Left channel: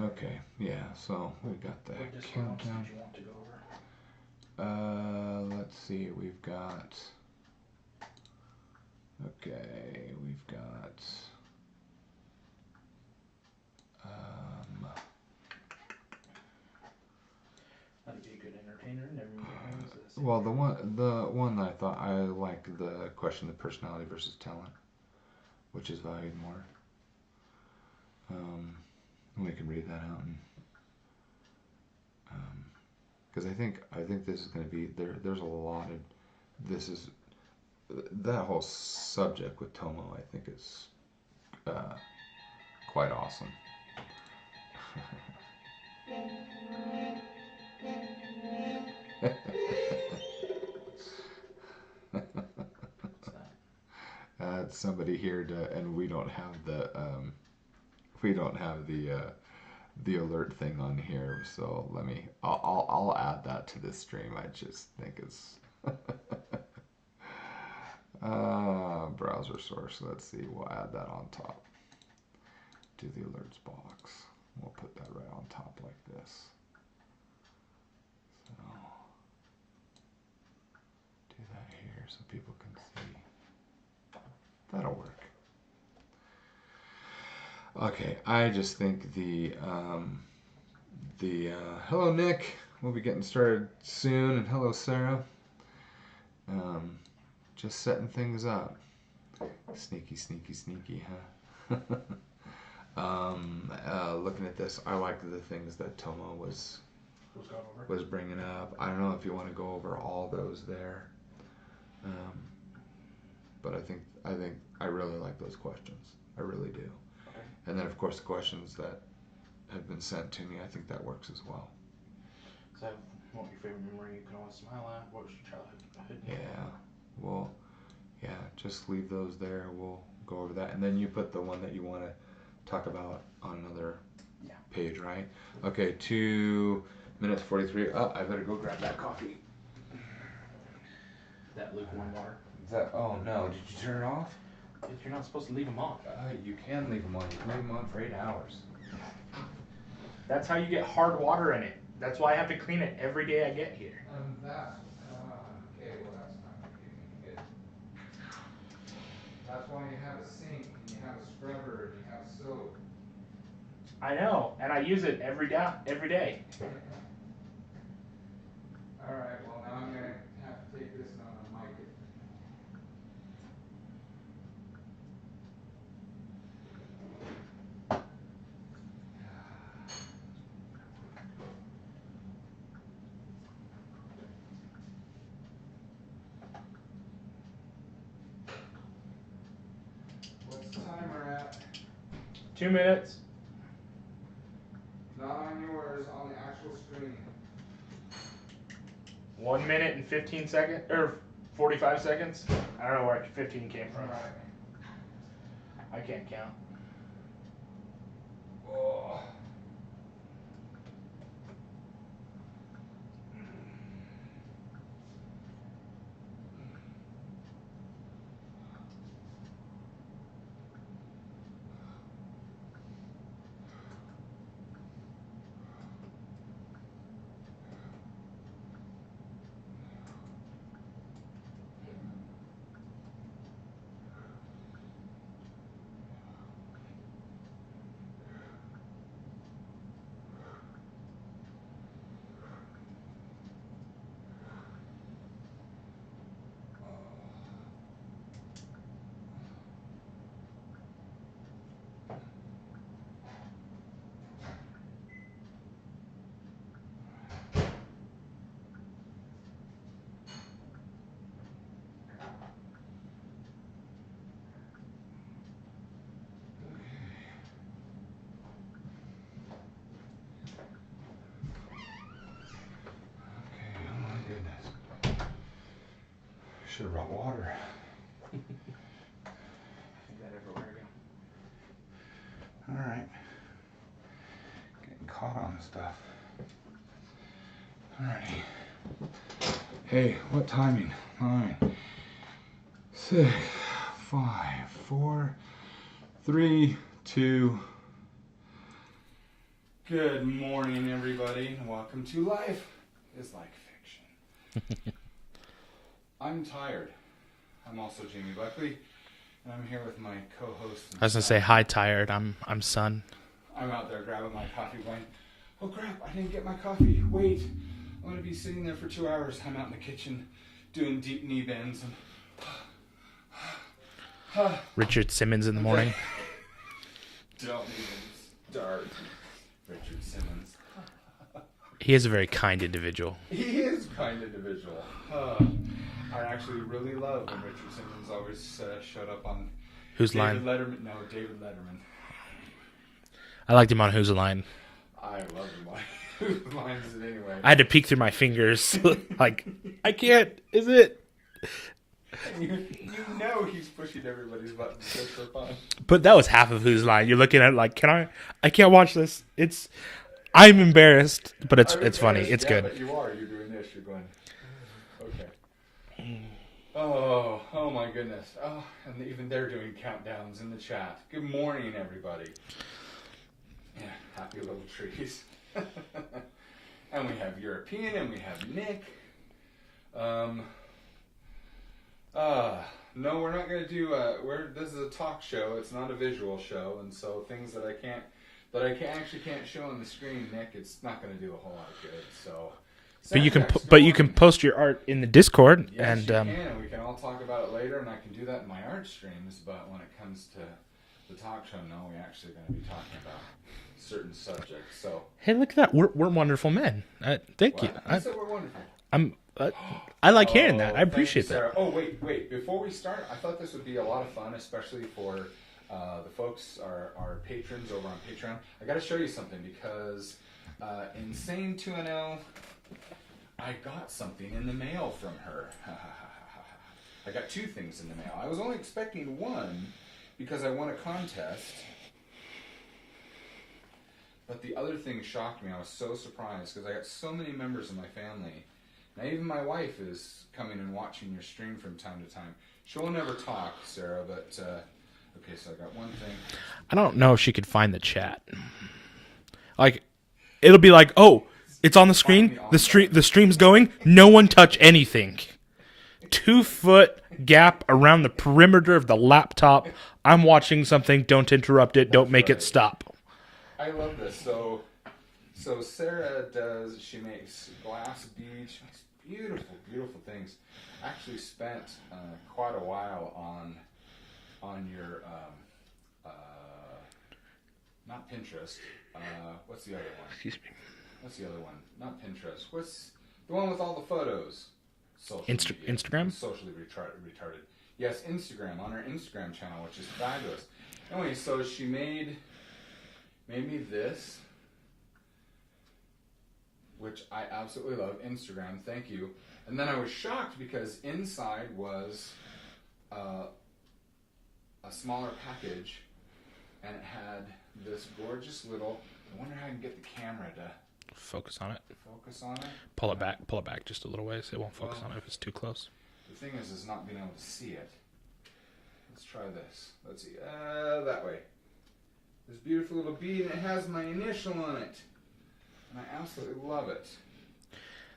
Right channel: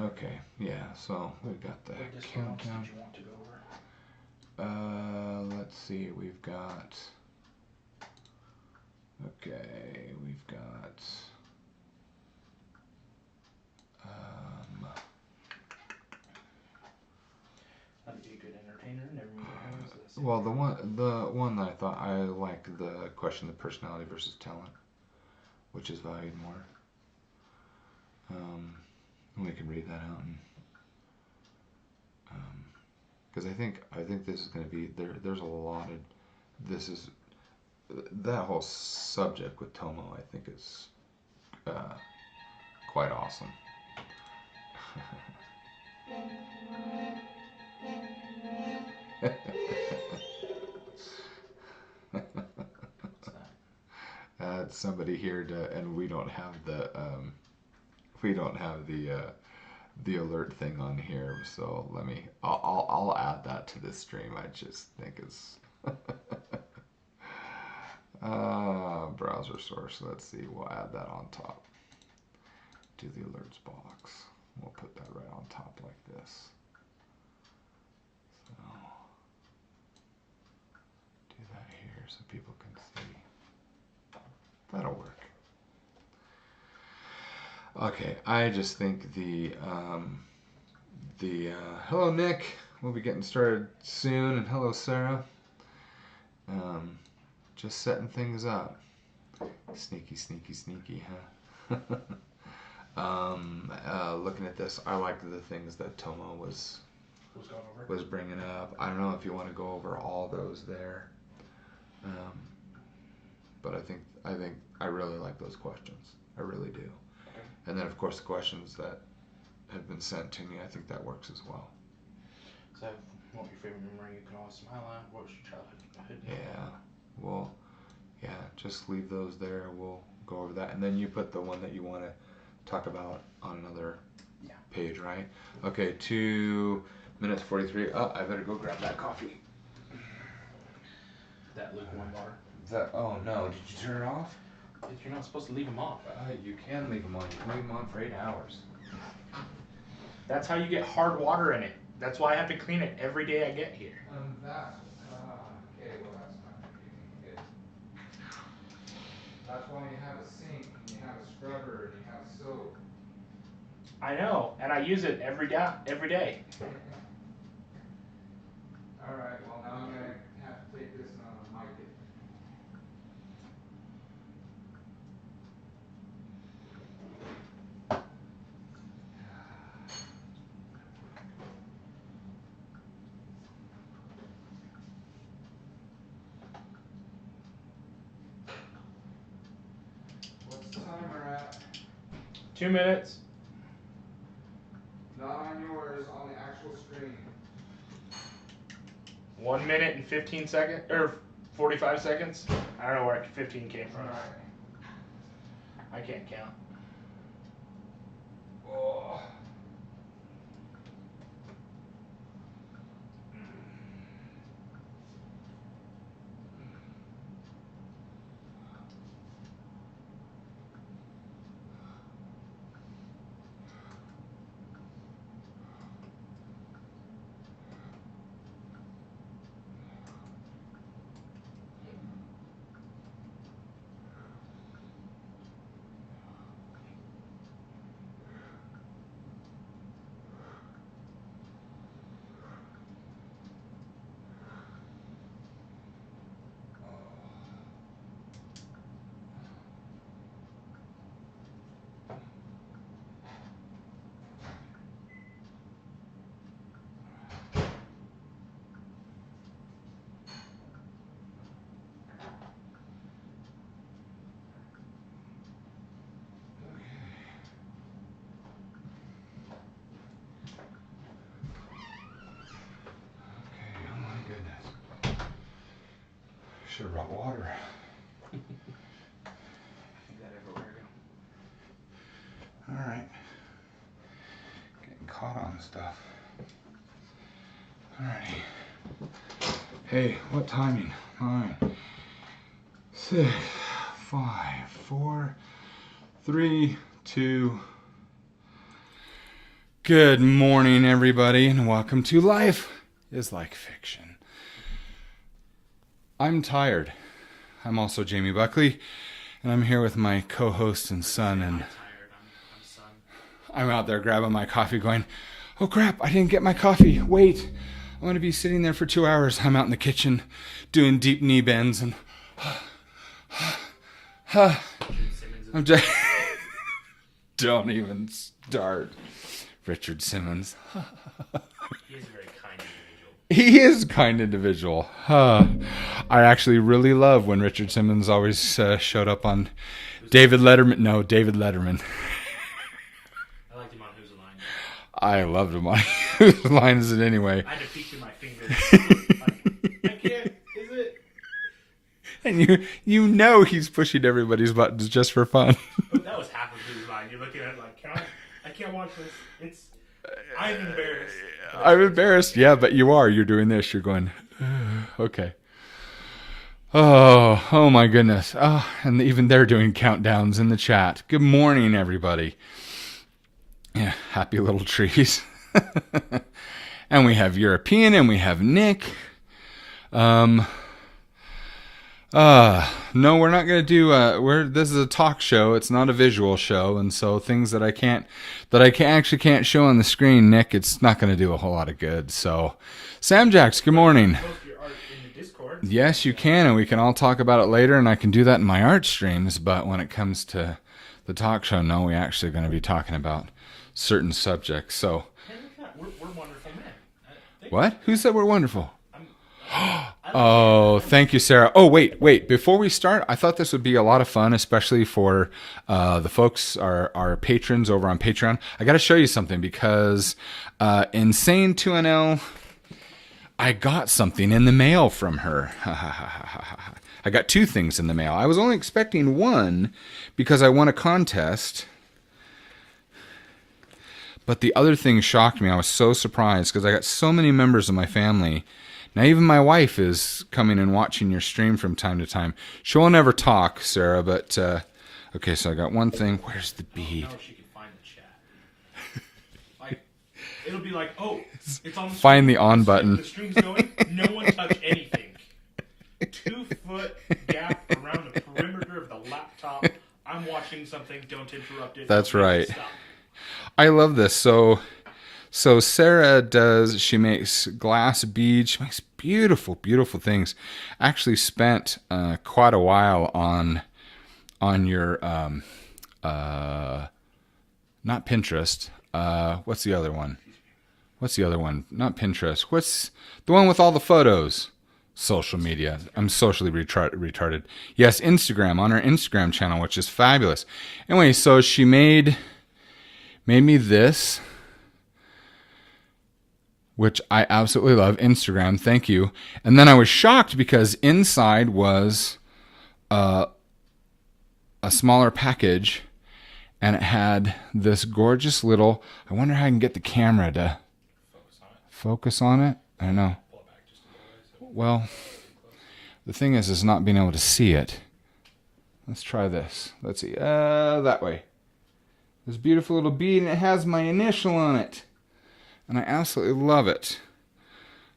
Okay, yeah, so we've got the What disco monks countdown. did you want to go over? Let's see, we've got. Okay, we've got. Um, That'd be a good entertainer. Never mind. What is this? well, the one that I thought I like the question, the personality versus talent, which is valued more. We can read that out, and because I think this is going to be there. There's a lot of this is that whole subject with Tomo. I think is uh, quite awesome. What's that? It's somebody here to, and we don't have the alert thing on here. So I'll add that to this stream. I just think it's browser source. Let's see. We'll add that on top to the alerts box. We'll put that right on top like this. So do that here so people can see. That'll work. Okay, I just think the hello Nick, we'll be getting started soon, and hello Sarah. Um, just setting things up. Sneaky, sneaky, sneaky, huh? Looking at this, I like the things that Tomo was bringing up. I don't know if you want to go over all those there, um, but I think I really like those questions. I really do. Okay. And then of course the questions that have been sent to me, I think that works as well. So, what was your favorite memory you can always smile at? What was your childhood? Yeah. Well, yeah. Just leave those there. We'll go over that, and then you put the one that you want to talk about on another page, right? Okay. 2 minutes 43. Oh, I better go grab that coffee. That lukewarm water. Oh no! Did you turn it off? You're not supposed to leave them off. You can leave them on. You can leave them on for 8 hours. That's how you get hard water in it. That's why I have to clean it every day I get here. Okay. Well, that's not good. That's why you have a sink and you have a scrubber and you have soap. I know, and I use it every day. All right. Well, now I'm gonna have to take this and I'm gonna mic it. What's the timer at? 2 minutes. Not on yours, on the actual screen. 1 minute and 15 seconds, or 45 seconds. I don't know where 15 came from. All right. I can't count. Oh. Should have brought water. I think that everywhere All right. Getting caught on stuff. All right. Hey, what timing? 9, 6, 5, 4, 3, 2. Good morning, everybody, and welcome to Life is Like Fiction. I'm tired. I'm also Jaime Buckley, and I'm here with my co-host and I was son. going to say, hi, tired. I'm son. I'm out there grabbing my coffee going, oh crap, I didn't get my coffee. Wait, I'm going to be sitting there for 2 hours. I'm out in the kitchen doing deep knee bends and... Richard Simmons in the morning. Don't even start. Richard Simmons. He is a very kind individual. He is a kind individual. I actually really love when Richard Simmons always showed up on Who's David Letterman. No, David Letterman. I liked him on Who's the Line. I loved him on Whose Line Is It Anyway? I had to peek through my fingers. Like, I can't. Is it? And you know he's pushing everybody's buttons just for fun. But that was half of Who's Line. You're looking at it like, I can't watch this. I'm embarrassed, but it's I'm embarrassed. It's yeah, good. but you are. You're doing this. You're going, okay. Oh my goodness. Oh, and even they're doing countdowns in the chat. Good morning, everybody. Yeah, happy little trees. And we have European and we have Nick. No, we're not going to do, this is a talk show. It's not a visual show. And so things that I actually can't show on the screen, Nick, it's not going to do a whole lot of good. So Sam Jacks, good morning. You can post your art in the Discord. Yes, you can. And we can all talk about it later. And I can do that in my art streams. But when it comes to the talk show, no, we actually are going to be talking about certain subjects. So, hey, look at that. We're wonderful men. What? Who said we're wonderful? I like him. Oh, thank you, Sarah. Oh, wait. Before we start, I thought this would be a lot of fun, especially for the folks, our patrons over on Patreon. I got to show you something because Insane 2NL, I got something in the mail from her. I got 2 things in the mail. I was only expecting one because I won a contest. But the other thing shocked me. I was so surprised because I got so many members of my family. Now, even my wife is coming and watching your stream from time to time. She won't ever talk, Sarah, but... okay, so I got one thing. Where's the I don't know if she could find the chat. Like, it'll be like, oh, it's on the screen. Find the on button. The stream's going. No one touch anything. 2-foot gap around the perimeter of the laptop. I'm watching something. Don't interrupt it. That's don't make right. it stop. I love this. So Sarah she makes glass beads. She makes beautiful, beautiful things. Actually spent quite a while on your, not Pinterest. What's the other one? What's the other one? Not Pinterest. What's the one with all the photos? Social media. Instagram? I'm socially retarded. Yes, Instagram, on her Instagram channel, which is fabulous. Anyway, so she made me this, which I absolutely love. Instagram, thank you. And then I was shocked because inside was a smaller package, and it had this gorgeous little... I wonder how I can get the camera to... Focus on it. Pull it back just a little ways. It won't Well, focus on it if it's too close. The thing is not being able to see it. Let's try this. Let's see. That way. This beautiful little bead, and it has my initial on it. And I absolutely love it.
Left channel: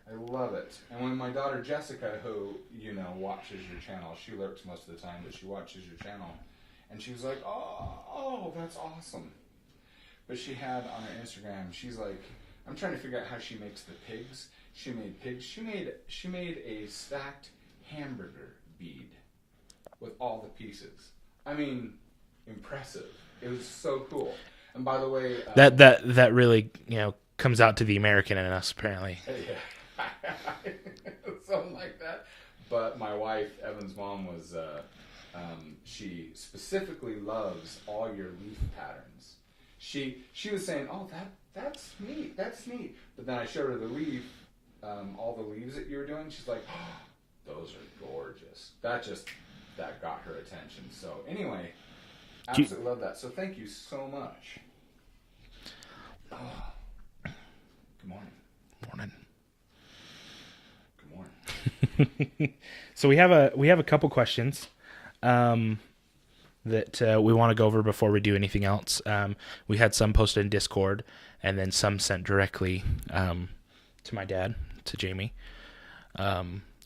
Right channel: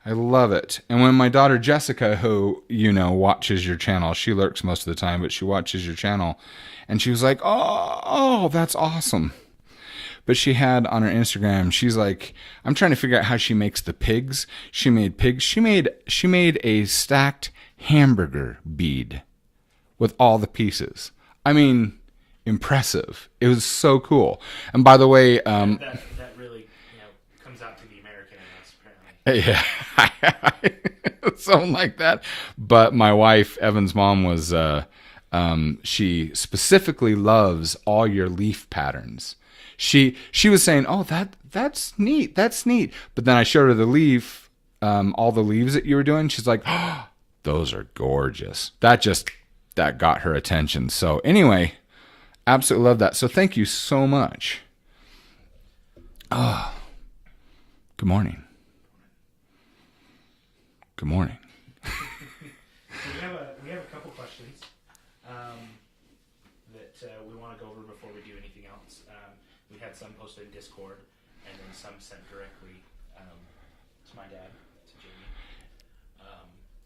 I love it. And when my daughter Jessica, who, watches your channel, she lurks most of the time, but she watches your channel, and she was like, oh, that's awesome. But she had on her Instagram, she's like, I'm trying to figure out how she makes the pigs. She made pigs. She made a stacked hamburger bead with all the pieces. I mean, impressive. It was so cool. And by the way, that really, comes out to the American in us, apparently. Yeah, something like that. But my wife, Evan's mom, was she specifically loves all your leaf patterns. She was saying, "Oh, that's neat. That's neat." But then I showed her the leaf, all the leaves that you were doing. She's like, "Oh, those are gorgeous." That got her attention. So anyway, absolutely love that. So thank you so much. Oh. Good morning. Good morning. So we have a couple questions that we want to go over before we do anything else. We had some posted in Discord, and then some sent directly to my dad, to Jamie.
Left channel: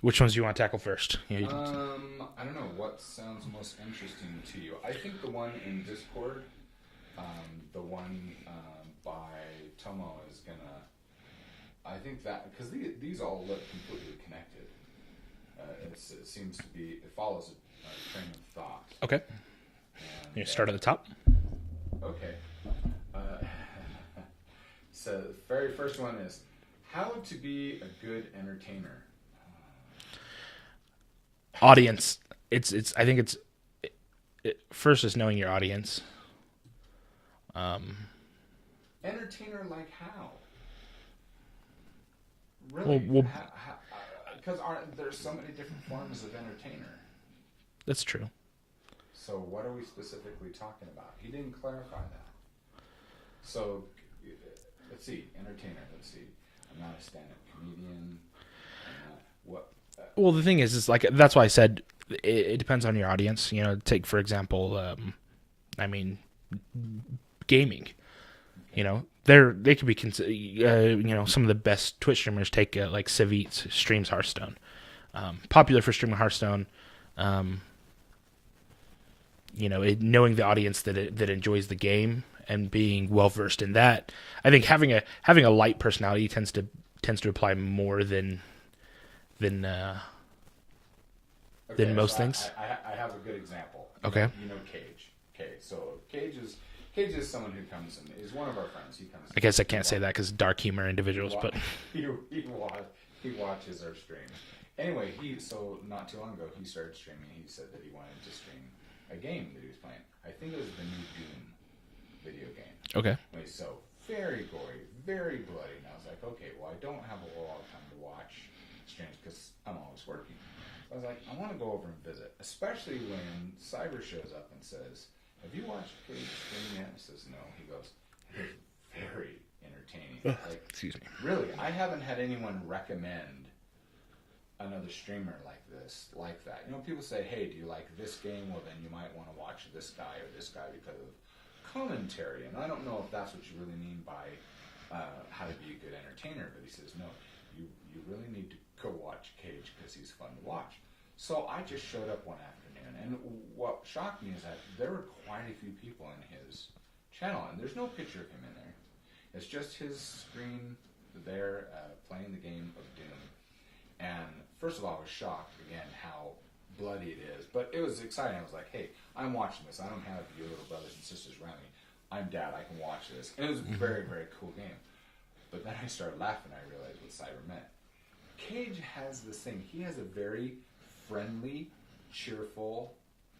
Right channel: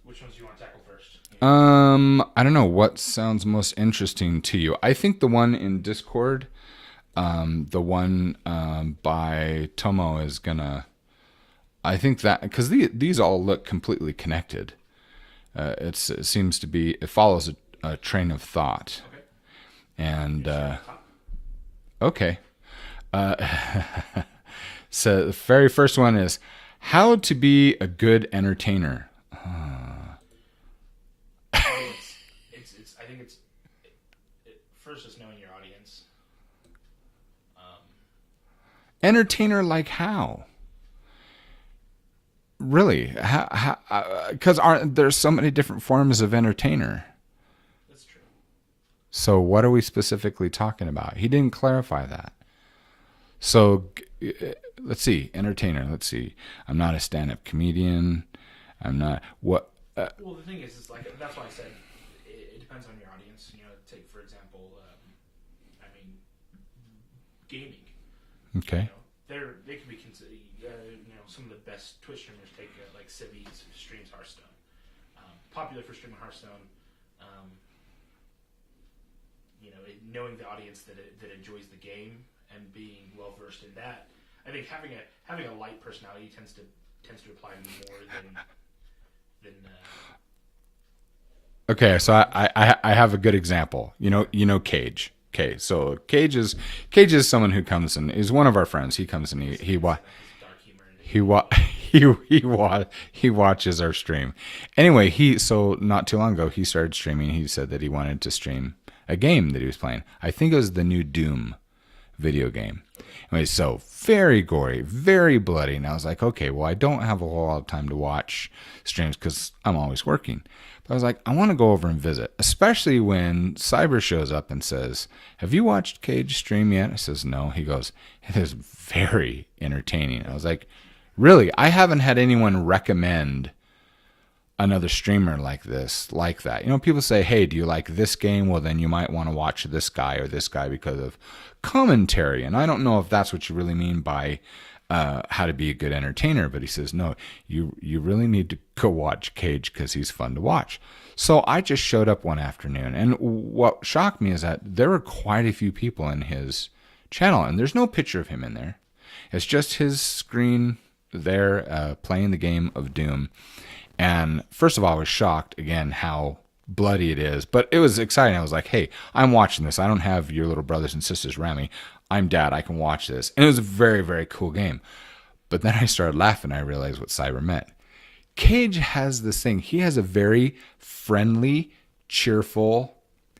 Which ones do you want to tackle first? I don't know what sounds most interesting to you. I think the one in Discord, the one by Tomo is gonna. I think that because these all look completely connected. It seems to be. It follows a train of thought. Okay. And you start at the top. Okay. So the very first one is how to be a good entertainer. Audience. I think it's first is knowing your audience. Entertainer like how? Really? Because aren't there so many different forms of entertainer? That's true. So what are we specifically talking about? He didn't clarify that. So let's see. Entertainer. Let's see. I'm not a stand-up comedian. I'm not what. Well, the thing is like that's why I said it depends on your audience. You know, take for example, gaming. Okay. You know, they could be some of the best Twitch streamers take like Civ streams Hearthstone. Popular for streaming Hearthstone. Knowing the audience that enjoys the game and being well versed in that, I think having a light personality tends to apply more than. Okay, so I have a good example. You know Cage. Okay, so Cage is someone who comes and is one of our friends. He comes and I guess I can't say that because dark humor individuals. He watches our stream. Anyway, so not too long ago he started streaming. He said that he wanted to stream a game that he was playing. I think it was the new Doom video game. Okay. Anyway, so very gory, very bloody, and I was like, okay, well, I don't have a whole lot of time to watch streams because I'm always working. I was like, I want to go over and visit, especially when Cyber shows up and says, have you watched Cage stream yet? I says, no. He goes, it is very entertaining. I was like, really? I haven't had anyone recommend another streamer like that. You know, people say, hey, do you like this game? Well, then you might want to watch this guy or this guy because of commentary. And I don't know if that's what you really mean by how to be a good entertainer, but he says, no, you really need to go watch Cage because he's fun to watch. So I just showed up one afternoon, and what shocked me is that there were quite a few people in his channel, and there's no picture of him in there. It's just his screen there playing the game of Doom. And first of all, I was shocked again how bloody it is, but it was exciting. I was like, hey, I'm watching this. I don't have your little brothers and sisters around me. I'm dad. I can watch this. And it was a very, very cool game. But then I started laughing. I realized what Cyber meant. Cage has this thing. He has a very friendly, cheerful,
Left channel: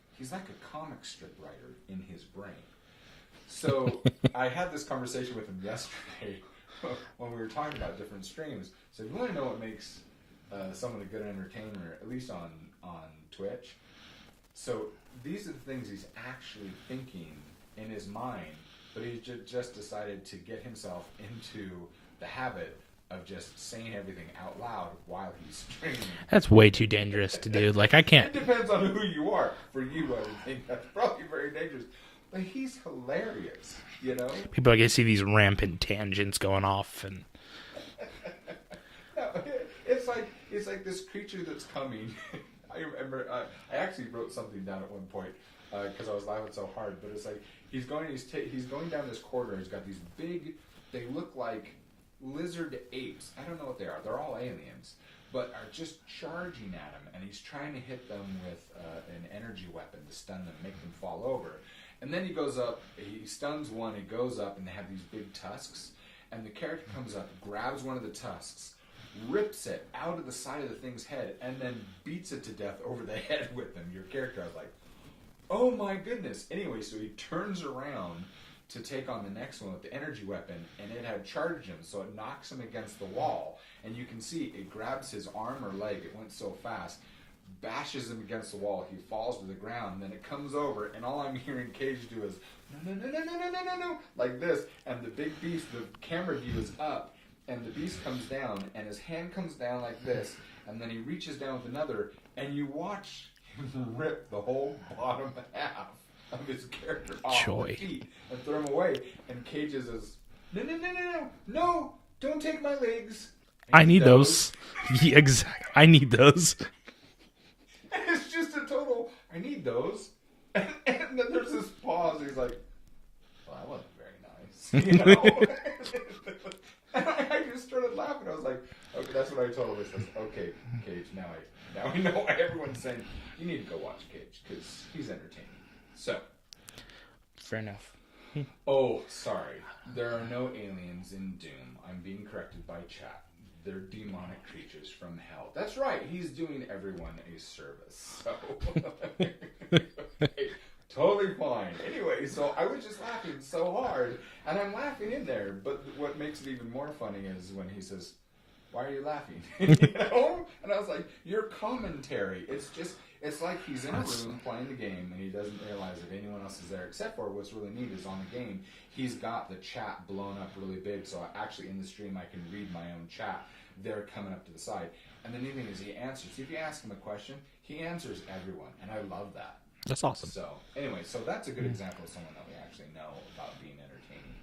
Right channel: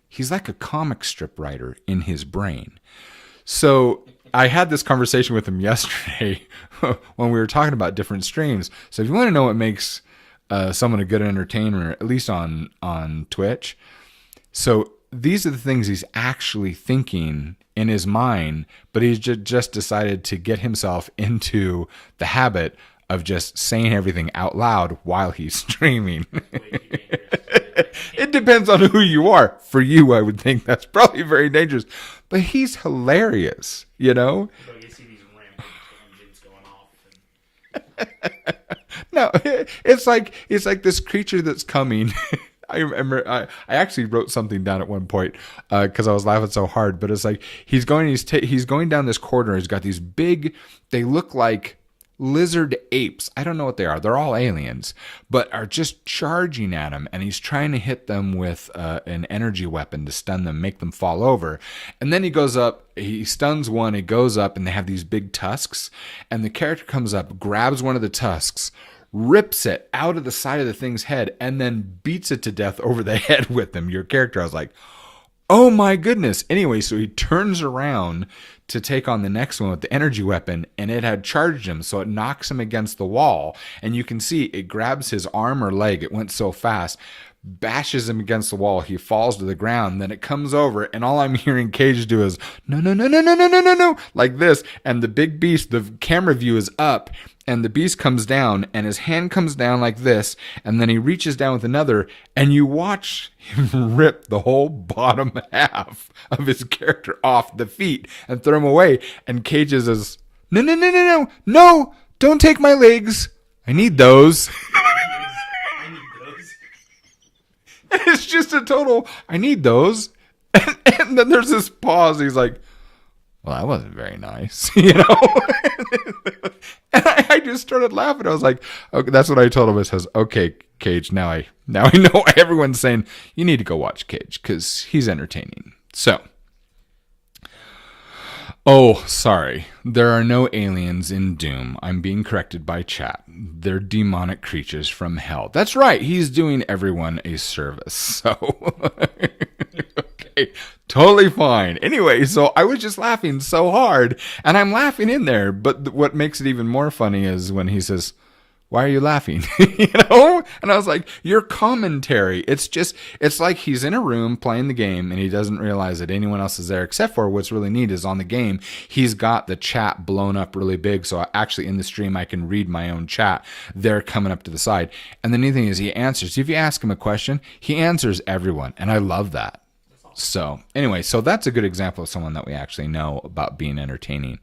he's like a comic strip writer in his brain. So I had this conversation with him yesterday when we were talking about different streams. So if you want to know what makes someone a good entertainer, at least on Twitch, so these are the things he's actually thinking in his mind, but he's just decided to get himself into the habit of just saying everything out loud while he's streaming. That's way too dangerous to do. Like, I can't. It depends on who you are. For you, I would think that's probably very dangerous. But he's hilarious, you know? People like, I see these rampant tangents going off and no, it's like this creature that's coming. I remember I actually wrote something down at one point because I was laughing so hard. But it's like he's going down this corridor. He's got these big. They look like lizard apes. I don't know what they are. They're all aliens, but are just charging at him. And he's trying to hit them with an energy weapon to stun them, make them fall over. And then he goes up. He stuns one. He goes up, and they have these big tusks. And the character comes up, grabs one of the tusks, rips it out of the side of the thing's head, and then beats it to death over the head with them. Your character, I was like, oh my goodness. Anyway, so he turns around to take on the next one with the energy weapon, and it had charged him, so it knocks him against the wall. And you can see it grabs his arm or leg. It went so fast, bashes him against the wall. He falls to the ground. Then it comes over, and all I'm hearing Cage do is, no, no, no, no, no, no, no, no, no, like this. And the big beast, the camera view is up, and the beast comes down, and his hand comes down like this, and then he reaches down with another, and you watch him rip the whole bottom half of his character off the feet and throw him away. And Cage is as No, don't take my legs. I need those. I need those. And it's just a total, I need those. And then there's this pause. He's like, well, that wasn't very nice. And I just started laughing. I was like, okay, that's what I told him. I says, okay, Cage, now I know why everyone's saying you need to go watch Cage because he's entertaining. So. Fair enough. Oh, sorry. There are no aliens in Doom. I'm being corrected by chat. They're demonic creatures from hell. That's right. He's doing everyone a service. So, okay, totally fine. Anyway, so I was just laughing so hard, and I'm laughing in there. But what makes it even more funny is when he says, why are you laughing? And I was like, your commentary. It's like he's in a room playing the game and he doesn't realize that anyone else is there, except for what's really neat is on the game, he's got the chat blown up really big. So actually in the stream, I can read my own chat. They're coming up to the side. And the neat thing is he answers. If you ask him a question, he answers everyone. And I love that. That's awesome. So anyway, so that's a good example of someone that we actually know about being entertaining.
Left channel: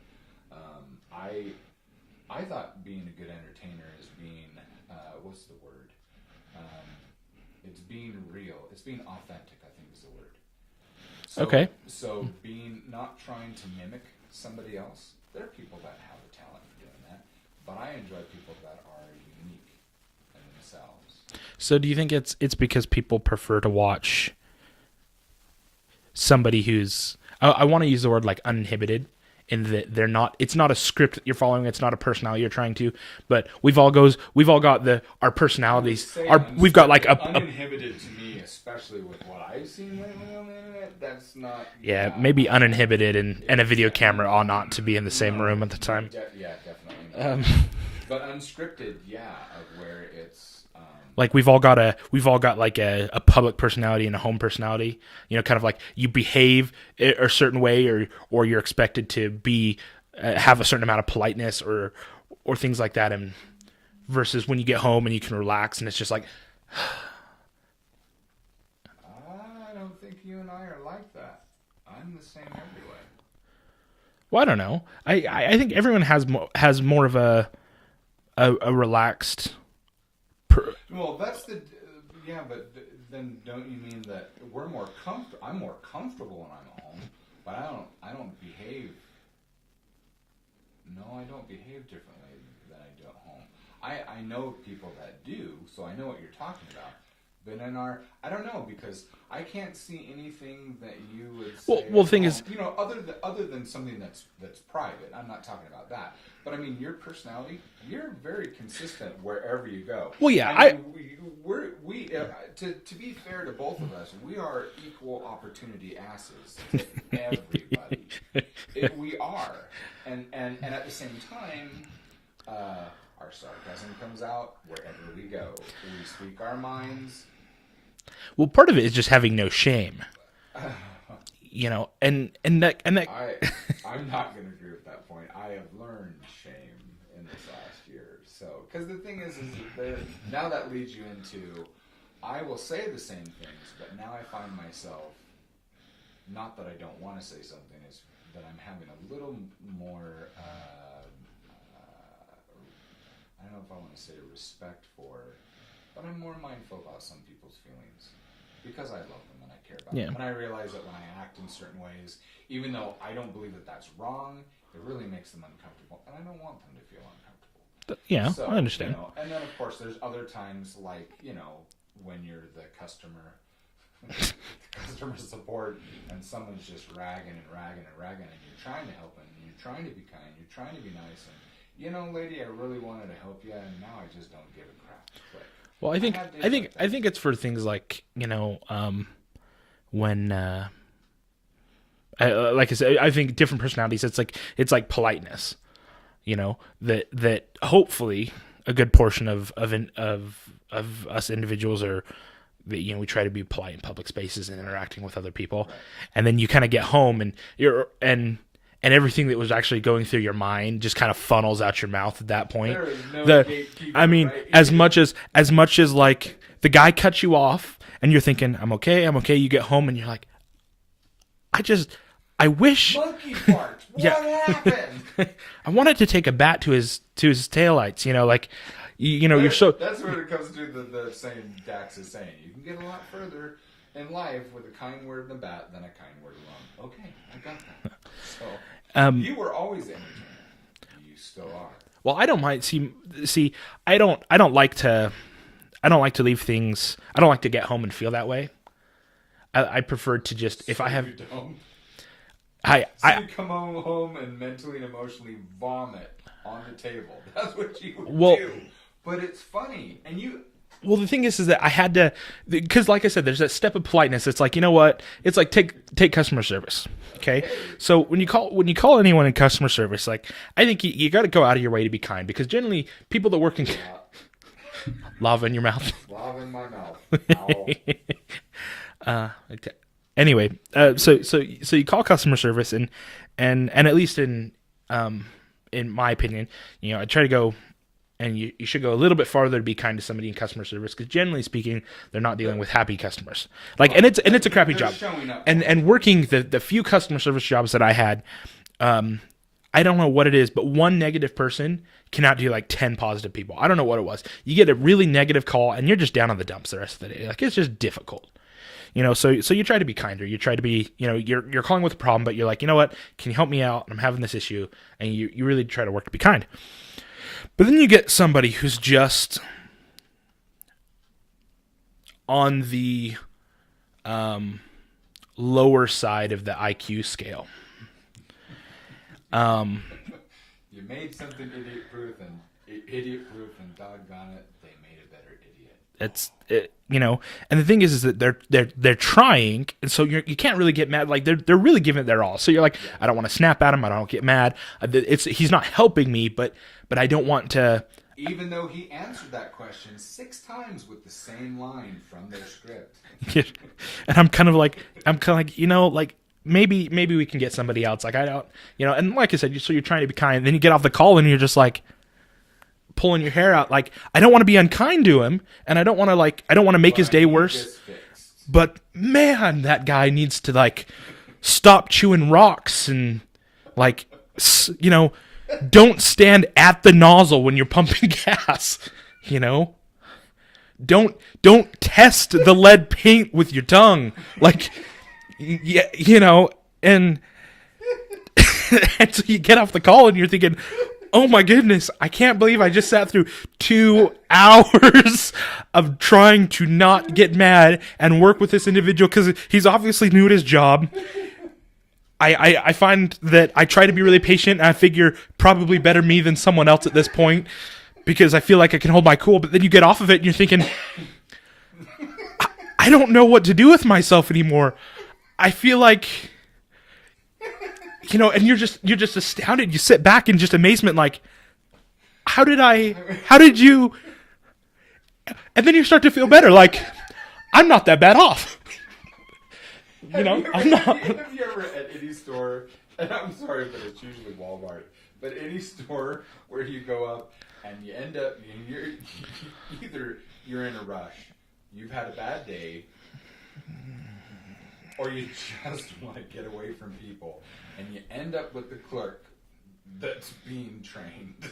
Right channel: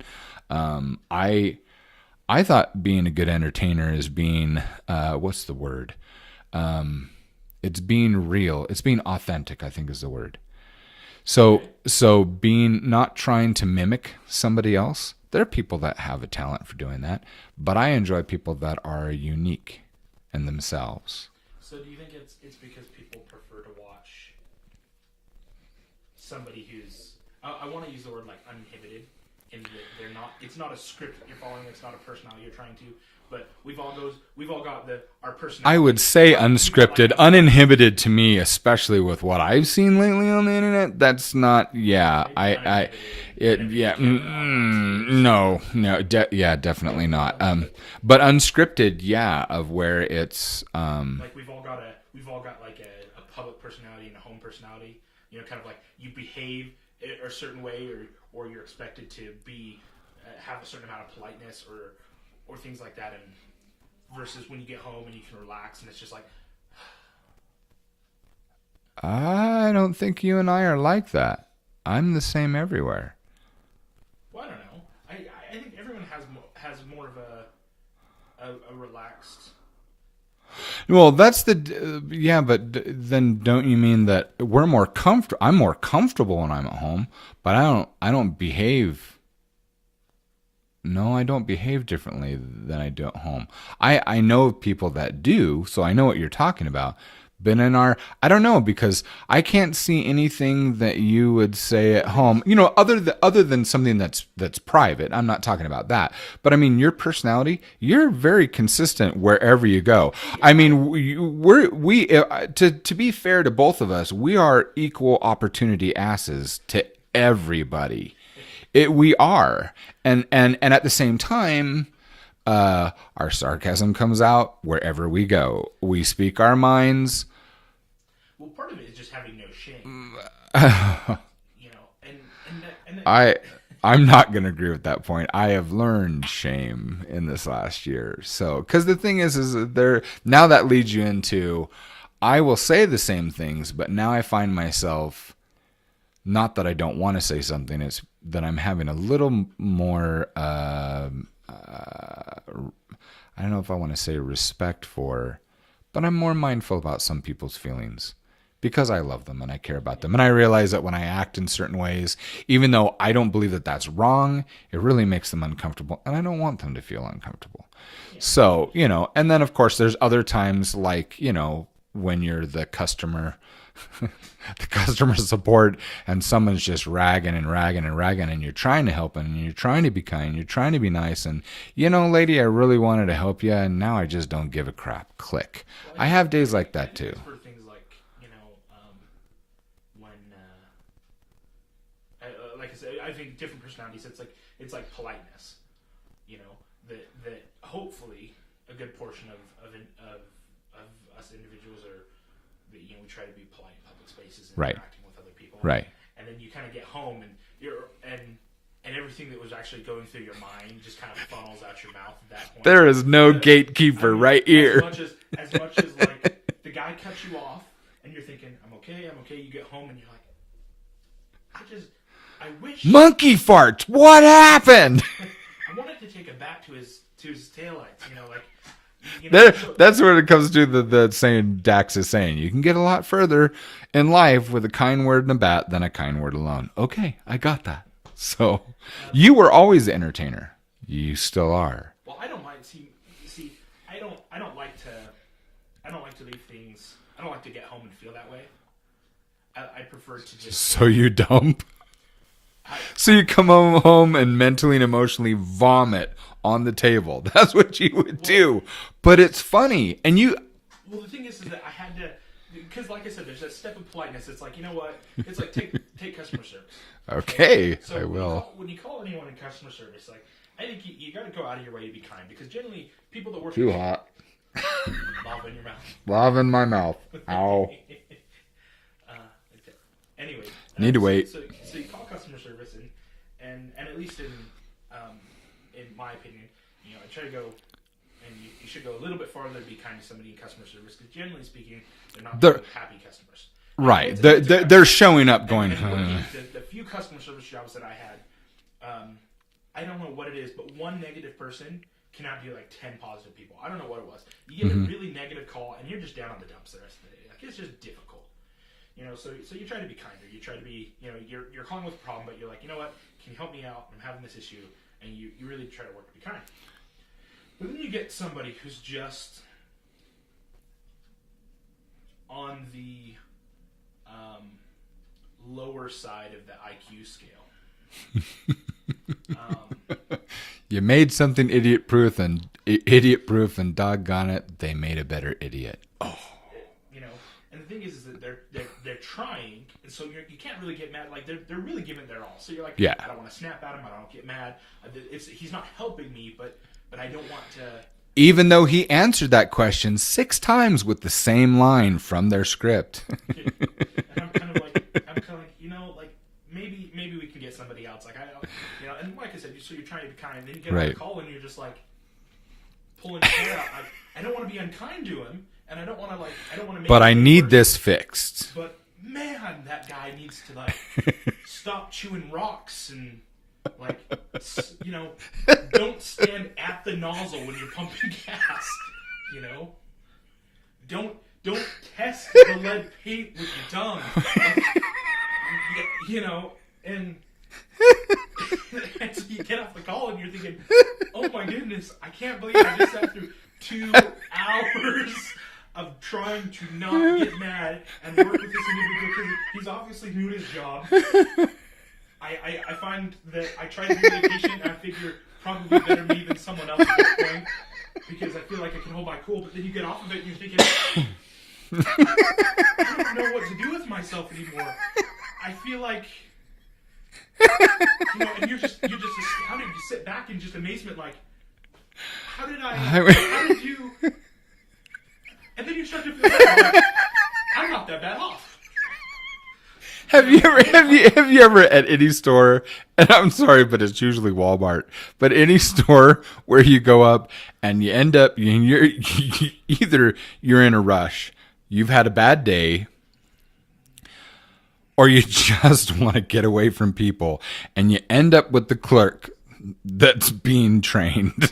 I thought being a good entertainer is being, what's the word? It's being real. It's being authentic, I think is the word. So being, not trying to mimic somebody else. There are people that have a talent for doing that, but I enjoy people that are unique in themselves. So do you think it's because people prefer to watch somebody who's, I want to use the word like uninhibited, in that it's not a script that you're following, it's not a personality you're trying to, but we've all got our personality. I would say unscripted, we've got like uninhibited to me, especially with what I've seen lately on the internet. That's not, maybe uninhibited and a video camera ought not to be in the same room at the time. Definitely not. But unscripted, of where it's like we've all got like a public personality and a home personality. Kind of like you behave a certain way, or you're expected to be have a certain amount of politeness or things like that, and versus when you get home and you can relax and it's just like. I don't think you and I are like that. I'm the same everywhere. Well, I don't know. I think everyone has more of a relaxed. Well, that's but then don't you mean that we're more comfortable? I'm more comfortable when I'm at home, but I don't behave. No, I don't behave differently than I do at home. I know people that do, so I know what you're talking about. But I don't know, because I can't see anything that you would say at home, other than something that's private. I'm not talking about that. But I mean, your personality, you're very consistent wherever you go. Well, yeah, I mean, to be fair to both of us, we are equal opportunity asses to everybody. We are, and at the same time. Our sarcasm comes out wherever we go. We speak our minds. Well, part of it is just having no shame. And that I'm not going to agree with that point. I have learned shame in this last year. So, because the thing is that now that leads you into, I will say the same things, but now I find myself, not that I don't want to say something, it's that I'm having a little more, I don't know if I want to say respect for, but I'm more mindful about some people's feelings because I love them and I care about them. And I realize that when I act in certain ways, even though I don't believe that that's wrong, it really makes them uncomfortable. And I don't want them to feel uncomfortable. Yeah. So, and then of course there's other times like, when you're the customer support and someone's just ragging and you're trying to help and you're trying to be kind, you're trying to be nice, and lady, I really wanted to help you and now I just don't give a crap. Click. Well, I have days like that. I think too. It's for things like when like I said, I think different personalities, it's like politeness, that hopefully a good portion of us individuals are. We try to be polite in public spaces and interacting with other people. Right. And then you kind of get home and and everything that was actually going through your mind just kind of funnels out your mouth at that point. There is no gatekeeper right here. As much as like the guy cuts you off and you're thinking, I'm okay. You get home and you're like, I wish monkey fart. What happened? I wanted to take a bat to his taillights, like, you're so, that's where it comes to the saying Dax is saying. You can get a lot further in life with a kind word and a bat than a kind word alone. Okay, I got that. So you were always the entertainer. You still are. Well, I don't mind. See, I don't like to leave things. I don't like to get home and feel that way. I prefer to just. So you dump. You come home and mentally and emotionally vomit on the table. That's what you would do. But it's funny, and you. Well, the thing is that I had to, because like I said, there's that step of politeness. It's like, you know what? It's like take customer service. Okay. So when you call anyone in customer service, like, I think you got to go out of your way to be kind, because generally people that work in lava in your mouth, lava in my mouth. Ow. Okay. Anyway, so you call customer service, and at least in my opinion, I try to go. And you should go a little bit farther to be kind to somebody in customer service, because generally speaking, they're not dealing with happy customers. Like, right. and it's a crappy they're job. Showing up and working the few customer service jobs that I had. I don't know what it is, but one negative person cannot do like 10 positive people. I don't know what it was. You get a really negative call, and you're just down on the dumps the rest of the day. Like, it's just difficult. So you try to be kinder. You try to be, you're calling with a problem, but you're like, you know what? Can you help me out? I'm having this issue, and you really try to work to be kind. But then you get somebody who's just on the lower side of the IQ scale. You made something idiot-proof, and doggone it, they made a better idiot. And the thing is that they're trying, and so you can't really get mad. Like, they're really giving it their all. So you're like, yeah, I don't want to snap at him. I don't get mad. He's not helping me, but I don't want to. Even though he answered that question 6 times with the same line from their script. And I'm kind of like, maybe we can get somebody else. Like, I don't, and like I said, so you're trying to be kind. And then you get off the call and you're just like pulling your hair out. Like, I don't want to be unkind to him, and I don't want to make his day worse. But I need this fixed. But man, that guy needs to like stop chewing rocks and like, don't stand at the nozzle when you're pumping gas. Don't test the lead paint with your tongue. Like, yeah, and and so you get off the call and you're thinking, oh my goodness, I can't believe I just sat through 2 hours of trying to not get mad and work with this individual, because he's obviously new at his job. I find that I try to be really patient, and I figure probably better me than someone else at this point, because I feel like I can hold my cool. But then you get off of it and you're thinking, I don't know what to do with myself anymore. I feel like, and you're just astounded. You sit back in just amazement, like, how did you? And then you start to feel better, like, I'm not that bad off. Have you ever at any store, and I'm sorry, but it's usually Walmart, but any store where you go up and you end up, either you're in a rush, you've had a bad day, or you just want to get away from people, and you end up with the clerk that's being trained.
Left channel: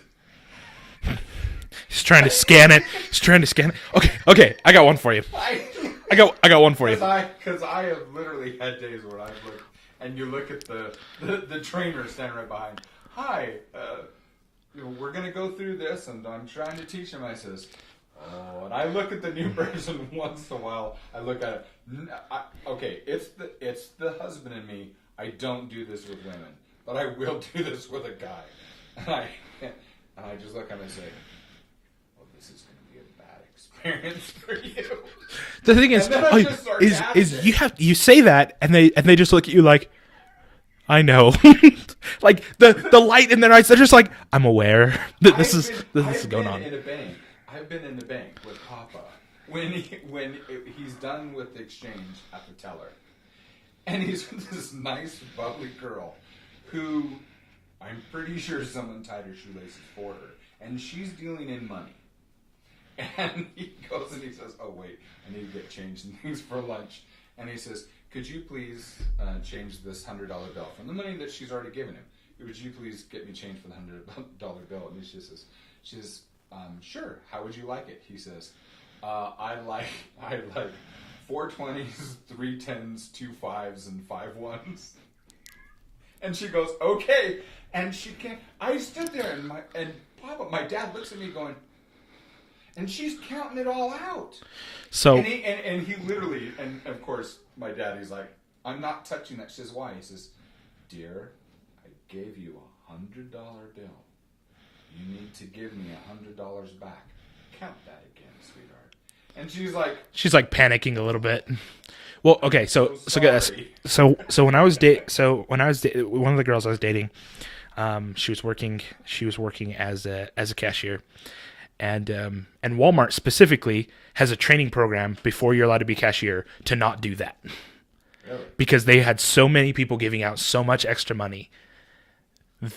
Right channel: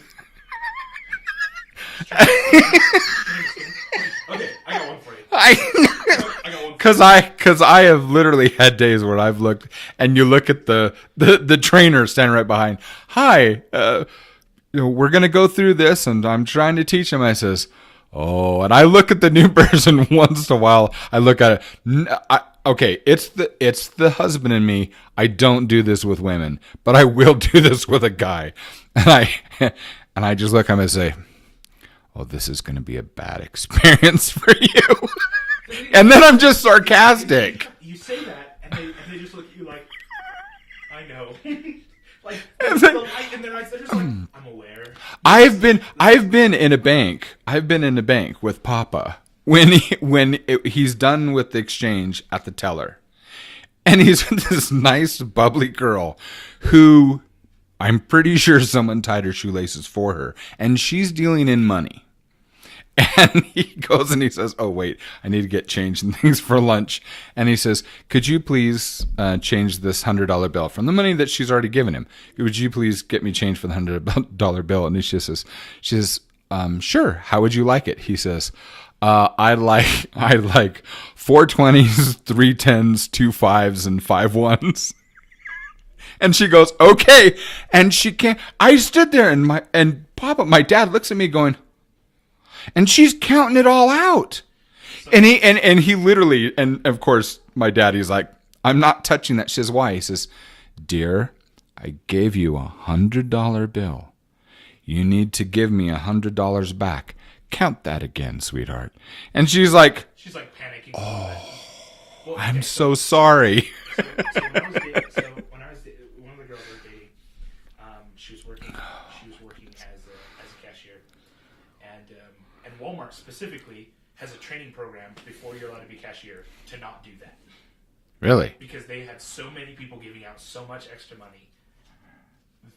He's trying to scan it. Okay, I got one for you. I got one for you. Because I have literally had days where I've looked, and you look at the trainer standing right behind. Hi, we're gonna go through this, and I'm trying to teach him. I says, oh, and I look at the new person once in a while. I look at it. Okay, it's the husband in me. I don't do this with women, but I will do this with a guy, and I just look at him and say, oh, this is going to be a bad experience for you. The thing is, and then I'm just sarcastic. You say that, and they just look at you like, I know. Like the light in their eyes, they're just like, I'm aware. I've been in a bank. I've been in a bank with Papa when he's done with the exchange at the teller, and he's with this nice bubbly girl who I'm pretty sure someone tied her shoelaces for her, and she's dealing in money. And he goes and he says, oh, wait, I need to get change and things for lunch. And he says, could you please change this $100 bill from the money that she's already given him? Would you please get me change for the $100 bill? And she says, sure. How would you like it? He says, I like 4 20s, 3 10s, 2 5s, and 5 1s. And she goes, okay. And she can't. I stood there and Papa, my dad looks at me going, and she's counting it all out. So and he literally, and of course my daddy's like, I'm not touching that. She says, why? He says, dear, I gave you $100 bill. You need to give me $100 back. Count that again, sweetheart. And she's like panicking a little bit. Well, okay, I'm so sorry. So when I was one of the girls I was dating, she was working as a cashier. And Walmart specifically has a training program before you're allowed to be cashier to not do that. Really? Because they had so many people giving out so much extra money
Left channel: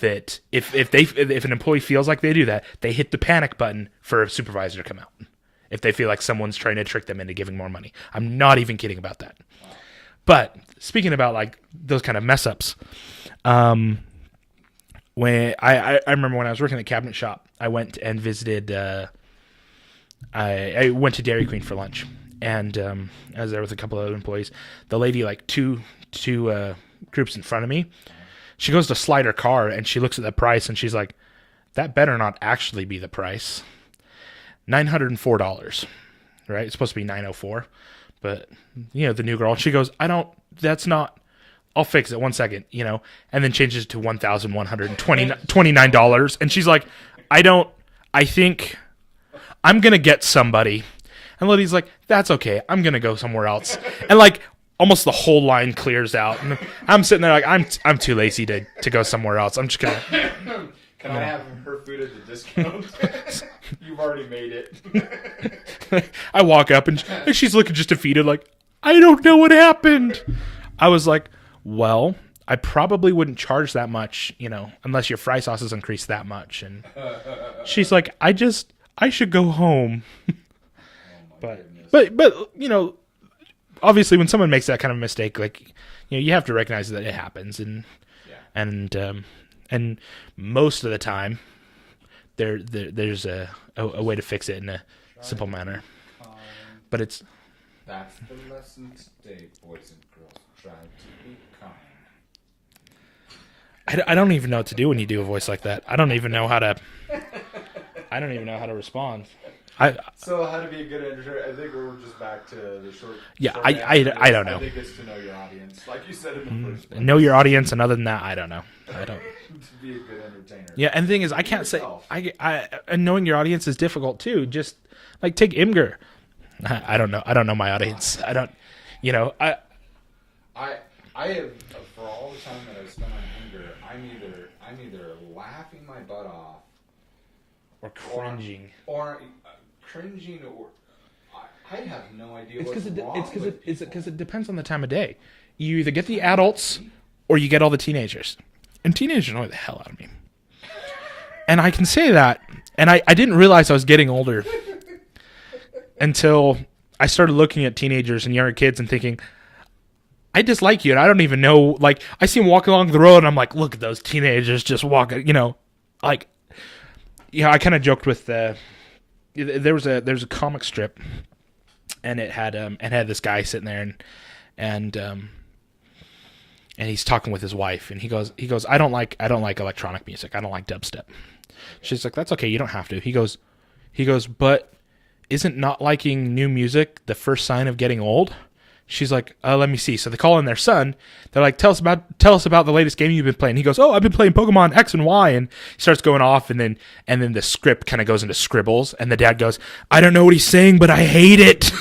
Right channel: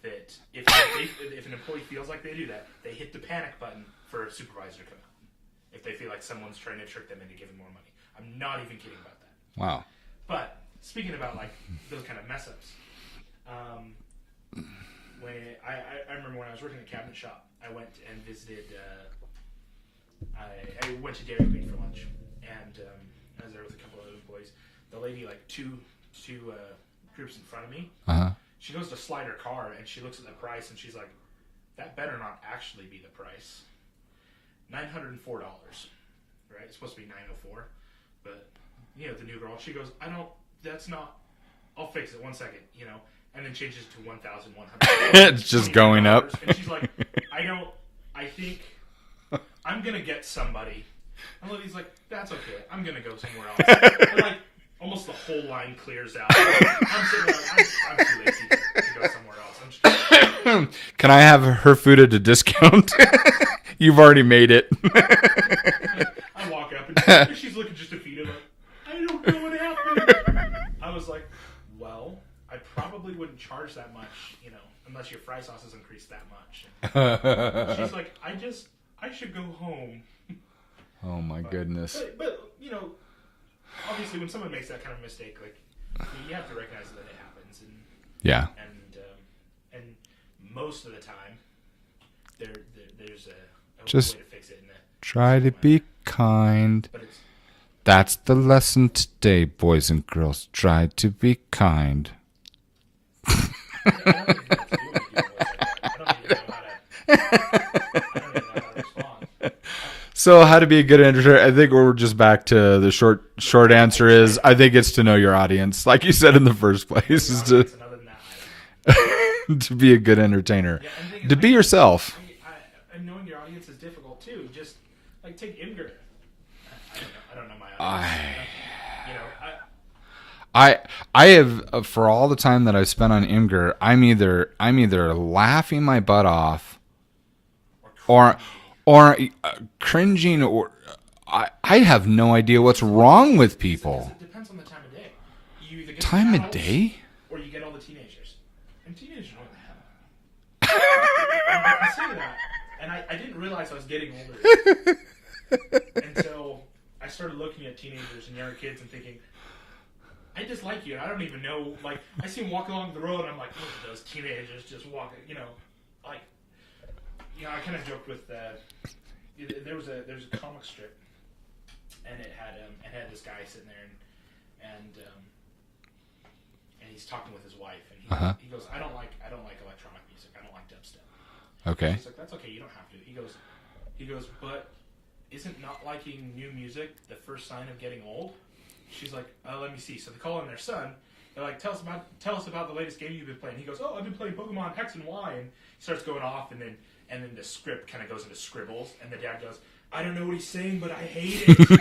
that if an employee feels like they do that, they hit the panic button for a supervisor to come out. If they feel like someone's trying to trick them into giving more money. I'm not even kidding about that. Wow. But speaking about like those kind of mess ups, when I remember when I was working at the cabinet shop, I went and visited. I went to Dairy Queen for lunch, and I was there with a couple of other employees. The lady, like two groups in front of me, she goes to slide her car, and she looks at the price, and she's like, "That better not actually be the price. $904, right? It's supposed to be $904, but the new girl." And she goes, That's not. I'll fix it 1 second, and then changes it to $1,129. And she's like, I think I'm going to get somebody. And Liddy's like, that's okay. I'm going to go somewhere else. And like almost the whole line clears out. And I'm sitting there like, I'm too lazy to go somewhere else. I'm just going to. Can I have her food at a discount? You've already made it. I walk up and she's looking just defeated like, I don't know what happened. I was like, well, I probably wouldn't charge that much, unless your fry sauce is increased that much. And she's like, I should go home. Oh my goodness. But obviously when someone makes that kind of mistake, like, you have to recognize that it happens. And yeah. And most of the time there's a way to fix it in a try to manner. Be kind. But that's the lesson today, boys and girls. Try to be kind. I don't even know what to do when you do a voice like that. I don't even know how to respond. So how to be a good entertainer? I think we're just back to the short answer I think it's to know your audience, like you said in the first place. Know your audience, and other than that, I don't know. To be a good entertainer. Yeah, and the thing is, to be yourself. And knowing your audience is difficult too. Just like take Imgur. I don't know. I don't know my audience. I don't. I have for all the time that I've spent on Imgur, I'm either laughing my butt off, or cringing, or I have no idea what's wrong with people. Because it depends on the time of day. You either get the adults or you get all the teenagers, and teenagers annoy the hell out of me. And I can say that, and I didn't realize I was getting older until I started looking at teenagers and younger kids and thinking, I dislike you, and I don't even know. Like, I see them walking along the road, and I'm like, look at those teenagers just walking. I kind of joked with there was a comic strip, and it had this guy sitting there, and he's talking with his wife, and he goes, I don't like electronic music. I don't like dubstep. Okay. She's like, that's okay. You don't have to. He goes, but isn't not liking new music the first sign of getting old? She's like, let me see. So they call in their son. They're like, tell us about the latest game you've been playing. He goes, oh, I've been playing Pokemon X and Y, and he starts going off, and then the script kind of goes into scribbles, and the dad goes, I don't know what he's saying, but I hate it.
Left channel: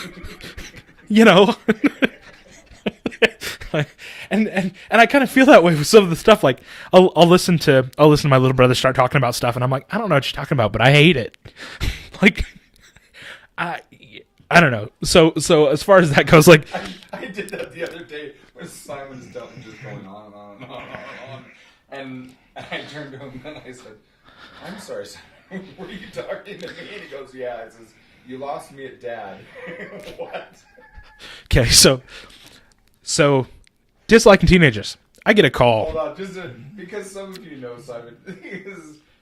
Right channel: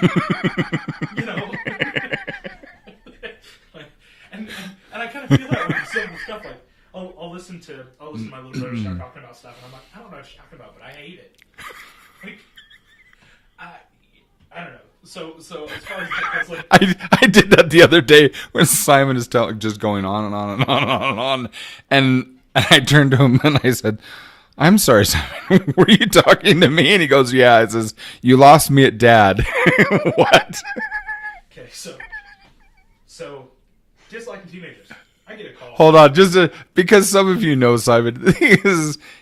And I kind of feel that way with some of the stuff. Like I'll listen to my little brother start talking about stuff, and I'm like, I don't know what you're talking about, but I hate it. Like I don't know. So as far as that goes, like I did that the other day when Simon is just going on and on and on and on and on, and I turned to him and I said, I'm sorry, Simon. Were you talking to me? And he goes, yeah. It says, you lost me at dad. What? Okay, so disliking teenagers. I get a call. Hold on, because some of you know Simon.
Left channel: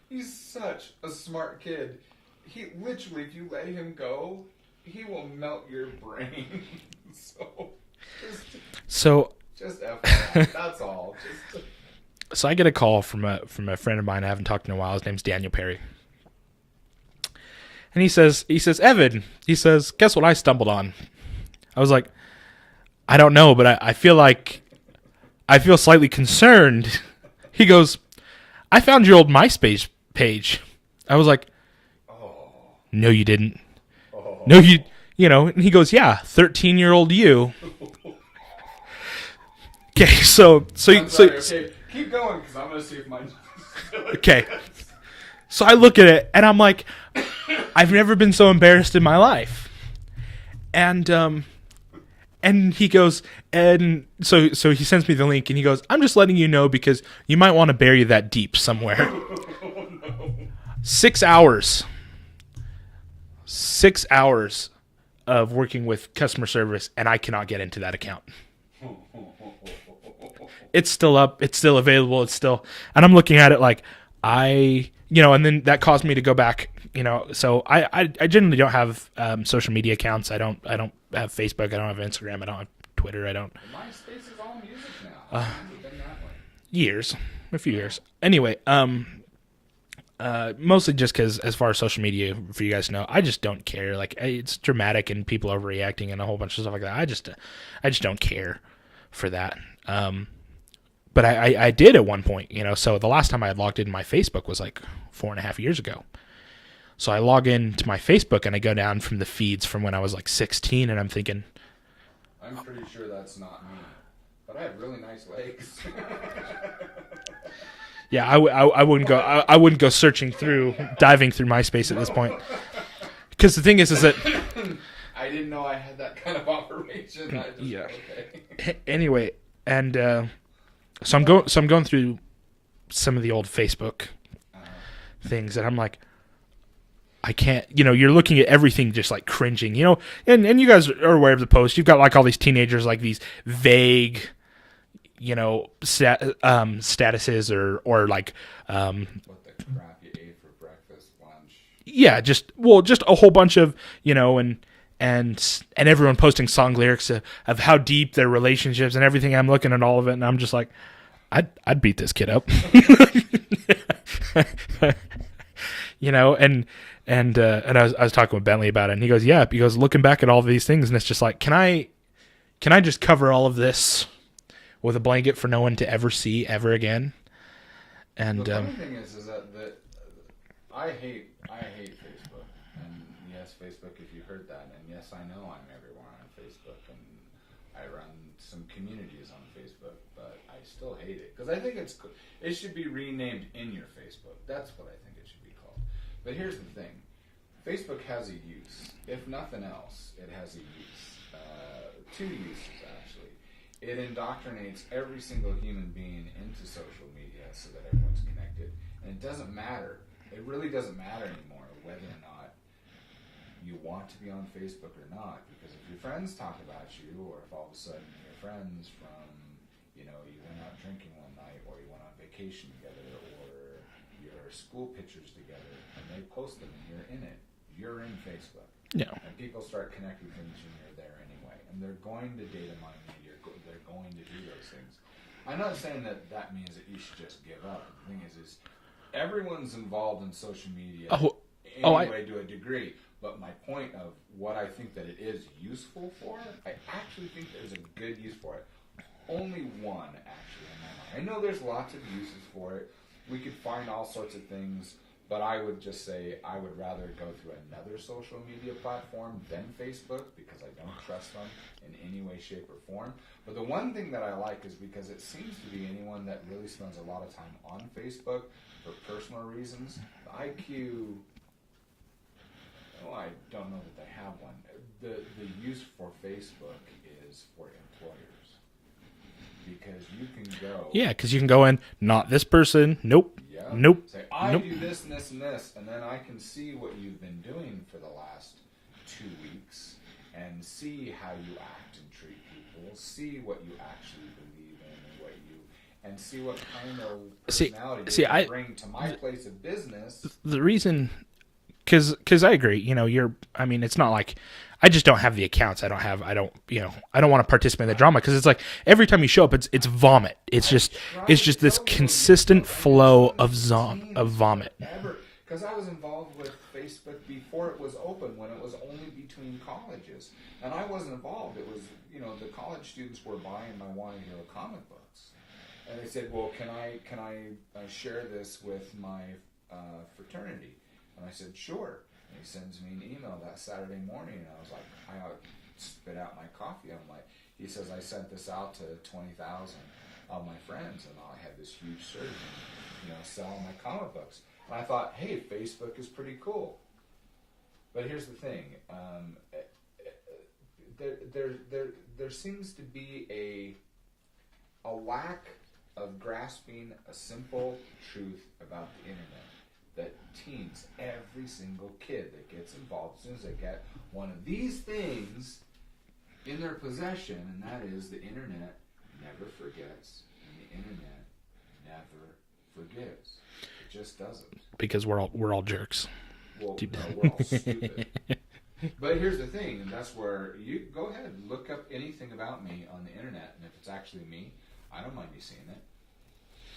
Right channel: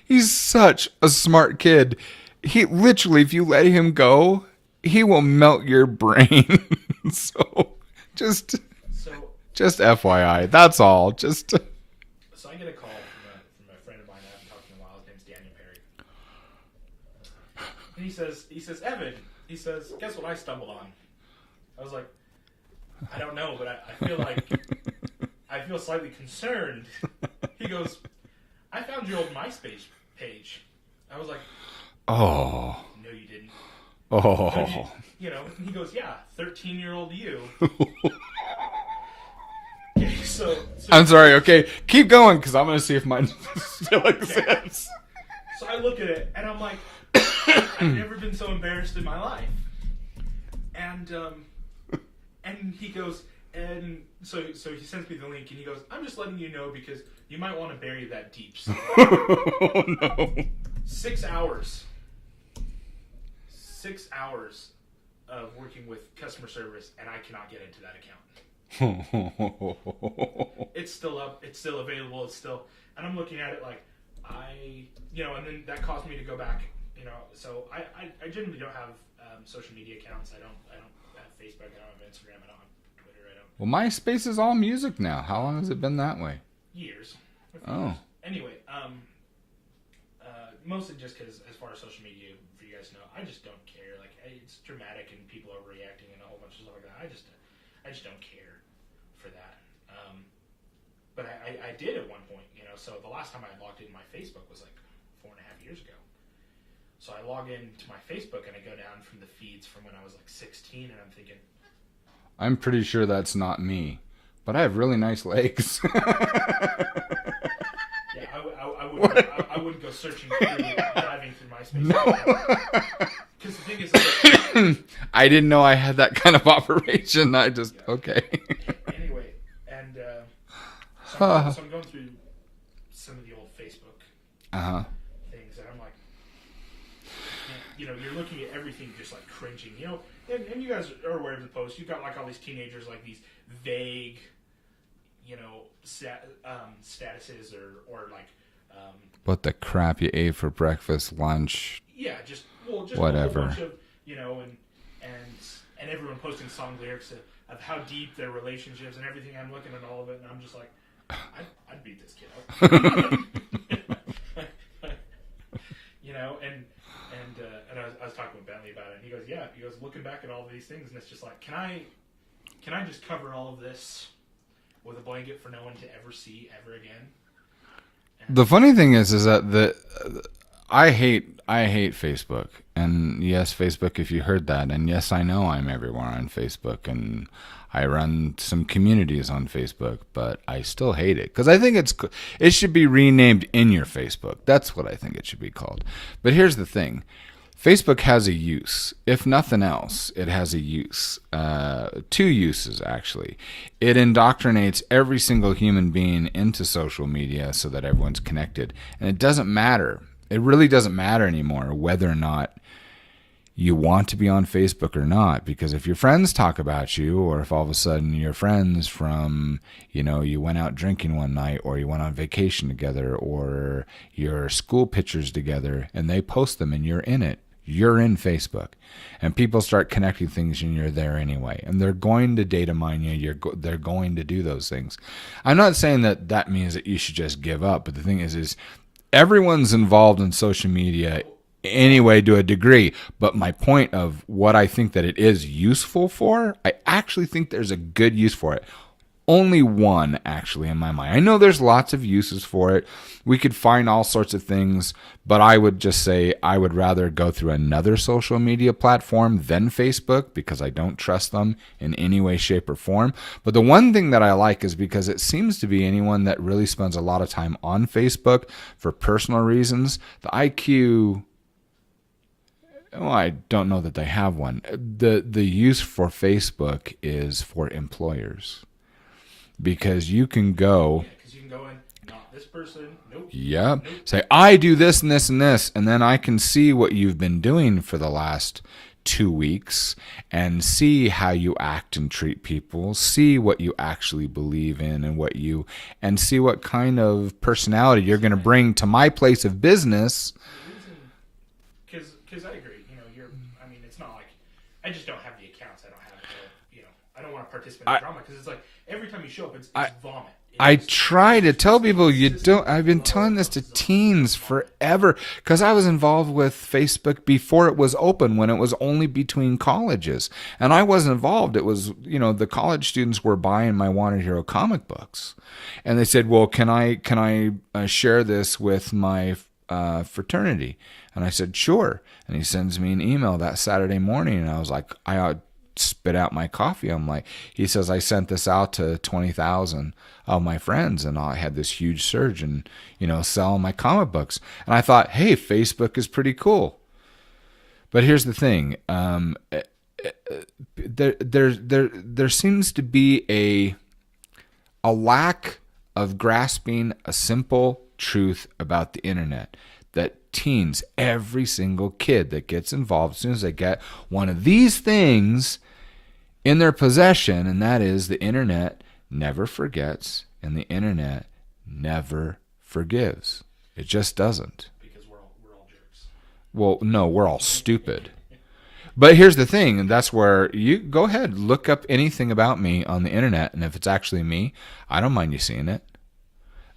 He's such a smart kid. He literally, if you let him go, he will melt your brain. Just FYI. That's all. So I get a call from a friend of mine I haven't talked to in a while. His name's Daniel Perry. And he says, Evan, he says, guess what I stumbled on? I was like, I don't know, but I feel like I feel slightly concerned. He goes, I found your old MySpace page. I was like, oh, no, you didn't. Oh, no, you know, and he goes, yeah, 13-year-old you. Okay, so I'm sorry. Okay, keep going because I'm gonna see if mine still okay. So I look at it and I'm like, I've never been so embarrassed in my life. And he goes, and so he sends me the link and he goes, I'm just letting you know because you might want to bury that deep somewhere. Oh no! 6 hours. 6 hours of working with customer service, and I cannot get into that account. It's still up. It's still available. It's still, and I'm looking at it like and then that caused me to go back. So I generally don't have social media accounts. I don't have Facebook. I don't have Instagram. I don't have Twitter. I don't. Well, MySpace is all music now. How long has it been that way? A few years. Anyway, mostly just because, as far as social media, for you guys to know, I just don't care. Like, it's dramatic and people overreacting and a whole bunch of stuff like that. I just don't care for that. But I did at one point, So the last time I had logged into my Facebook was like 4.5 years ago. So I log into my Facebook and I go down from the feeds from when I was like 16, and I'm thinking, I'm pretty sure that's not me, but I have really nice legs. Yeah, I wouldn't go. I wouldn't go diving through MySpace at this point. Because the thing is that I didn't know I had that kind of operation. Okay. Anyway, and so I'm going through some of the old Facebook things, and I'm like, I can't. You're looking at everything just like cringing. And you guys are aware of the post. You've got like all these teenagers, like these vague, statuses or like what the crap you ate for breakfast, lunch. Yeah, just whatever. A whole bunch of and everyone posting song lyrics of how deep their relationships and everything. I'm looking at all of it and I'm just like, I'd beat this kid up. And I was talking with Bentley about it, and he goes, yeah. He goes, looking back at all of these things, and it's just like, can I just cover all of this with a blanket for no one to ever see ever again? And the funny thing is that I hate Facebook, and yes, Facebook, if you heard that, and yes, I know I'm everywhere on Facebook, and I run some communities on Facebook, but I still hate it because I think it should be renamed In Your Facebook. That's what I think it should be called. But here's the thing. Facebook has a use. If nothing else, it has a use. 2 uses, actually. It indoctrinates every single human being into social media so that everyone's connected. And it doesn't matter. It really doesn't matter anymore whether or not you want to be on Facebook or not, because if your friends talk about you, or if all of a sudden your friends from, you went out drinking one night, or you went on vacation together, or your school pictures together, and they post them and you're in it, you're in Facebook. Yeah. And people start connecting things and you're there anyway. And they're going to data mine you. They're going to do those things. I'm not saying that means that you should just give up, but the thing is everyone's involved in social media anyway to a degree. But my point of what I think that it is useful for, I actually think there's a good use for it. Only one, actually, in my mind. I know there's lots of uses for it. We could find all sorts of things, but I would just say I would rather go through another social media platform than Facebook because I don't trust them in any way, shape, or form. But the one thing that I like is because it seems to be anyone that really spends a lot of time on Facebook for personal reasons, the IQ... Well, I don't know that they have one. The use for Facebook is for employers. because you can go. Yeah, because you can go in, not this person. Nope. Yeah. Nope. Say, I do this and this and this, and then I can see what you've been doing for the last 2 weeks and see how you act and treat people, see what you actually believe in and see what kind of personality you're going to bring to my place of business. The reason, because I agree, it's not like, I just don't have the accounts. I don't want to participate in the drama because it's like every time you show up, it's vomit. I try to tell people you don't. I've been telling this to teens forever because I was involved with Facebook before it was open, when it was only between colleges, and I wasn't involved. It was the college students were buying my Wanted Hero comic books, and they said, "Well, can I share this with my fraternity?" And I said, "Sure." And he sends me an email that Saturday morning, and I was like, I spit out my coffee. I'm like, he says, I sent this out to 20,000 of my friends, and I had this huge surge in, selling my comic books. And I thought, hey, Facebook is pretty cool. But here's the thing. There seems to be a lack of grasping a simple truth about the internet. That teens, every single kid that gets involved, as soon as they get one of these things in their possession, and that is the internet never forgets and the internet never forgives. It just doesn't. Because we're all jerks. Well, no, we're all stupid. But here's the thing, and that's where you go ahead, look up anything about me on the internet, and if it's actually me, I don't mind you seeing it.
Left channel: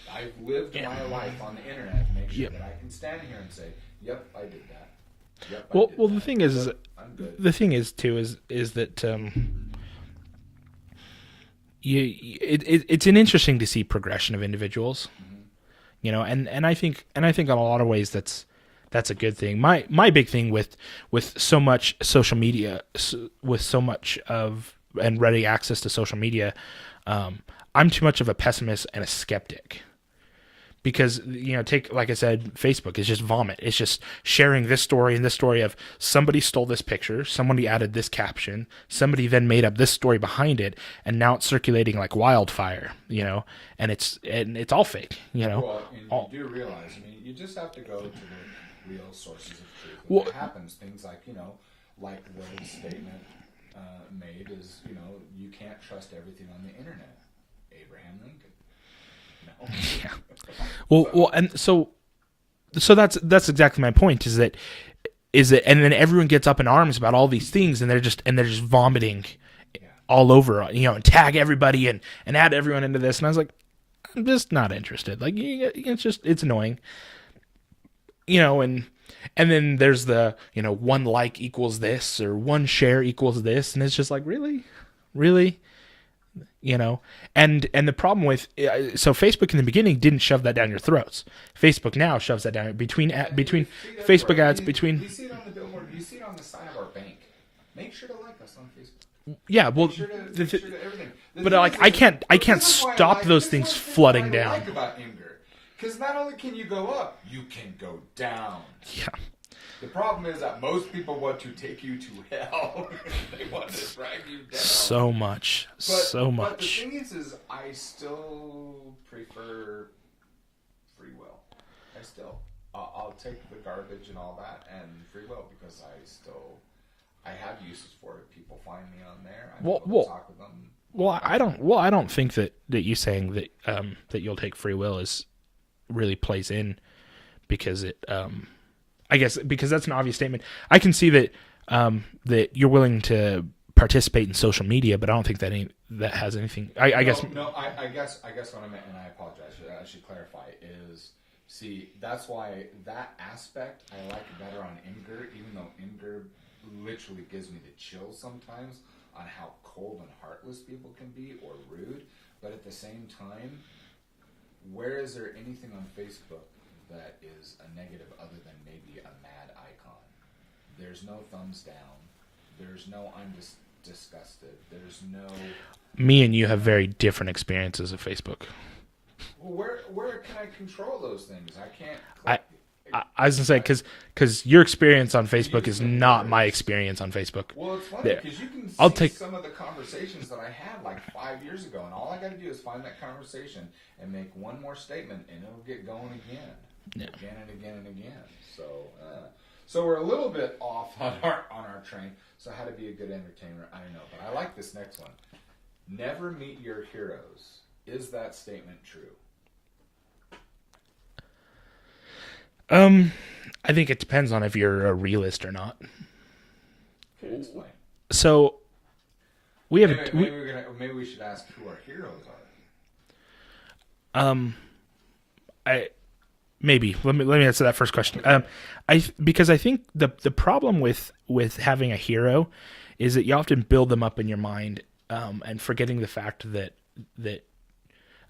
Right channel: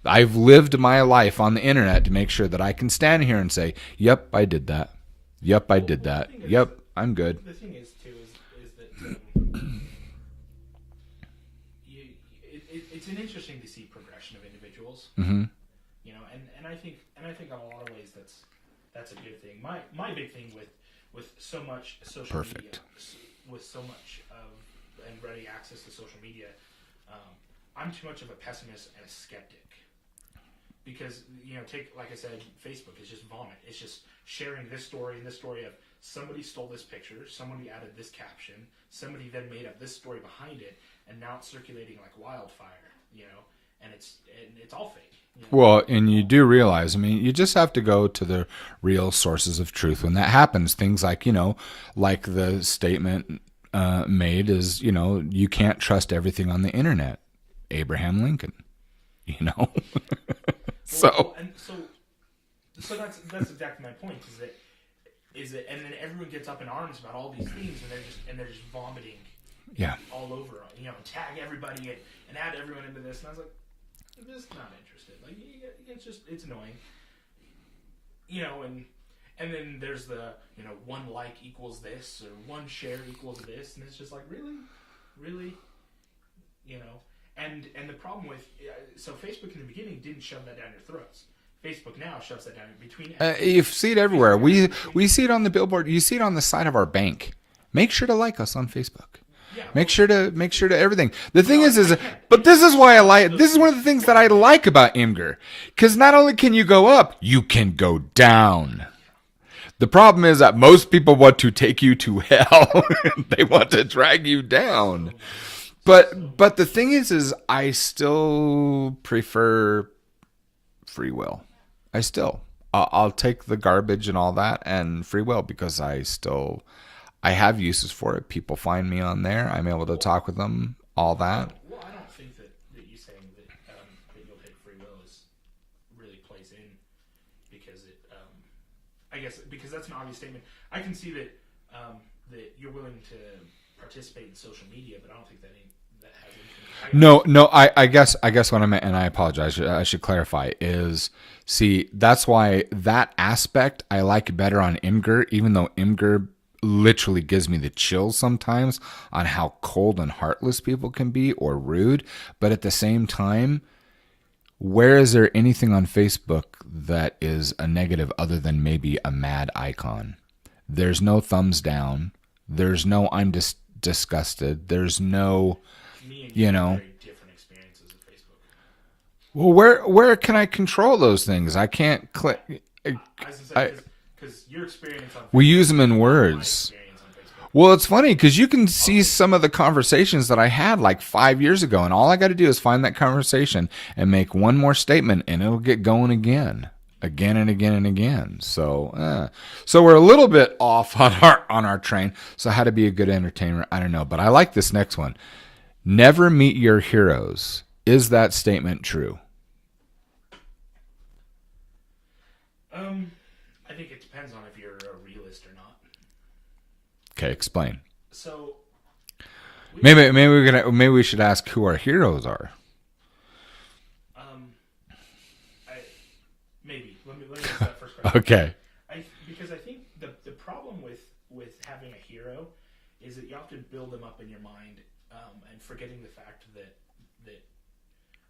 I've lived my life on the internet to make sure that I can stand here and say, "Yep, I did that. Yep, I did that. The thing is, yep, I'm good." The thing is too is that it's an interesting to see progression of individuals. Mm-hmm. And I think in a lot of ways that's a good thing. My big thing with so much social media, with so much and ready access to social media, I'm too much of a pessimist and a skeptic. Because, take, like I said, Facebook is just vomit. It's just sharing this story and this story of somebody stole this picture, somebody added this caption, somebody then made up this story behind it, and now it's circulating like wildfire, and it's all fake, Well, and you do realize, you just have to go to the real sources of truth when that happens. Things like, like the statement made is, you can't trust everything on the internet. Abraham Lincoln. And so that's exactly my point. Is that, and then everyone gets up in arms about all these things, and they're just vomiting, all over, and tag everybody and add everyone into this. And I was like, I'm just not interested. Like, it's annoying, and then there's the, one like equals this or one share equals this, and it's just like, really. And the problem with so Facebook in the beginning didn't shove that down your throats. Facebook now shoves that down between you see it everywhere. Ads, we see it on the billboard. You see it on the side of our bank. Make sure to like us on Facebook. Yeah, make sure to everything. The thing is I can't. This is why I like. This is one of the things that I like about Imgur, because not only can you go up, you can go down. Yeah. The problem is that most people want to take you to hell. They want to drag you down so much. But the thing is I still prefer free will. I'll take the garbage and all that and free will, because I have uses for it. People find me on there. I'm able to talk with them. I don't think that you saying that you'll take free will really plays in, because it I guess because that's an obvious statement. I can see that that you're willing to participate in social media, but I don't think that has anything. I guess what I meant, and I apologize, I should clarify, is that's why that aspect I like better on Imgur, even though Imgur literally gives me the chills sometimes on how cold and heartless people can be, or rude. But at the same time, where is there anything on Facebook that is a negative other than maybe a mad icon? There's no thumbs down. There's no I'm disgusted. There's no... Me and you have very different experiences of Facebook. Well, where can I control those things? I can't click. I was gonna say because your experience on Facebook we use them is in not words. my experience on Facebook. Well, it's funny because you can see some of the conversations that I had like 5 years ago, and all I got to do is find that conversation and make one more statement, and it'll get going again and again and again. So we're a little bit off on our train. So how to be a good entertainer, I don't know, but I like this next one. Never meet your heroes. Is that statement true? I think it depends on if you're a realist or not. Okay, explain. So maybe we should ask who our heroes are. Maybe let me answer that first question. Okay. Because I think the problem with having a hero is that you often build them up in your mind, and forgetting the fact that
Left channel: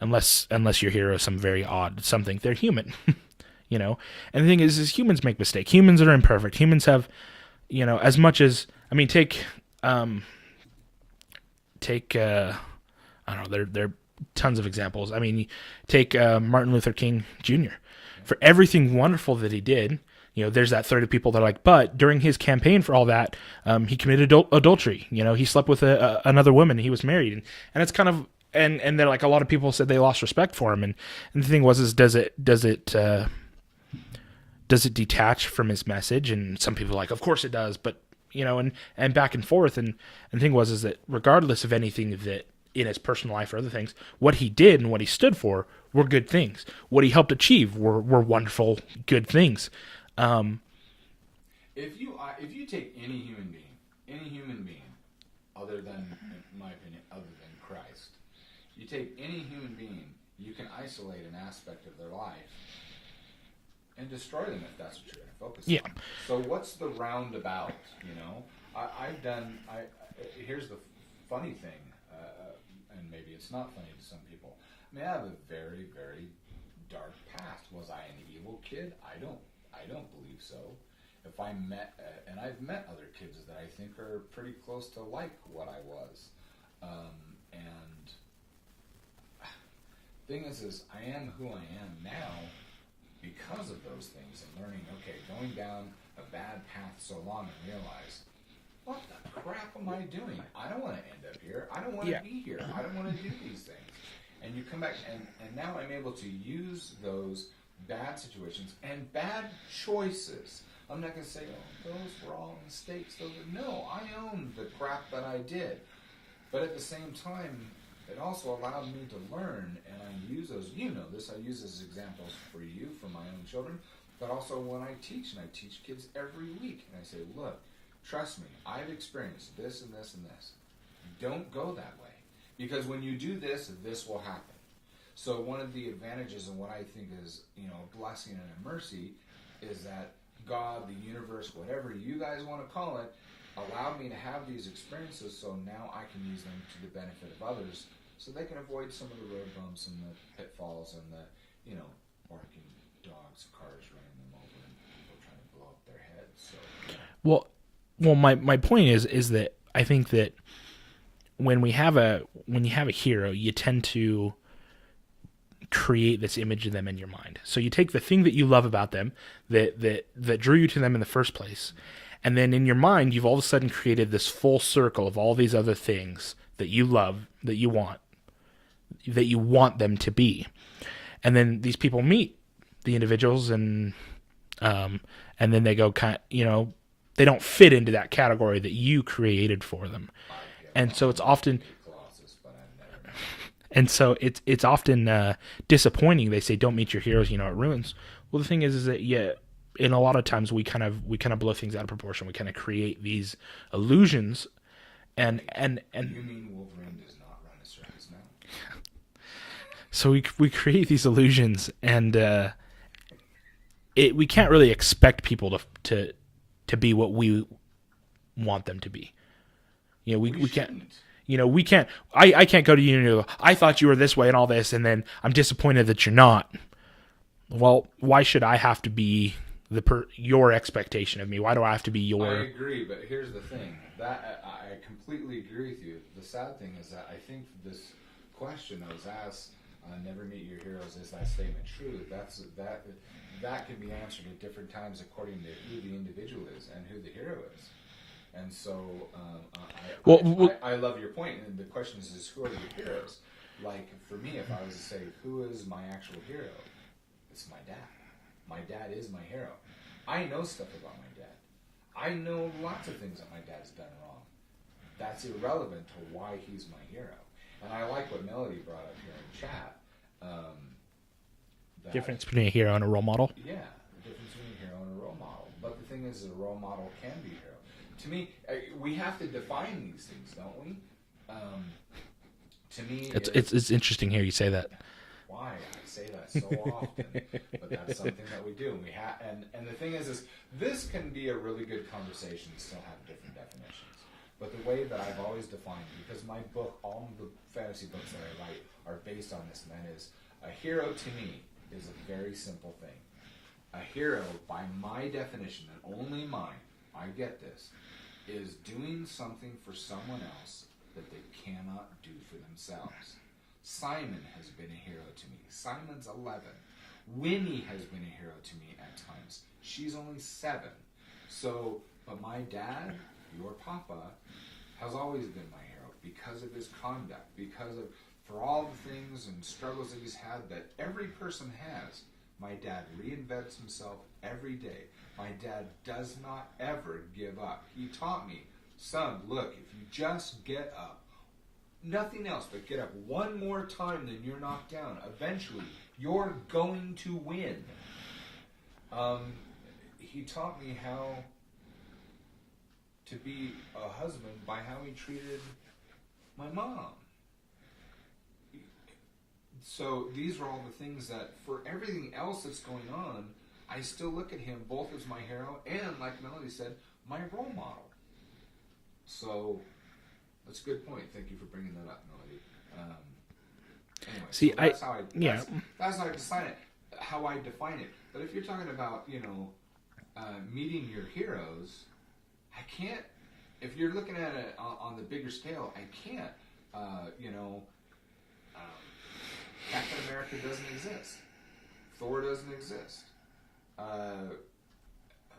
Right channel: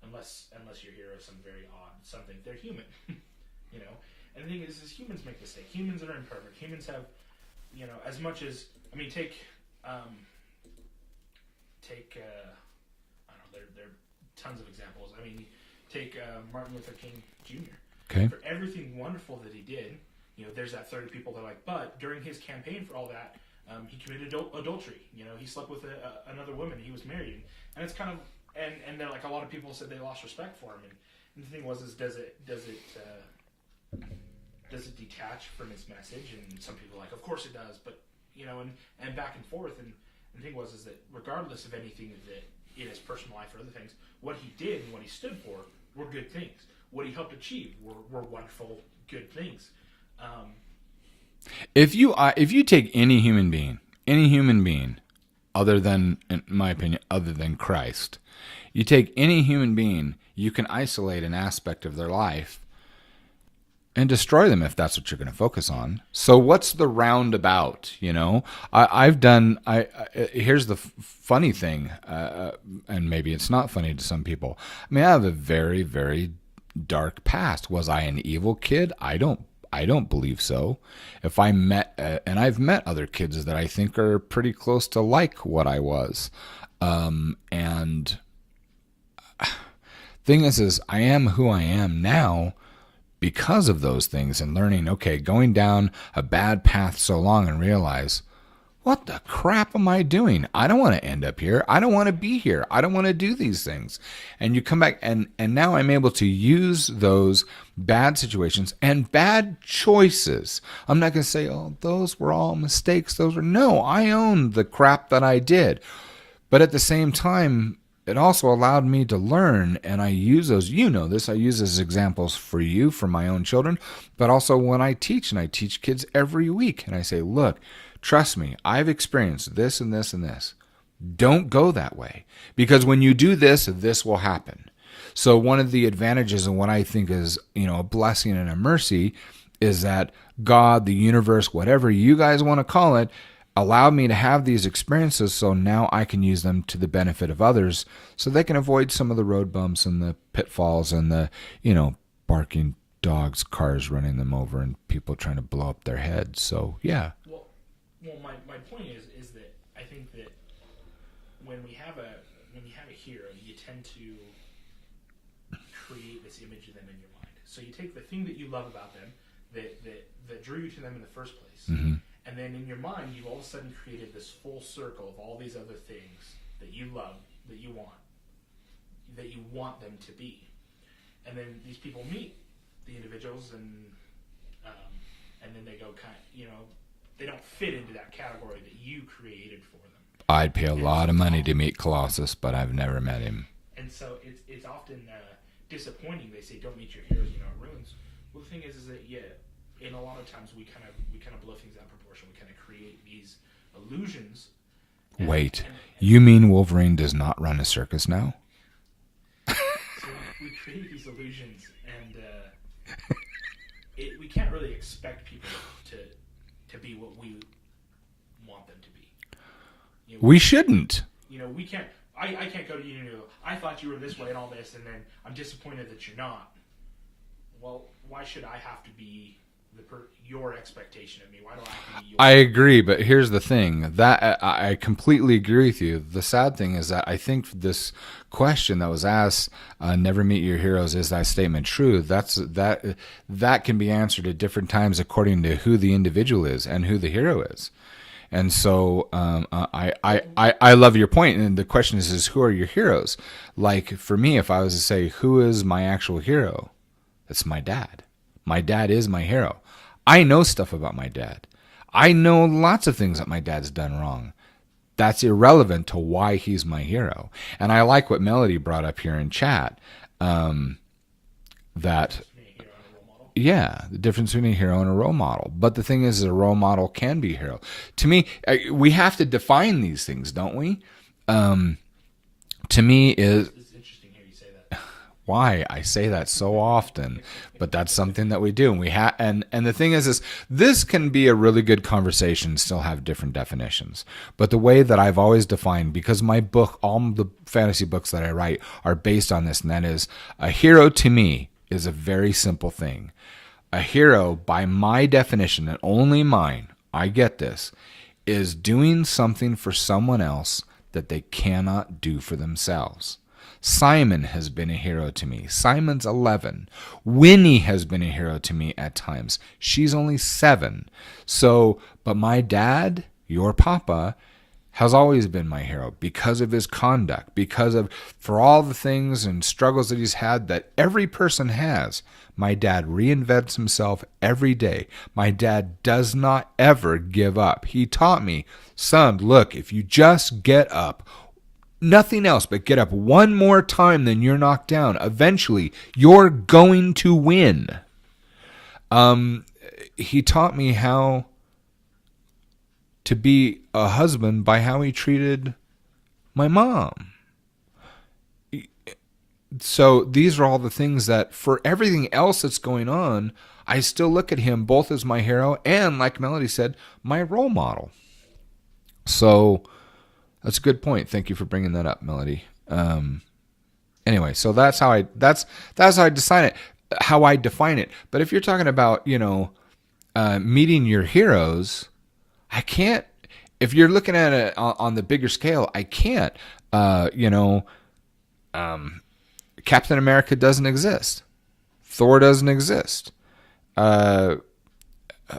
unless your hero is some very odd something, they're human. You know, and the thing is humans make mistakes. Humans are imperfect. Humans have, as much as, take I don't know, there are tons of examples. I mean, take Martin Luther King Jr. Okay. For everything wonderful that he did. There's that third of people that are like, but during his campaign for all that, he committed adultery. He slept with another woman. He was married, and it's kind of and they're like, a lot of people said they lost respect for him. And the thing was, does it detach from his message? And some people are like, of course it does, but and back and forth. And the thing was that regardless of anything that in his personal life or other things, what he did and what he stood for were good things. What he helped achieve were wonderful, good things. If you take any human being, other than, in my opinion, other than Christ, you take any human being, you can isolate an aspect of their life and destroy them if that's what you're going to focus on. So what's the roundabout? Here's the funny thing, and maybe it's not funny to some people. I mean, I have a very, very dark past. Was I an evil kid? I don't believe so. If I met, and I've met other kids that I think are pretty close to like what I was, and thing is I am who I am now because of those things, and learning, going down a bad path so long and realize, what the crap am I doing? I don't want to end up here. I don't want to be here. I don't want to do these things. And you come back, and now I'm able to use those bad situations and bad choices. I'm not going to say, those were all mistakes. No, I own the crap that I did. But at the same time, it also allowed me to learn, and I use those, I use as examples for you, for my own children, but also when I teach, and I teach kids every week, and I say, look, trust me, I've experienced this and this and this. Don't go that way, because when you do this, this will happen. So one of the advantages and what I think is, a blessing and a mercy is that God, the universe, whatever you guys want to call it, allowed me to have these experiences, so now I can use them to the benefit of others, so they can avoid some of the road bumps and the pitfalls and the, barking dogs, cars running them over, and people trying to blow up their heads. So yeah. Well, my point is that I think that when you have a hero, you tend to create this image of them in your mind. So you take the thing that you love about them, that drew you to them in the first place, mm-hmm. and then in your mind you've all of a sudden created this full circle of all these other things that you love, that you want them to be. And then these people meet the individuals, and then they go they don't fit into that category that you created for them. I'd pay a lot of money to meet Colossus, but I've never met him. And so it's often disappointing. They say, don't meet your heroes, it ruins. Well, the thing is that, in a lot of times we kind of blow things out of proportion. We kind of create these illusions. Wait, you mean Wolverine does not run a circus now? So we create these illusions, and we can't really expect people to be what we want them to be. We shouldn't. We can't. I can't go to you and go, I thought you were this way and all this, and then I'm disappointed that you're not. Well, why should I have to be your expectation of me? Why do I have to be your? I agree, but here's the thing that I completely agree with you. The sad thing is that I think this question that was asked, "Never meet your heroes," is that statement true? That can be answered at different times according to who the individual is and who the hero is. And so I love your point. And the question is who are your heroes? Like for me, if I was to say who is my actual hero, it's my dad. My dad is my hero. I know stuff about my dad. I know lots of things that my dad's done wrong. That's irrelevant to why he's my hero. And I like what Melody brought up here in chat. The difference between a hero and a role model. Yeah, the difference between a hero and a role model. But the thing is, a role model can be a hero. To me, we have to define these things, don't we? To me, it's interesting here you say that. Why? I say that so often, but that's something that we do. And the thing is this can be a really good conversation, still have different definitions. But the way that I've always defined, because my book, all the fantasy books that I write are based on this, and that is a hero to me is a very simple thing. A hero, by my definition, and only mine, I get this, is doing something for someone else that they cannot do for themselves. Simon has been a hero to me. Simon's 11. Winnie has been a hero to me at times. She's only 7. So, but my dad, your papa, has always been my hero because of his conduct, for all the things and struggles that he's had that every person has. My dad reinvents himself every day. My dad does not ever give up. He taught me, son, look, if you just get up, nothing else but get up one more time, then you're knocked down. Eventually, you're going to win. He taught me how to be a husband by how he treated my mom. So these are all the things that, for everything else that's going on, I still look at him both as my hero and, like Melody said, my role model. So that's a good point. Thank you for bringing that up, Melody. Anyway, so that's how I define it. How I define it. But if you're talking about, meeting your heroes, I can't. If you're looking at it on the bigger scale, I can't. Captain America doesn't exist. Thor doesn't exist.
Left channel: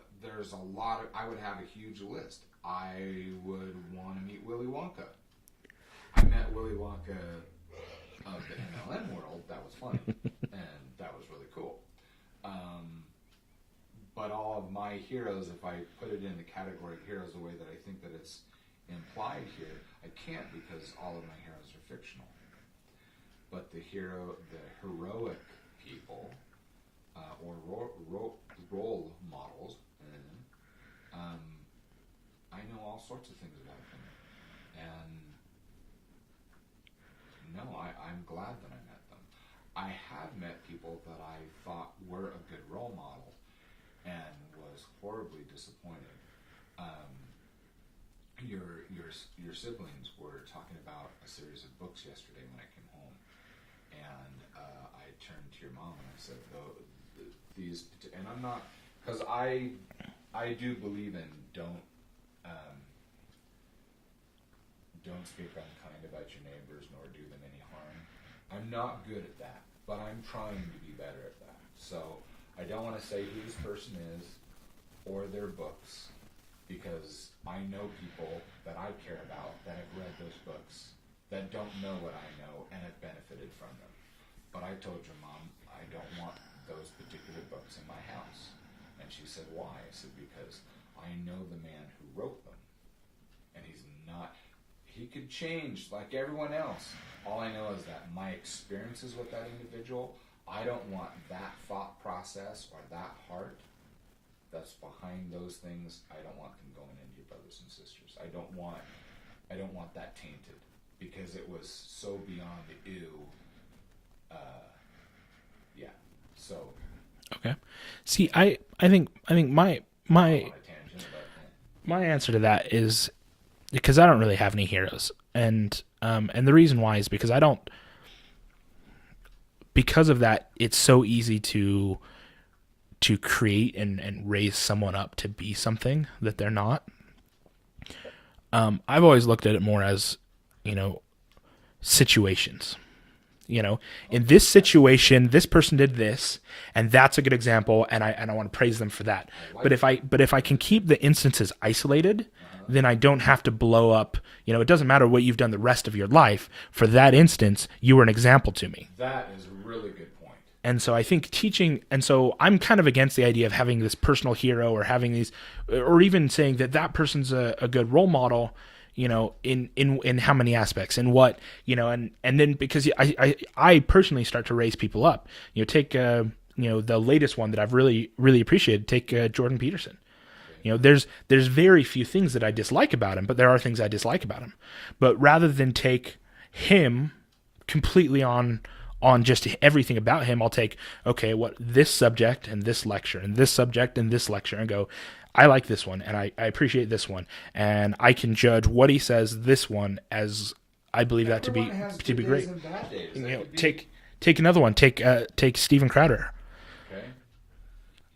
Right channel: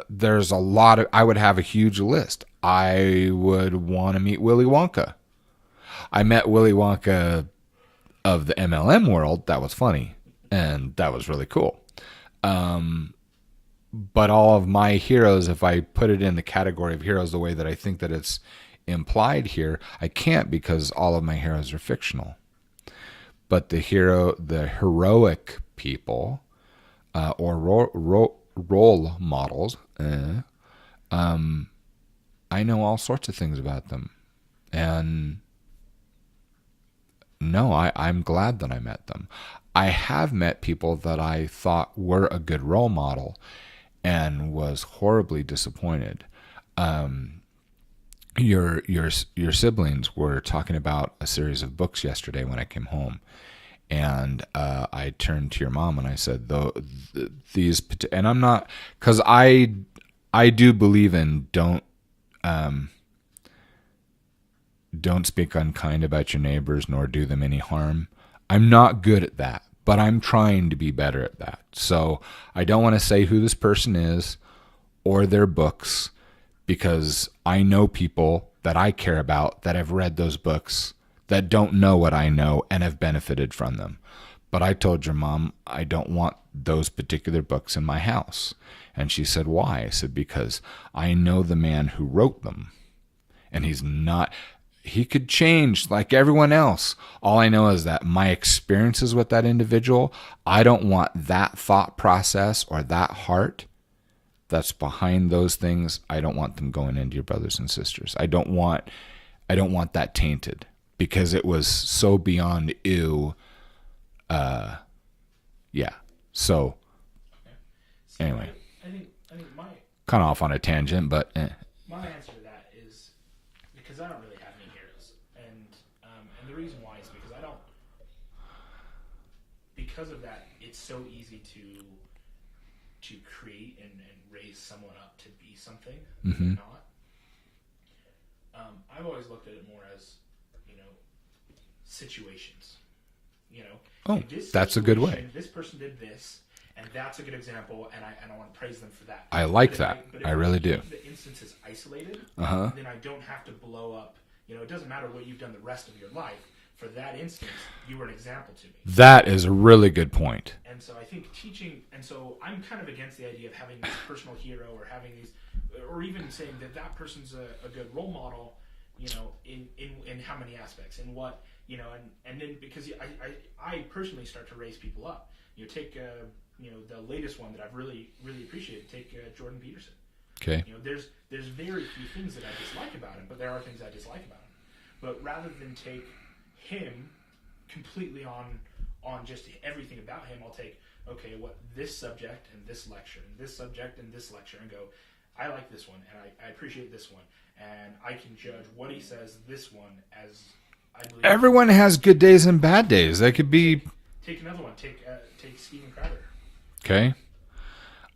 There's a lot of. I would have a huge list. I would want to meet Willy Wonka. I met Willy Wonka of the MLM world. That was funny, and that was really cool. But all of my heroes, if I put it in the category of heroes the way that I think that it's implied here, I can't, because all of my heroes are fictional. But the heroic people, or role models, I know all sorts of things about them. And no, I'm glad that I met them. I have met people that I thought were a good role model and was horribly disappointed. Your siblings were talking about a series of books yesterday when I came home. And I turned to your mom and I said, these, and I'm not, because I do believe in don't speak unkind about your neighbors nor do them any harm. I'm not good at that, but I'm trying to be better at that. So I don't want to say who this person is or their books, because I know people that I care about that have read those books that don't know what I know and have benefited from them. But I told your mom I don't want those particular books in my house. And she said, why? I said, because I know the man who wrote them. And he could change like everyone else. All I know is that my experiences with that individual, I don't want that thought process or that heart that's behind those things. I don't want them going into your brothers and sisters. I don't want that tainted, because it was so beyond ew. Yeah. So. Okay. See, anyway. I think my off on a tangent, but my answer to that is because I don't really have any heroes, and the reason why is because I don't. Because of that, it's so easy to create and raise someone up to be something that they're not. I've always looked at it more as, situations. In this situation, this person did this, and that's a good example, and I want to praise them for that. I like that. But if I can keep the instances isolated, then I don't have to blow up. It doesn't matter what you've done the rest of your life. For that instance, you were an example to me. That is a really good point. And so I think teaching, and so I'm kind of against the idea of having this personal hero or having these, or even saying that person's a good role model. In how many aspects and what, and then because I personally start to raise people up, take, the latest one that I've really, really appreciated, take Jordan Peterson. Okay. There's very few things that I dislike about him, but there are things I dislike about him. But rather than take him completely on just everything about him, I'll take, what this subject and this lecture and this subject and this lecture and go, I like this one, and I appreciate this one, and I can judge what he says this one as I believe. Everyone has good days and bad days. That could be. Take another one. Take Steven Crowder. Okay.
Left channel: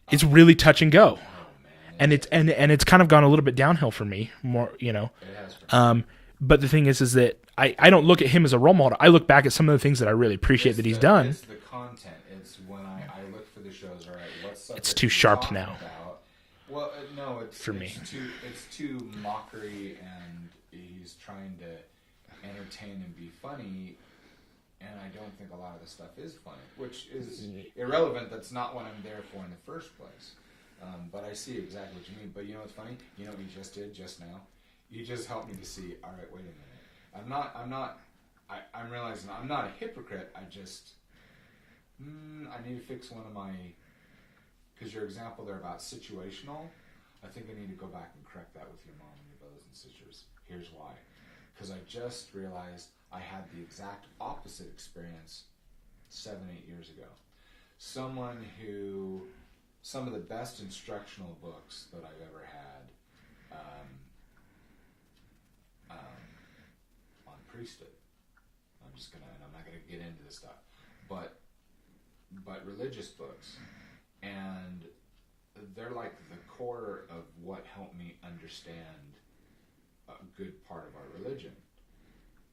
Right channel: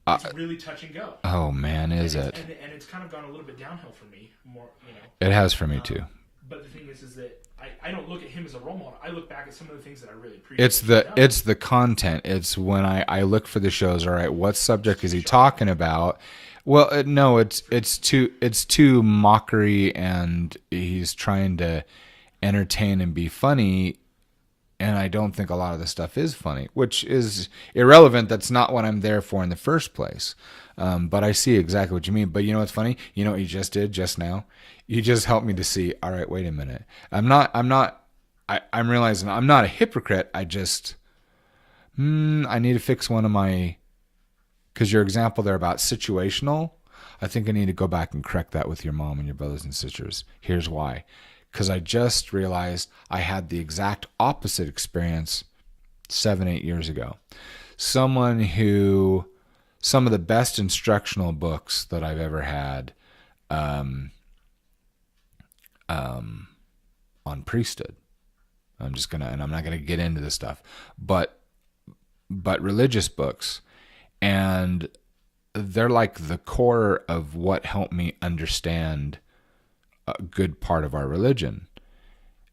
It's really touch and go. Oh man, and it's kind of gone a little bit downhill for me. More, It has for me too. But the thing is that I don't look at him as a role model. I look back at some of the things that I really appreciate he's done. It's the content. It's when I look for the shows. All right, what subject is he talking about? Well, no, it's too mockery, and he's trying to entertain and be funny. And I don't think a lot of the stuff is funny, which is irrelevant. That's not what I'm there for in the first place. But I see exactly what you mean. But you know what's funny? You know what you just did just now? You just helped me to see, all right, wait a minute. I'm realizing I'm not a hypocrite. I just, I need to fix one of my, because your example there about situational, I think I need to go back and correct that with your mom and your brothers and sisters. Here's why. Because I just realized I had the exact opposite experience 7-8 years ago. Some of the best instructional books that I've ever had on priesthood. I'm not gonna get into this stuff, but religious books, and they're like the core of what helped me understand a good part of our religion.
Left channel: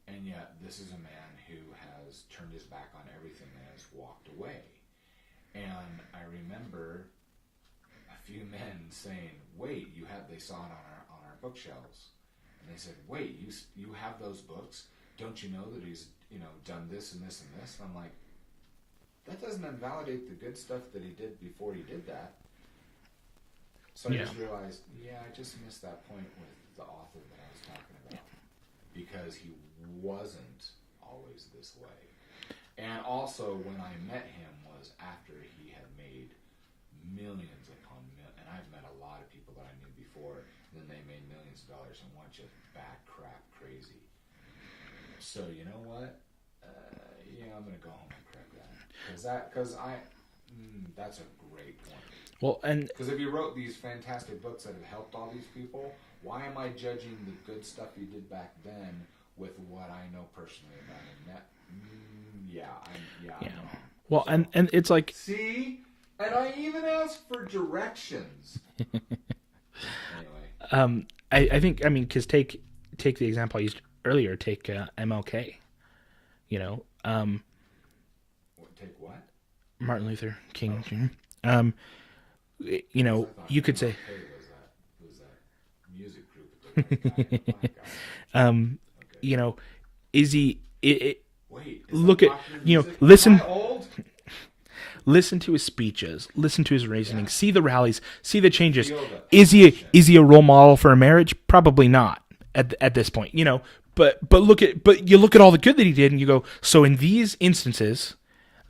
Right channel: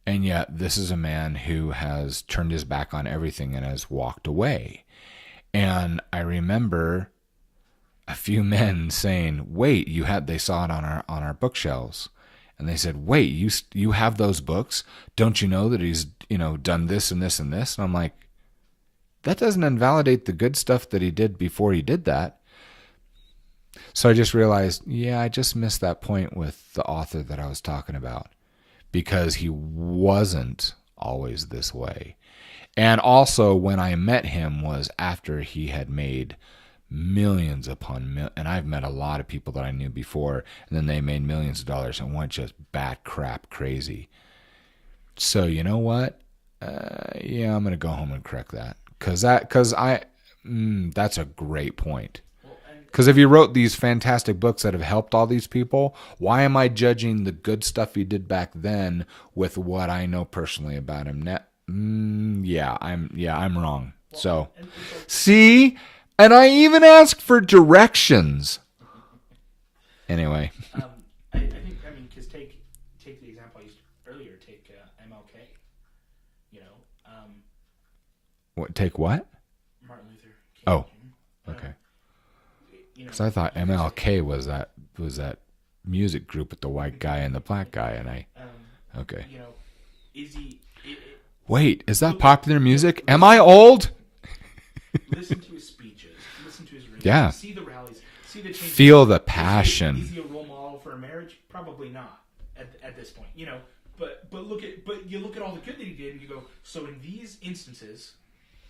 And yet this is a man who has turned his back on everything and has walked away. And I remember a few men saying, wait, they saw it on our bookshelves. And they said, wait, you have those books? Don't you know that he's, done this and this and this? And I'm like, that doesn't invalidate the good stuff that he did before he did that. So I just realized, I just missed that point with the author that I was talking about, because he wasn't always this way. And also when I met him was after he had made millions upon millions. And I've met a lot of people that I knew before, and then they made millions of dollars and went just bat crap crazy. So you know what? I'm going to go home and correct that. That's a great point. Well, and because if he wrote these fantastic books that have helped all these people, why am I judging the good stuff he did back then with what I know personally about him now? I'm wrong. Well, so, and it's like, see, and I even asked for directions. Anyway, I think because take the example I used earlier. Take MLK. Take what? Martin Luther King. Oh. Jr. So I thought MLK was that music group with the white guy and the black guy, and okay. Is he? Wait, is that popular music? Am I old? Listen to his speeches. Listen to his races. Yeah. See the rallies. See the changes. Feel the passion. Is he a role model for a marriage? Probably not at this point. But you look at all the good that he did, and you go, so in these instances,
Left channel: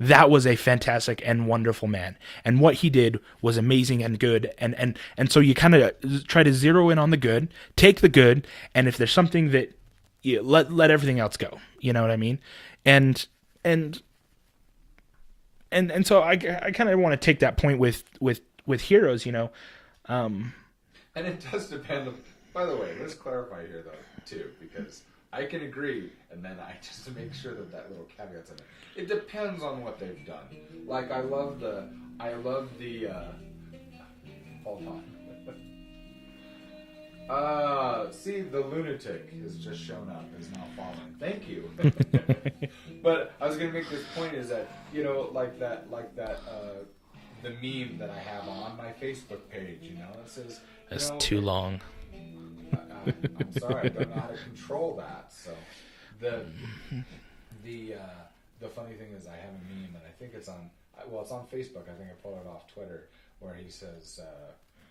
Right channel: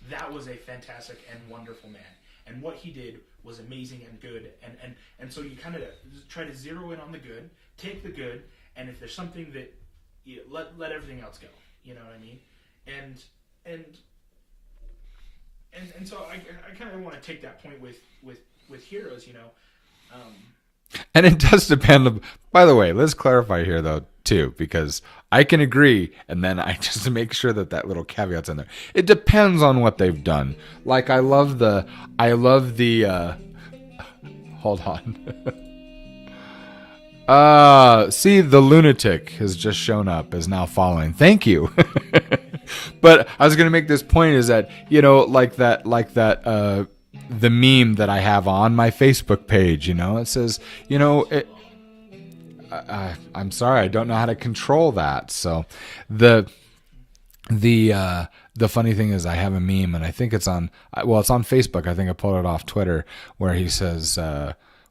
that was a fantastic and wonderful man, and what he did was amazing and good, and so you kind of try to zero in on the good, take the good, and if there's something that let everything else go. You know what I mean? And so I kind of want to take that point with heroes. And it does depend. By the way, let's clarify here though too, because I can agree, and then I just to make sure that little caveat's in there. It depends on what they've done. Like I love the hold on. See, the lunatic has just shown up, is now following. Thank you. But I was going to make this point is that, like that, the meme that I have on my Facebook page, it says, it's too long. I'm sorry, I don't know how to control that. So the funny thing is I have a meme, and I think it's on Facebook. I think I pulled it off Twitter, where he says,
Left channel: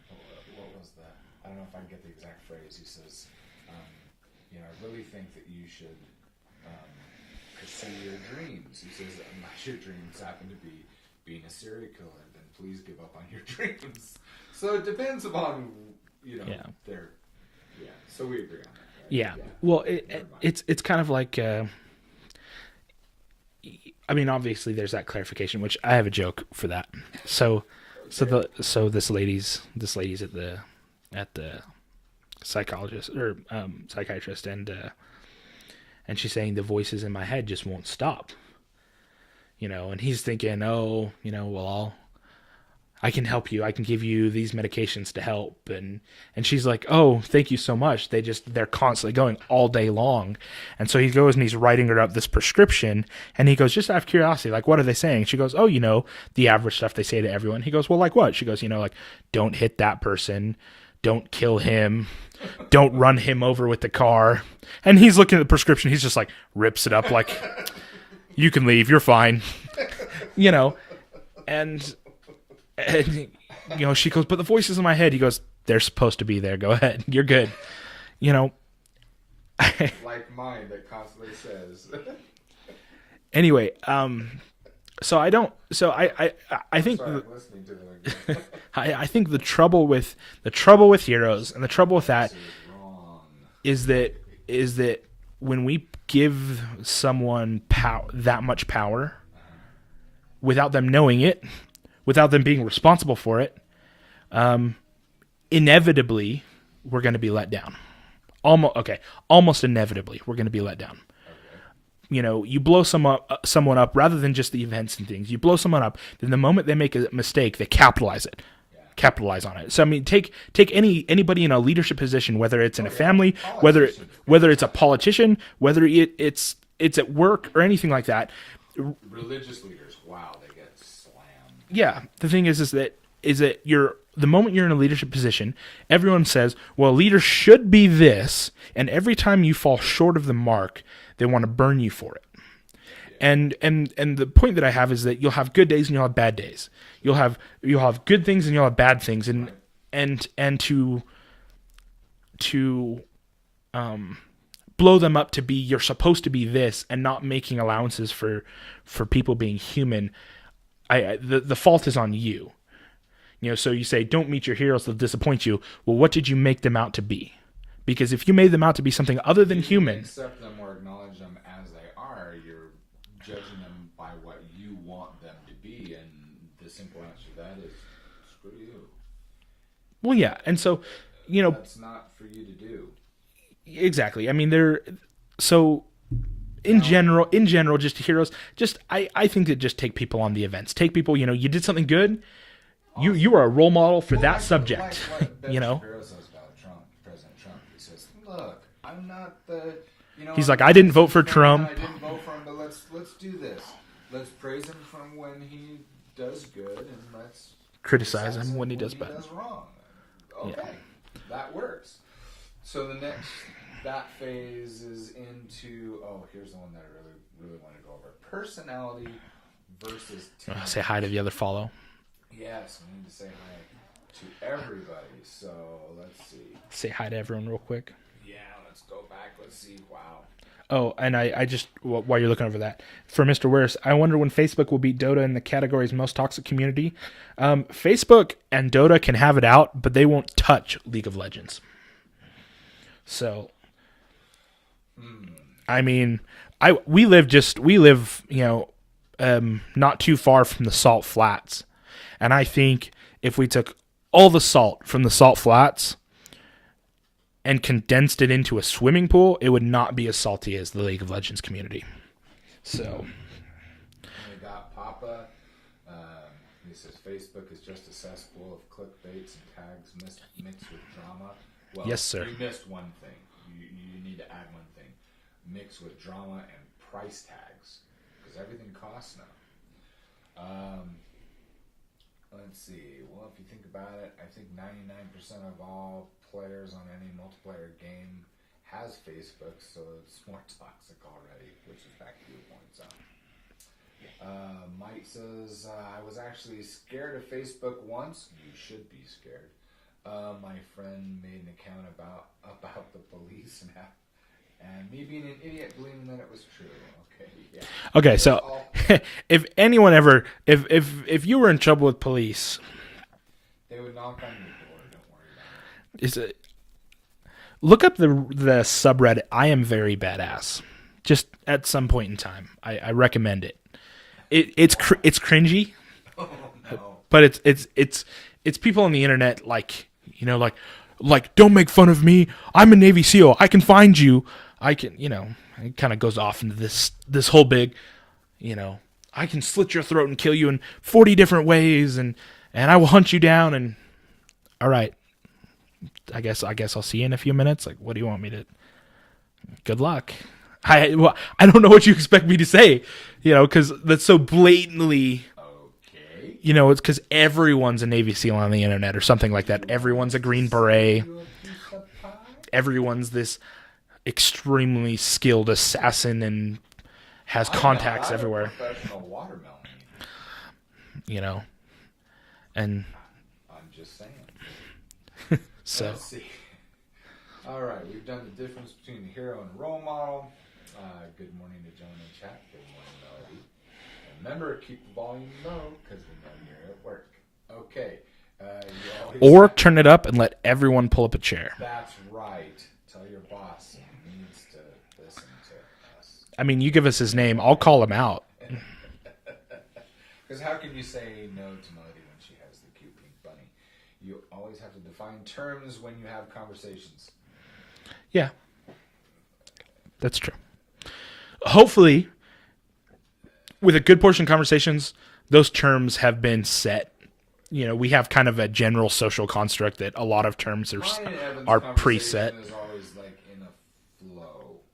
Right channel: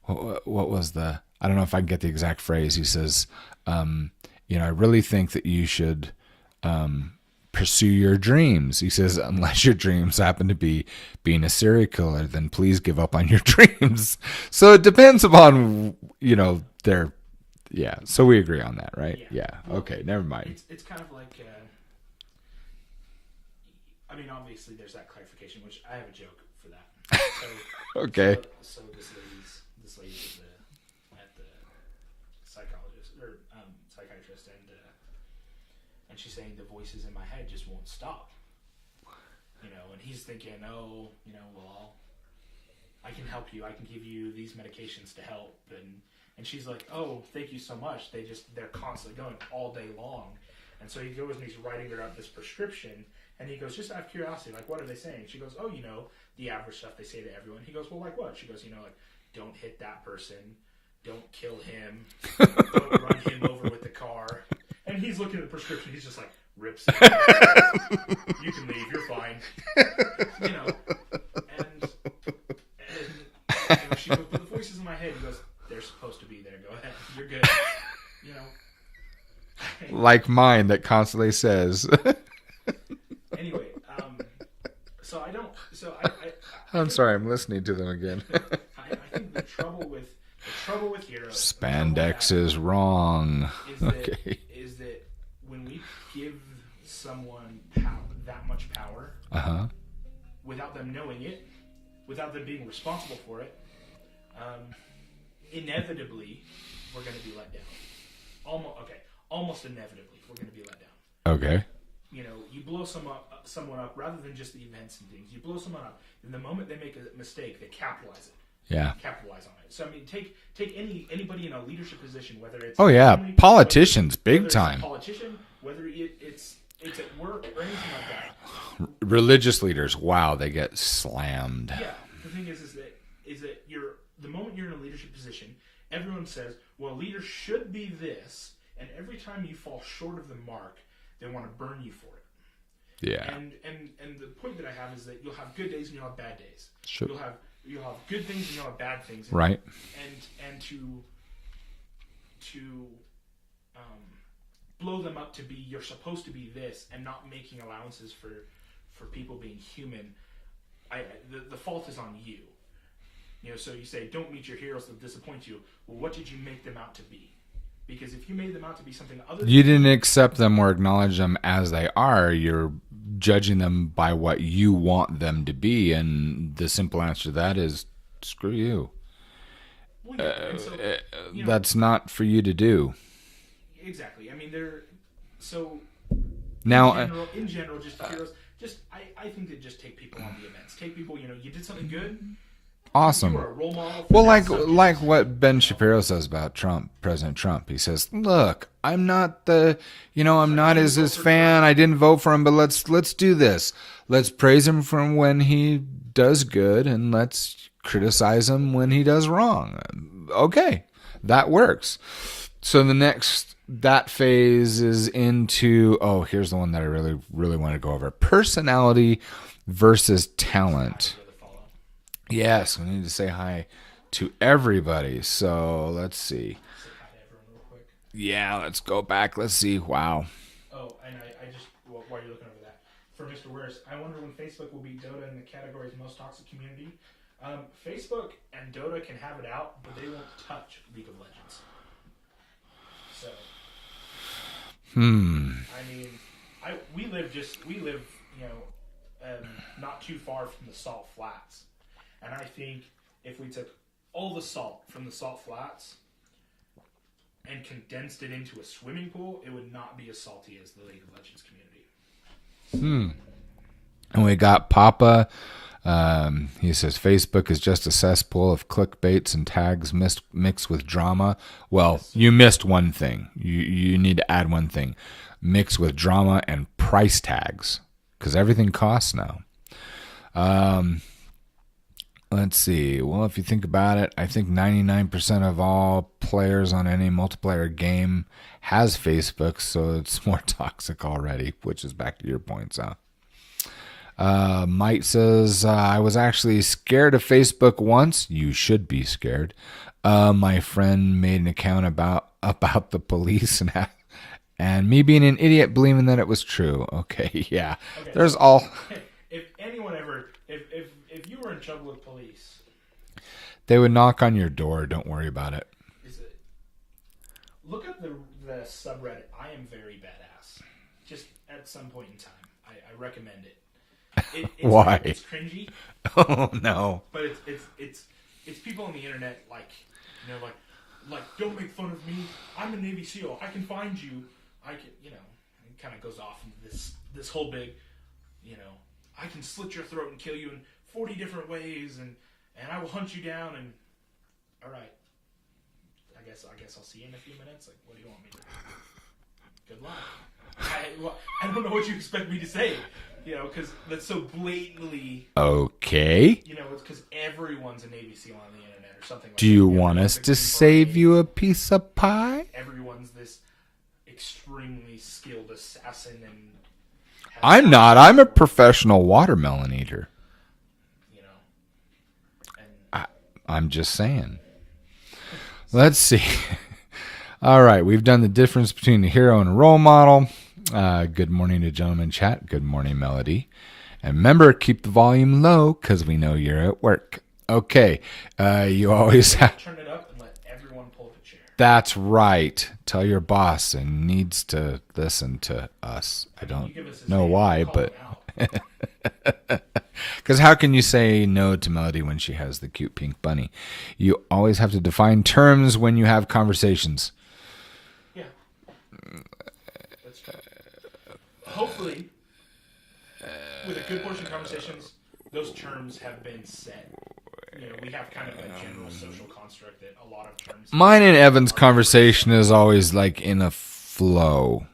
what was I don't know if I can get the exact phrase. He says, I really think that you should pursue your dreams. He says, unless your dreams happen to be being a serial killer, then please give up on your dreams. So it depends upon, their... Yeah, so we agree on that, right? Yeah. Well, okay, never mind. It's kind of like, obviously there's that clarification, which I have a joke for that. So, okay. So this lady's at the psychologist or psychiatrist, and she's saying the voices in my head just won't stop. And he's thinking, I can help you. I can give you these medications to help. And she's like, oh, thank you so much. They're constantly going all day long. And so he goes and he's writing her up this prescription. And he goes, just out of curiosity, like, what are they saying? She goes, oh, the average stuff they say to everyone. He goes, well, like what? She goes, like, don't hit that person. Don't kill him. Don't run him over with the car. And he's looking at the prescription. He's just like, rips it up like, you can leave. You're fine. And she goes, but the voices in my head, he goes, they're supposed to be there. Go ahead. You're good. Like mine that constantly says. Anyway, so I don't. So I think. Sorry, I'm listening to them again. I think the trouble with heroes and the trouble with that is wrong. Is that when we give someone that much power, without them knowing it, without them being responsible for it, inevitably we're going to be let down. Almost inevitably we're going to be let down. Okay. You blow someone up rather than just the events and things. You blow someone up, then the moment they make a mistake, they capitalize it. Yeah. Capitalize on it. So take anybody in a leadership position, whether it's in a family, politicians, whether it's a politician, whether it's at work or anything like that. Religious leaders, wow, they get slammed. Yeah. The thing is that the moment you're in a leadership position, everyone says, well, leaders should be this, and every time you fall short of the mark, they want to burn you for it. Yeah. And the point that I have is that you'll have good days and you'll have bad days. Sure. You'll have good things and you'll have bad things. And, right. And to blow them up to be you're supposed to be this and not making allowances for people being human, the fault is on you. So you say don't meet your heroes, they'll disappoint you. Well, what did you make them out to be? Because if you made them out to be something other than you didn't accept them or acknowledge them as they are, you're judging them by what you want them to be, and the simple answer to that is screw you. Well, yeah, and so that's not for you to do. Exactly. I mean, in general, just heroes. I think that just take people on the events. Take people. You did something good. Awesome. You are a role model for that subject. Like what Ben Shapiro says about Trump, President Trump. He says, "Look, I'm not the, he's I'm like, I didn't vote for fan. Trump. I didn't vote for him, but let's do this. Let's praise him from when he does good, and let's criticize him when he does wrong. Okay, that works. So that phase is into here's the one that I really really want to go over: personality versus talent. Say hi to the other follow. Yes, we need to say hi to everybody. So let's see. Say hi to everyone real quick. Yeah, let's go back. Let's see. Wow. Oh, and I just, while you're looking over that, for Mr. Wares, I wonder when Facebook will beat Dota in the category's most toxic community. Facebook and Dota can have it out, but they won't touch League of Legends. So, I mean, we live, not too far from the Salt Flats. And I think if we took all the salt from the Salt Flats and condensed it into a swimming pool, it would not be as salty as the League of Legends community. So, and we got Papa He says Facebook is just a cesspool of clickbaits and tags mixed with drama. Well, yes, you missed one thing. You need to add one thing. Mixed with drama and price tags, because everything costs now. Let's see. Well, if you think about it, I think 99% of all players on any multiplayer game has Facebook, so it's more toxic already, which is back to your point, Sal. Mike says, I was actually scared of Facebook once. You should be scared. My friend made an account about the police and me being an idiot believing that it was true. Okay, yeah. Okay, so if anyone ever, if you were in trouble with police, they would knock on your door. Don't worry about it. Look up the subreddit I Am Very Badass. Just at some point in time. I recommend it. It's cringy. Oh no! But it's people on the internet like don't make fun of me. I'm a Navy SEAL. I can find you. I can It kind of goes off into this whole big, I can slit your throat and kill you in 40 different ways, and I will hunt you down. And all right, I guess I'll see you in a few minutes. Like, what do you want me to? Good luck. I don't know what you expect me to say. Because that's so blatantly... Okay. It's because everyone's a Navy SEAL on the internet or something like that. Everyone's a Green Beret. Save you a piece of pie? Everyone's this extremely skilled assassin and has... I'm not. I'm everywhere. A professional watermelon eater. And... I'm just saying. Let's see. All right. We've done the difference between a hero and a role model. Good morning to Gentleman Chat. Good morning, Melody. And remember, keep the volume low because we know you're at work. Okay. You always... Or turn it up and let everyone pull up a chair. That's right. Tell your boss he needs to listen to us. I mean, you give us his name. I'll call him out. Because how can you say no to Melody when she has the cute pink bunny? You always have to define terms when you have conversations. Yeah. That's true. Hopefully, with a good portion of conversations, those terms have been set. We have kind of a general social construct that a lot of terms Mine and Evan's conversation preset. Is always like in a flow.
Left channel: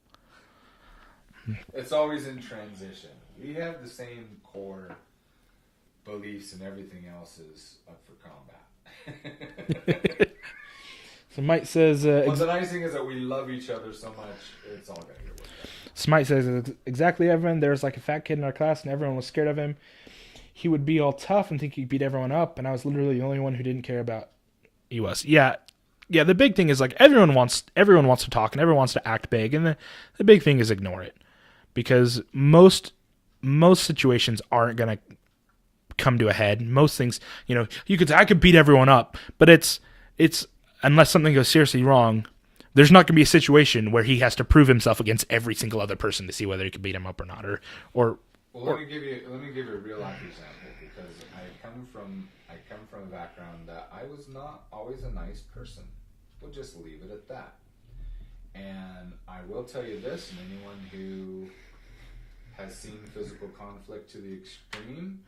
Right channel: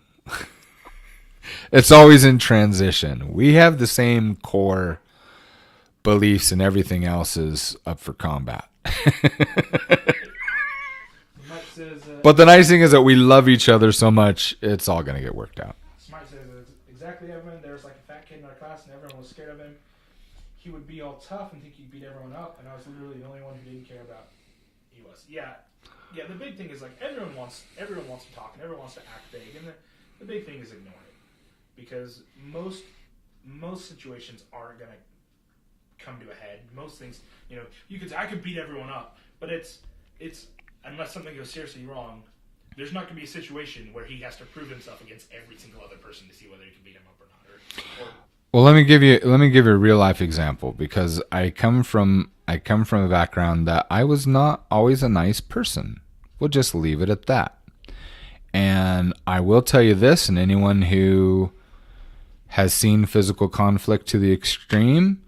It's always in transition. We have the same core beliefs and everything else is up for combat. So Mike says... but the nice thing is that we love each other so much, it's all going to get worked out. Smite says, exactly, Evan. There was like a fat kid in our class, and everyone was scared of him. He would be all tough and think he beat everyone up, and I was literally the only one who didn't care about he was. Yeah. The big thing is like everyone wants to talk and everyone wants to act big, and the big thing is ignore it, because most situations aren't gonna come to a head. Most things, you could say I could beat everyone up, but it's unless something goes seriously wrong. There's not going to be a situation where he has to prove himself against every single other person to see whether he can beat him up or not. Or well, let me give you a real life example, because I come from a background that I was not always a nice person. We'll just leave it at that. And I will tell you this, and anyone who has seen physical conflict to the extreme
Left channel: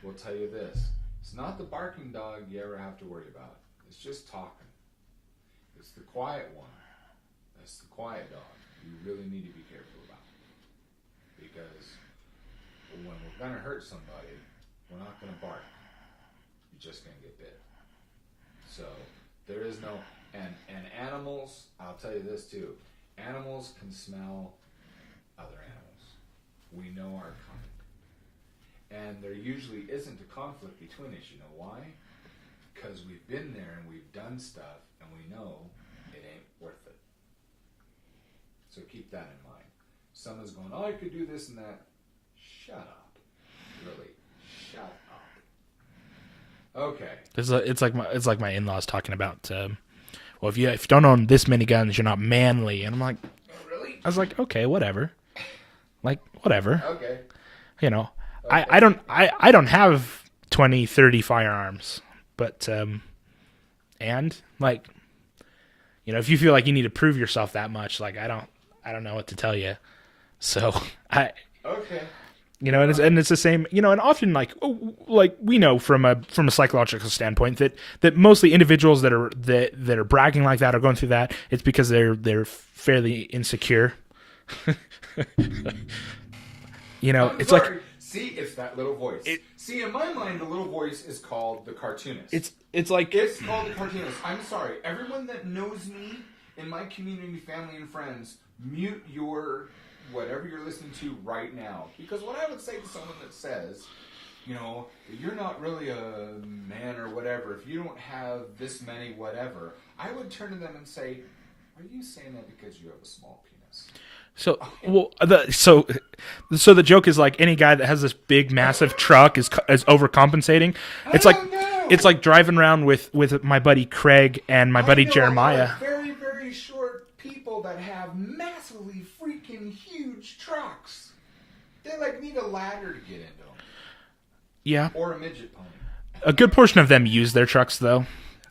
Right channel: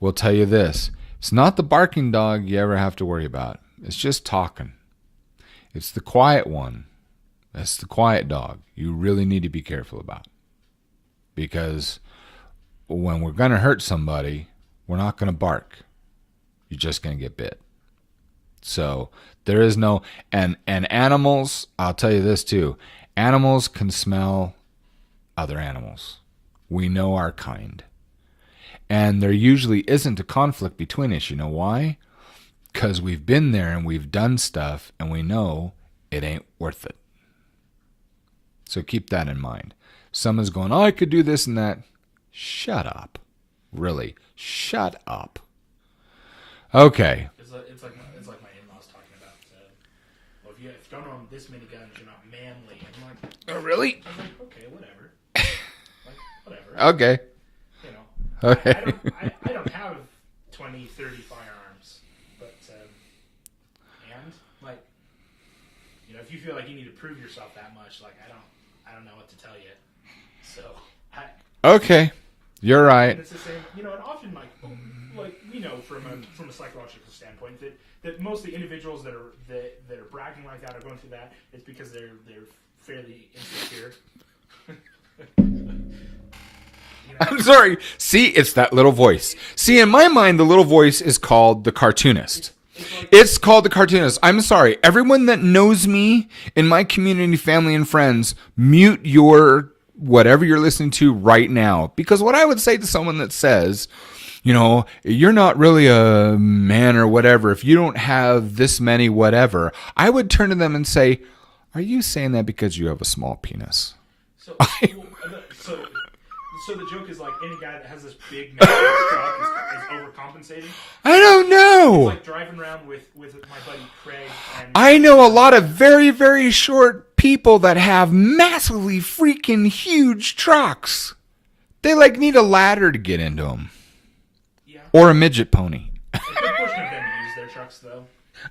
will tell you this: it's not the barking dog you ever have to worry about. It's just talking. It's the quiet one. That's the quiet dog you really need to be careful about. Because when we're going to hurt somebody, we're not going to bark. You're just going to get bit. So there is no... And animals, I'll tell you this too. Animals can smell other animals. We know our kind. And there usually isn't a conflict between us. You know why? Because we've been there and we've done stuff and we know it ain't worth it. So keep that in mind. Someone's going, I could do this and that. Shut up. Really. Shut up. Okay. It's like my in-laws talking about, well, if you don't own this many guns, you're not manly. And I'm like, oh, really? I was like, okay, whatever. Like, whatever. Okay. Okay. I don't have 20, 30 firearms. But, and like, if you feel like you need to prove yourself that much, like, I don't know what to tell you. So okay. You're right. And it's the same, and often like we know from a psychological standpoint that mostly individuals that are bragging like that or going through that, it's because they're fairly insecure. I'm sorry. See, it's that little voice. See, in my mind, the little voice is called the cartoonist. It's called the cartoonist. I'm sorry. Everyone that knows me in my community, family, and friends, mute your whatever you're listening to right now. Because what I would say to someone that says, you're not really a man or whatever if you don't have this many whatever, I would turn to them and say, are you saying that because you have a small penis? So the joke is like any guy that has this big massive truck is overcompensating. I don't know. It's like driving around with my buddy Craig and my buddy Jeremiah. A lot of very, very short people that have massively freaking huge trucks. They need a ladder to get into them. Yeah. Or a midget pony. A good portion of them use their trucks though.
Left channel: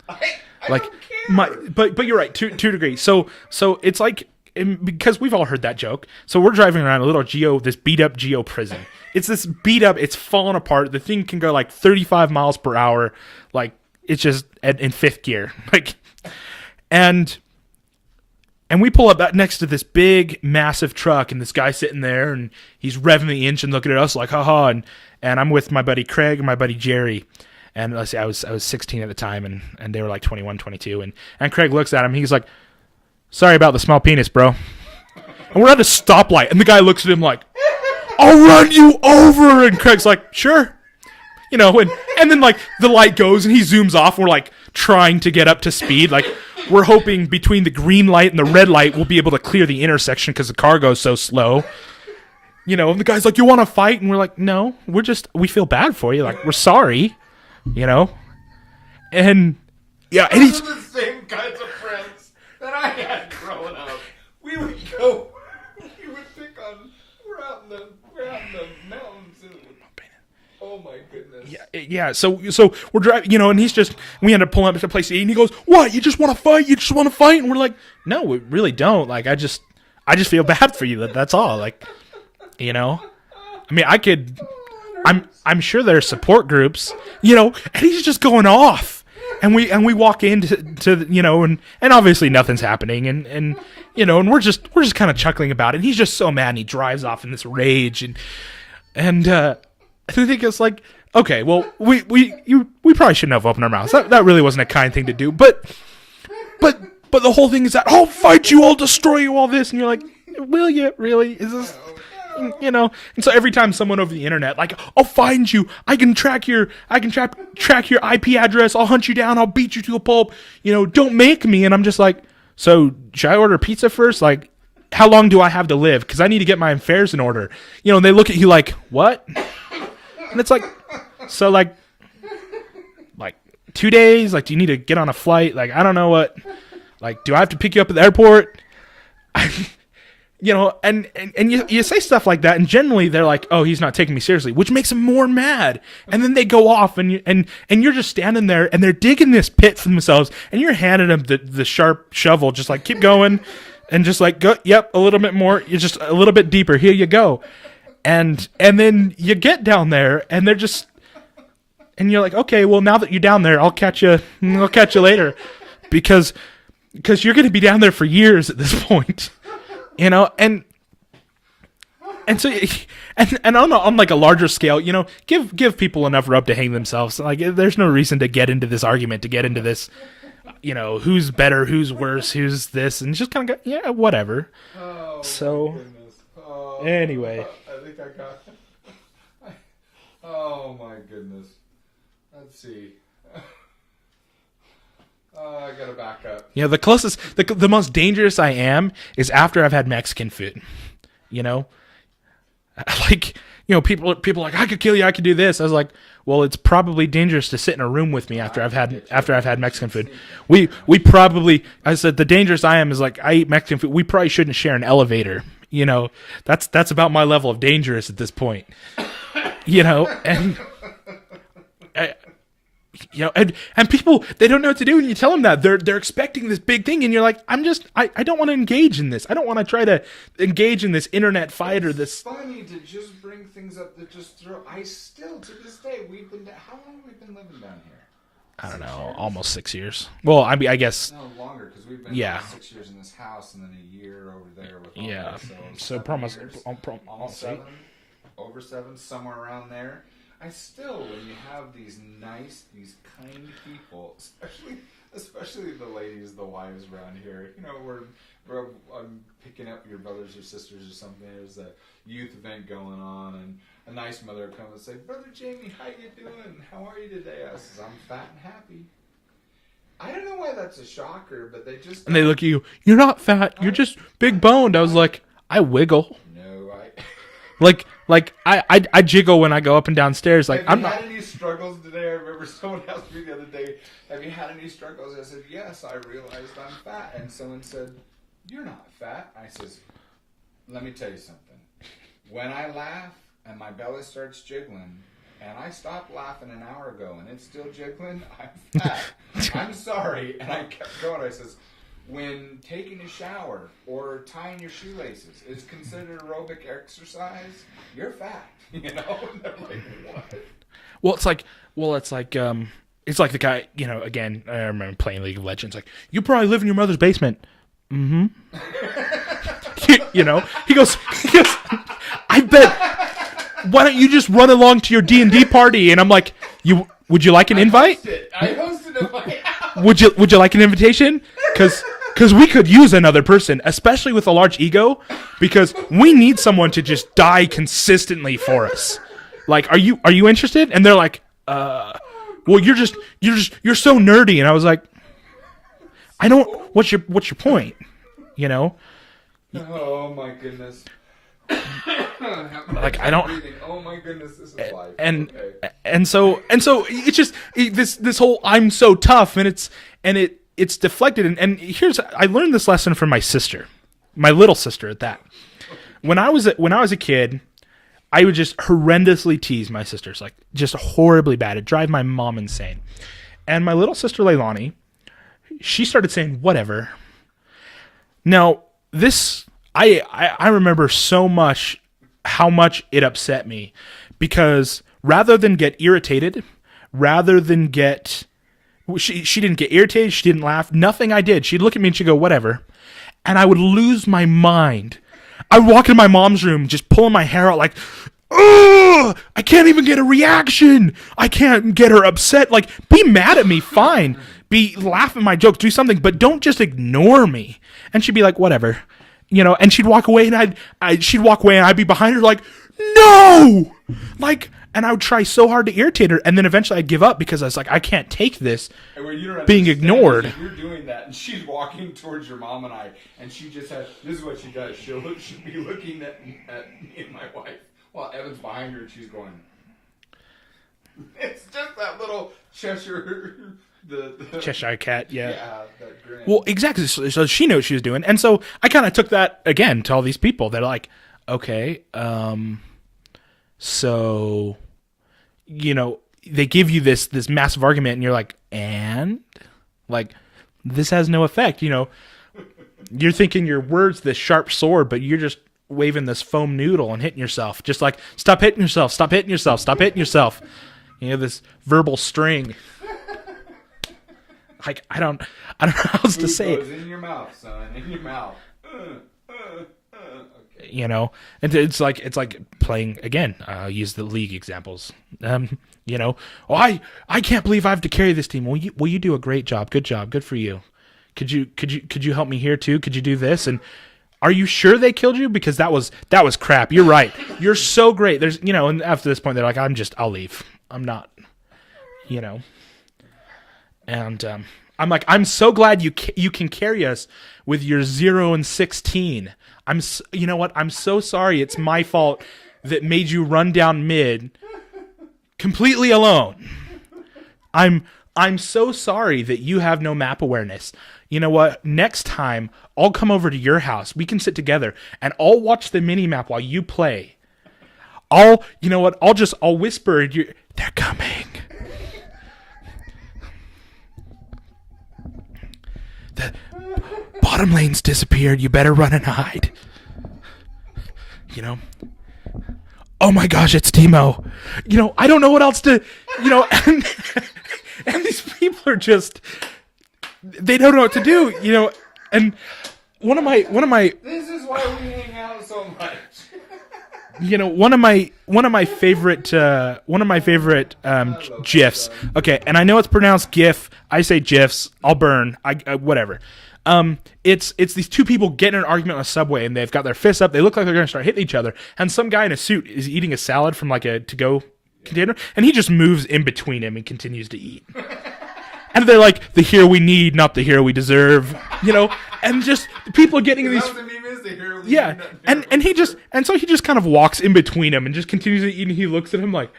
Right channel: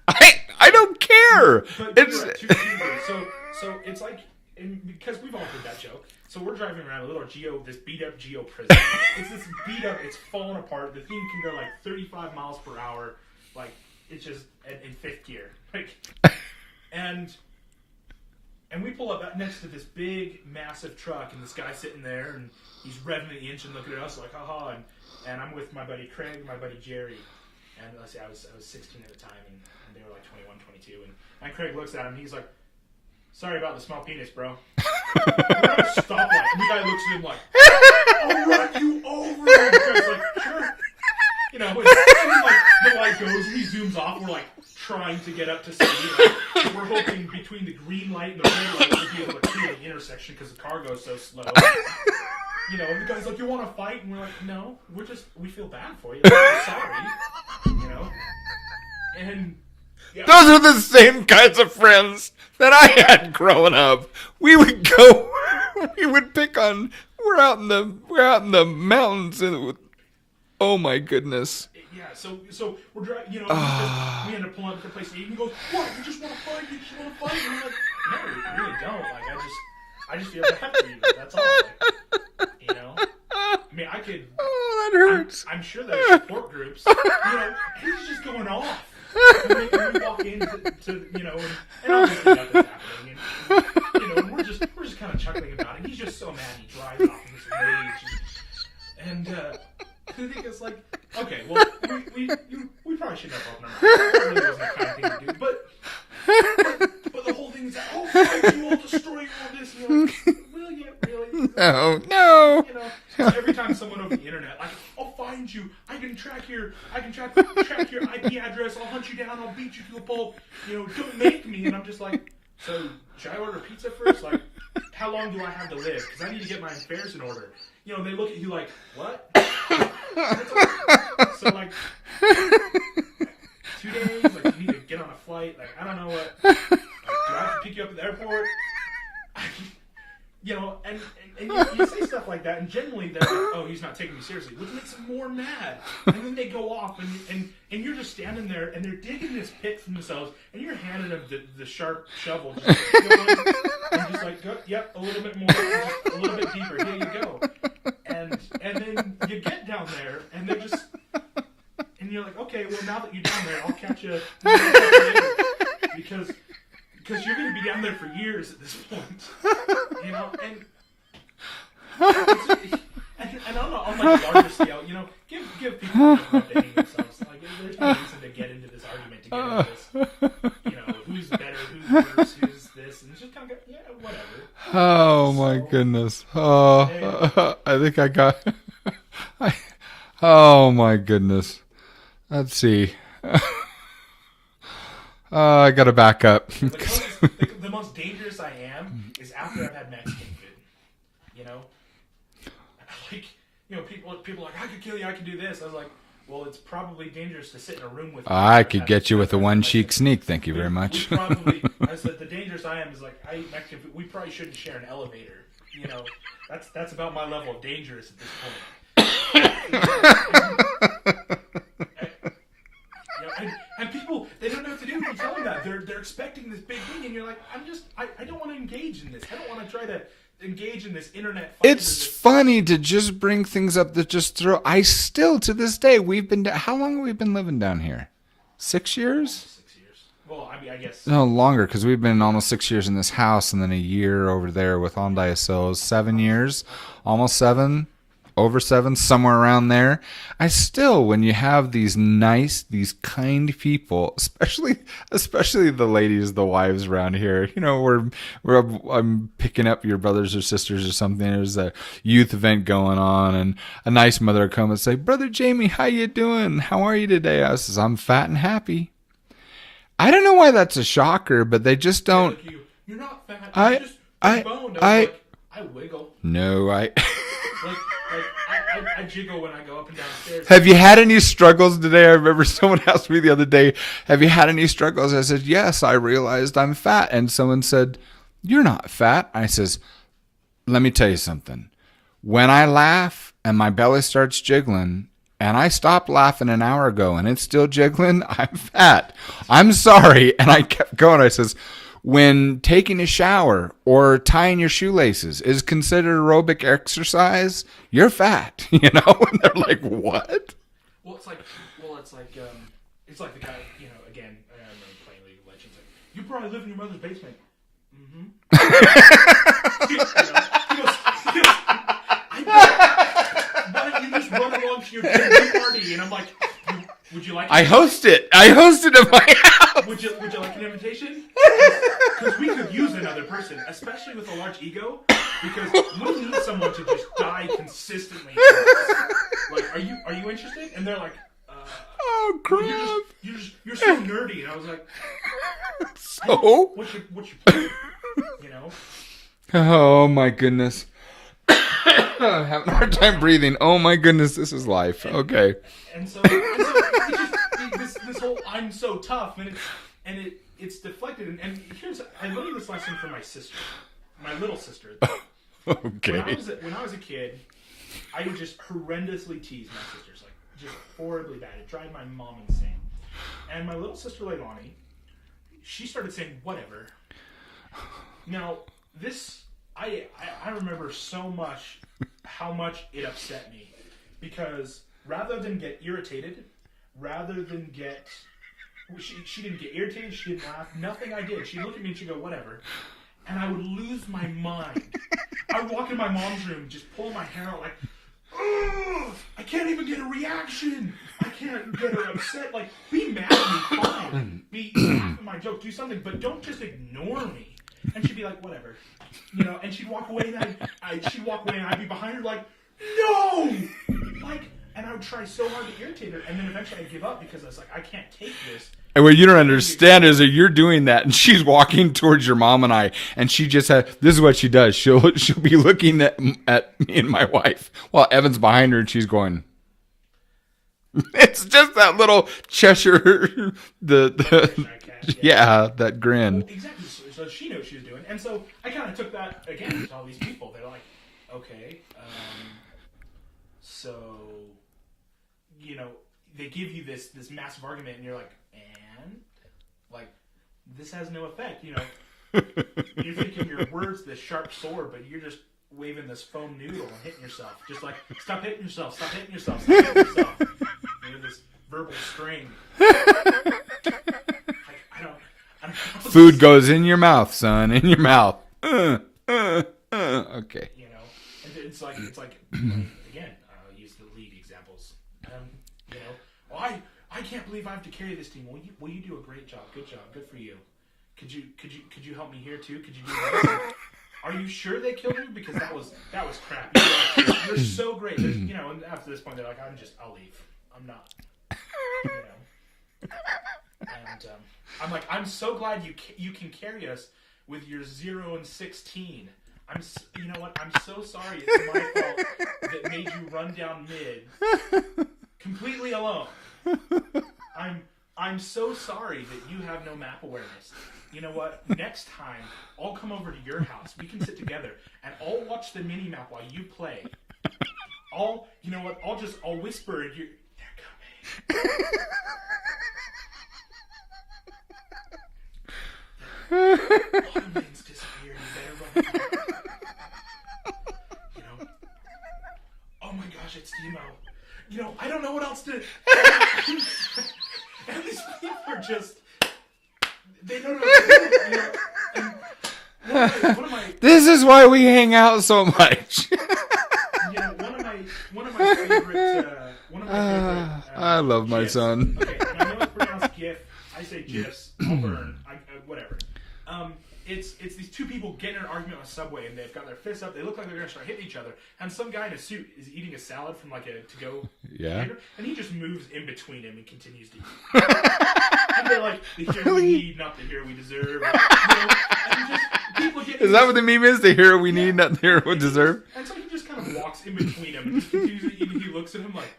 I don't care. But you're right, to a degree. So it's like, because we've all heard that joke. So we're driving around a little this beat up Geo prison. It's this beat up, it's falling apart. The thing can go like 35 miles per hour. Like it's just in fifth gear. And we pull up next to this big, massive truck, and this guy sitting there, and he's revving the engine, looking at us like, haha. And I'm with my buddy Craig and my buddy Jerry. And let's say I was 16 at the time, and they were like 21, 22. And Craig looks at him, and he's like, sorry about the small penis, bro. And we're at a stoplight, and the guy looks at him like, I'll run you over. And Craig's like, sure. And then like the light goes, and he zooms off, and we're like trying to get up to speed. Like we're hoping between the green light and the red light, we'll be able to clear the intersection because the car goes so slow. And the guy's like, you want to fight? And we're like, no, we feel bad for you. Like, we're sorry, And yeah, those are the same kinds of friends that I had growing up. We would pick on. We're out in the mountains, and oh my goodness. Yeah. So we're driving, and he's just. We end up pulling up to place to eat, and he goes, "What? You just want to fight? You just want to fight?" And we're like, "No, we really don't. Like, I just feel bad for you. That's all. Like, I mean, I could. Oh, that hurts. I'm sure there's support groups, and he's just going off. And we walk into and obviously nothing's happening and we're just kind of chuckling about it. And he's just so mad, and he drives off in this rage and I think it's like, okay, well we probably shouldn't have opened our mouths. That really wasn't a kind thing to do. But the whole thing is that I'll fight you, I'll destroy you, all this, and you're like, will you really? No. And so every time someone over the internet, like, I'll find you, I can track your IP address, I'll hunt you down, I'll beat you to a pulp, don't make me. And I'm just like, so should I order pizza first? Like, how long do I have to live? Because I need to get my affairs in order. And they look at you like, what? And it's like, so like 2 days? Like, do you need to get on a flight? Like, I don't know what. Like, do I have to pick you up at the airport? And you say stuff like that, and generally they're like, oh, he's not taking me seriously, which makes them more mad. And then they go off, and you're just standing there, and they're digging this pit for themselves, and you're handing them the sharp shovel, just like, keep going, and just like, go, yep, a little bit more, just a little bit deeper, here you go. And then you get down there, and they're just... And you're like, okay, well, now that you're down there, I'll catch you later, because you're going to be down there for years at this point, and so and on like a larger scale, give people enough rope to hang themselves. Like, there's no reason to get into this argument, to get into this, who's better, who's worse, who's this, and just kind of go, yeah, whatever. Oh my goodness. Oh, anyway, I think I got. Oh my goodness. Let's see. I gotta back up. The closest, the most dangerous I am is after I've had Mexican food. Like, people are like, I could kill you, I could do this. I was like, well, it's probably dangerous to sit in a room with me. I could get you with a one-cheek sneak. Thank you very much. We probably, I said, the dangerous I am is like, I eat Mexican food. We probably shouldn't share an elevator. That's about my level of dangerous at this point. You know, and people, they don't know what to do, and you tell them that they're expecting this big thing, and you're like, I don't want to engage in this. I don't want to try to engage in this internet fight. It's funny to just bring things up that just throw. I still to this day how long have we been living down here? 6 years? Almost 6 years. Well, I mean, I guess no longer because we've been almost 6 years in this house, and then a year over there with Hyundai. So 7 years, almost 7. Over 7, somewhere around there. I still, when you have these kind people, especially the ladies, the wives around here, you know, I'm picking up your brothers or sisters or something. There's a youth event going on, and a nice mother will come and say, "Brother Jamie, how you doing? How are you today?" I says, "I'm fat and happy." I don't know why that's a shocker, but they just don't. They look at you. You're not fat. You're just big boned. I was like, I wiggle. No, Like I jiggle when I go up and down stairs. Have you had any struggles today? I remember someone asked me the other day, have you had any struggles? I said, yes, I realized I'm fat. And someone said, you're not fat. I says, let me tell you something. When I laugh and my belly starts jiggling, and I stopped laughing an hour ago and it's still jiggling, I'm fat. I'm sorry. And I kept going. I says, when taking a shower or tying your shoelaces is considered aerobic exercise, you're fat, you know? And they're like, what? Well, it's like the guy, you know, again, I remember playing League of Legends, like, you probably live in your mother's basement. Mm-hmm. you know, he goes, I bet, why don't you just run along to your D&D party? And I'm like, would you like an invite? I hosted at my house. Would you like an invitation? Because we could use another person, especially with a large ego, because we need someone to just die consistently for us. Like, are you interested? And they're like, well, you're so nerdy. And I was like, I don't. What's your point? You know? Oh my goodness. I'm having a hard time breathing. Oh my goodness, this is life. Okay. And so it's just this whole I'm so tough, and it's deflected. And here's, I learned this lesson from my sister, my little sister at that. Okay. When I was a kid, I would just horrendously tease my sisters, like just horribly bad. It'd drive my mom insane. And my little sister Leilani, she started saying whatever. Now this, I remember so much how much it upset me, because rather than get irritated, she didn't get irritated, she didn't laugh, nothing I did. She'd look at me and she'd go, whatever. And I would lose my mind. I would walk into my mom's room, just pulling my hair out like, ugh, I can't even get a reaction. I can't get her upset. Like, be mad at me, fine. Laugh at my jokes, do something, but don't just ignore me. And she'd be like, whatever. You know, and she'd walk away, and she'd walk away, and I'd be behind her like, no! Like, and I would try so hard to irritate her, and then eventually I'd give up because I was like, I can't take this. And what you don't understand is that you're doing that, and she's walking towards your mom and I, and she just this is what she does. She'll be looking at me and my wife while Evan's behind her, and she's going. It's just that little Cheshire, the Cheshire cat, yeah. Yeah, that grin. Well, exactly. So she knew what she was doing, and so I kind of took that again to all these people. They're like, okay, so, you know, they give you this massive argument, and you're like, and like, this has no effect. You know, you're thinking your words this sharp sword, but you're just waving this foam noodle and hitting yourself, just like, stop hitting yourself, stop hitting yourself, stop hitting yourself. You know, this verbal string. Like, I don't know how food goes in your mouth, son, in your mouth. Okay. You know, and it's like playing again. Use the league examples. You know, I can't believe I have to carry this team. Well, you do a great job. Good job. Good for you. Could you help me here too? Could you do this? And are you sure they killed you? Because that was crap. You're right. You're so great. There's, you know, and after this point, they're like, I'll leave. I'm not, you know. And I'm like, I'm so glad you can carry us with your 0 and 16. You know what? I'm so sorry. It's my fault that made you run down mid completely alone. I'm so sorry that you have no map awareness. You know what? Next time, I'll come over to your house. We can sit together, and I'll watch the mini map while you play. You know what? I'll whisper, they're coming. The bottom lane's disappeared. You better run and hide. You know? Oh my gosh, it's Timo. You know, I don't know what else to, you know, and these people are just, they don't know what to do, you know, and one of my this is why we hang out so much. You know, one of my favorite I love GIFs. my son. Okay, and I know it's pronounced GIF. I say GIFs. I'll burn. I whatever. It's these two people getting in an argument on a subway, and they've got their fists up. They look like they're going to start hitting each other. And some guy in a suit is eating a salad from like a to-go container, and he just moves in between him and continues to eat. And they're like, the hero we need, not the hero we deserve. You know, and just people getting. Is that what the meme is? The hero we need, not the hero we deserve. So he just kind of walks in between them and just continues to eat. And he looks at him like,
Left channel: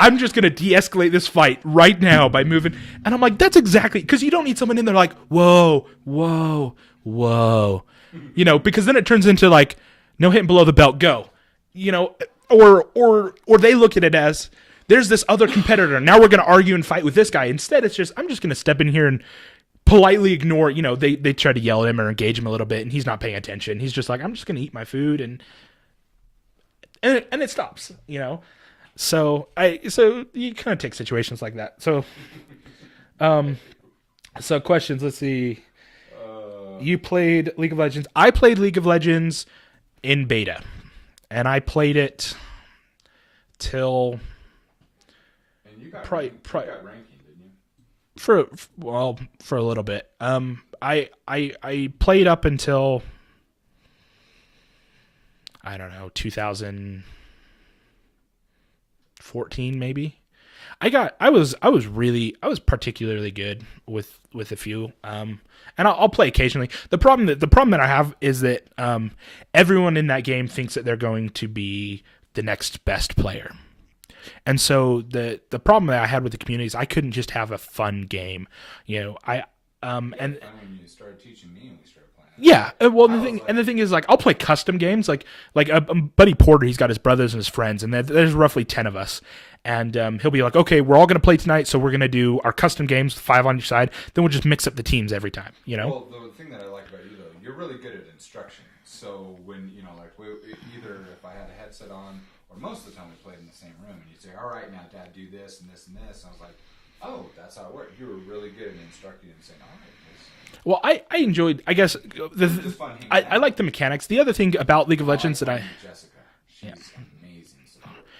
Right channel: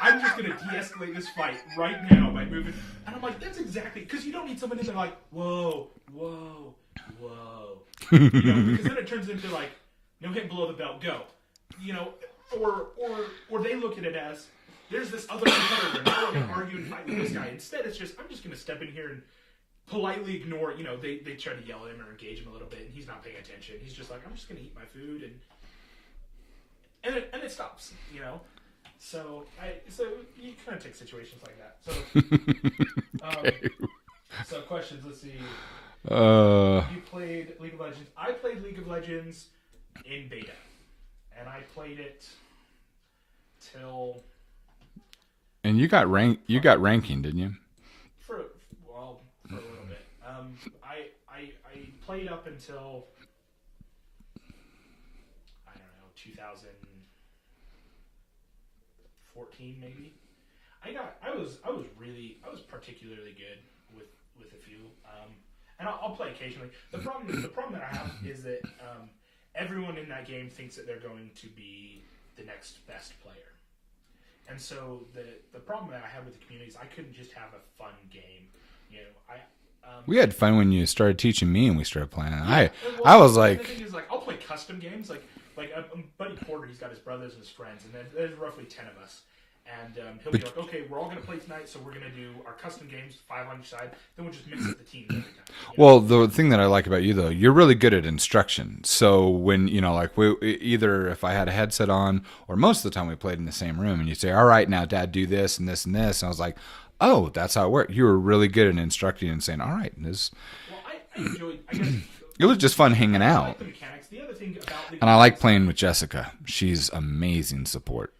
I'm just gonna de-escalate this fight right now by moving. And I'm like, that's exactly because you don't need someone in there like, whoa, whoa, whoa, you know, because then it turns into like, no hitting below the belt, go, you know, or they look at it as, there's this other competitor. Now we're going to argue and fight with this guy. Instead, it's just, I'm just going to step in here and politely ignore, you know, they try to yell at him or engage him a little bit, and he's not paying attention. He's just like, I'm just going to eat my food, and it stops, you know. So you kind of take situations like that. So, so questions. Let's see. You played League of Legends. I played League of Legends in beta, and I played it till. And you got You got ranking, didn't you? For a little bit. I played up until I don't know 2014 maybe. I was particularly good with a few. And I'll play occasionally. The problem that I have is that everyone in that game thinks that they're going to be the next best player. And so the problem that I had with the community is I couldn't just have a fun game. You know, we had fun when you started teaching me and we started playing. Yeah, and the thing is, like, I'll play custom games. Like a buddy Porter, he's got his brothers and his friends, and there's roughly 10 of us. And he'll be like, okay, we're all going to play tonight, so we're going to do our custom games, 5 on each side. Then we'll just mix up the teams every time. You know? Well, the thing that I like about you, though, you're really good at instruction. So when, you know, like either if I had a headset on or most of the time we played in the same room and you say, all right, now, Dad, do this and this and this. And I was like, oh, that's how it works. You were really good at instructing and saying, all right. Well, I enjoyed, I guess. It was just fun hanging out. I like the mechanics. The other thing about League of Legends. I like Legends. playing with Jessica. She's amazing support.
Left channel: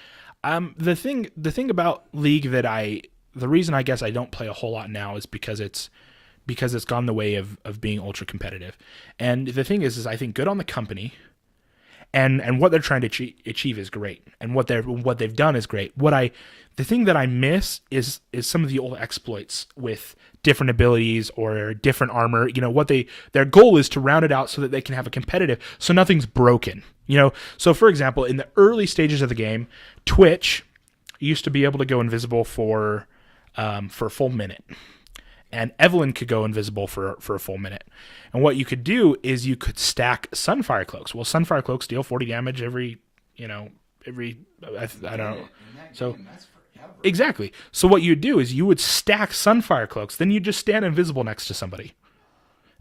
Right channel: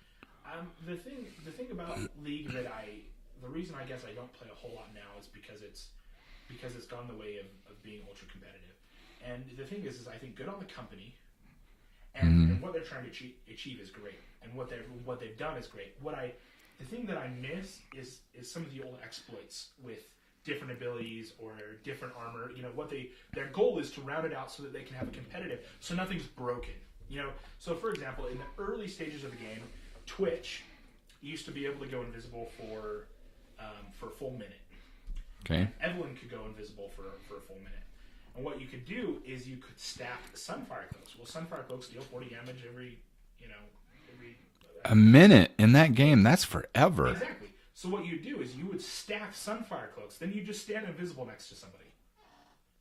The thing about League the reason I guess I don't play a whole lot now is because it's gone the way of being ultra competitive. And the thing is I think good on the company and what they're trying to achieve is great. And what they've done is great. The thing that I miss is some of the old exploits with different abilities or different armor. You know, their goal is to round it out so that they can have a competitive, so nothing's broken. You know, so for example, in the early stages of the game, Twitch used to be able to go invisible for a full minute, and Evelyn could go invisible for a full minute. And what you could do is you could stack Sunfire Cloaks. Well, Sunfire Cloaks deal 40 damage every minute in that game. That's forever. Exactly. So what you'd do is you would stack Sunfire Cloaks, then you just stand invisible next to somebody,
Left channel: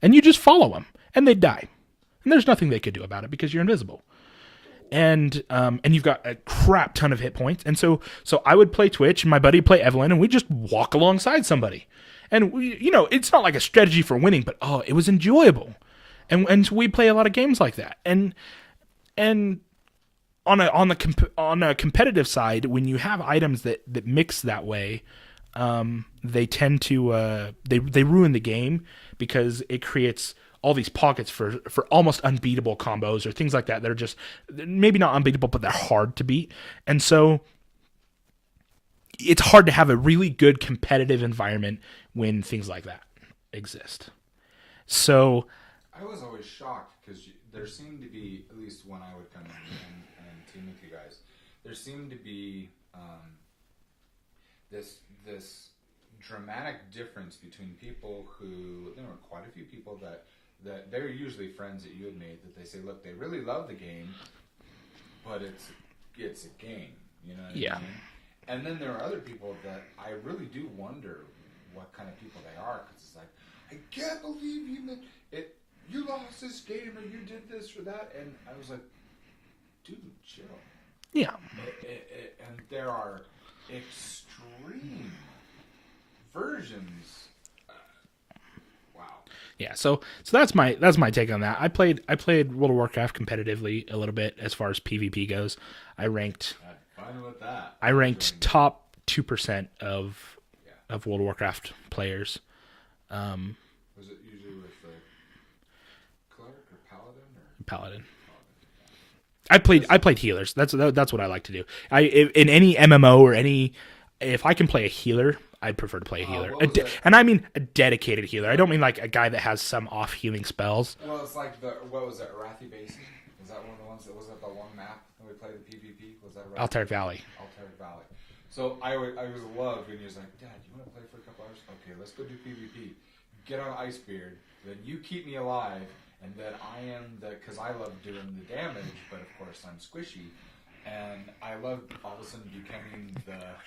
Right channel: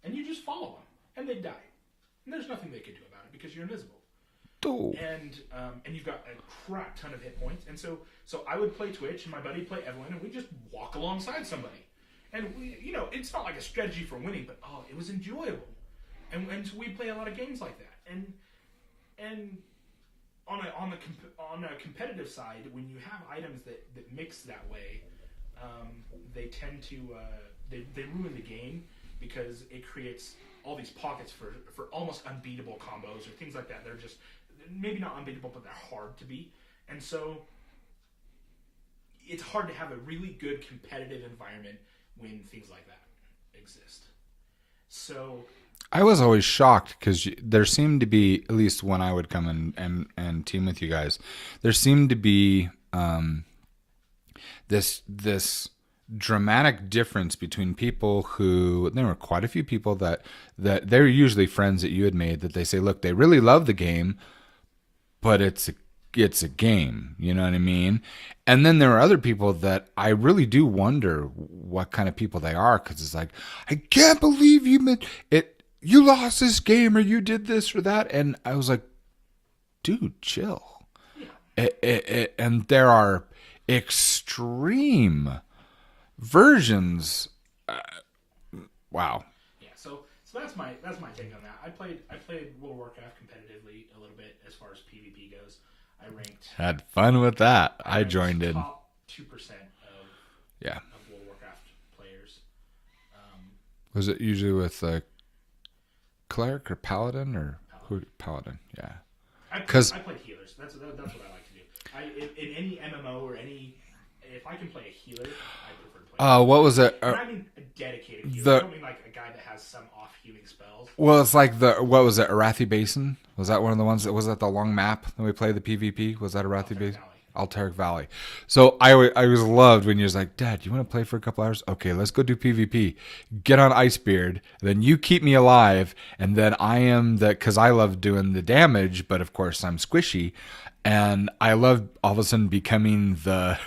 and you just follow them, and they'd die, and there's nothing they could do about it because you're invisible. And you've got a crap ton of hit points, and so I would play Twitch, and my buddy would play Evelyn, and we just walk alongside somebody, and it's not like a strategy for winning, but it was enjoyable, and so we play a lot of games like that, and on a competitive side, when you have items that mix that way, they tend to they ruin the game because it creates all these pockets for almost unbeatable combos or things like that are just maybe not unbeatable, but they're hard to beat. And so it's hard to have a really good competitive environment when things like that exist. So I was always shocked because there seemed to be, at least when I would come and team with you guys, there seemed to be this dramatic difference between people who, there were quite a few people that they're usually friends that you had made, that they say, look, they really love the game, but it's a game, you know what I mean? And then there are other people that I really do wonder what kind of people they are, because it's like, I can't believe you lost this game, or you did this or that. And I was like, dude, chill. Yeah. And there are extreme versions. Wow. Yeah, so that's my take on that. I played World of Warcraft competitively a little bit as far as PvP goes. Had fun with that. I ranked top 2% of World of Warcraft players. Was it usually with cleric or paladin or paladin? Paladin, yeah. I played healers. That's what I like to do. In any MMO or any. If I can play a healer, I'd prefer to play a healer. What was it? And I mean a dedicated healer. I don't mean like a guy that has some off healing spells. Well, it's like what was it? Arathi Basin? Was that one of the ones that was at the long map that we played the PvP? Was that Arathi Basin? Valley. Altaric Valley. So I was loved when you was like, Dad, you want to play for a couple hours? Okay, let's go do PvP. Get on Icebeard. Then you keep me alive. And then I am because I love doing the damage, but of course I'm squishy. And I love all of a sudden becoming the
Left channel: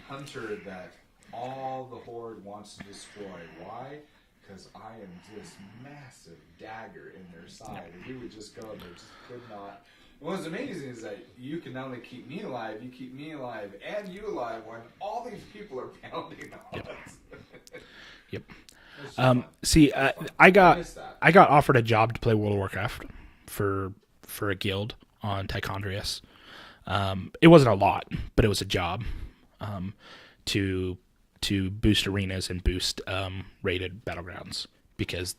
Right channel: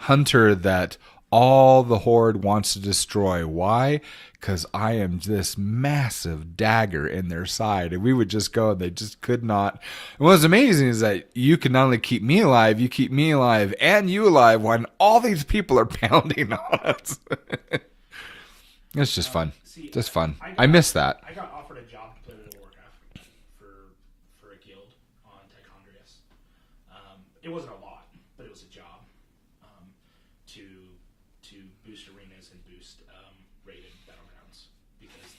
hunter that all the horde wants to destroy. Why? Because I am this massive dagger in their side, and we would just go, and they just could not. And what's amazing is that you can not only keep me alive, you keep me alive and you alive when all these people are pounding on us. Yep. It's just fun. See, it's fun. I miss that. I got offered a job to play World of Warcraft for a guild on Tichondrius. It wasn't a lot, but it was a job to boost arenas and boost rated battlegrounds, because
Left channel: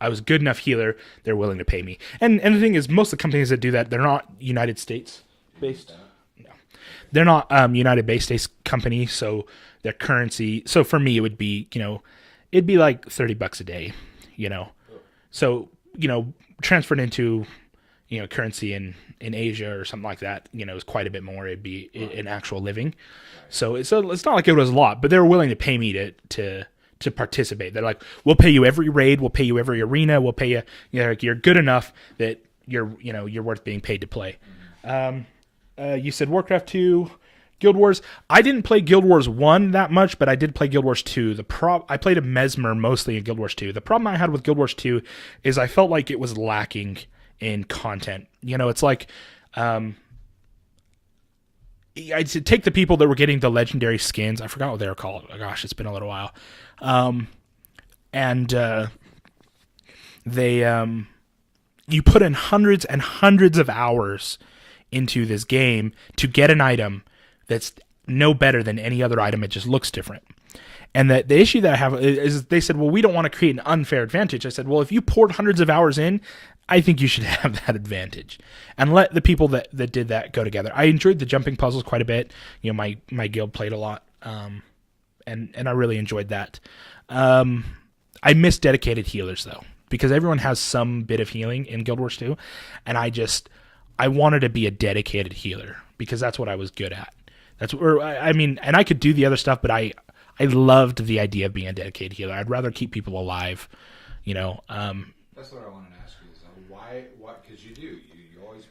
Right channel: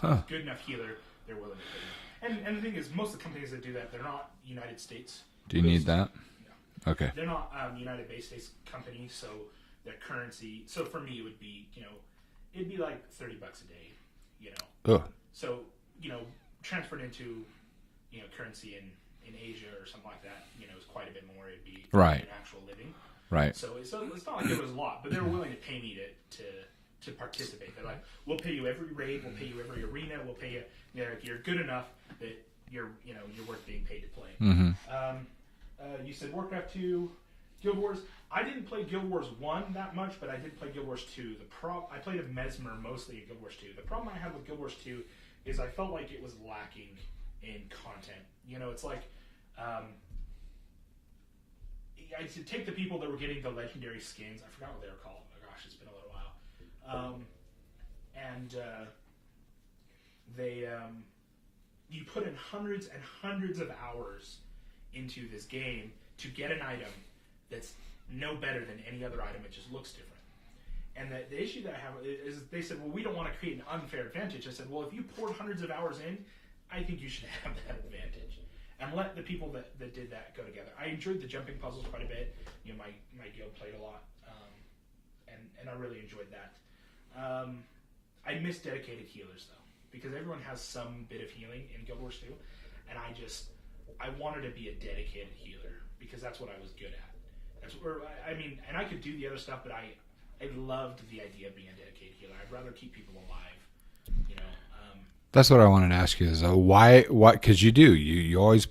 I was good enough healer. They're willing to pay me. And the thing is, most of the companies that do that, they're not United States. Do you need that? No. Okay. They're not United based company, so their currency. So for me, it would be it'd be like $30 a day. Oh. So transferred into currency in Asia or something like that, is quite a bit more. It'd be an actual living. Right. So it's not like it was a lot, but they were willing to pay me to participate. They're like, we'll pay you every raid, we'll pay you every arena, we'll pay you. You're good enough that you're worth being paid to play. Mm-hmm. You said Warcraft 2, Guild Wars. I didn't play Guild Wars 1 that much, but I did play Guild Wars 2. I played a Mesmer mostly in Guild Wars 2. The problem I had with Guild Wars 2 is I felt like it was lacking in content. It's like I'd take the people that were getting the legendary skins. I forgot what they were called. Oh, gosh, it's been a little while. You put in hundreds and hundreds of hours into this game to get an item that's no better than any other item. It just looks different. And the issue that I have is they said, well, we don't want to create an unfair advantage. I said, well, if you poured hundreds of hours in, I think you should have that advantage and let the people that did that go together. I enjoyed the jumping puzzles quite a bit. My guild played a lot. And I really enjoyed that. I miss dedicated healers though, because everyone has some bit of healing in Guild Wars 2. And I wanted to be a dedicated healer because that's what I was good at. And I could do the other stuff, but I loved the idea of being a dedicated healer. I'd rather keep people alive, That's what I wanted to ask you is why? What? Because you always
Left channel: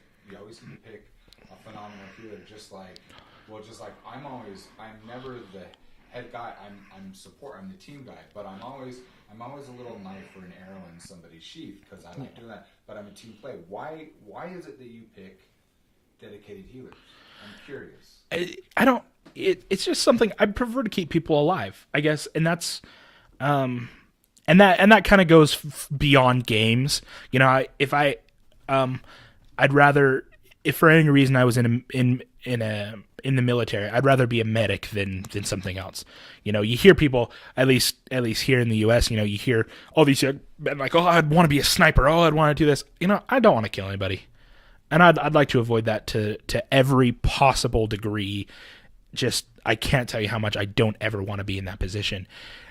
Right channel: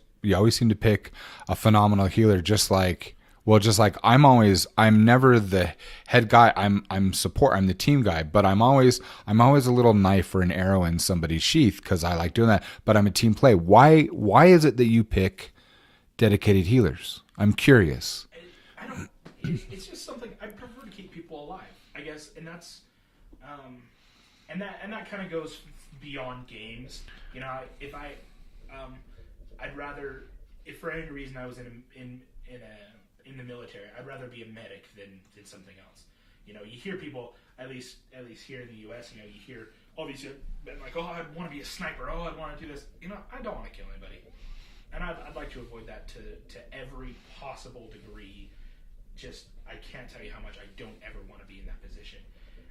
seem to pick a phenomenal healer. Just like I'm never the head guy. I'm support. I'm the team guy, but I'm always a little knife or an arrow in somebody's sheath because I like doing that. But I'm a team play. Why is it that you pick dedicated healers? I'm curious. I don't. It's just something I prefer to keep people alive, I guess, and that's. And that kind of goes beyond games. I'd rather, if for any reason I was in the military, I'd rather be a medic than something else. You hear people, at least here in the U.S., you hear all these men like, oh, I'd want to be a sniper. Oh, I'd want to do this. I don't want to kill anybody, and I'd like to avoid that to every possible degree. Just I can't tell you how much I don't ever want to be in that position.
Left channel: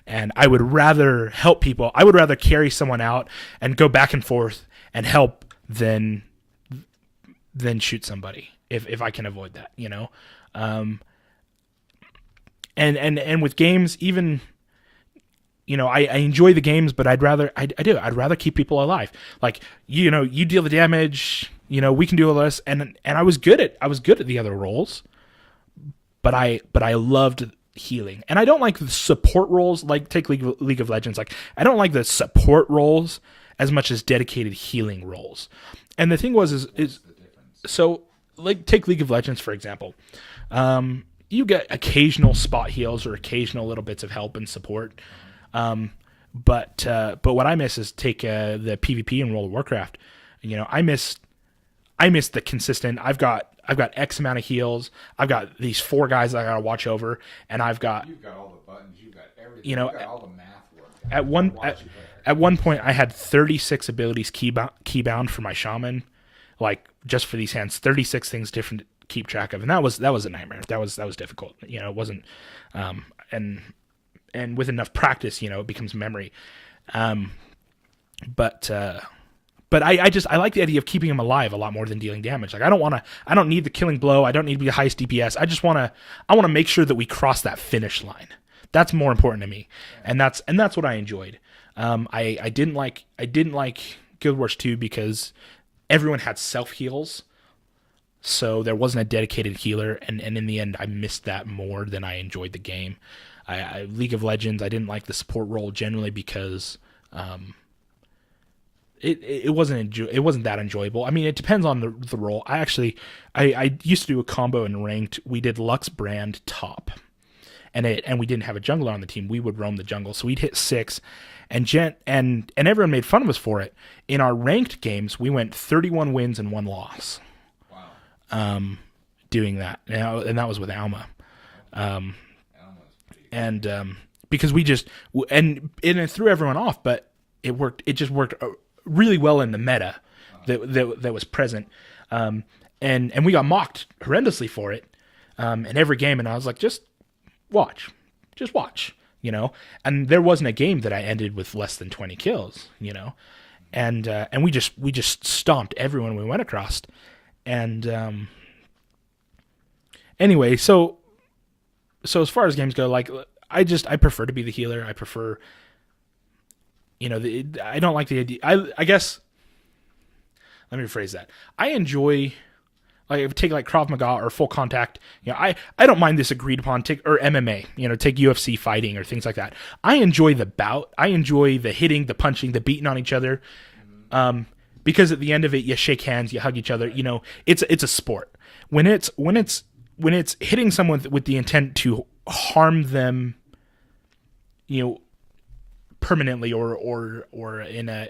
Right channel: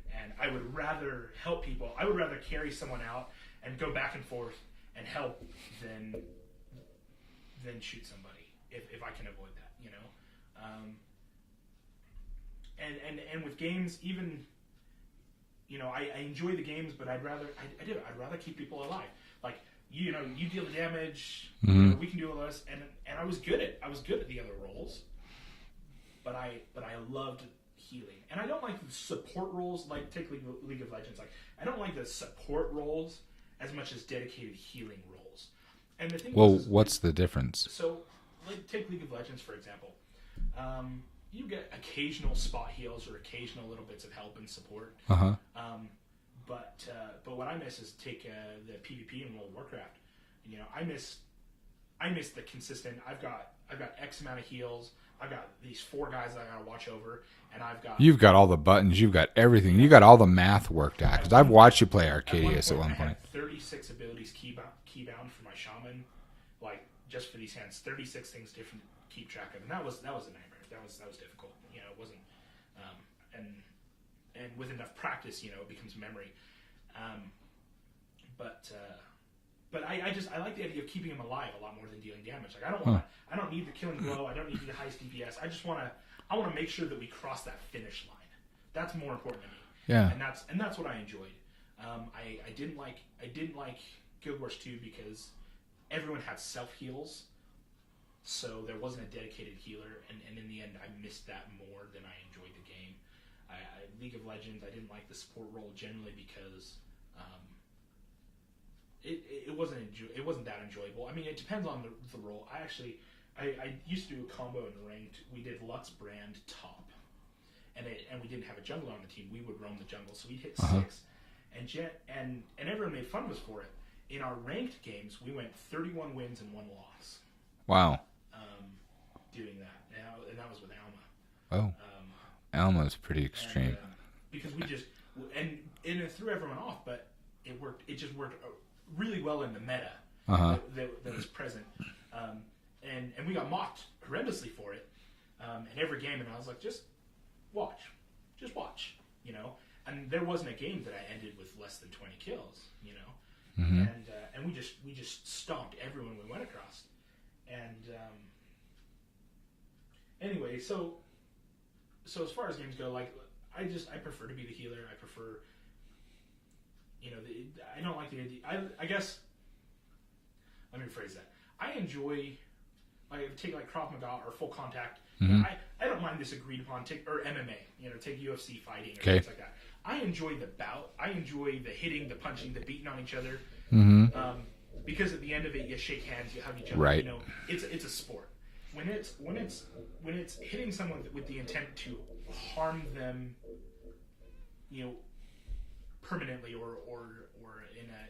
And I would rather help people. I would rather carry someone out and go back and forth and help than shoot somebody if I can avoid that, And with games, even I enjoy the games, but I'd rather keep people alive. Like, you deal the damage, we can do all this. And I was good at the other roles, but I loved healing. And I don't like the support roles, like take League of Legends. Like, I don't like the support roles as much as dedicated healing roles. And the thing what's the difference? So, like, take League of Legends, for example. You get occasional spot heals or occasional little bits of help and support. But what I miss is take the PvP in World of Warcraft. I miss the consistent. I've got X amount of heals. I've got these 4 guys that I gotta watch over, and you've got all the buttons. You've got everything. You've got all the math worked out. I've watched you play Arcadia. At one point, I had 36 abilities keybound for my shaman, like just for these hands. 36 things different to keep track of, and that was a nightmare. That was difficult. It wasn't, and with enough practice, it becomes memory. But I like the idea of keeping him alive a lot more than dealing damage. Like, I don't need the killing blow. I don't need to be the highest DPS. I want to make sure that we cross that finish line. That's more important to me. Yeah. And that's what I enjoyed. I didn't like Guild Wars 2 because everyone had self heals. So there wasn't a dedicated healer, and in the end I missed that more than I enjoyed the game. League of Legends, I didn't like the support role generally because it wasn't that enjoyable. I mean, it depends on the role. I used to do a combo in ranked. We did Lux Brand top, and we didn't have a jungler on the team. We would roam the jungle, so we'd hit 6, and everyone made fun of us for it. In our ranked games, we went 31 wins and 1 loss. Wow. Doing that, and that was with Alma. Oh. Alma's pretty extreme. And because we just and it threw everyone off, but it worked. It just worked really well in the meta that was present, and we got mocked horrendously for it in every game. And I was like, just watch, And there wasn't a game that I ended with less than 20 kills, and we just stomped everyone we went across. And anyway, so as far as games go, like I prefer to be the healer. I prefer, I don't like the idea. I guess, let me rephrase that. I enjoy, like, take like Krav Maga or full contact. I don't mind this agreed upon or MMA. Take UFC fighting or things like that. I enjoy the bout. I enjoy the hitting, the punching, the beating on each other. Because at the end of it, you shake hands, you hug each other. Right. It's a sport. When it's hitting someone with the intent to harm them, permanently or in a,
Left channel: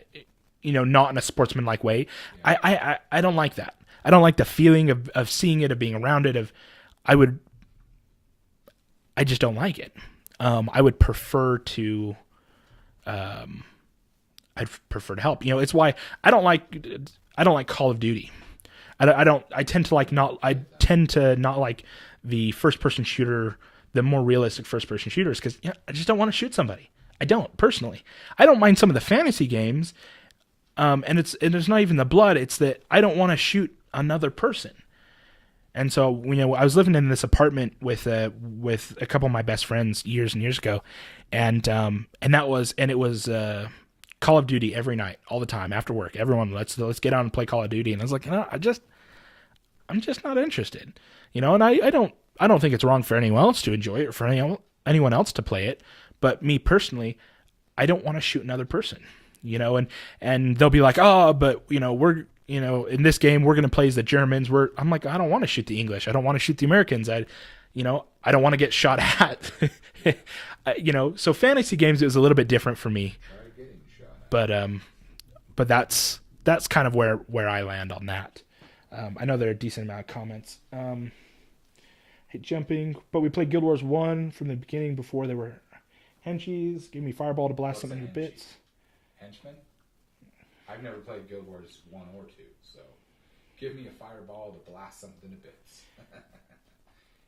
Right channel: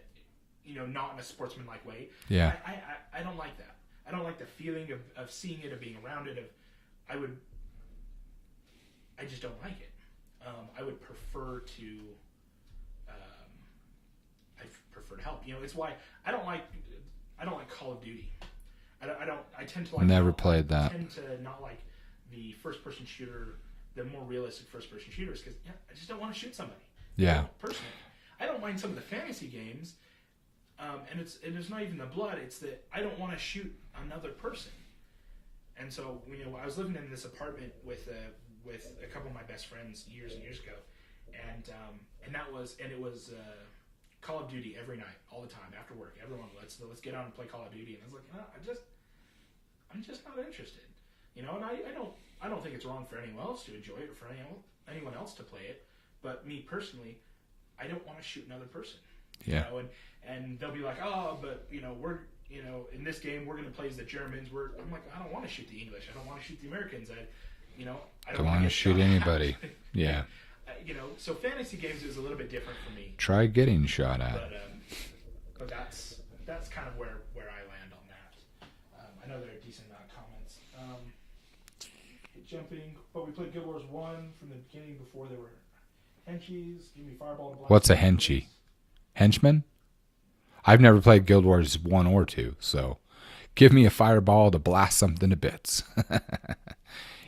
not in a sportsmanlike way. Yeah. I don't like that. I don't like the feeling of seeing it, of being around it. I just don't like it. I would prefer to. I'd prefer to help. It's why I don't like Call of Duty. I tend to not like the first person shooter, the more realistic first person shooters, because I just don't want to shoot somebody. I don't personally. I don't mind some of the fantasy games, and it's not even the blood. It's that I don't want to shoot another person. And so I was living in this apartment with a couple of my best friends years and years ago, and it was Call of Duty every night, all the time after work. Everyone, let's get on and play Call of Duty. And I was like, I'm just not interested, And I don't think it's wrong for anyone else to enjoy it or for anyone else to play it. But me personally, I don't want to shoot another person, and they'll be like, oh, but we're in this game we're gonna play as the Germans. I'm like, I don't want to shoot the English. I don't want to shoot the Americans. I don't want to get shot at. Yeah. So fantasy games is a little bit different for me. Try getting shot at. But that's kind of where I land on that. I know there are a decent amount of comments. Hit jumping, but we played Guild Wars 1 from the beginning before there were henchies. Give me fireball to blast. What's a henchie? Henchman? I've never played Guild Wars 1 or 2, so give me a fireball to blast something to bits.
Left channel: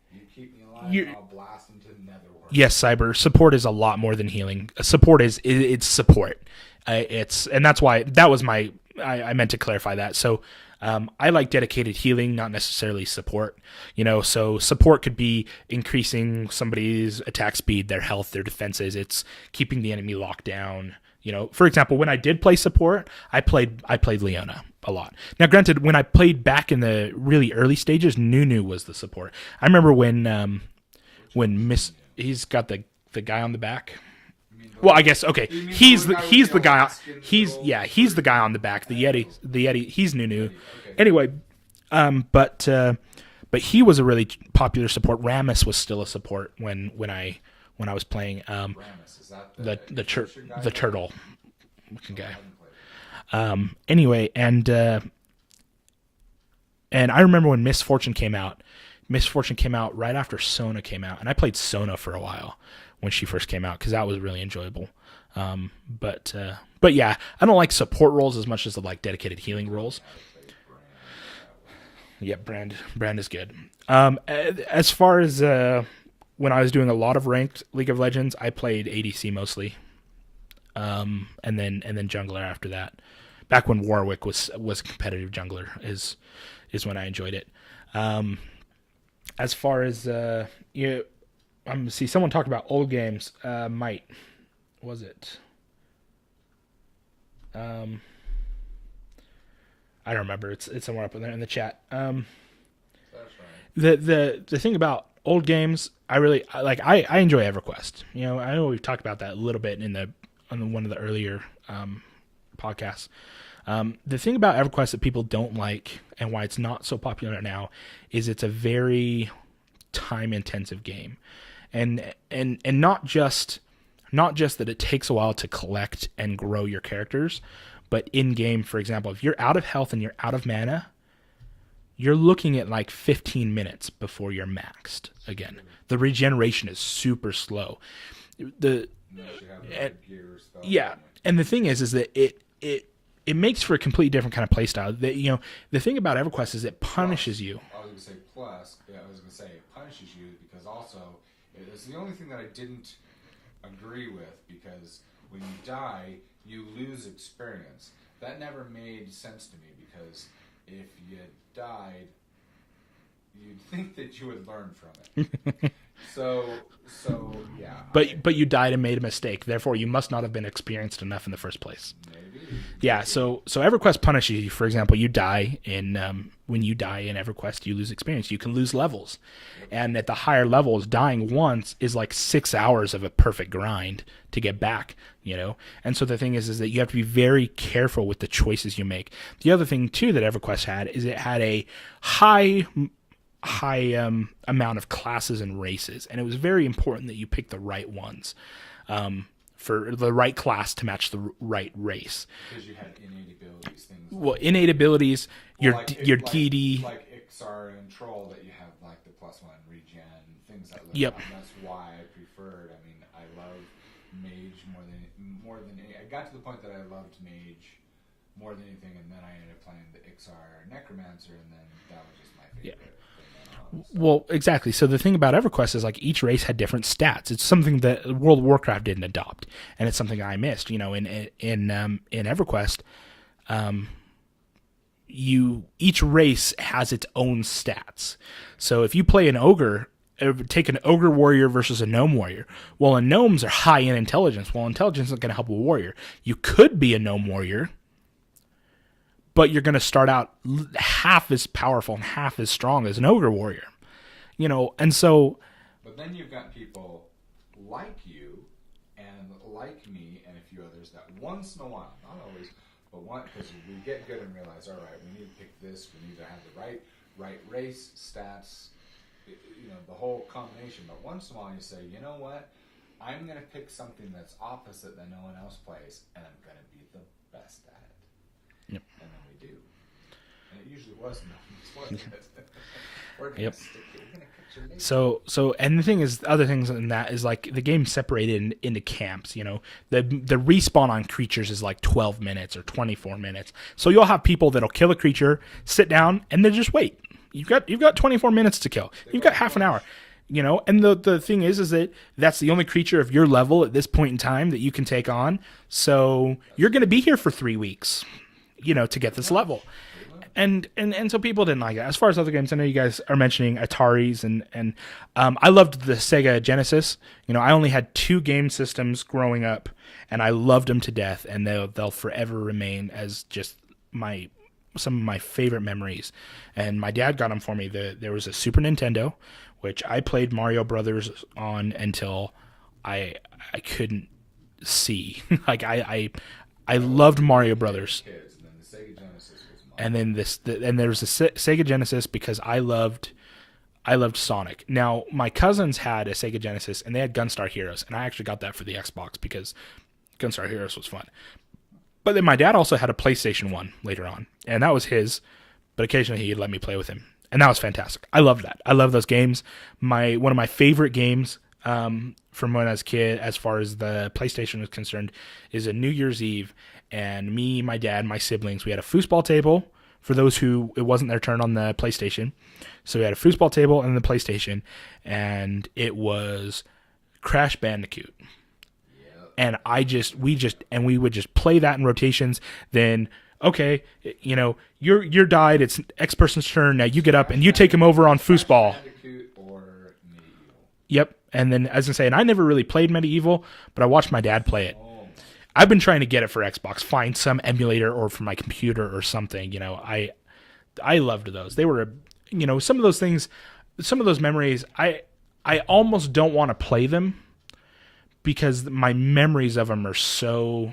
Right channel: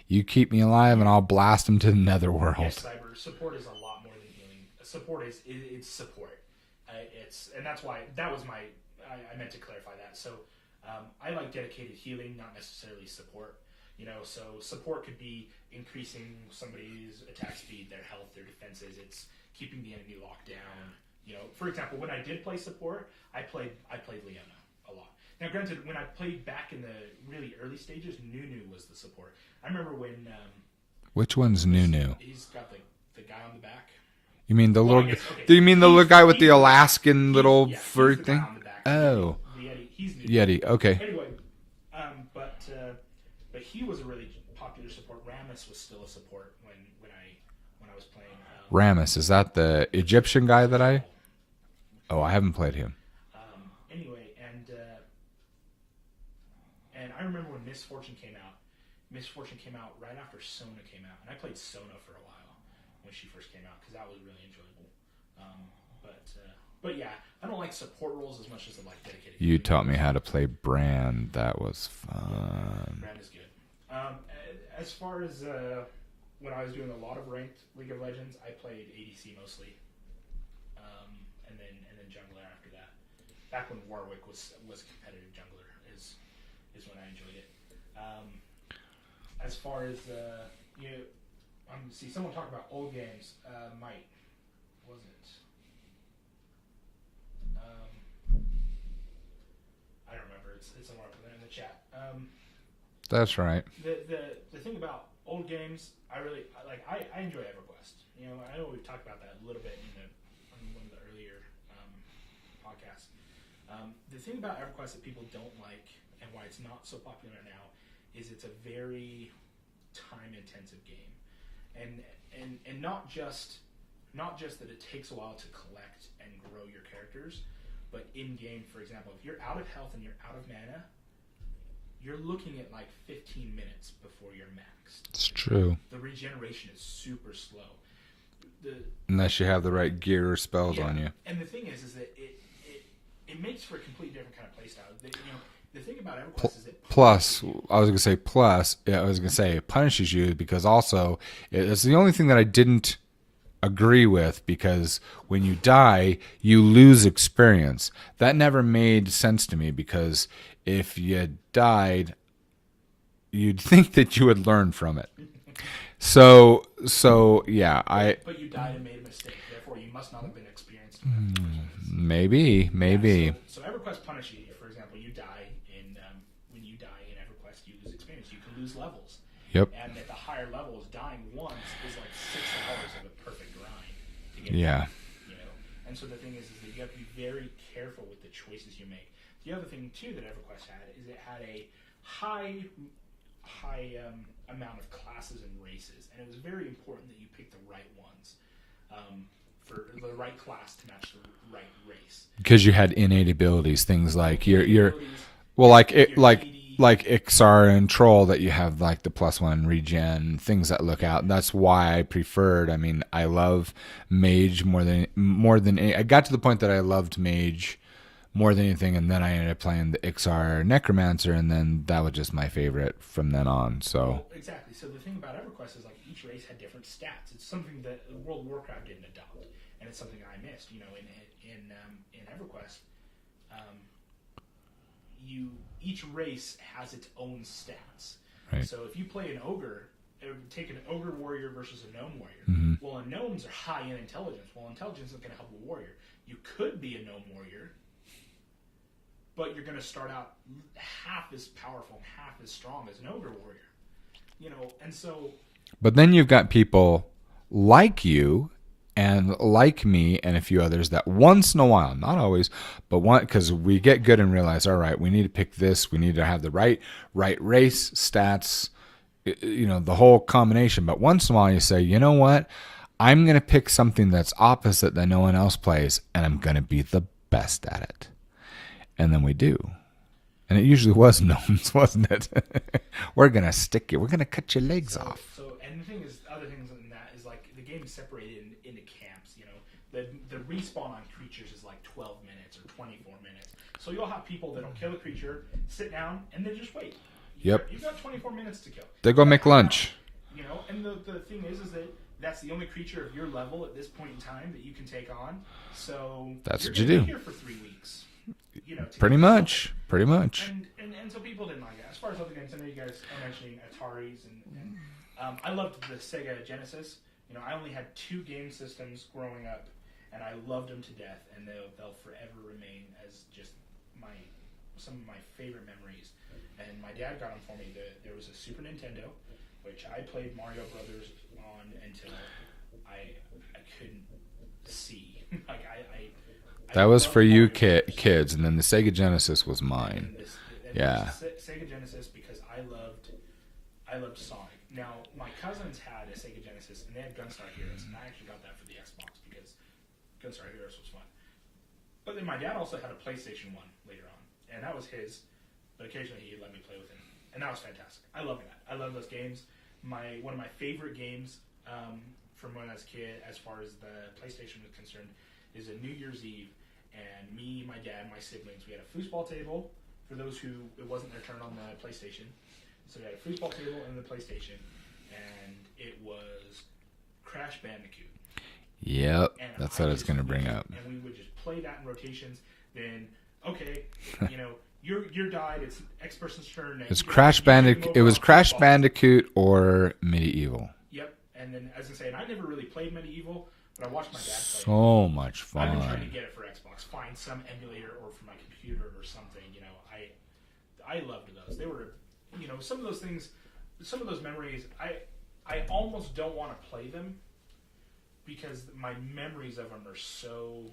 You keep me alive, and I'll blast them to the netherworld. Yes, Cyber. Support is a lot more than healing. Support it's support. And that's why that was I meant to clarify that. So I like dedicated healing, not necessarily support. So support could be increasing somebody's attack speed, their health, their defenses. It's keeping the enemy locked down. For example, when I did play support, I played Leona a lot. Now, granted, when I played back in the really early stages, Nunu was the support. I remember when which one's Nunu? He's got the guy on the back. You mean the? Well, I guess okay. Do you mean the guy with the Alaskan little? Yeah, he's the guy on the back. The Yeti. The Yeti. He's Nunu. Yeti. Okay. Anyway, but he was a really popular support. Ramus was still a support when I was playing. Ramus, is that the Egyptian guy that turtle. I haven't played him. Anyway, and I remember when Miss Fortune came out. Miss Fortune came out right after Sona came out, and I played Sona for a while when she first came out because that was really enjoyable. But yeah, I don't like support roles as much as I like dedicated healing roles. You taught me how to play Brand. That was fun. Yep, Brand is good. As far as when I was doing a lot of ranked League of Legends, I played ADC mostly, and then jungler after that. Back when Warwick was a competitive jungler is when I enjoyed it. As far as see someone talked about old games. Might was it? I don't remember. It's somewhere up in there in the chat. That's right. The thing about old games, I really like. I enjoy EverQuest. I know we've talked about that a little bit on one of the earlier podcasts. The thing about EverQuest that people don't like and why it's not so popular now is it's a very time-intensive game, and not just that it takes a while to collect and grow your characters, but in game, for example, if you're out of health and you're out of mana, you're looking at like 15 minutes before you're maxed. It's true. The regeneration is super slow. Unless you have the right gear or spells on you. And the thing is that it makes for a completely different kind of play style. The thing about EverQuest is it punishes you. I was going to say it punishes you because also it's the only thing that I didn't agree with, because when you die, you lose experience. That never made sense to me, because if you died, you'd think that you would learn from it. So yeah. But you died and made a mistake. Therefore, you must not have been experienced enough in the first place. Maybe. Yeah. So EverQuest punishes you. For example, you die when you die in EverQuest, you lose experience. You can lose levels. Yep. And at the higher levels, dying once is like 6 hours of a perfect grind to get back. And so the thing is that you have to be very careful with the choices you make. The other thing too that EverQuest had is it had a high amount of classes and races, and it was very important that you pick the right ones for the right class to match the right race, because you had innate abilities, things like abilities. Well, like Ixar and Troll, that you have like the +1 regen, things that look out. That's why I preferred. I mean, I love Mage more than I got to the point that I loved Mage more than anything, and then I ended up playing the Ixar Necromancer, and then that was just my favorite from then on. So well, exactly. So the thing about EverQuest is like each race had different stats. It's something that World of Warcraft didn't adopt, and it's something I missed. In EverQuest, each race has its own stats. Right. So if you play an ogre, take an ogre warrior versus a gnome warrior. Mm-hmm. Well, gnomes are high in intelligence. Well, intelligence isn't going to help a warrior. You could be a gnome warrior, but you're going to start out half as powerful and half as strong as an ogre warrior, and so. But then you've got people like you and like me and a few others that once in a while, not always, but because we get good and realize, all right, we need to pick this, we need to have the right race, stats, the whole combination. But once in a while you say, you know what, I'm going to pick something that's opposite that no one else plays, and I'm going to be the best at it. Yeah. And then we do. And it usually was gnomes, wasn't it? We're going to stick you. We're going to cut your legs off. So, and the thing is, other things in that is like the game's separated into camps, The respawn on creatures is like 12 minutes or 24 minutes. So you'll have people that'll kill a creature, sit down, and then just wait. You've got 24 minutes to kill. They go make lunch. And the thing is that that's the only creature of your level at this point in time that you can take on. So you're going to be here for 3 weeks. to get this level. Pretty much. And so people didn't like it. As far as other games, I know you guys are mentioning Ataris, and I loved the Sega Genesis. I only had 2 game systems growing up, and I loved them to death, and they'll forever remain as just some of my favorite memories. And my dad got them for me. There was a Super Nintendo, which I played Mario Brothers on until I couldn't see. Like I loved Mario Brothers. Kids, and then the Sega Genesis was mine. And then there was a Sega Genesis because I loved Sonic. Now my cousins had a Sega Genesis and they had Gunstar Heroes, and I actually got that for the Xbox because Gunstar Heroes was fun. But then my dad also had a PlayStation 1 later on, and that was his, but occasionally he'd let me play with him, and that was fantastic. I loved that. I love those games. One of my favorite games from when I was a kid, as far as the PlayStation was concerned, is a New Year's Eve, and me, my dad, my siblings, we had a foosball table for those who it wasn't their turn on the PlayStation. So we had a foosball table and the PlayStation, and it was Crash Bandicoot. Yep. And we would just play that in rotations. Then okay, you're died. It's X person's turn. Now you get up and you take him over on Crash foosball. Bandicoot or Medieval. Yep. And then, as I say, and I never really played Medieval, but I watched my dad play it. So much fun. I've been trying to get it for Xbox, find some emulator or for my computer or something. I loved those. They were, some of those things, some of those memories. I almost don't want to play them because my memories of them are so.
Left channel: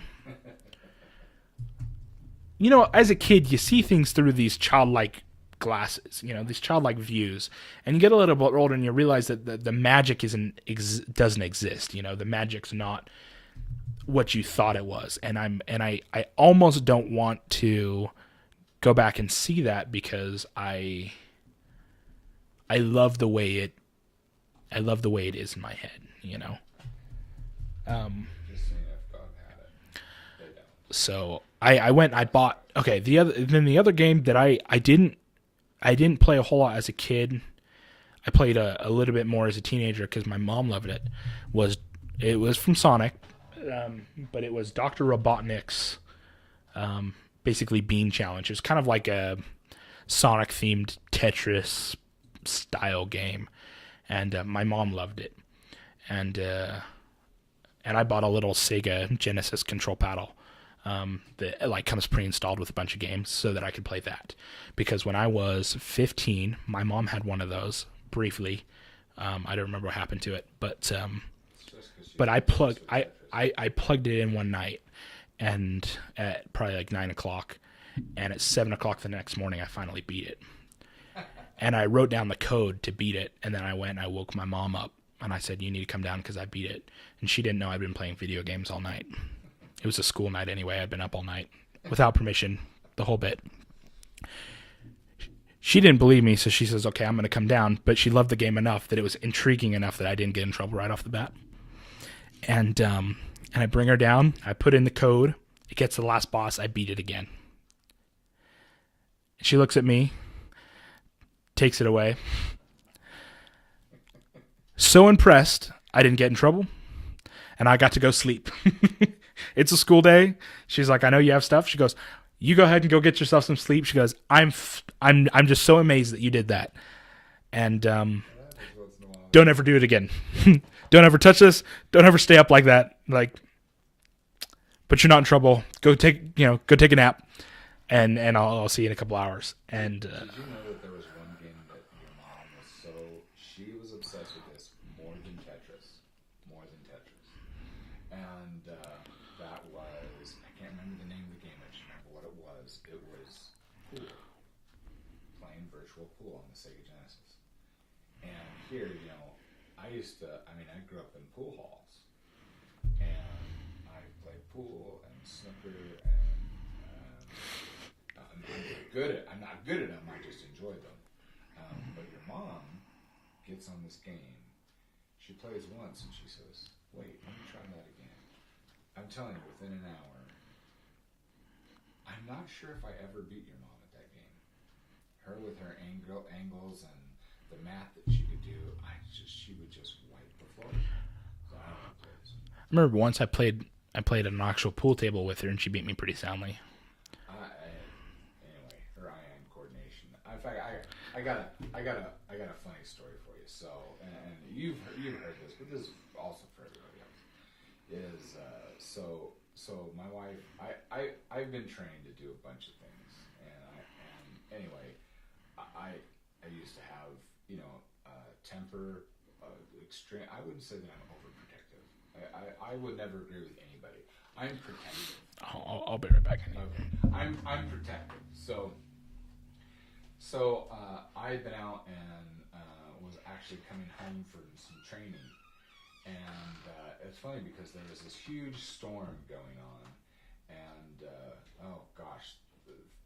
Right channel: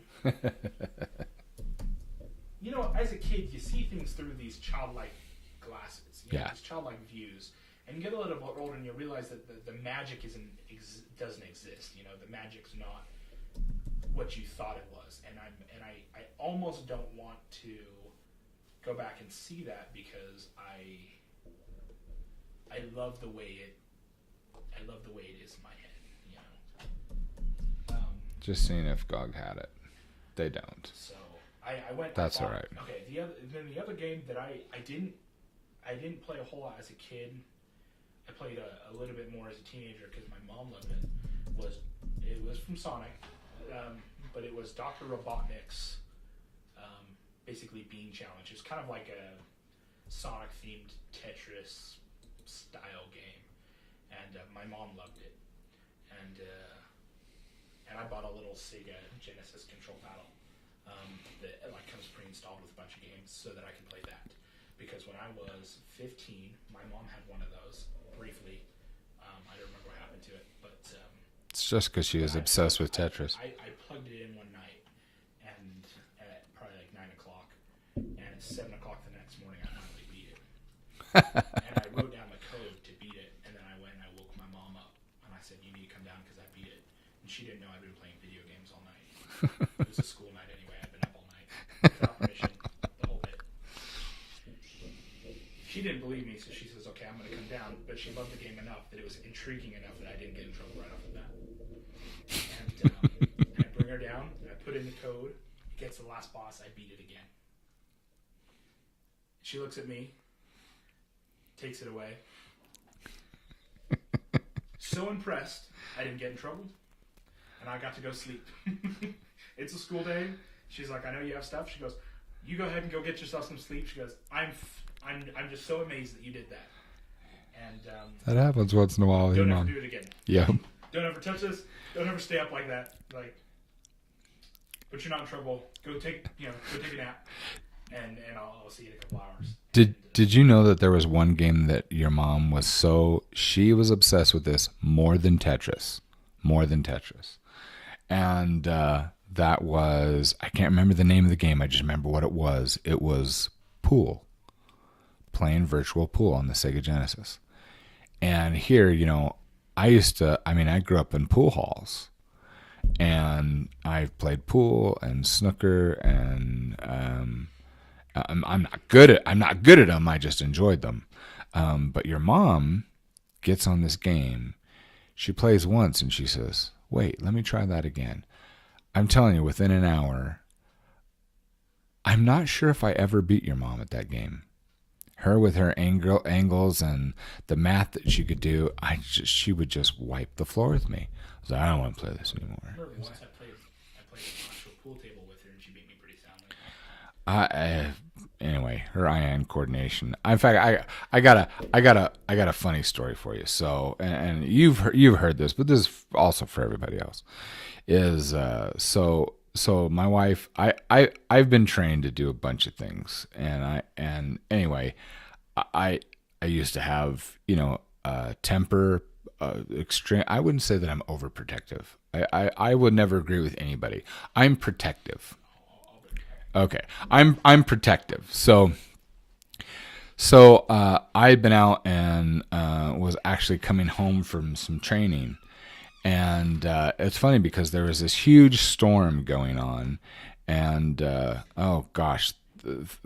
As a kid, you see things through these childlike glasses, these childlike views, and you get a little bit older and you realize that the magic doesn't exist. The magic's not what you thought it was, and I almost don't want to go back and see that because I love the way it is in my head. Just seeing if GOG had it. They don't. So I went. I bought. Right. Okay. The other game that I didn't play a whole lot as a kid. I played a little bit more as a teenager because my mom loved it. It was from Sonic, but it was Dr. Robotnik's basically Bean Challenge. It was kind of like a Sonic themed Tetris style game, and my mom loved it, and I bought a little Sega Genesis control paddle that comes pre-installed with a bunch of games so that I could play that. Because when I was 15, my mom had one of those briefly. I don't remember what happened to it, but it's just because she was obsessed with Tetris. I plugged it in one night, and at probably like 9:00, and at 7:00 the next morning, I finally beat it. And I wrote down the code to beat it, and then I went and I woke my mom up, and I said, "You need to come down because I beat it." And she didn't know I'd been playing video games all night. It was a school night anyway. I'd been up all night without permission, the whole bit. She didn't believe me, so she says, okay, I'm going to come down. But she loved the game enough that it was intriguing enough that I didn't get in trouble right off the bat. And and I bring her down. I put in the code. It gets to the last boss. I beat it again. She looks at me, takes it away. So impressed, I didn't get in trouble. And I got to go sleep. It's a school day. She's like, I know you have stuff. She goes, you go ahead and go get yourself some sleep. She goes, I'm just so amazed that you did that. And that happens once in a while. Don't ever do it again. Yeah. Don't ever touch this. Don't ever stay up like that. But you're not in trouble. Go take a nap, and I'll see you in a couple hours. Did you know that there was one game that your mom she was obsessed with this more than Tetris, and that was, I can't remember the name of the game. I just remember what it was. It was pool, playing virtual pool on the Sega Genesis. And here, I grew up in pool halls, and I played pool and snooker, and I'm not good at them. I just enjoyed them. But your mom gets on this game. She plays once and she says, wait, let me try that again. I'm telling you, within an hour, I'm not sure if I ever beat your mom at that game. Her with her angles and the math that she could do, she would just wipe the floor with me. I was like, I don't want to play this anymore. I remember once I played an actual pool table with her, and she beat me pretty soundly. Anyway, her eye-hand coordination. In fact, I got a funny story for you. So, and you've heard this, but this is also for everybody else. Is so my wife, I've been trained to do a bunch of things, and anyway, I used to have temper, extreme. I wouldn't say that I'm overprotective. I would never agree with anybody. I'm protective. I'll be right back. Okay, I'm protective. So I'd been out and was actually coming home from some training, and it's funny because there was this huge storm going on, and oh gosh,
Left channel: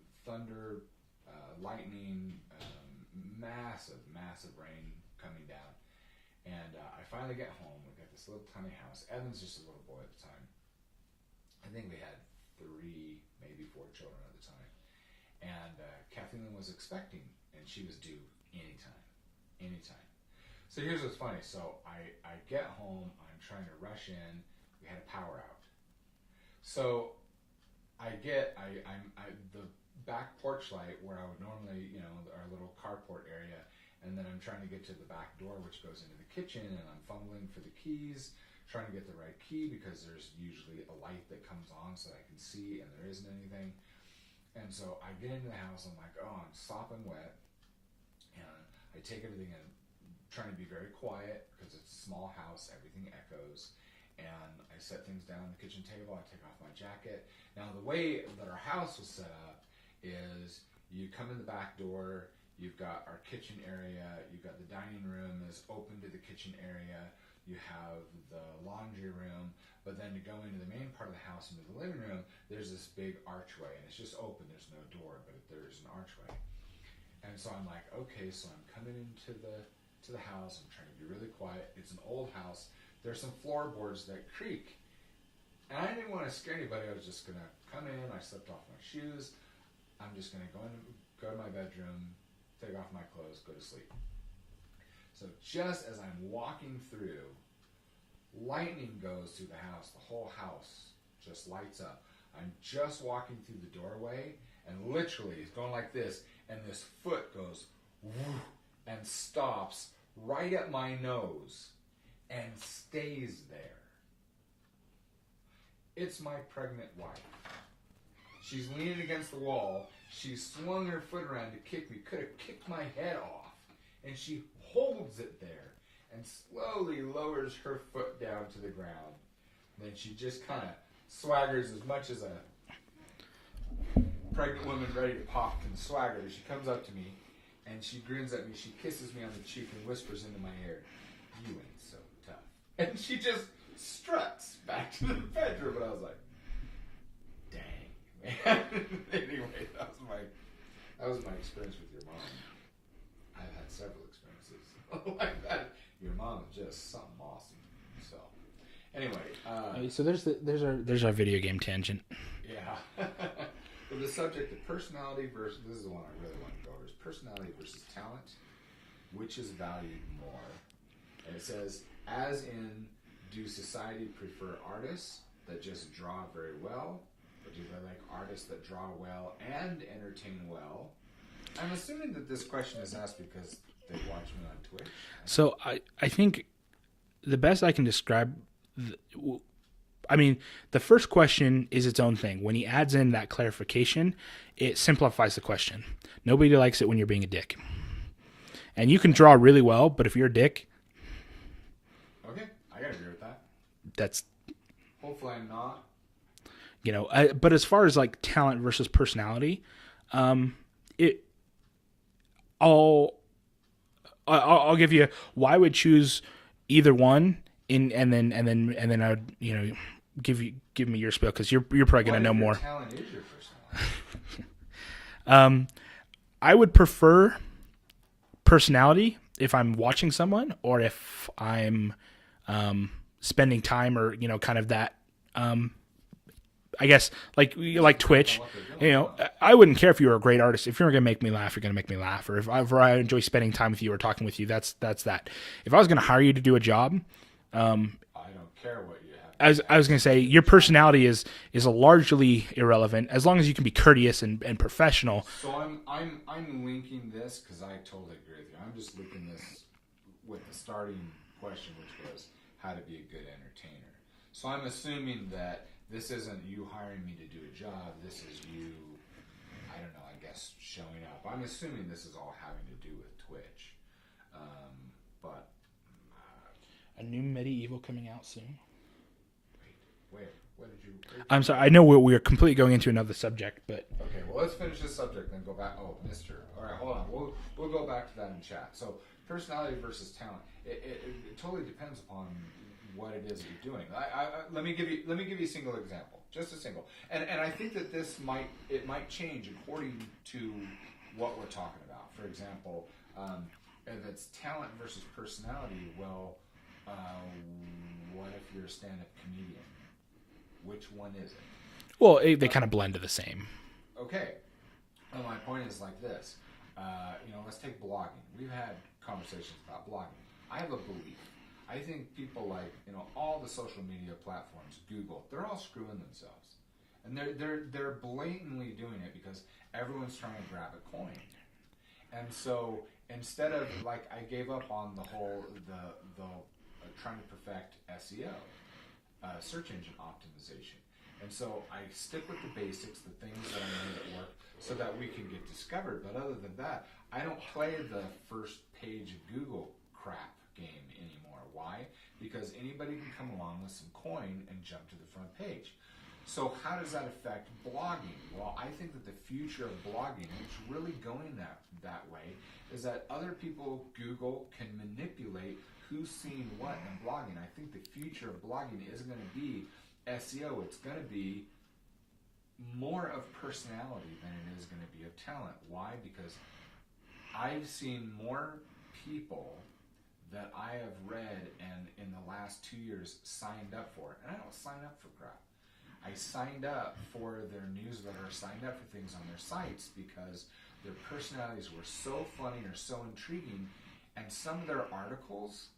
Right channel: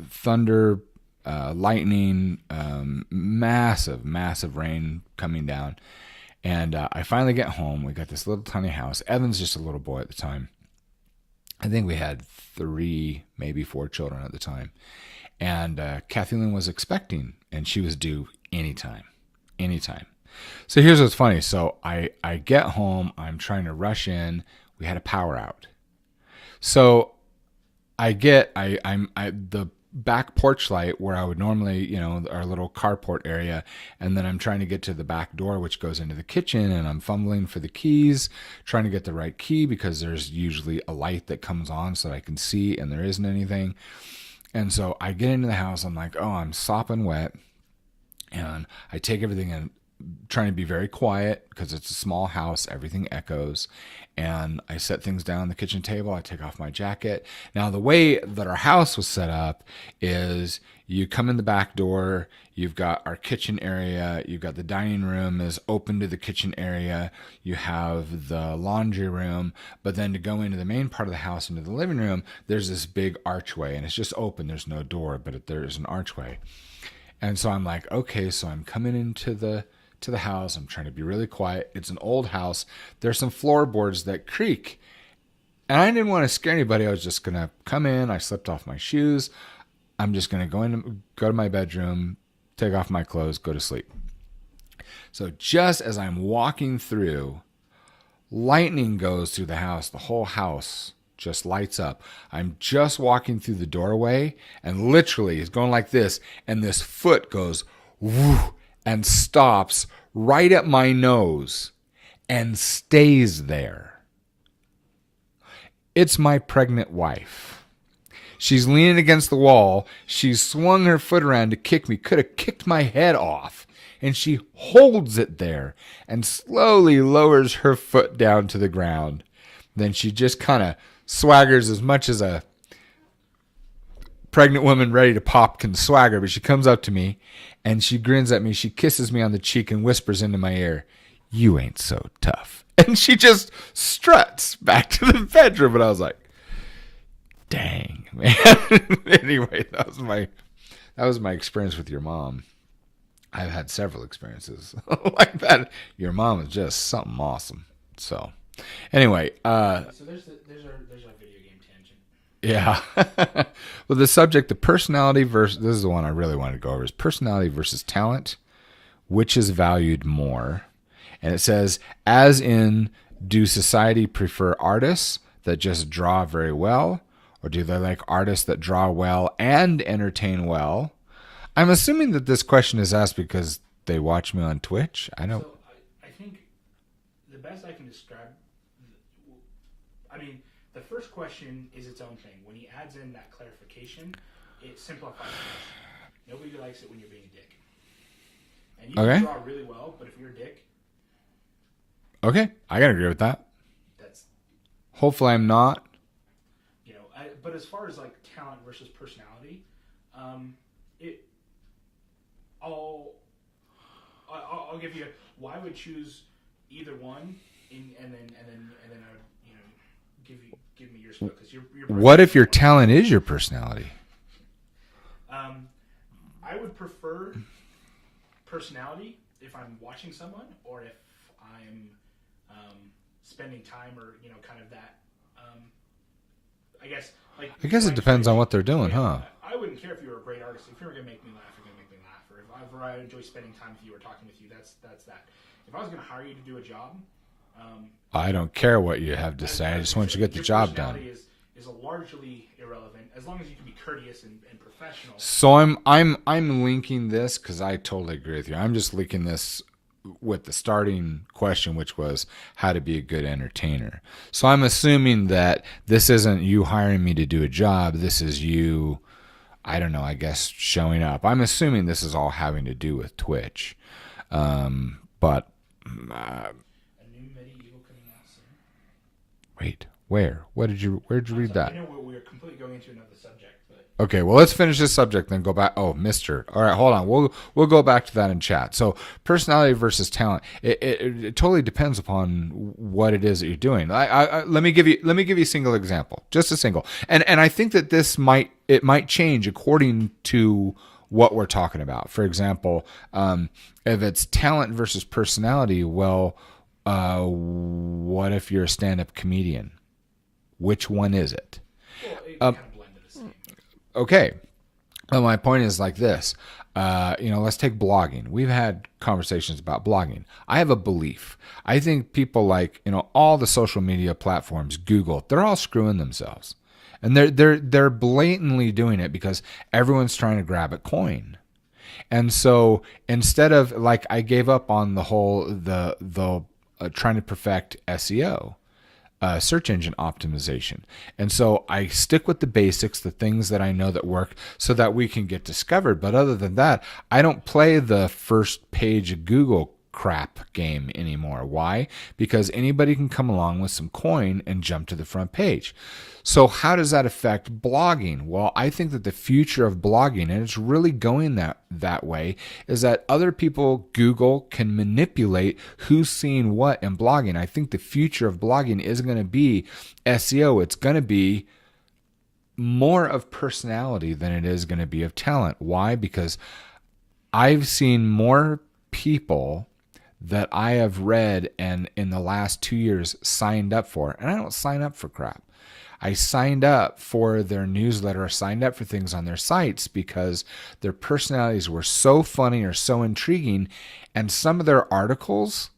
thunder, lightning, massive rain coming down, and I finally get home. We got this little tiny house. Evan's just a little boy at the time. I think we had 3, maybe 4 children at the time. And Kathleen was expecting, and she was due anytime. So here's what's funny. So I get home. I'm trying to rush in. We had a power out. So the back porch light where I would normally, our little carport area, and then I'm trying to get to the back door which goes into the kitchen, and I'm fumbling for the keys, trying to get the right key because there's usually a light that comes on so I can see, and there isn't anything. And so I get into the house, I'm like, oh, I'm sopping wet, and I take everything and trying to be very quiet because it's a small house, everything echoes. And I set things down on the kitchen table. I take off my jacket. Now, the way that our house was set up is you come in the back door. You've got our kitchen area. You've got the dining room is open to the kitchen area. You have the laundry room. But then to go into the main part of the house, into the living room, there's this big archway. And it's just open. There's no door, but there's an archway. And so I'm like, okay, so I'm coming into the house. I'm trying to be really quiet. It's an old house. There's some floorboards that creak. And I didn't want to scare anybody. I was just going to come in. I slipped off my shoes. I'm just going to go to my bedroom, take off my clothes, go to sleep. So just as I'm walking through, lightning goes through the house. The whole house just lights up. I'm just walking through the doorway, and literally it's going like this, and this foot goes whoo, and stops right at my nose and stays there. It's my pregnant wife. She's leaning against the wall. She's swung her foot around to kick me. Could have kicked my head off. And she holds it there and slowly lowers her foot down to the ground. Then she just kind of swaggers as much as a pregnant woman ready to pop can swagger. But she comes up to me. And she grins at me, she kisses me on the cheek and whispers into my ear, "You ain't so tough." And she just struts back to the bedroom. And I was like, dang, man. Anyway, that was my experience with your mom. I've had several experiences like that. Your mom is just something awesome. So anyway. So there's our video game tangent. Yeah. Well, the subject, the personality versus, this is the one I really wanted to go over, is personality versus talent. Which is valued more? And it says, as in, do society prefer artists that just draw very well? Or do they like artists that draw well and entertain well? I'm assuming that this question is asked because they watch me on Twitch. So I think the best I can describe... the first question is its own thing. When he adds in that clarification, it simplifies the question. Nobody likes it when you're being a dick. And you can draw really well, but if you're a dick... Okay, I gotta agree with that. That's... Hopefully I'm not. But as far as like talent versus personality, I'll give you... Well, I would choose either one, and then I would, give me your spiel because you're probably. What if your talent is your personality? I would prefer personality if I'm watching someone or if I'm spending time or kind of that. I guess like it depends Twitch, on what they're doing. I wouldn't care if you were a great artist. If you're gonna make me laugh, you're gonna make me laugh. Or if I enjoy spending time with you or talking with you, that's that. If I was gonna hire you to do a job, I don't care what you have to say. I was going to say, your personality is largely irrelevant as long as you can be courteous and professional. So I'm linking this because I totally agree with you. I'm just linking this with the starting question, which was how to be a good entertainer. So I'm assuming that this isn't you hiring me to do a job. This is you, I don't know, I guess showing up. I'm assuming this is all having to do with Twitch. But a new Medieval coming out soon. Wait, where? Where'd you I'm read sorry, that? I know we're completely going into another subject, but okay, well, let's finish this subject, then go back. Oh, Mister. All right, hold on. We'll go back to that in chat. So, personality versus talent. It totally depends upon what it is that you're doing. Let me give you a single example, just a single. And I think that might change according to what we're talking about. For example, if it's talent versus personality, well, what if you're a stand-up comedian? Which one is it? Well, they kind of blend to the same. Okay. Well, my point is like this. Let's take blogging. We've had conversations about blogging. I have a belief. I think people like, all the social media platforms, Google, they're all screwing themselves. And they're blatantly doing it because everyone's trying to grab a coin. And so instead of, like, I gave up on the whole, the trying to perfect SEO. Search engine optimization. And so I stick with the basics, the things that I know that work so that we can get discovered. But other than that, I don't play the first page of Google crap game anymore. Why? Because anybody can come along with some coin and jump to the front page. So how does that affect blogging? Well, I think that the future of blogging, and it's really going that way, is that other people, Google, can manipulate who's seeing what in blogging. I think the future of blogging is going to be SEO. It's going to be more of personality than it is going to be of talent. Why? Because I've seen more people that I have read and in the last 2 years signed up for, and I don't sign up for crap. I signed up for their newsletter, I signed up for things on their sites because their personalities were so funny or so intriguing, and some of their articles,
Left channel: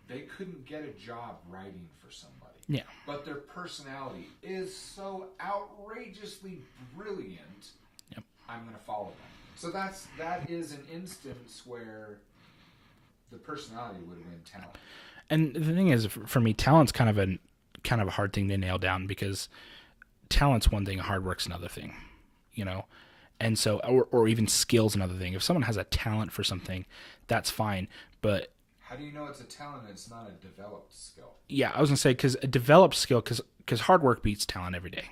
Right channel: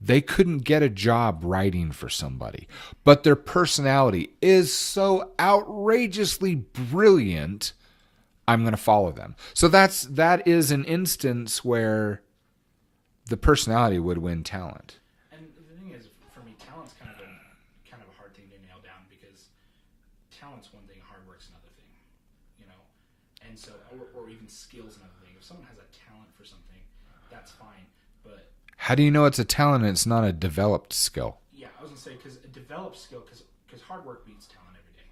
they couldn't get a job writing for somebody. Yeah. But their personality is so outrageously brilliant, yep. I'm going to follow them. So that is an instance where the personality would win talent. And the thing is, for me, talent's kind of a hard thing to nail down because talent's one thing, hard work's another thing, and so or even skill's another thing. If someone has a talent for something, that's fine, but how do you know it's a talent and it's not a developed skill? Yeah, I was gonna say because a developed skill, because hard work beats talent every day.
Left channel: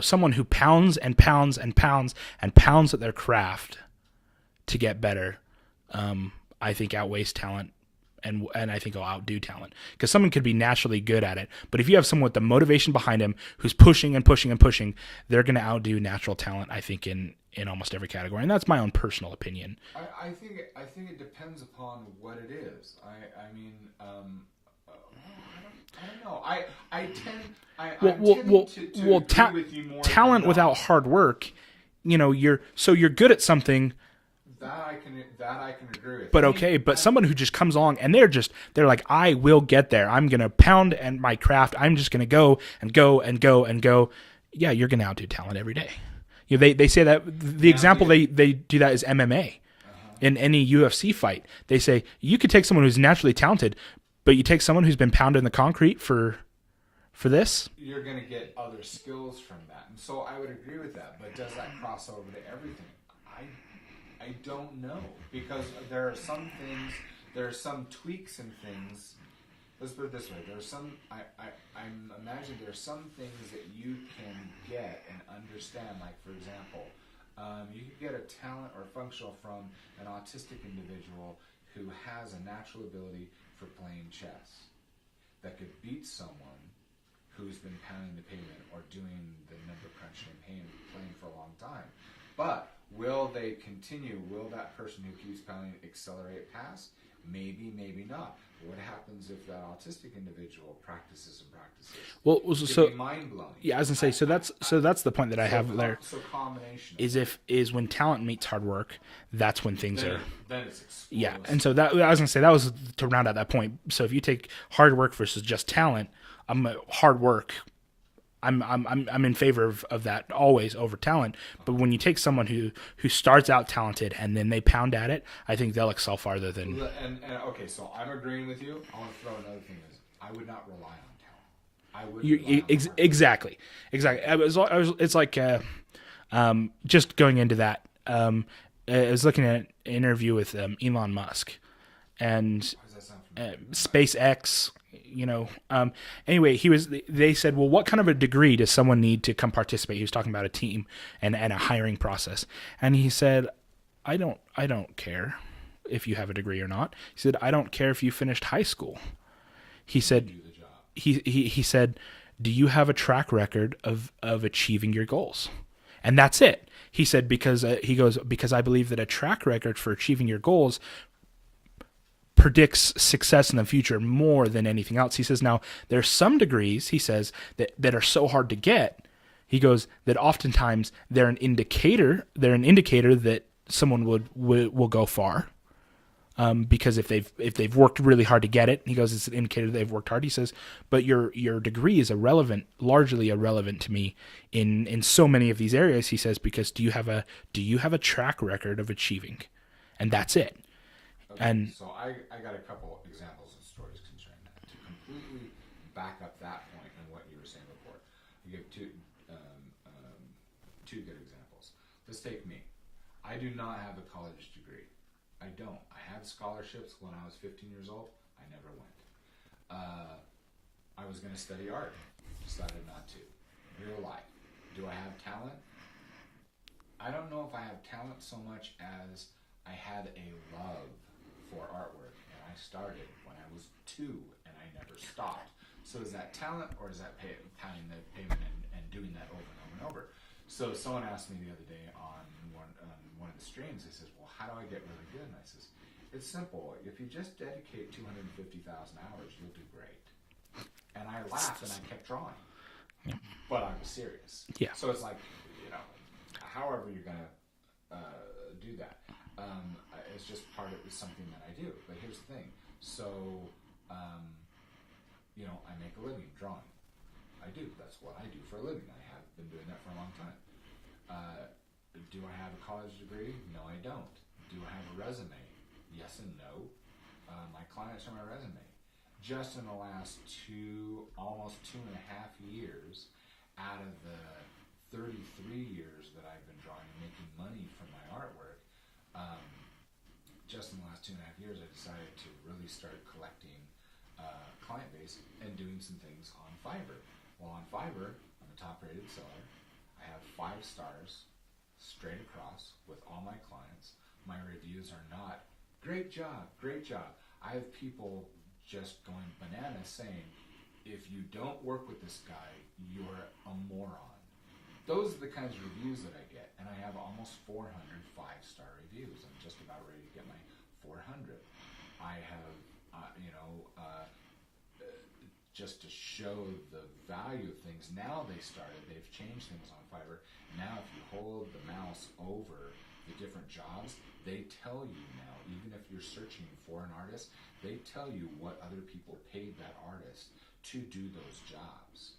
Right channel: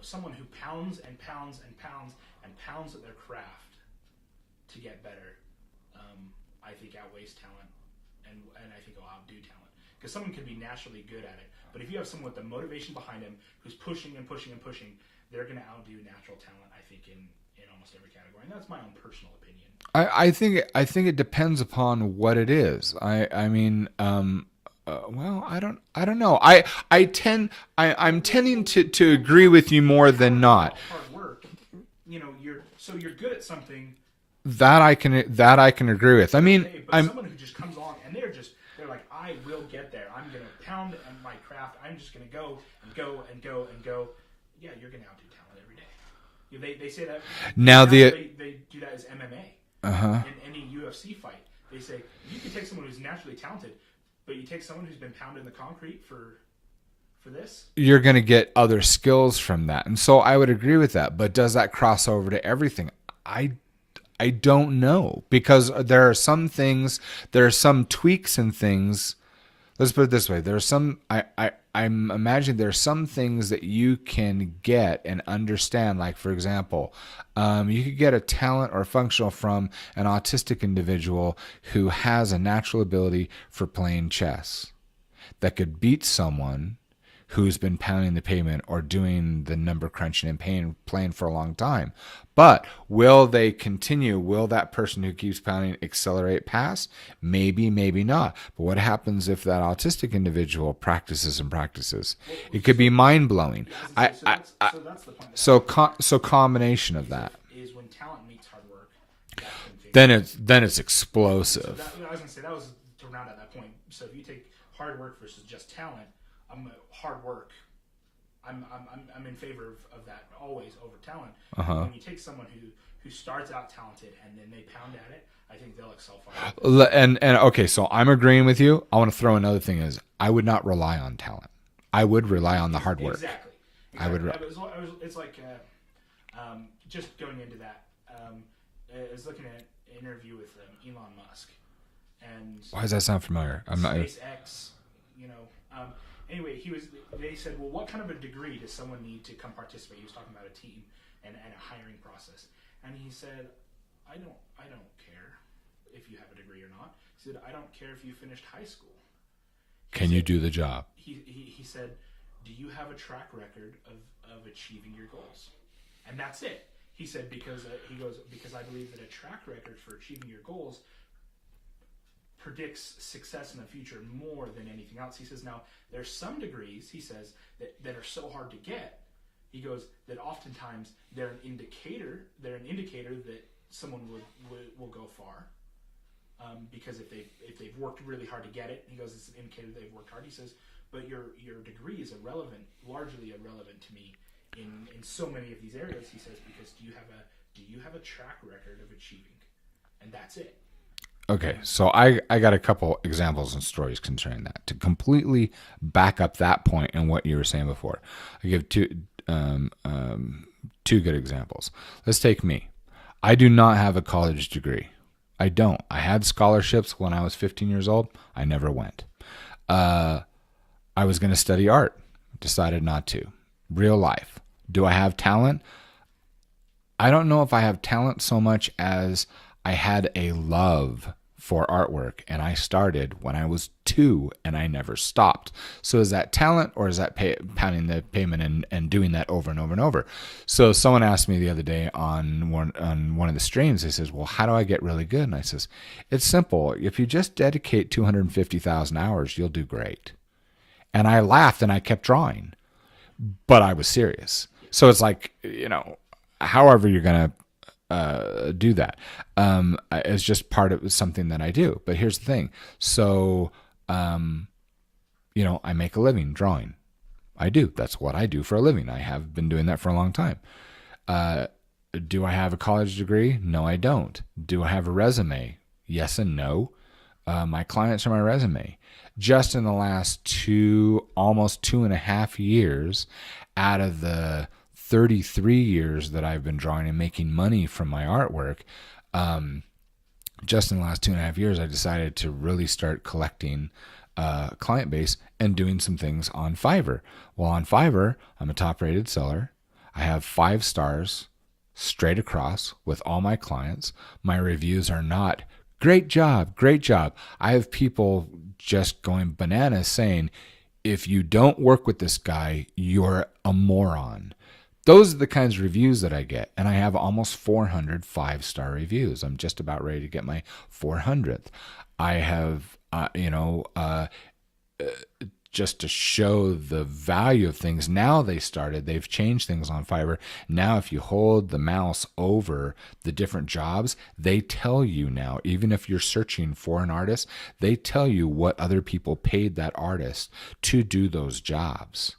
Someone who pounds and pounds and pounds and pounds at their craft to get better, I think outweighs talent. And I think will outdo talent because someone could be naturally good at it. But if you have someone with the motivation behind him who's pushing and pushing and pushing, they're going to outdo natural talent, I think, in almost every category. And that's my own personal opinion. I think it depends upon what it is. I don't know. I'm tending to agree with you more than not. Talent without hard work, you're good at something. That I can agree with. But someone who just comes along and they're like, I will get there. I'm gonna pound at my craft. I'm just gonna go and go and go and go. Yeah, you're gonna outdo talent every day. They say that they do that is MMA. Uh-huh. In any UFC fight. They say you could take someone who's naturally talented, but you take someone who's been pounded in the concrete for this, you're going to get other skills from that. And so I would agree with that. But does that cross over to everything? I don't know, because there are some things, there are some tweaks and things. Let's put it this way: there are some. I'm imagining there are some things that you can get and understand. Like, for example, you could get a talent or functional from an autistic individual who has a natural ability for playing chess that could beat someone who's been pounding the pavement or doing the number crunching and playing for a long time. But will they continue? Will that person who keeps pounding accelerate past? Maybe, maybe not. But what happens if that autistic individual practices and practices? Well, it could be mind-blowing. Yeah, I was going to say, so that's the point that I have there. So combination of is when talent meets hard work, that's when things then it's explosive. And so that I was gonna say that was to round out that point. So if you take hard work versus just talent, hard work. I'm in favor of that always over talent. But when you take someone who starts out talented and then they pound at it, I think they'll excel farther. And okay, so I'm agreeing with you. I want to throw another thing is I would not rely on talent. I would rely on the hard work. Exactly. It's like just going into that. I was looking at an interview with Elon Musk, and why does that sound familiar? SpaceX. Anyway, they said, well, what kind of a degree does someone need to come participate? He was talking about a team and a hiring process. And he said, I don't care if you have a degree or not. He said, I don't care if you finished high school. He said, you do the job? He said, do you have a track record of achieving your goals? And that's it. He said, because I believe that a track record for achieving your goals predicts success in the future more than anything else. He says, now there's some degrees, he says, that are so hard to get. He goes that oftentimes they're an indicator that someone will go far. Because if they've worked really hard to get it, he goes, it's an indicator that they've worked hard. He says, but your degree is largely irrelevant to me in so many of these areas. He says, because do you have a track record of achieving? And that's it. Okay, so I got a couple examples and stories concerning that to completely back up that point and what you were saying before. I give two good examples. Let's take me. I do not have a college degree. I don't. I had scholarships when I was 15 years old. I never went. I was going to study art. Decided not to. Real life. Do I have talent? I don't know if I have talent so much as I had a love for artwork, and I started when I was 2 and I never stopped. So is that talent, or is that pounding the pavement and doing that over and over and over? So someone asked me the other day on one of the streams, they says, well, how do I get really good? And I says, it's simple. If you just dedicate 250,000 hours, you'll do great. And I laughed and I kept drawing, but I was serious. Yeah. So it's like, however you're going to do that. It's just part of something that I do. But here's the thing. So, I make a living drawing. I do. That's what I do for a living. I have been doing that for a long time. Do I have a college degree? No, I don't. Do I have a resume? Yes and no. My clients are my resume. Just in the last almost 2.5 years, out of the 33 years that I've been drawing and making money from my artwork, just in the last 2.5 years, I decided to really start collecting client base and doing some things on Fiverr. Well, on Fiverr, I'm a top-rated seller. I have 5 stars straight across with all my clients. My reviews are not, great job, great job. I have people just going bananas saying, if you don't work with this guy, you're a moron. Those are the kinds of reviews that I get. And I have almost 400 5-star reviews. I'm just about ready to get my 400th. I have, just to show the value of things. Now they've changed things on Fiverr. Now, if you hold the mouse over the different jobs, they tell you now, even if you're searching for an artist, they tell you what other people paid that artist to do those jobs.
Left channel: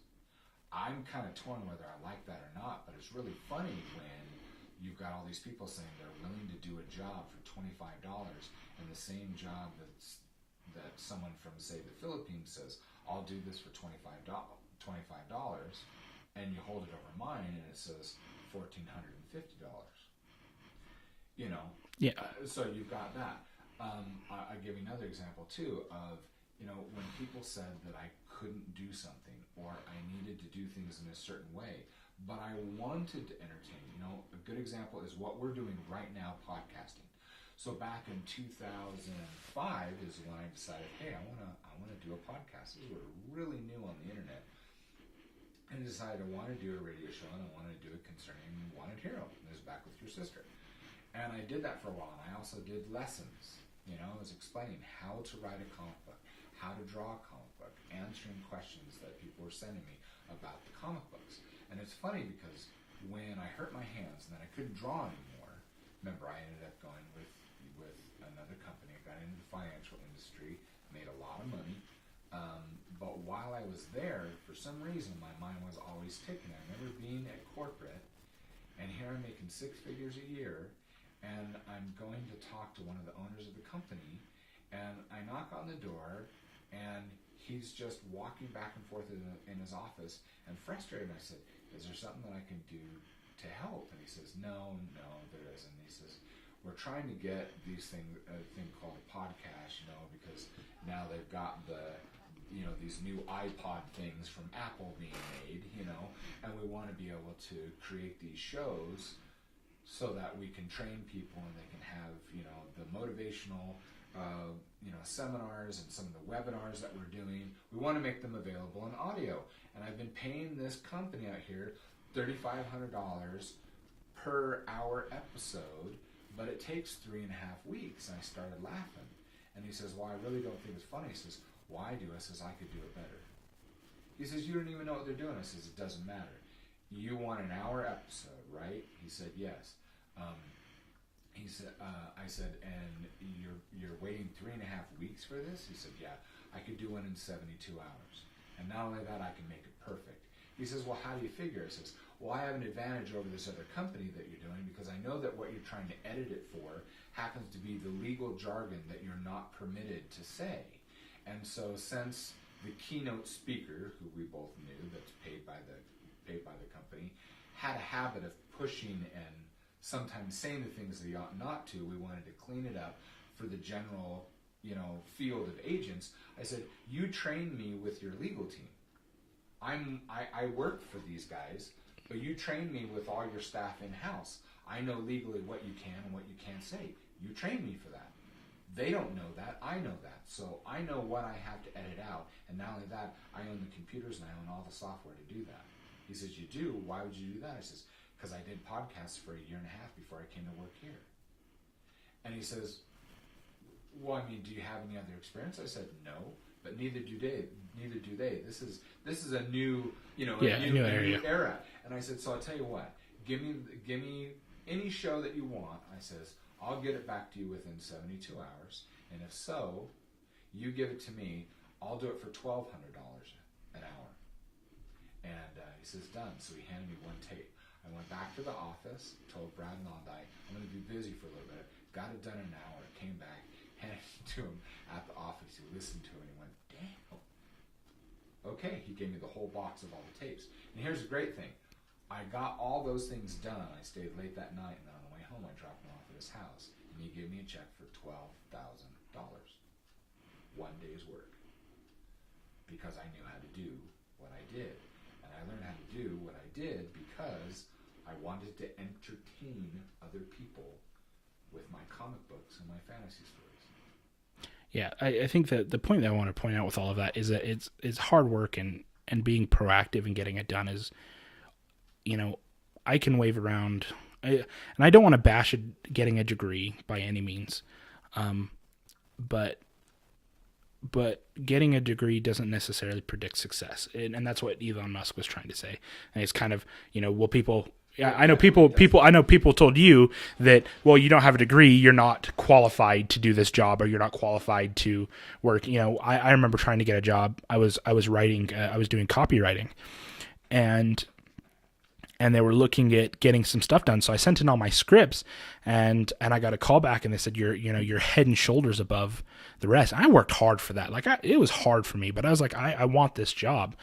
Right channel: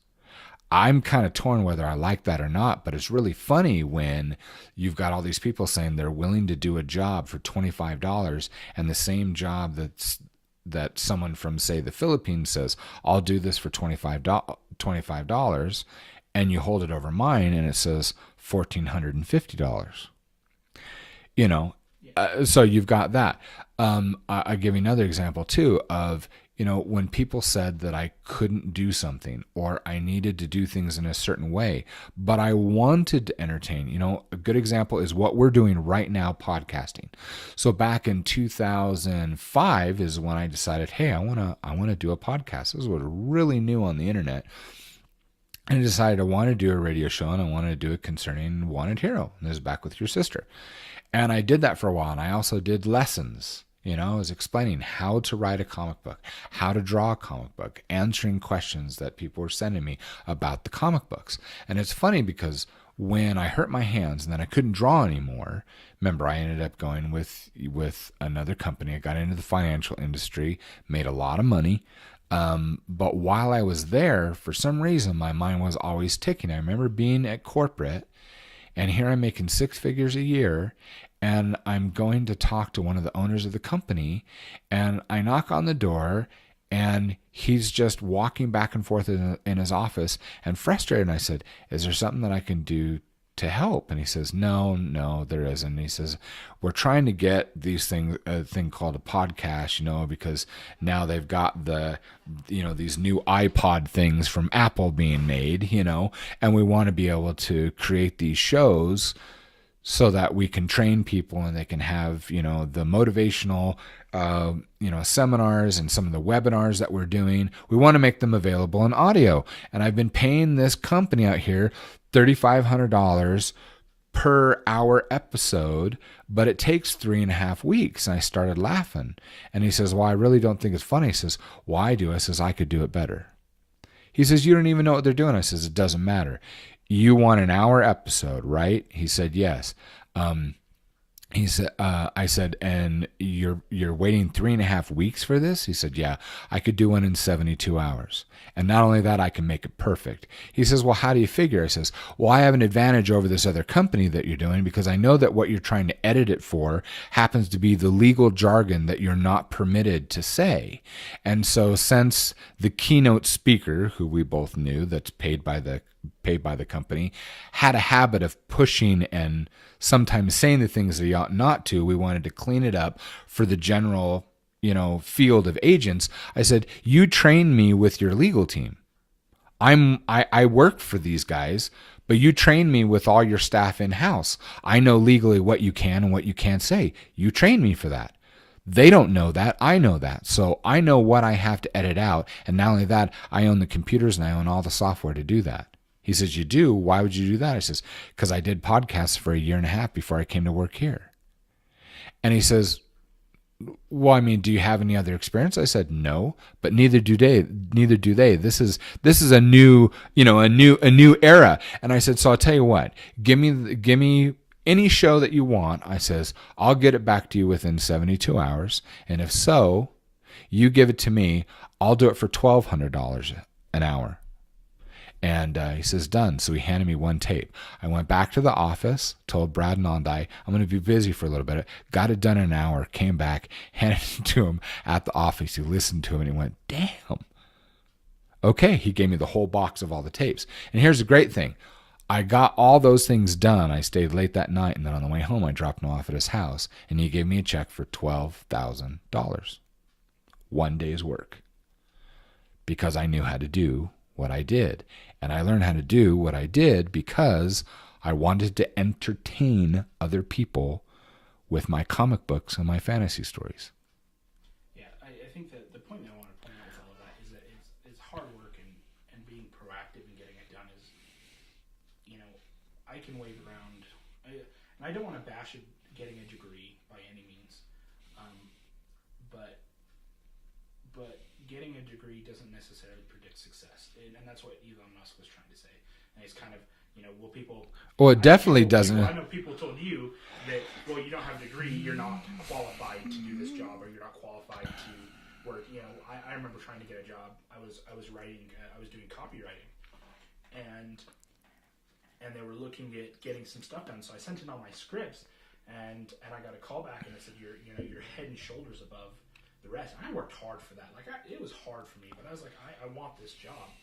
I'm kind of torn whether I like that or not, but it's really funny when you've got all these people saying they're willing to do a job for $25, and the same job that someone from, say, the Philippines says, I'll do this for $25, and you hold it over mine and it says $1,450. Yeah. So you've got that. I'll give you another example too of, when people said that I couldn't do something or I needed to do things in a certain way, but I wanted to entertain. A good example is what we're doing right now, podcasting. So back in 2005 is when I decided, hey, I want to do a podcast. This was really new on the internet. And I decided I wanted to do a radio show, and I wanted to do it concerning Wanted Hero. And this is Back with Your Sister. And I did that for a while, and I also did lessons. I was explaining how to write a comic book, how to draw a comic book, answering questions that people were sending me about the comic books. And it's funny because when I hurt my hands and then I couldn't draw anymore remember, I ended up going with another company. I got into the financial industry, made a lot of money. But while I was there, for some reason, my mind was always ticking. I remember being at corporate, and here I'm making 6 figures a year, and I'm going to talk to one of the owners of the company, and I knock on the door, and he's just walking back and forth in his office and frustrated. And I said, is there something that I can do to help? And he says, no, there isn't. And he says, we're trying to get these things, a thing called a podcast, because now they've got these new iPod things from Apple being made, and we want to be able to create these shows so that we can train people and they can have, the motivational, seminars and some of the webinars that we're doing. We want to make them available in audio. And I've been paying this company out here $3,500 per hour episode, but it takes 3.5 weeks. And I started laughing. And he says, well, I really don't think it's funny. He says, well, I do. I says, I could do it better. He says, you don't even know what they're doing. I says, it doesn't matter. You want an hour episode, right? He said, yes. He said, I said, and you're waiting 3.5 weeks for this? He said, yeah, I could do one in 72 hours. And not only that, I can make it perfect. He says, well, how do you figure? I says, well, I have an advantage over this other company that you're doing because I know that what you're trying to edit it for happens to be the legal jargon that you're not permitted to say. And so since the keynote speaker, who we both knew, that's paid by the company, had a habit of pushing and sometimes saying the things that he ought not to, we wanted to clean it up for the general field of agents. I said, you train me with your legal team. I work for these guys, but you train me with all your staff in-house. I know legally what you can and what you can't say. You train me for that. They don't know that. I know that. So I know what I have to edit out. And not only that, I own the computers and I own all the software to do that. He says, you do? Why would you do that? I says, because I did podcasts for 1.5 years before I came to work here. And he says, well, I mean, do you have any other experience? I said, no, but neither do they. This is a new, a new era. And I said, so I'll tell you what, give me any show that you want. I says, I'll get it back to you within 72 hours. And if so, you give it to me. I'll do it for $1,200 an hour. And he says, done. So he handed me one tape. I went back to the office, told Brad Nondai, I'm going to be busy for a little bit. Got it done in an hour, came back, handed it to him at the office. He listened to him and he went, damn. Okay, he gave me the whole box of all the tapes. And here's the great thing. I got all those things done. I stayed late that night, and then on the way home, I dropped him off at his house, and he gave me a check for $12,000. 1 day's work. Because I knew how to do what I did. And I learned how to do what I did because I wanted to entertain other people with my comic books and my fantasy stories. Yeah, I think that the point that I want to point out with all of that is that it's hard work and being proactive and getting it done is, I can wave around, and I don't want to bash getting a degree by any means, but getting a degree doesn't necessarily predict success, and that's what Elon Musk was trying to say. And it's kind of, people. Well, it definitely doesn't. I know people told you that, well, you don't have a degree, you're not qualified to do this job, or you're not qualified to work. I remember trying to get a job. I was writing, I was doing copywriting, and they were looking at getting some stuff done. So I sent in all my scripts, and I got a call back, and they said, you're head and shoulders above the rest. I worked hard for that. It was hard for me, but I was like, I want this job.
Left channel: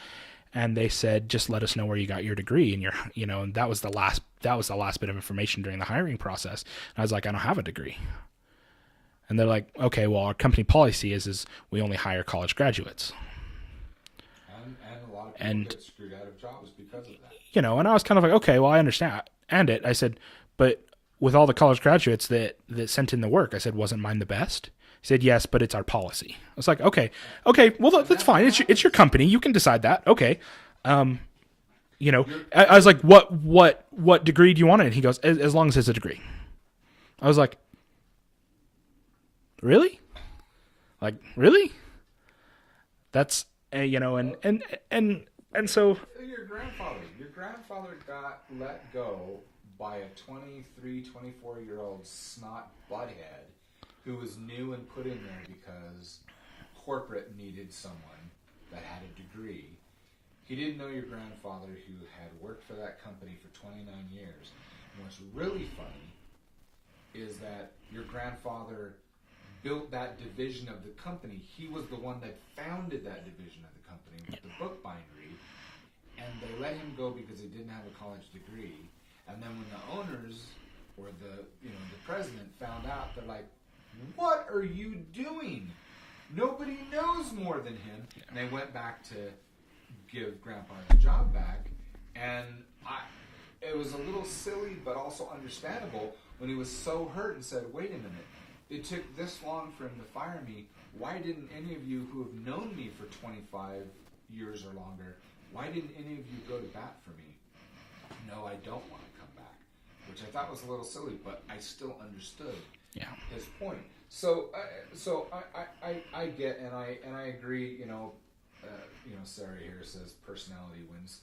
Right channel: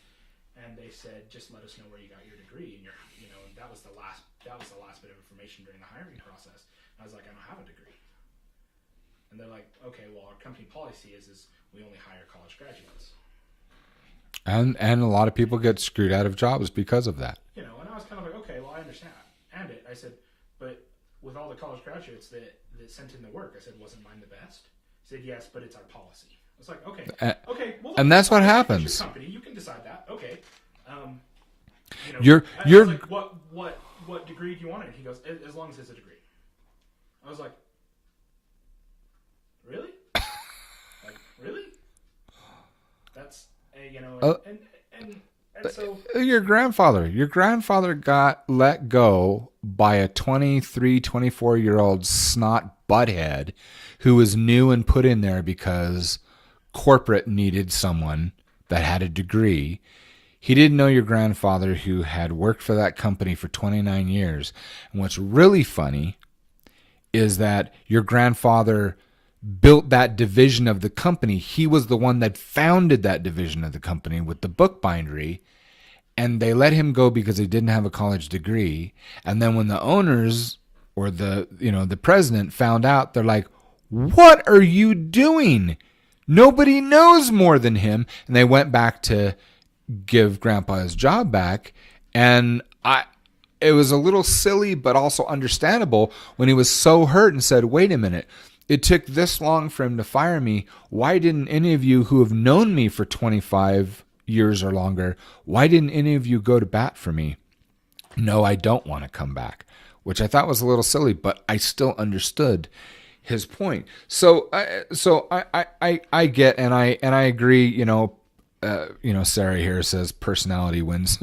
And they said, just let us know where you got your degree. And and that was the last bit of information during the hiring process. And I was like, I don't have a degree. And they're like, okay, well, our company policy is we only hire college graduates. And a lot of people get screwed out of jobs because of that. And I was kind of like, okay, well, I understand. And I said, but with all the college graduates that sent in the work, I said, wasn't mine the best? He said, yes, but it's our policy. I was like, okay, well, that's fine. What happens. It's your company. You can decide that. Okay. I was like, what degree do you want? And he goes, as long as it's a degree. I was like, really? Like, really? That's, and And so your grandfather got let go by a 23, 24-year-old snot butthead who was new and put in there because corporate needed someone that had a degree. He didn't know your grandfather, who had worked for that company for 29 years. And what's really funny is that your grandfather built that division of the company. He was the one that founded that division of the company with the bookbindery. And they let him go because he didn't have a college degree. And then when the owners or the president found out, they're like, "What are you doing? Nobody knows more than him." And they went back to give Grandpa his job back. And it was a little silly, but also understandable when he was so hurt and said, "Wait a minute. It took this long for him to fire me. Why didn't any of you who have known me for 25 years or longer, why didn't any of you go to bat for me?" "No, I don't want to come back," which I thought was a little silly, but I still understood his point. So I get, and I agree. Sarah here says personality wins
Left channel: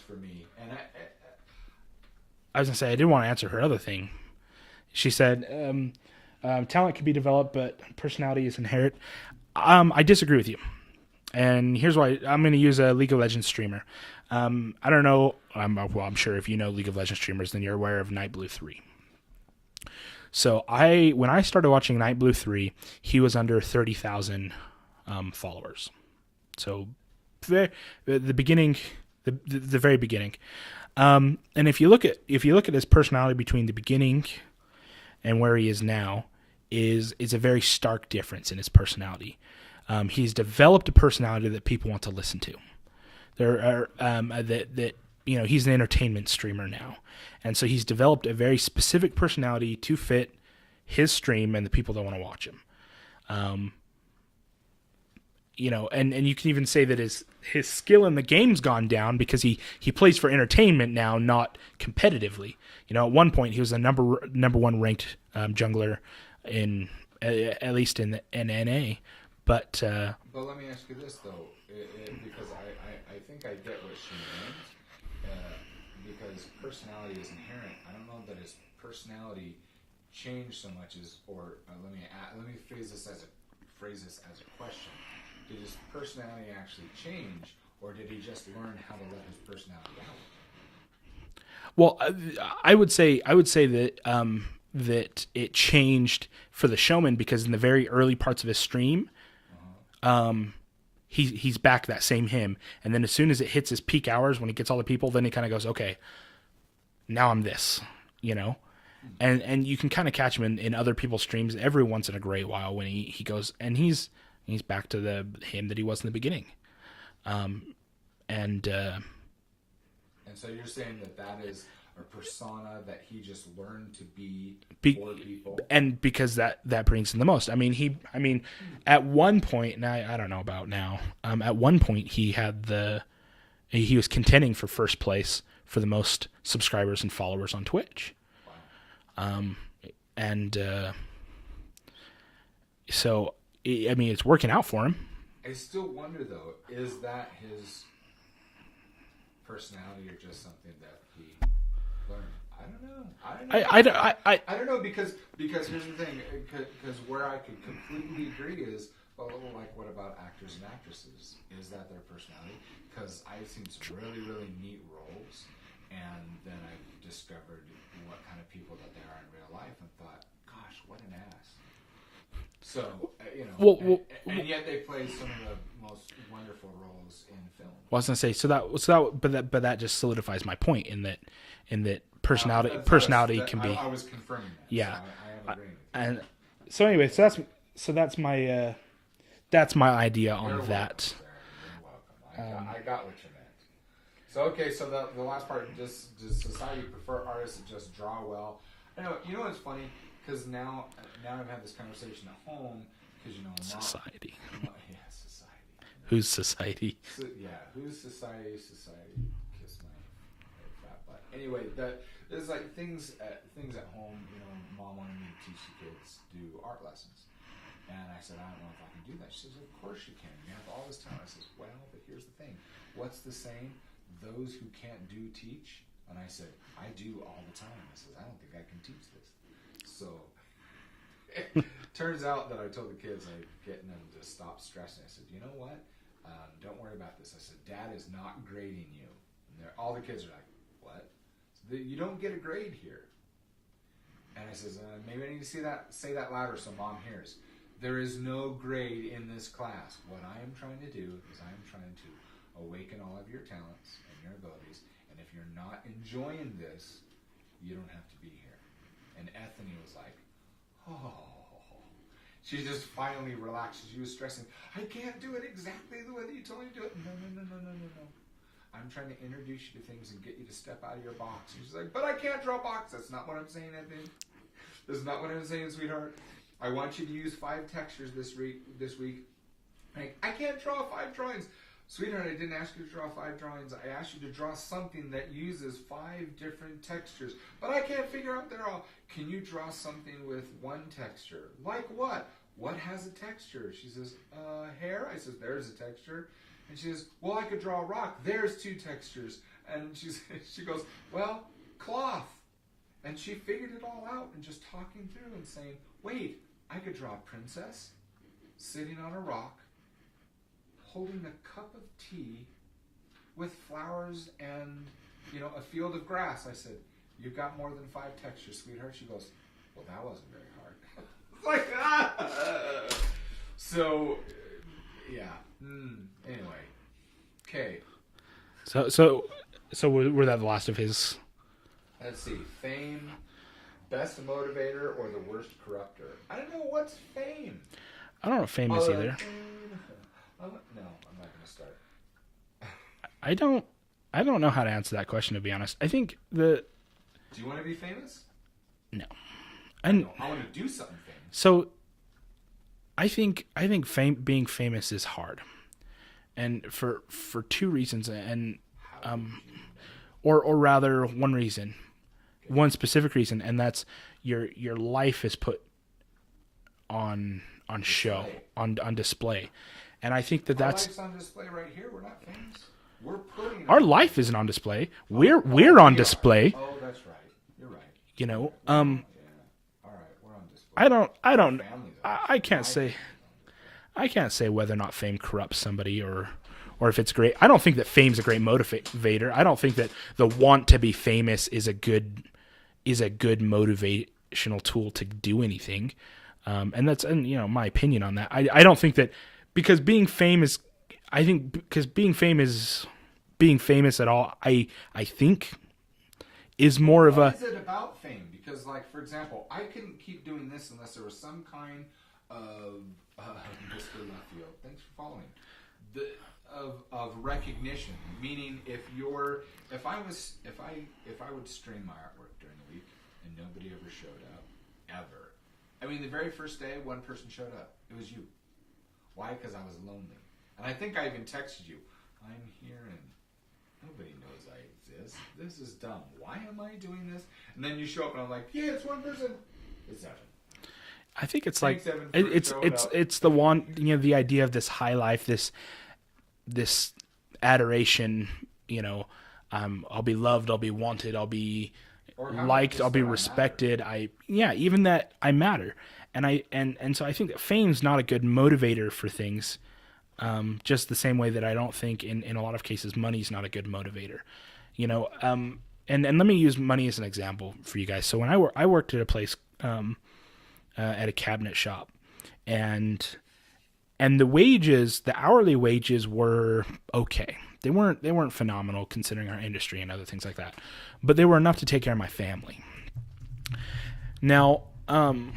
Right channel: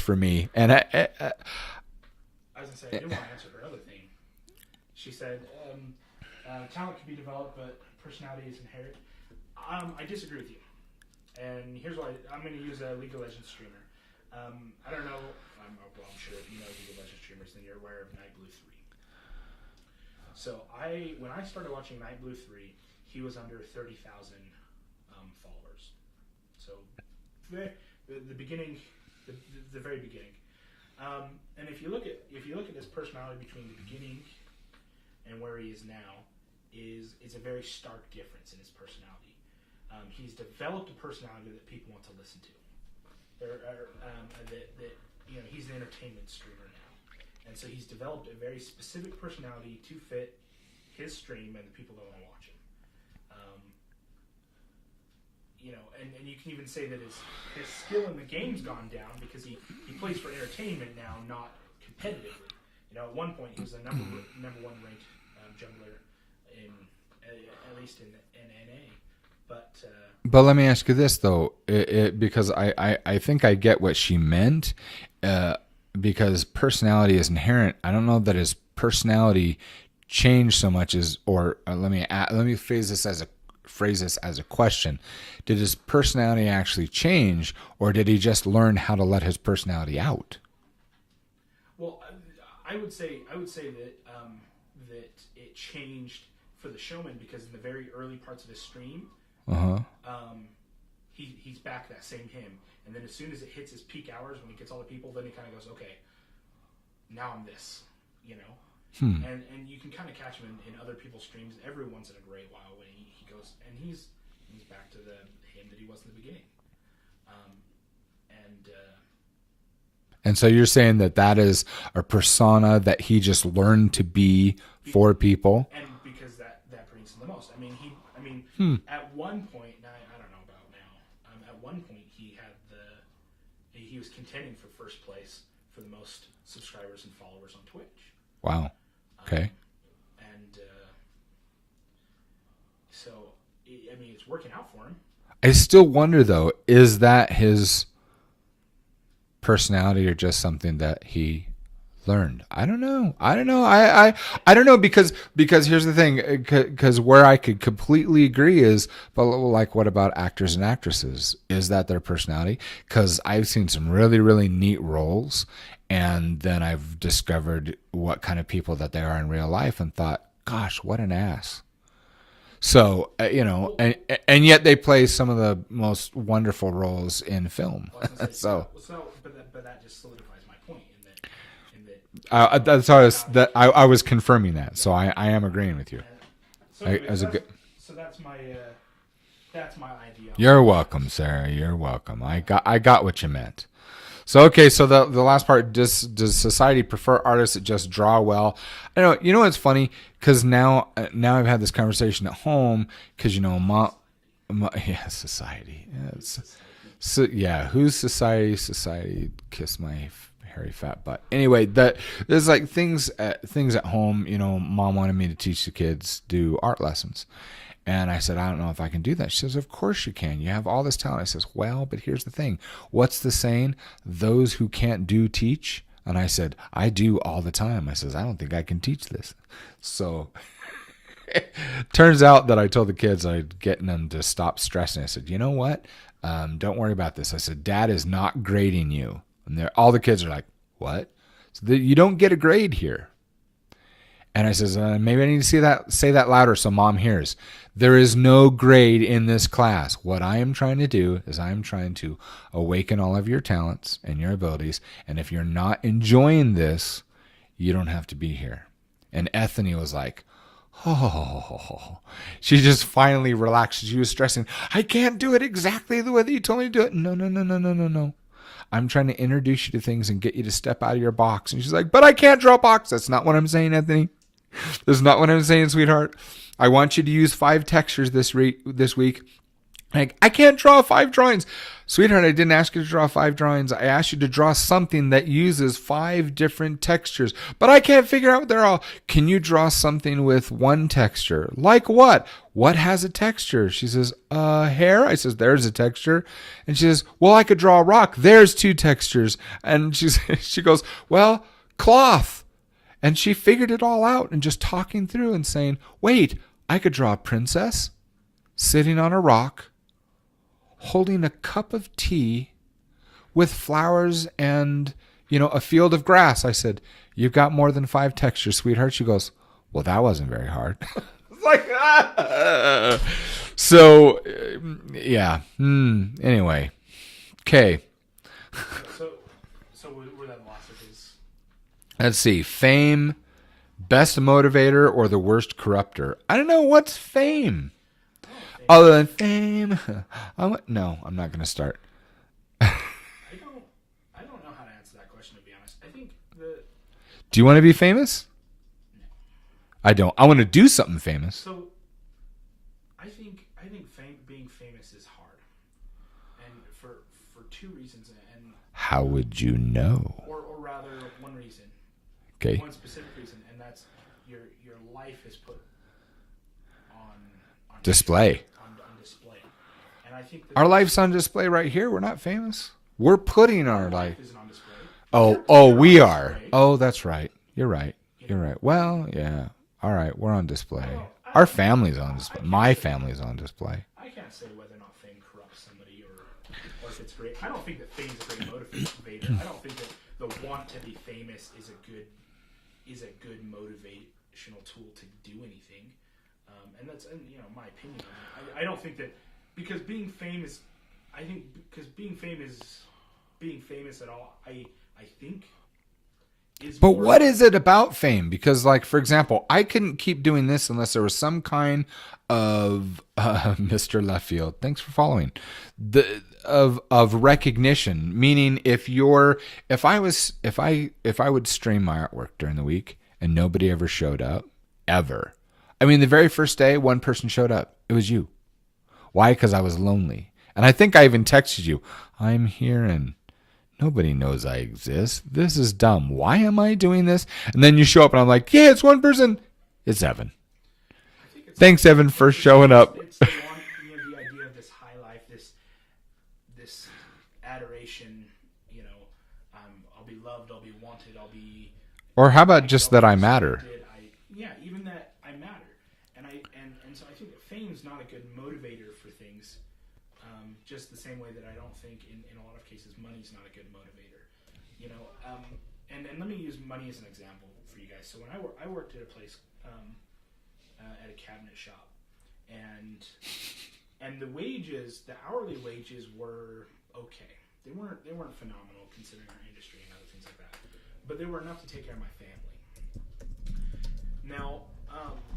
for me, and I was gonna say I did want to answer her other thing. She said talent can be developed, but personality is inherent. I disagree with you. And here's why. I'm going to use a League of Legends streamer. I don't know. I'm sure if you know League of Legends streamers, then you're aware of Nightblue 3. So when I started watching Nightblue 3, he was under 30,000 followers. So the beginning, the very beginning. And if you look at his personality between the beginning and where he is now, is a very stark difference in his personality. He's developed a personality that people want to listen to. There are he's an entertainment streamer now, and so he's developed a very specific personality to fit his stream and the people that want to watch him. And you can even say that his skill in the game's gone down because he plays for entertainment now, not competitively. At one point he was a number one ranked jungler in at least in NA. But let me ask you this though, because I think I get what she meant, because personality is inherent. I don't know that his personality changed so much as, or let me phrase this as a question. Did his personality actually change, or did he just learn how to let his personality out? Well, I would say that that it changed for the showman, because in the very early parts of his stream, he's back that same him, and then as soon as it hits his peak hours when he gets all the people, then he kind of goes, okay, now I'm this, and you can kind of catch him in other people's streams every once in a great while when he goes, and he's back to the him that he was in the beginning, and so you're saying that is a persona that he just learned to be for people, and because that brings him the most. At one point, and I don't know about now. At one point, he was contending for first place for the most subscribers and followers on Twitch. Wow. Okay. So it's working out for him. I still wonder though, is that his personality or just something that he learned? I don't know. I don't know, because here's the thing, because where I could completely agree is, but like, what about actors and actresses? Is that their personality? Because I've seen some really, really neat roles, and then I've discovered what kind of people that they are in real life and thought, gosh, what an ass. So, and yet they play some of the most wonderful roles in film. Well, I was going to say, but that just solidifies my point in that personality. I was confirming that, yeah. So I am agreeing with you. So anyway, that's my idea. You're welcome, Sarah. You're welcome. I got what you meant. So okay, so the last part, does society prefer artists that just draw well? I know. You know what's funny? Because now I've had this conversation at home. Because mom. Society. Society. Yeah. Who's society? So yeah, who's society? Society. Kiss my hairy fat butt. Anyway, there's like things at home. Mom wanted me to teach the kids, do art lessons, And I said, I don't know if I can do that. She says, of course you can. You have all this talent. I says, well, but here's the thing. What's the saying? Those who can't do, teach. And I said, I do all the time. I says, I don't think I can teach this. So turns out that I told the kids I'd getting them to stop stressing. I said, you know what? Don't worry about this. I said, Dad is not grading you. And all the kids are like, what? So you don't get a grade here. And I says, maybe I need to say that louder so Mom hears. There is no grade in this class. What I am trying to do is I am trying to awaken all of your talents and your abilities. And if you're not enjoying this, you don't have to be here. And Ethany was like, oh. She just finally relaxed. She was stressing. I can't do it exactly the way that you told me to do it. No. I'm trying to introduce you to things and get you to step out of your box. And she's like, but I can't draw a box. That's not what I'm saying, Ethany. That's not what I'm saying, sweetheart. I want you to use 5 textures this week. Like, I can't draw 5 drawings. Sweetheart, I didn't ask you to draw 5 drawings. I asked you to draw something that uses 5 different textures. But I can't figure out what they're all. Can you draw something with 1 texture? Like what? What has a texture? She says, hair? I says, there's a texture. And she says, well, I could draw a rock. There's 2 textures. And she goes, well, cloth. And she figured it all out and just talking through and saying, wait, I could draw a princess sitting on a rock, holding a cup of tea with flowers and, a field of grass. I said, you've got more than 5 textures, sweetheart. She goes, well, that wasn't very hard. It's like, So, yeah. Anyway. Okay. So were that the last of his? Let's see. Fame, best motivator, or the worst corrupter? I don't know. What's fame? I don't know what fame is. Other than fame. No, I'm not going to start. I don't know how to answer that question, to be honest. I think Do you want to be famous? No. I don't. I want to do something famous. So I think being famous is hard. And for 2 reasons. And how would you know? Or rather, one reason. Okay. One specific reason, and that's your life is put on display. Show, on display. And I think that our life's on display right here. We're not famous. We're putting our life isn't on display. We on display. Oh, that's right. You're right. You're right. Well, yeah. All right, we're on display. Our family's on display. My family's on display. I can't say whether or not fame corrupts somebody or if it's great. I don't think that fame's a great motivator. I don't think that the want to be famous is a good motivational tool to do anything. And that's my opinion on that. I don't think that because being famous at all, I think is but more. What is it about fame? Because, like, for example, I couldn't keep doing this unless there was some kind of Mr. Left Field. Thanks for following. Of recognition, meaning if I would stream my artwork during the week and nobody ever showed up, ever. I mean, the very first day, one person showed up. It was you. Why? Because I was lonely. And I think I even texted you, I'm here and nobody knows I exist. This is dumb. Why am I doing this? And then you show up and I'm like, yeah, it's one person. It's Evan. I think it's thanks, Evan, for showing up. It's the one, the idea of this high life, this adoration, I'll be loved, I'll be wanted, I'll be. Or how about just that I matter? Even that I matter. And so I think that fame's not a good motivator for things. Just the same way that I don't think in a lot of cases money's not a good motivator, and let me use money as an example for you guys. So when I worked at a place at a cabinet shop, and the hourly wages were okay. They weren't phenomenal considering our industry and other things like that, but they were enough to take care of my family. Now, on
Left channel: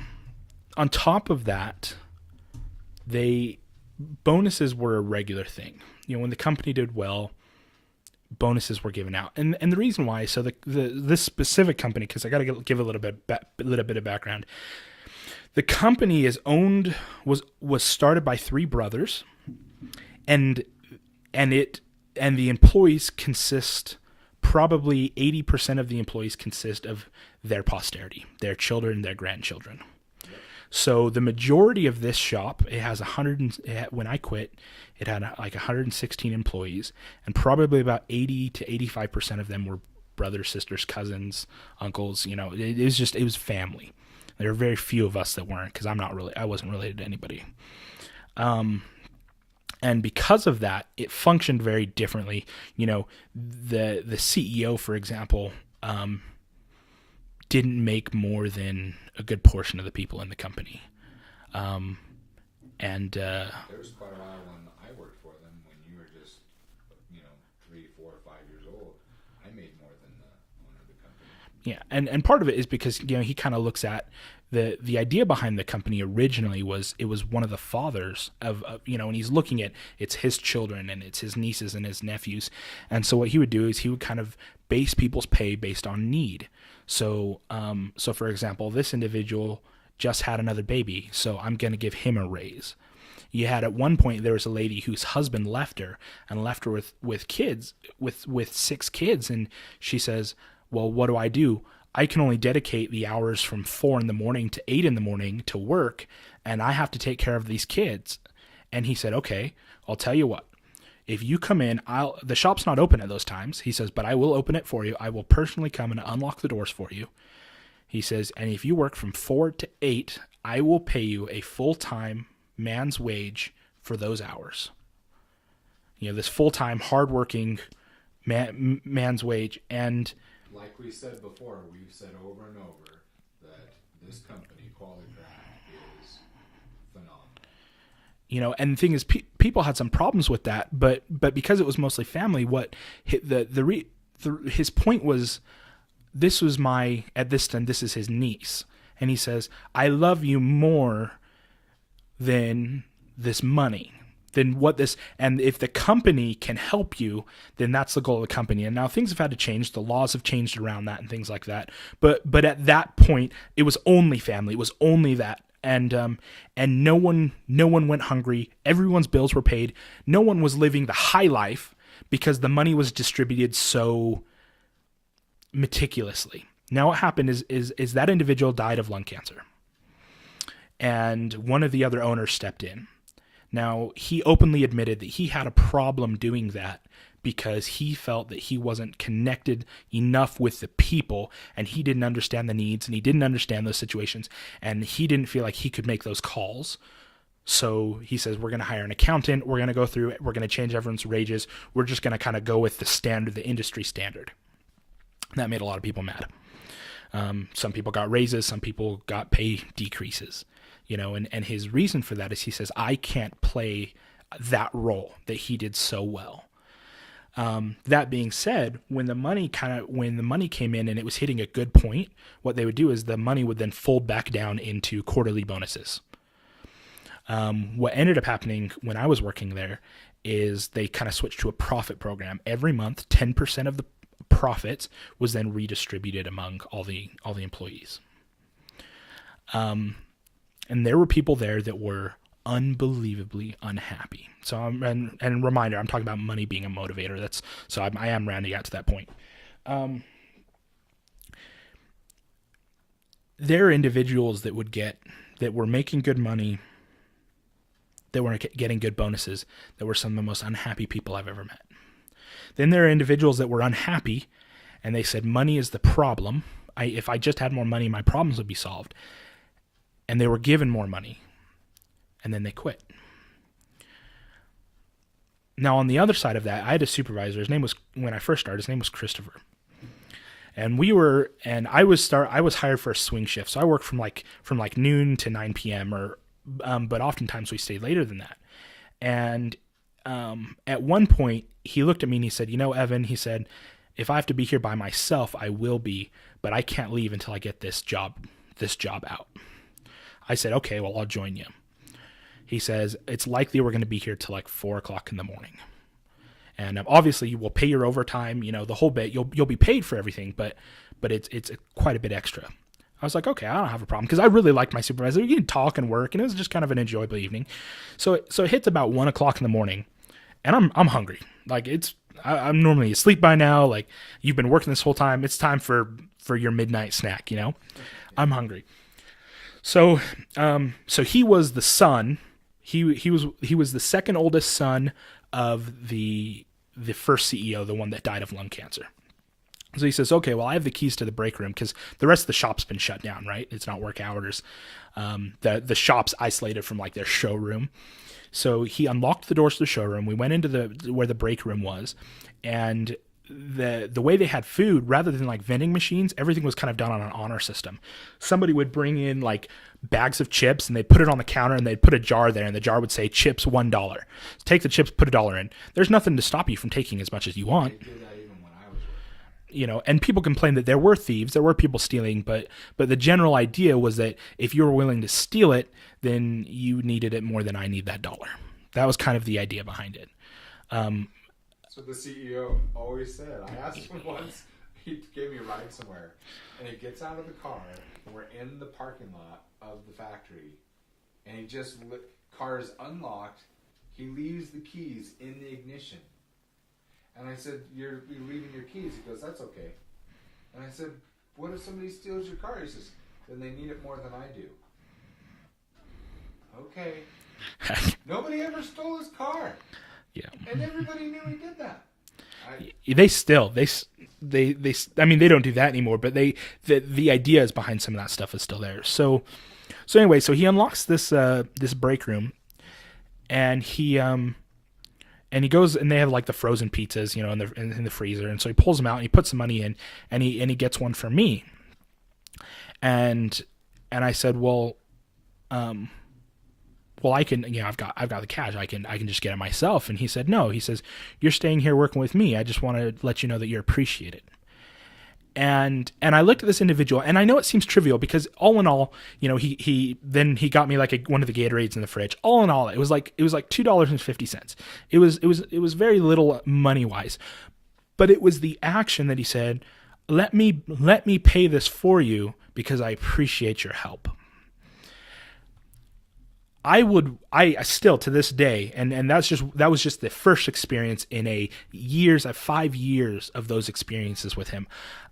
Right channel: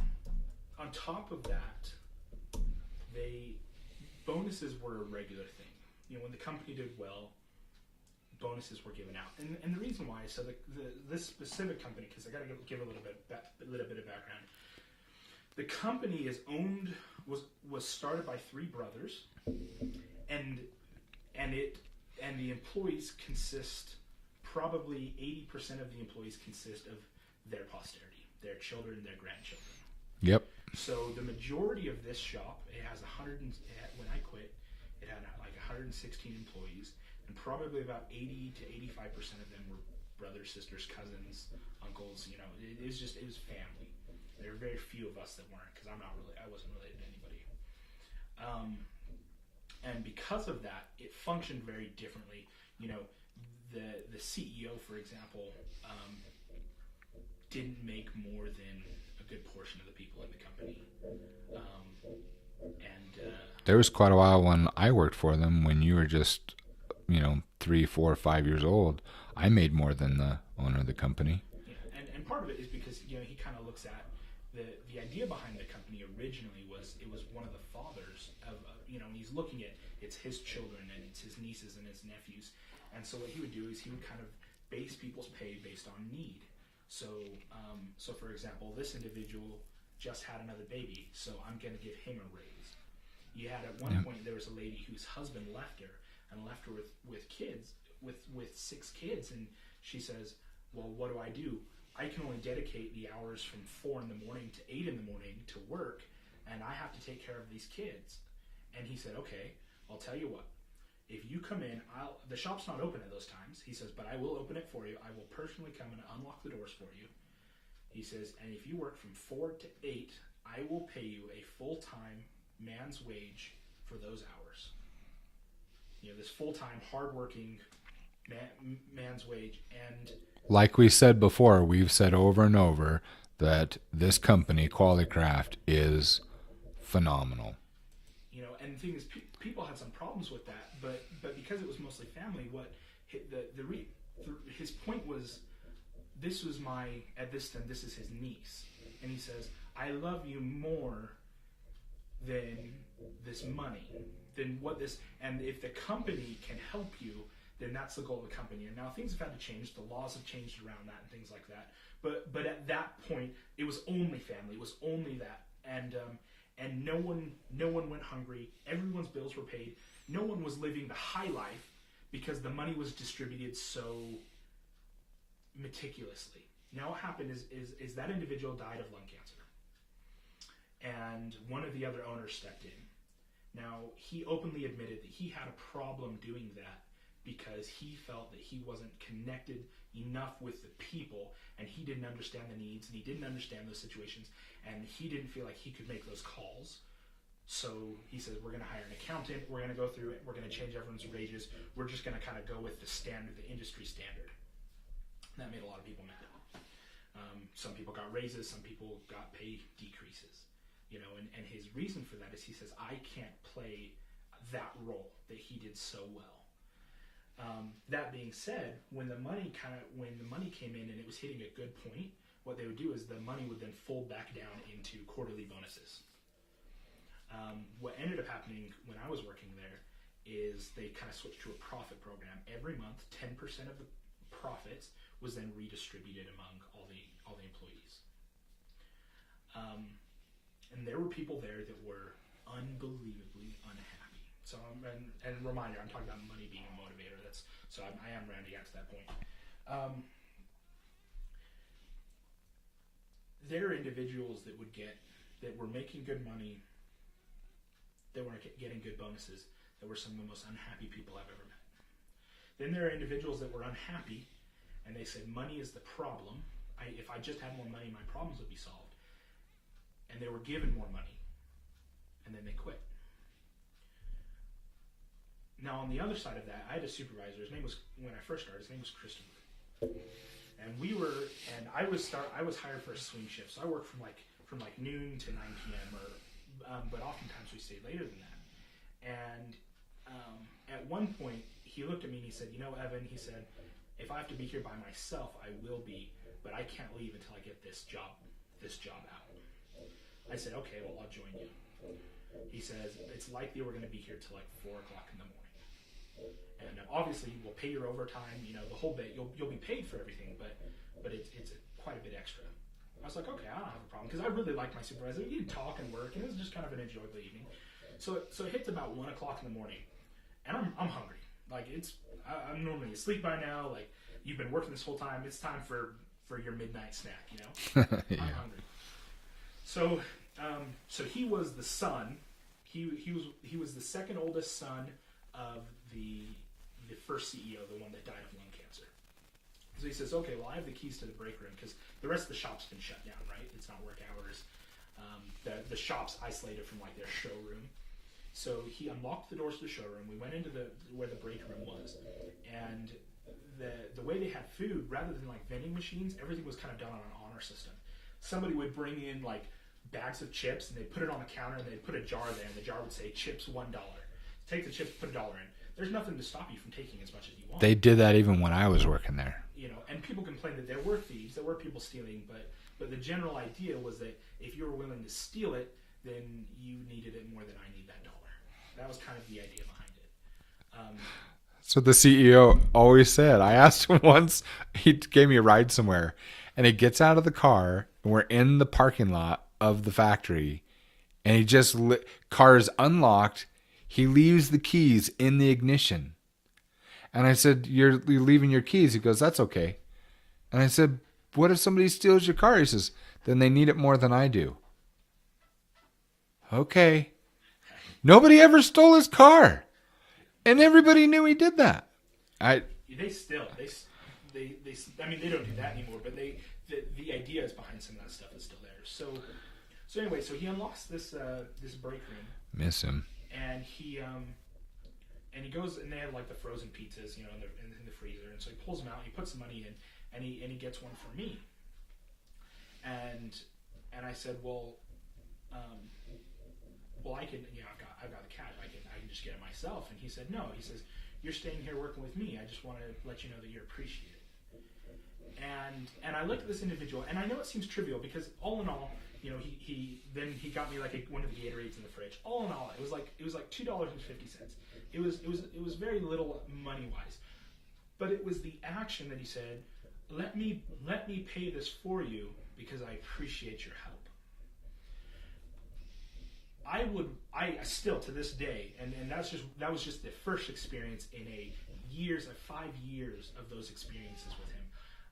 top of that, bonuses were a regular thing. When the company did well, bonuses were given out, and the reason why. So this specific company, because I got to give a little bit of background. The company was started by 3 brothers, and the employees consist, probably 80% of the employees consist of their posterity, their children, their grandchildren. Yep. So the majority of this shop, it has when I quit, it had like 116 employees, and probably about 80 to 85% of them were brothers, sisters, cousins, uncles. You know, it was family. There were very few of us that weren't, because I wasn't related to anybody. And because of that, it functioned very differently. You know, the CEO, for example, didn't make more than a good portion of the people in the company. There was quite a while when I worked for them, when you were just, 3, 4, 5 years old. I made more than the owner of the company. Yeah, and part of it is because he kind of looks at the idea behind the company originally was it was one of the fathers of and he's looking at it's his children and it's his nieces and his nephews, and so what he would do is he would kind of base people's pay based on need. So for example, this individual just had another baby, so I'm going to give him a raise. You had at one point, there was a lady whose husband left her with kids, with 6 kids. And she says, well, what do? I can only dedicate the hours from 4 a.m. to 8 a.m. to work, and I have to take care of these kids. And he said, okay, I'll tell you what. If you come in, the shop's not open at those times. He says, but I will open it for you. I will personally come and unlock the doors for you. He says, and if you work from 4 to 8, I will pay you a full-time man's wage for those hours. This full-time, hardworking man's wage. And like we said before, we've said over and over that this company, Quality Craft, is phenomenal. And the thing is, people had some problems with that, but because it was mostly family, what his point was, this was at this time, this is his niece. And he says, I love you more than this money, than what this, and if the company can help you, then that's the goal of the company. And now things have had to change. The laws have changed around that and things like that. But at that point, it was only family. It was only that. And no one went hungry. Everyone's bills were paid. No one was living the high life because the money was distributed so meticulously. Now what happened is that individual died of lung cancer. And one of the other owners stepped in. Now, he openly admitted that he had a problem doing that because he felt that he wasn't connected enough with the people, and he didn't understand the needs, and he didn't understand those situations, and he didn't feel like he could make those calls. So he says, we're going to hire an accountant, we're going to go through it, we're going to change everyone's wages, we're just going to kind of go with the industry standard. That made a lot of people mad. Some people got raises, some people got pay decreases. And his reason for that is he says, I can't play that role that he did so well. That being said, when the money came in and it was hitting a good point, what they would do is the money would then fold back down into quarterly bonuses. What ended up happening when I was working there is they kind of switched to a profit program. Every month, 10% of the profits was then redistributed among all the employees. And there were people there that were unbelievably unhappy. So and reminder, I'm talking about money being a motivator. I am rounding out to that point. There are individuals that were making good money, that were getting good bonuses, that were some of the most unhappy people I've ever met. Then there are individuals that were unhappy, and they said, money is the problem. If I just had more money, my problems would be solved. And they were given more money, and then they quit. Now, on the other side of that, I had a supervisor. When I first started, his name was Christopher. And I was hired for a swing shift. So I worked from noon to 9 p.m. But oftentimes we stayed later than that. And at one point, he looked at me and he said, Evan, he said, if I have to be here by myself, I will be, but I can't leave until I get this job out. I said, okay, well, I'll join you. He says, it's likely we're going to be here till 4 o'clock in the morning. And obviously we'll pay your overtime, the whole bit. You'll be paid for everything, but it's quite a bit extra. I was like, okay, I don't have a problem, because I really liked my supervisor. We could talk and work, and it was just kind of an enjoyable evening. So it hits about 1 o'clock in the morning, and I'm hungry. I'm normally asleep by now. You've been working this whole time. It's time for your midnight snack, Yeah. I'm hungry. So he was the son. He was the second oldest son of the first CEO, the one that died of lung cancer. So he says, okay, well, I have the keys to the break room because the rest of the shop's been shut down, right? It's not work hours. The shop's isolated from like their showroom. So he unlocked the doors to the showroom. We went into where the break room was, and the way they had food, rather than like vending machines, everything was kind of done on an honor system. Somebody would bring in like bags of chips and they'd put it on the counter and they'd put a jar there and the jar would say chips $1. Take the chips, put $1 in. There's nothing to stop you from taking as much as you want. They did that even when I was working there. You know, and people complained that there were thieves, there were people stealing, but the general idea was that if you were willing to steal it, then you needed it more than I need that $1. That was kind of the idea behind it. So the CEO always said, I asked him once, he gave me a ride somewhere, and he gets out of the car, and we're in the parking lot of the factory, and he just, car's unlocked, he leaves the keys in the ignition. And I said, you're leaving your keys? He goes, that's okay. And I said, what if somebody steals your car? He says, then they need it more than I do. Okay. Nobody ever stole his car. Yeah. And everybody knew he did that. I mean, they don't do that anymore, but the ideas behind some of that stuff is still there. So anyway, so he unlocks this break room. Miss him. And he goes, and they have like the frozen pizzas, you know, in the freezer. And so he pulls them out and he puts the money in, and he gets one for me. And I said, well, I can, you know, I've got the cash. I can just get it myself. And he said, no. He says, you're staying here working with me. I just want to let you know that you're appreciated. And I looked at this individual, and I know it seems trivial because all in all, you know, he got me like one of the Gatorades in the fridge. All in all, it was like $2.50. It was very little money wise, but it was the action that he said, let me pay this for you because I appreciate your help. I still to this day, and that was just the first experience in 5 years of those experiences with him.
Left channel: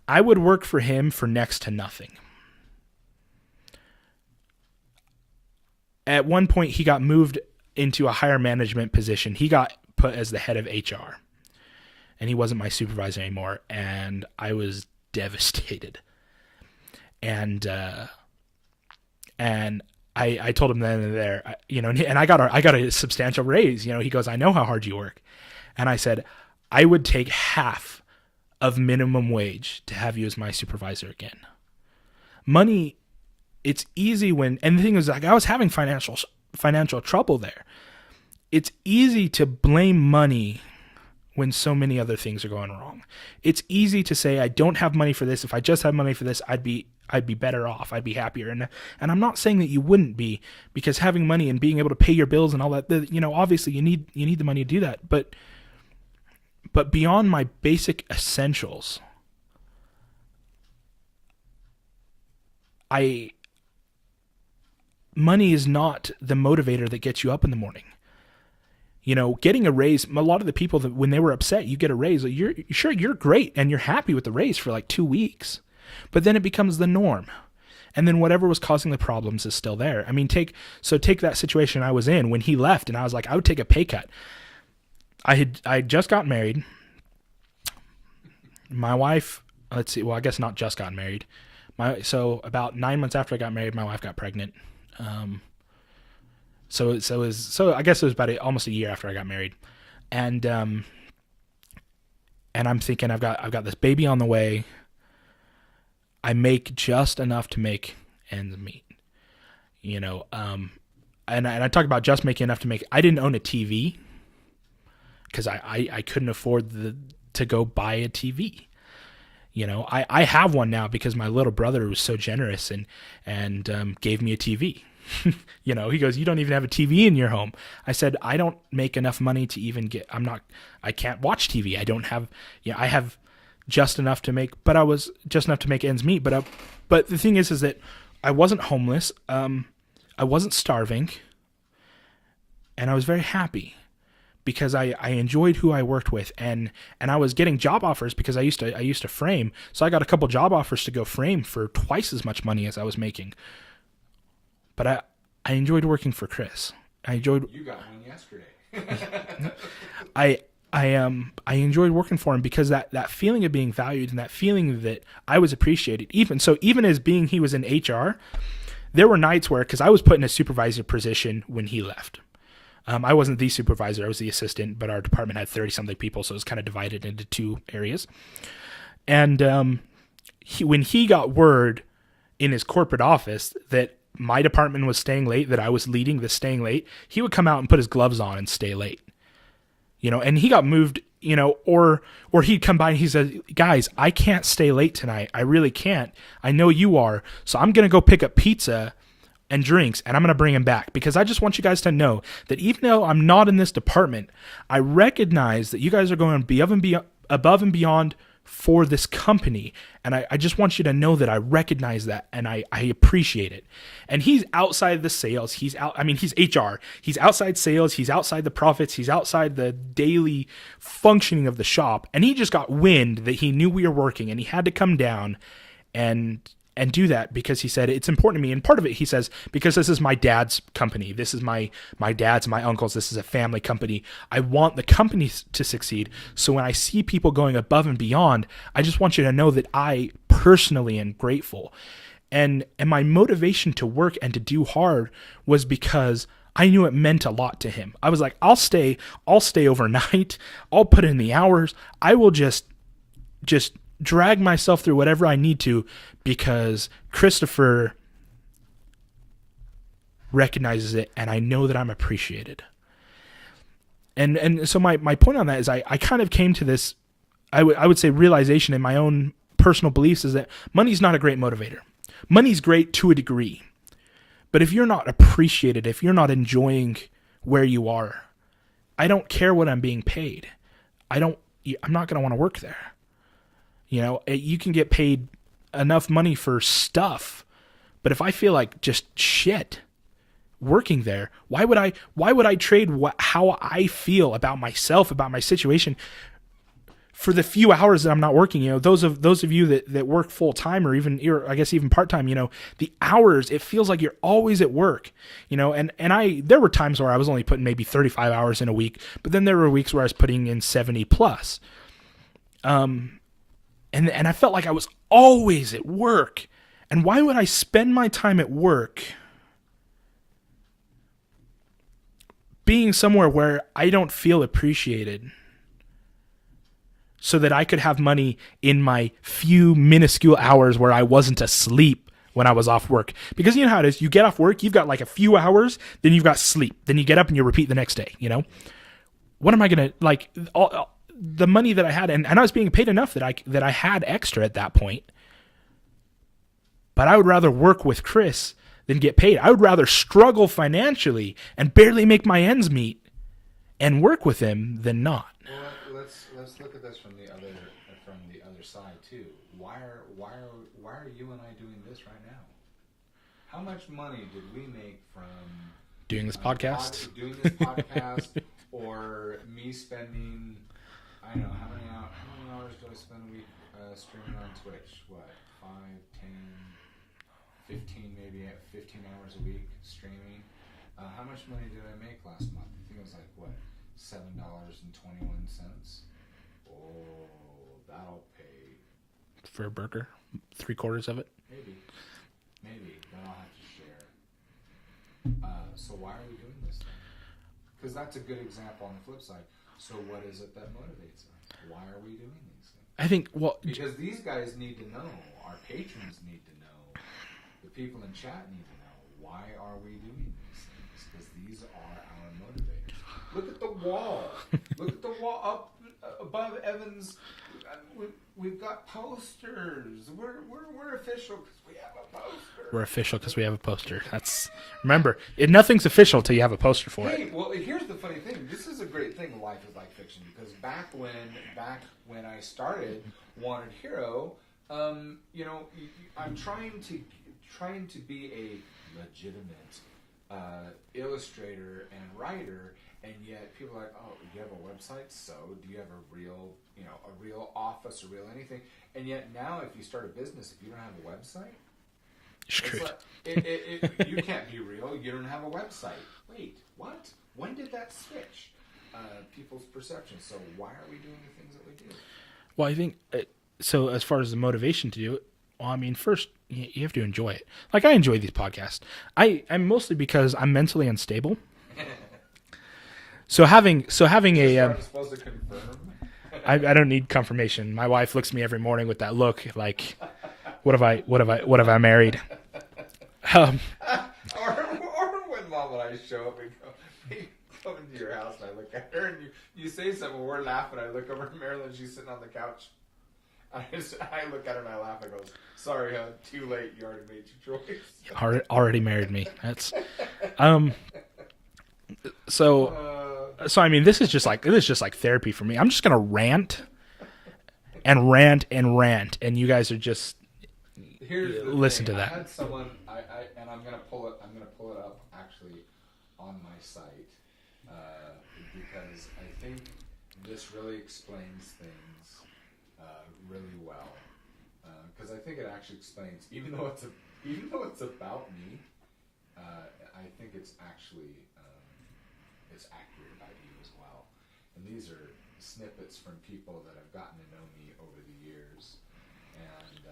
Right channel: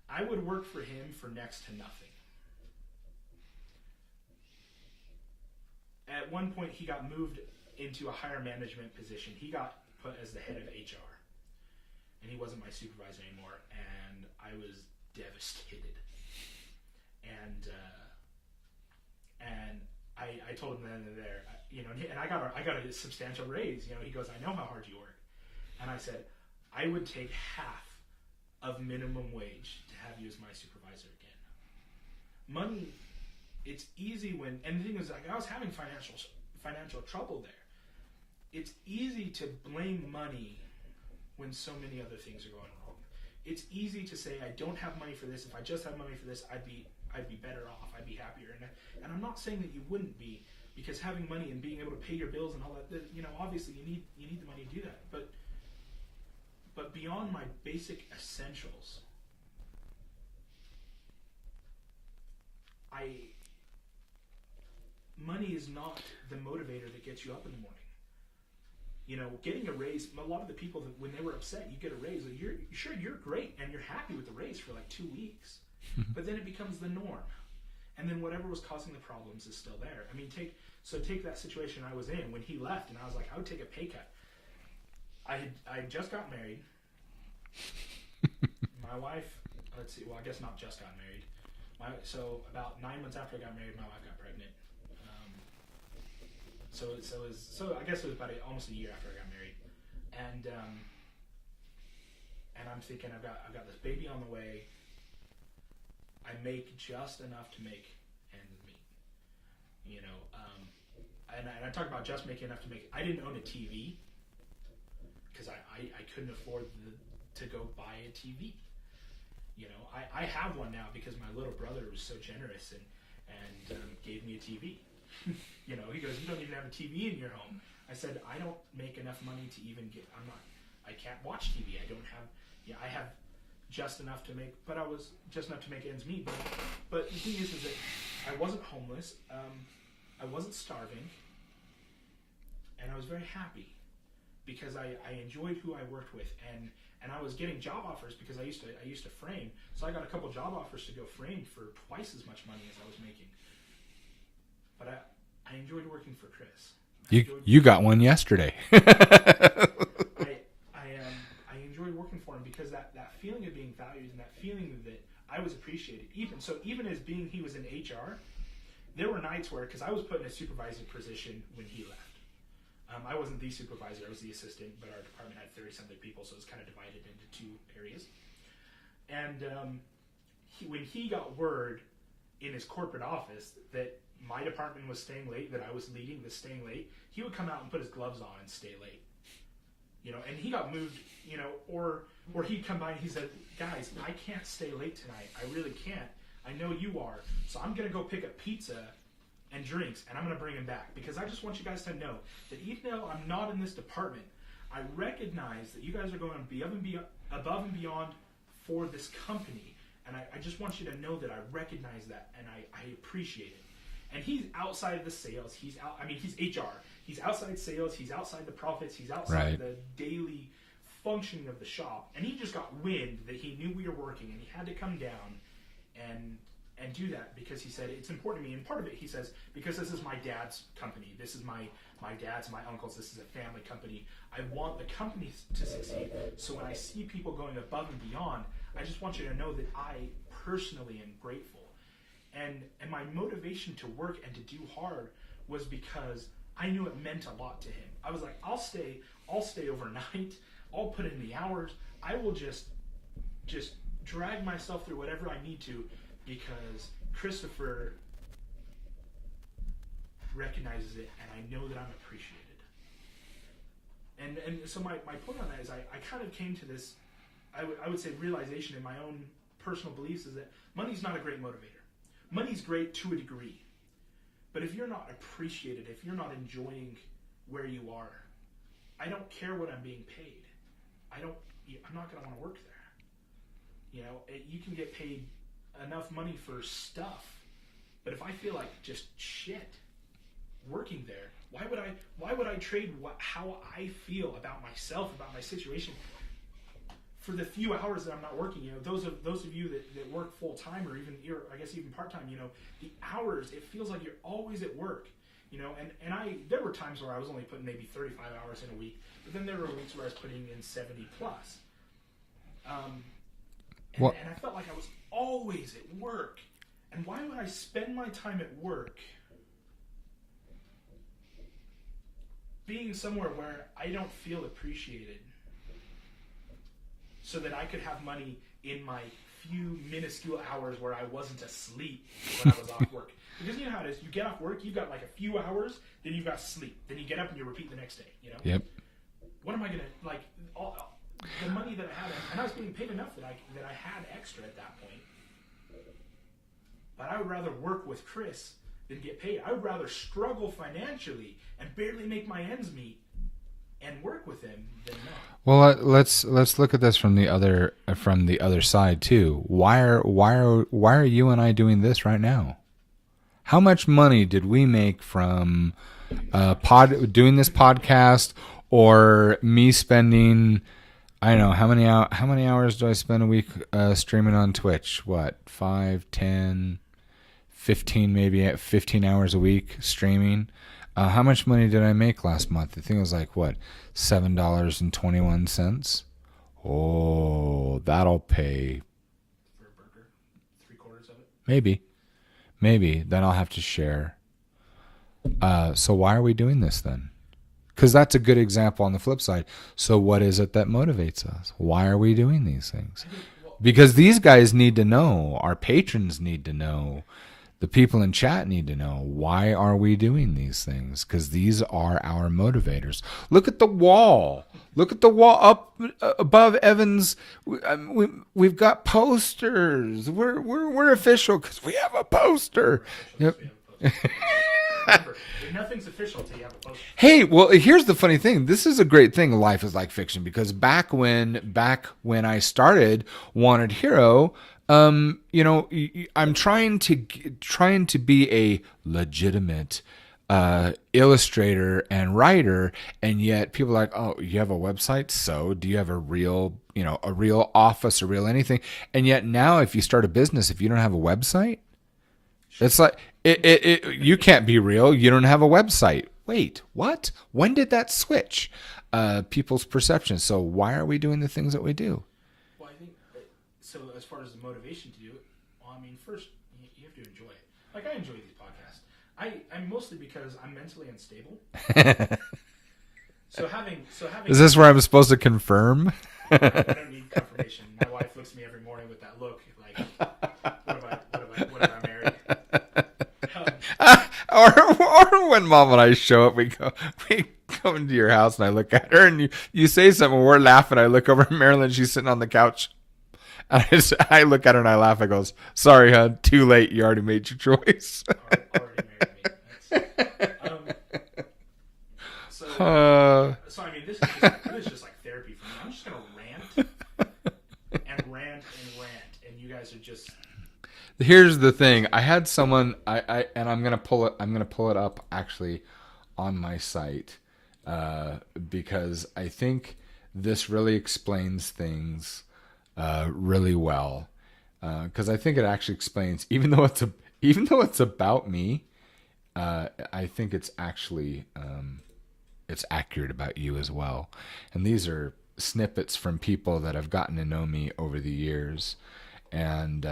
I would work for him for next to nothing. At one point, he got moved into a higher management position. He got put as the head of HR, and he wasn't my supervisor anymore, and I was devastated. And I told him then and there, you know, and I got a substantial raise. You know, he goes, I know how hard you work. And I said, I would take half of minimum wage to have you as my supervisor again. Money, it's easy and the thing is, like, I was having financial trouble there. It's easy to blame money when so many other things are going wrong. It's easy to say, I don't have money for this. If I just had money for this, I'd be better off. I'd be happier. And I'm not saying that you wouldn't be, because having money and being able to pay your bills and all that, you know, obviously you need the money to do that. But beyond my basic essentials, money is not the motivator that gets you up in the morning. You know, getting a raise, a lot of the people that when they were upset, you get a raise, you're great and you're happy with the raise for like 2 weeks. But then it becomes the norm. And then whatever was causing the problems is still there. I mean, take that situation I was in when he left, and I was like, I would take a pay cut. I had just got married. My wife, let's see, well, I guess not just got married. So about 9 months after I got married, my wife got pregnant. So I guess it was about almost a year after I got married. And I'm thinking, I've got this baby on the way. I make just enough to make ends meet, you know. And I talk about just making enough to make. I didn't own a TV because I couldn't afford to go buy a TV. You know, I have one now because my little brother was so generous and gave me a TV. You know, he goes, you don't even have a TV in your home. I said, I don't make enough money to even I can't watch TV. I don't have, I have just enough to make, but I was just enough to make ends meet. But the thing is that I wasn't homeless. I wasn't starving, and I was very happy because I enjoyed who I worked with, and I was getting job offers because I used to frame. So I got a couple job offers to go frame for twice as much money as I was making. but I enjoyed working for Chris. You got one yesterday. I enjoyed working for him because that feeling of being valued and that feeling that I was appreciated. Even as being he was in HR, there were nights where, because I was put in a supervisor position when he left. I wasn't the supervisor, I was the assistant, but our department had 30-something people, so it was kind of divided into two areas. And when he got word in his corporate office that my department was staying late, that I was leading the staying late, he would come out and put his gloves on and stay late. And he got moved, or he'd come by and he said, guys, I can't stay late tonight. I really can't. I know you are. So I'm going to go pick up pizza and drinks, and I'm going to bring him back, because I just want you guys to know that even though I'm not in this department, I recognize that you guys are going above and beyond for this company. And I just want you to know that I recognize that, and I appreciate it. And he's outside the sales. He's HR. He's outside sales. He's outside the profits. He's outside the daily functioning of the shop. And he just got wind that he knew we were working, and he had to come down and do that, because he said, it's important to me. And part of it, he says, because this is my dad's company. This is my dad's, my uncle's. This is a family company. I want the company to succeed. So when I see people going above and beyond, I just want you to know that I personally am grateful. And my motivation to work and to do hard was because I knew it meant a lot to him. I was like, I'll stay overnight. I'll put in the hours. I will just drag myself through whatever I need to, because Christopher recognizes it, and I know that I'm appreciated. And so my point on that is I kind of came to this, I would say, realization in my own personal beliefs, is that money's not a great motivator. Money's great to a degree. But if you're not appreciated, if you're not enjoying where you are, I don't care what I'm being paid. I'm not going to want to work there. You can get paid enough money for stuff, but if I feel like just shit working there, why would I trade how I feel about myself, about my situation, for the few hours that I'm not working? Those of you that work full time, or I guess even part time, the hours, it feels like you're always at work, and there were times where I was only putting maybe 35 hours in a week, but then there were weeks where I was putting in 70 plus. And I felt like I was always at work. And why would I spend my time at work being somewhere where I don't feel appreciated, so that I could have money in my few minuscule hours where I wasn't asleep when I was off work? Because you know how it is. You get off work, you've got like a few hours, then you've got sleep. Then you get up and you repeat the next day, Yep. What am I going to, the money that I had, and I was being paid enough that I had extra at that point. But I would rather work with Chris than get paid. I would rather struggle financially and barely make my ends meet and work with him than not. Well, let's look at this from the other side too. Why are you and I doing this right now? How much money did we make from doing this podcast, or me spending, I don't know, how many hours do I spend a week streaming on Twitch? What, 5, 10, 15, maybe 15 hours a week streaming? How much money did I make last month? I think it was like, what, $7.21? Oh, that'll pay. For a burger? 3/4 of it? Maybe. Then I'll have to share. So why are we doing this then? Because that's a good example on the flip side. So what is it that motivates us? Why are we doing these things? I think, because these guys need to know. Our patrons need to know. The people in chat need to know. Why are we doing these things? Because these are our motivators. Look at the wall. Look at the wall up above Evan's. We've got posters. We're official because we have a poster. We're official because we have a poster. Remember, nothing's official till you have a poster for it. Hey, well, here's the funny thing. This is a great thing, Life is Like Fiction, because back when I started Wanted Hero, I'm trying to be a legitimate illustrator and writer, and yet people are like, oh, you have a website? So do you have a real office, a real anything? And yet now, if you start a business, if you don't have a website, sure. You can't be real. You don't have a website. Wait, what? When did that switch? People's perceptions. So why are we doing the things that we do? Well, I think so. As far as the motivation to do it, well, I mean, first you have to enjoy it. Like I enjoy these podcasts. I'm mostly because I'm mentally unstable. So having is this where I'm supposed to confirm? I don't need confirmation. My wife looks at me every morning with that look, like, what have I married? Or when Mom and I show up, we go into your house and I look at her and you say something, we're laughing. I look over at Marilyn, she's sitting on the couch. And I look at her and I laugh. I goes, "Sorry, hon, too late. You already made your choice." Already married me. That's So I mean, this is just like therapy for me. I'm just gonna rant and rant and rant, and you guys are just. Here's the thing. I had someone. And I'm gonna pull it. I'm gonna pull it up actually on my site because I think this really explains things really well. Because I think it actually explains, even though it's about me, I think it's actually. It's accurate about you as well. And these are snippets from people that have gotten to know me over the years. And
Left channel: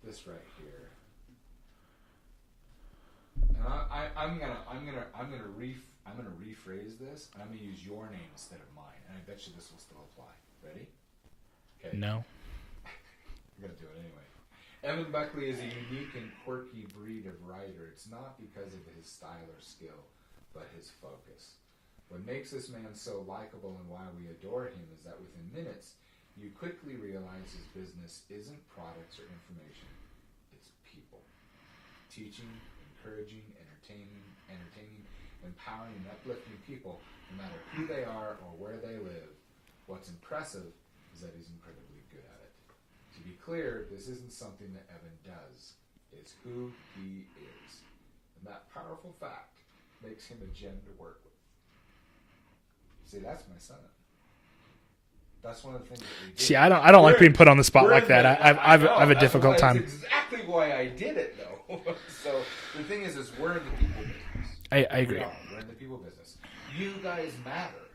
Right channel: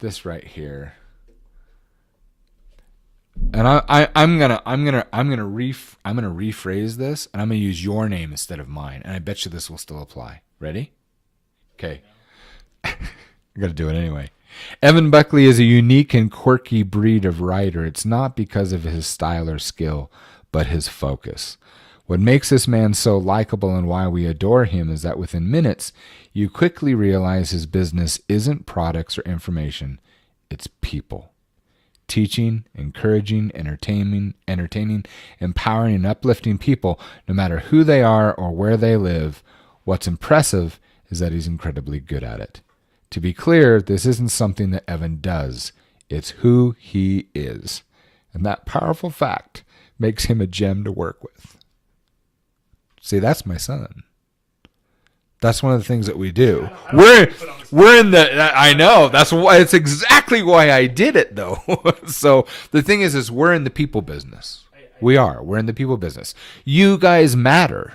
this right here. And I'm gonna rephrase this, and I'm gonna use your name instead of mine. And I bet you this will still apply. Ready? Okay. No. I gotta do it anyway. Evan Buckley is a unique and quirky breed of writer. It's not because of his style or skill, but his focus. What makes this man so likable and why we adore him is that within minutes, you quickly realize his business isn't products or information, it's people. Teaching, encouraging, entertaining, empowering, and uplifting people, no matter who they are or where they live. What's impressive is that he's incredibly good at it. To be clear, this isn't something that Evan does. It's who he is. And that powerful fact makes him a gem to work with. See, that's my son. That's one of the things that we do. See, I don't want to be put on the spot. We're in the. I know. That's why. It's exactly why I did it, though. So the thing is we're in the people business. We are. We're in the people business. You guys matter.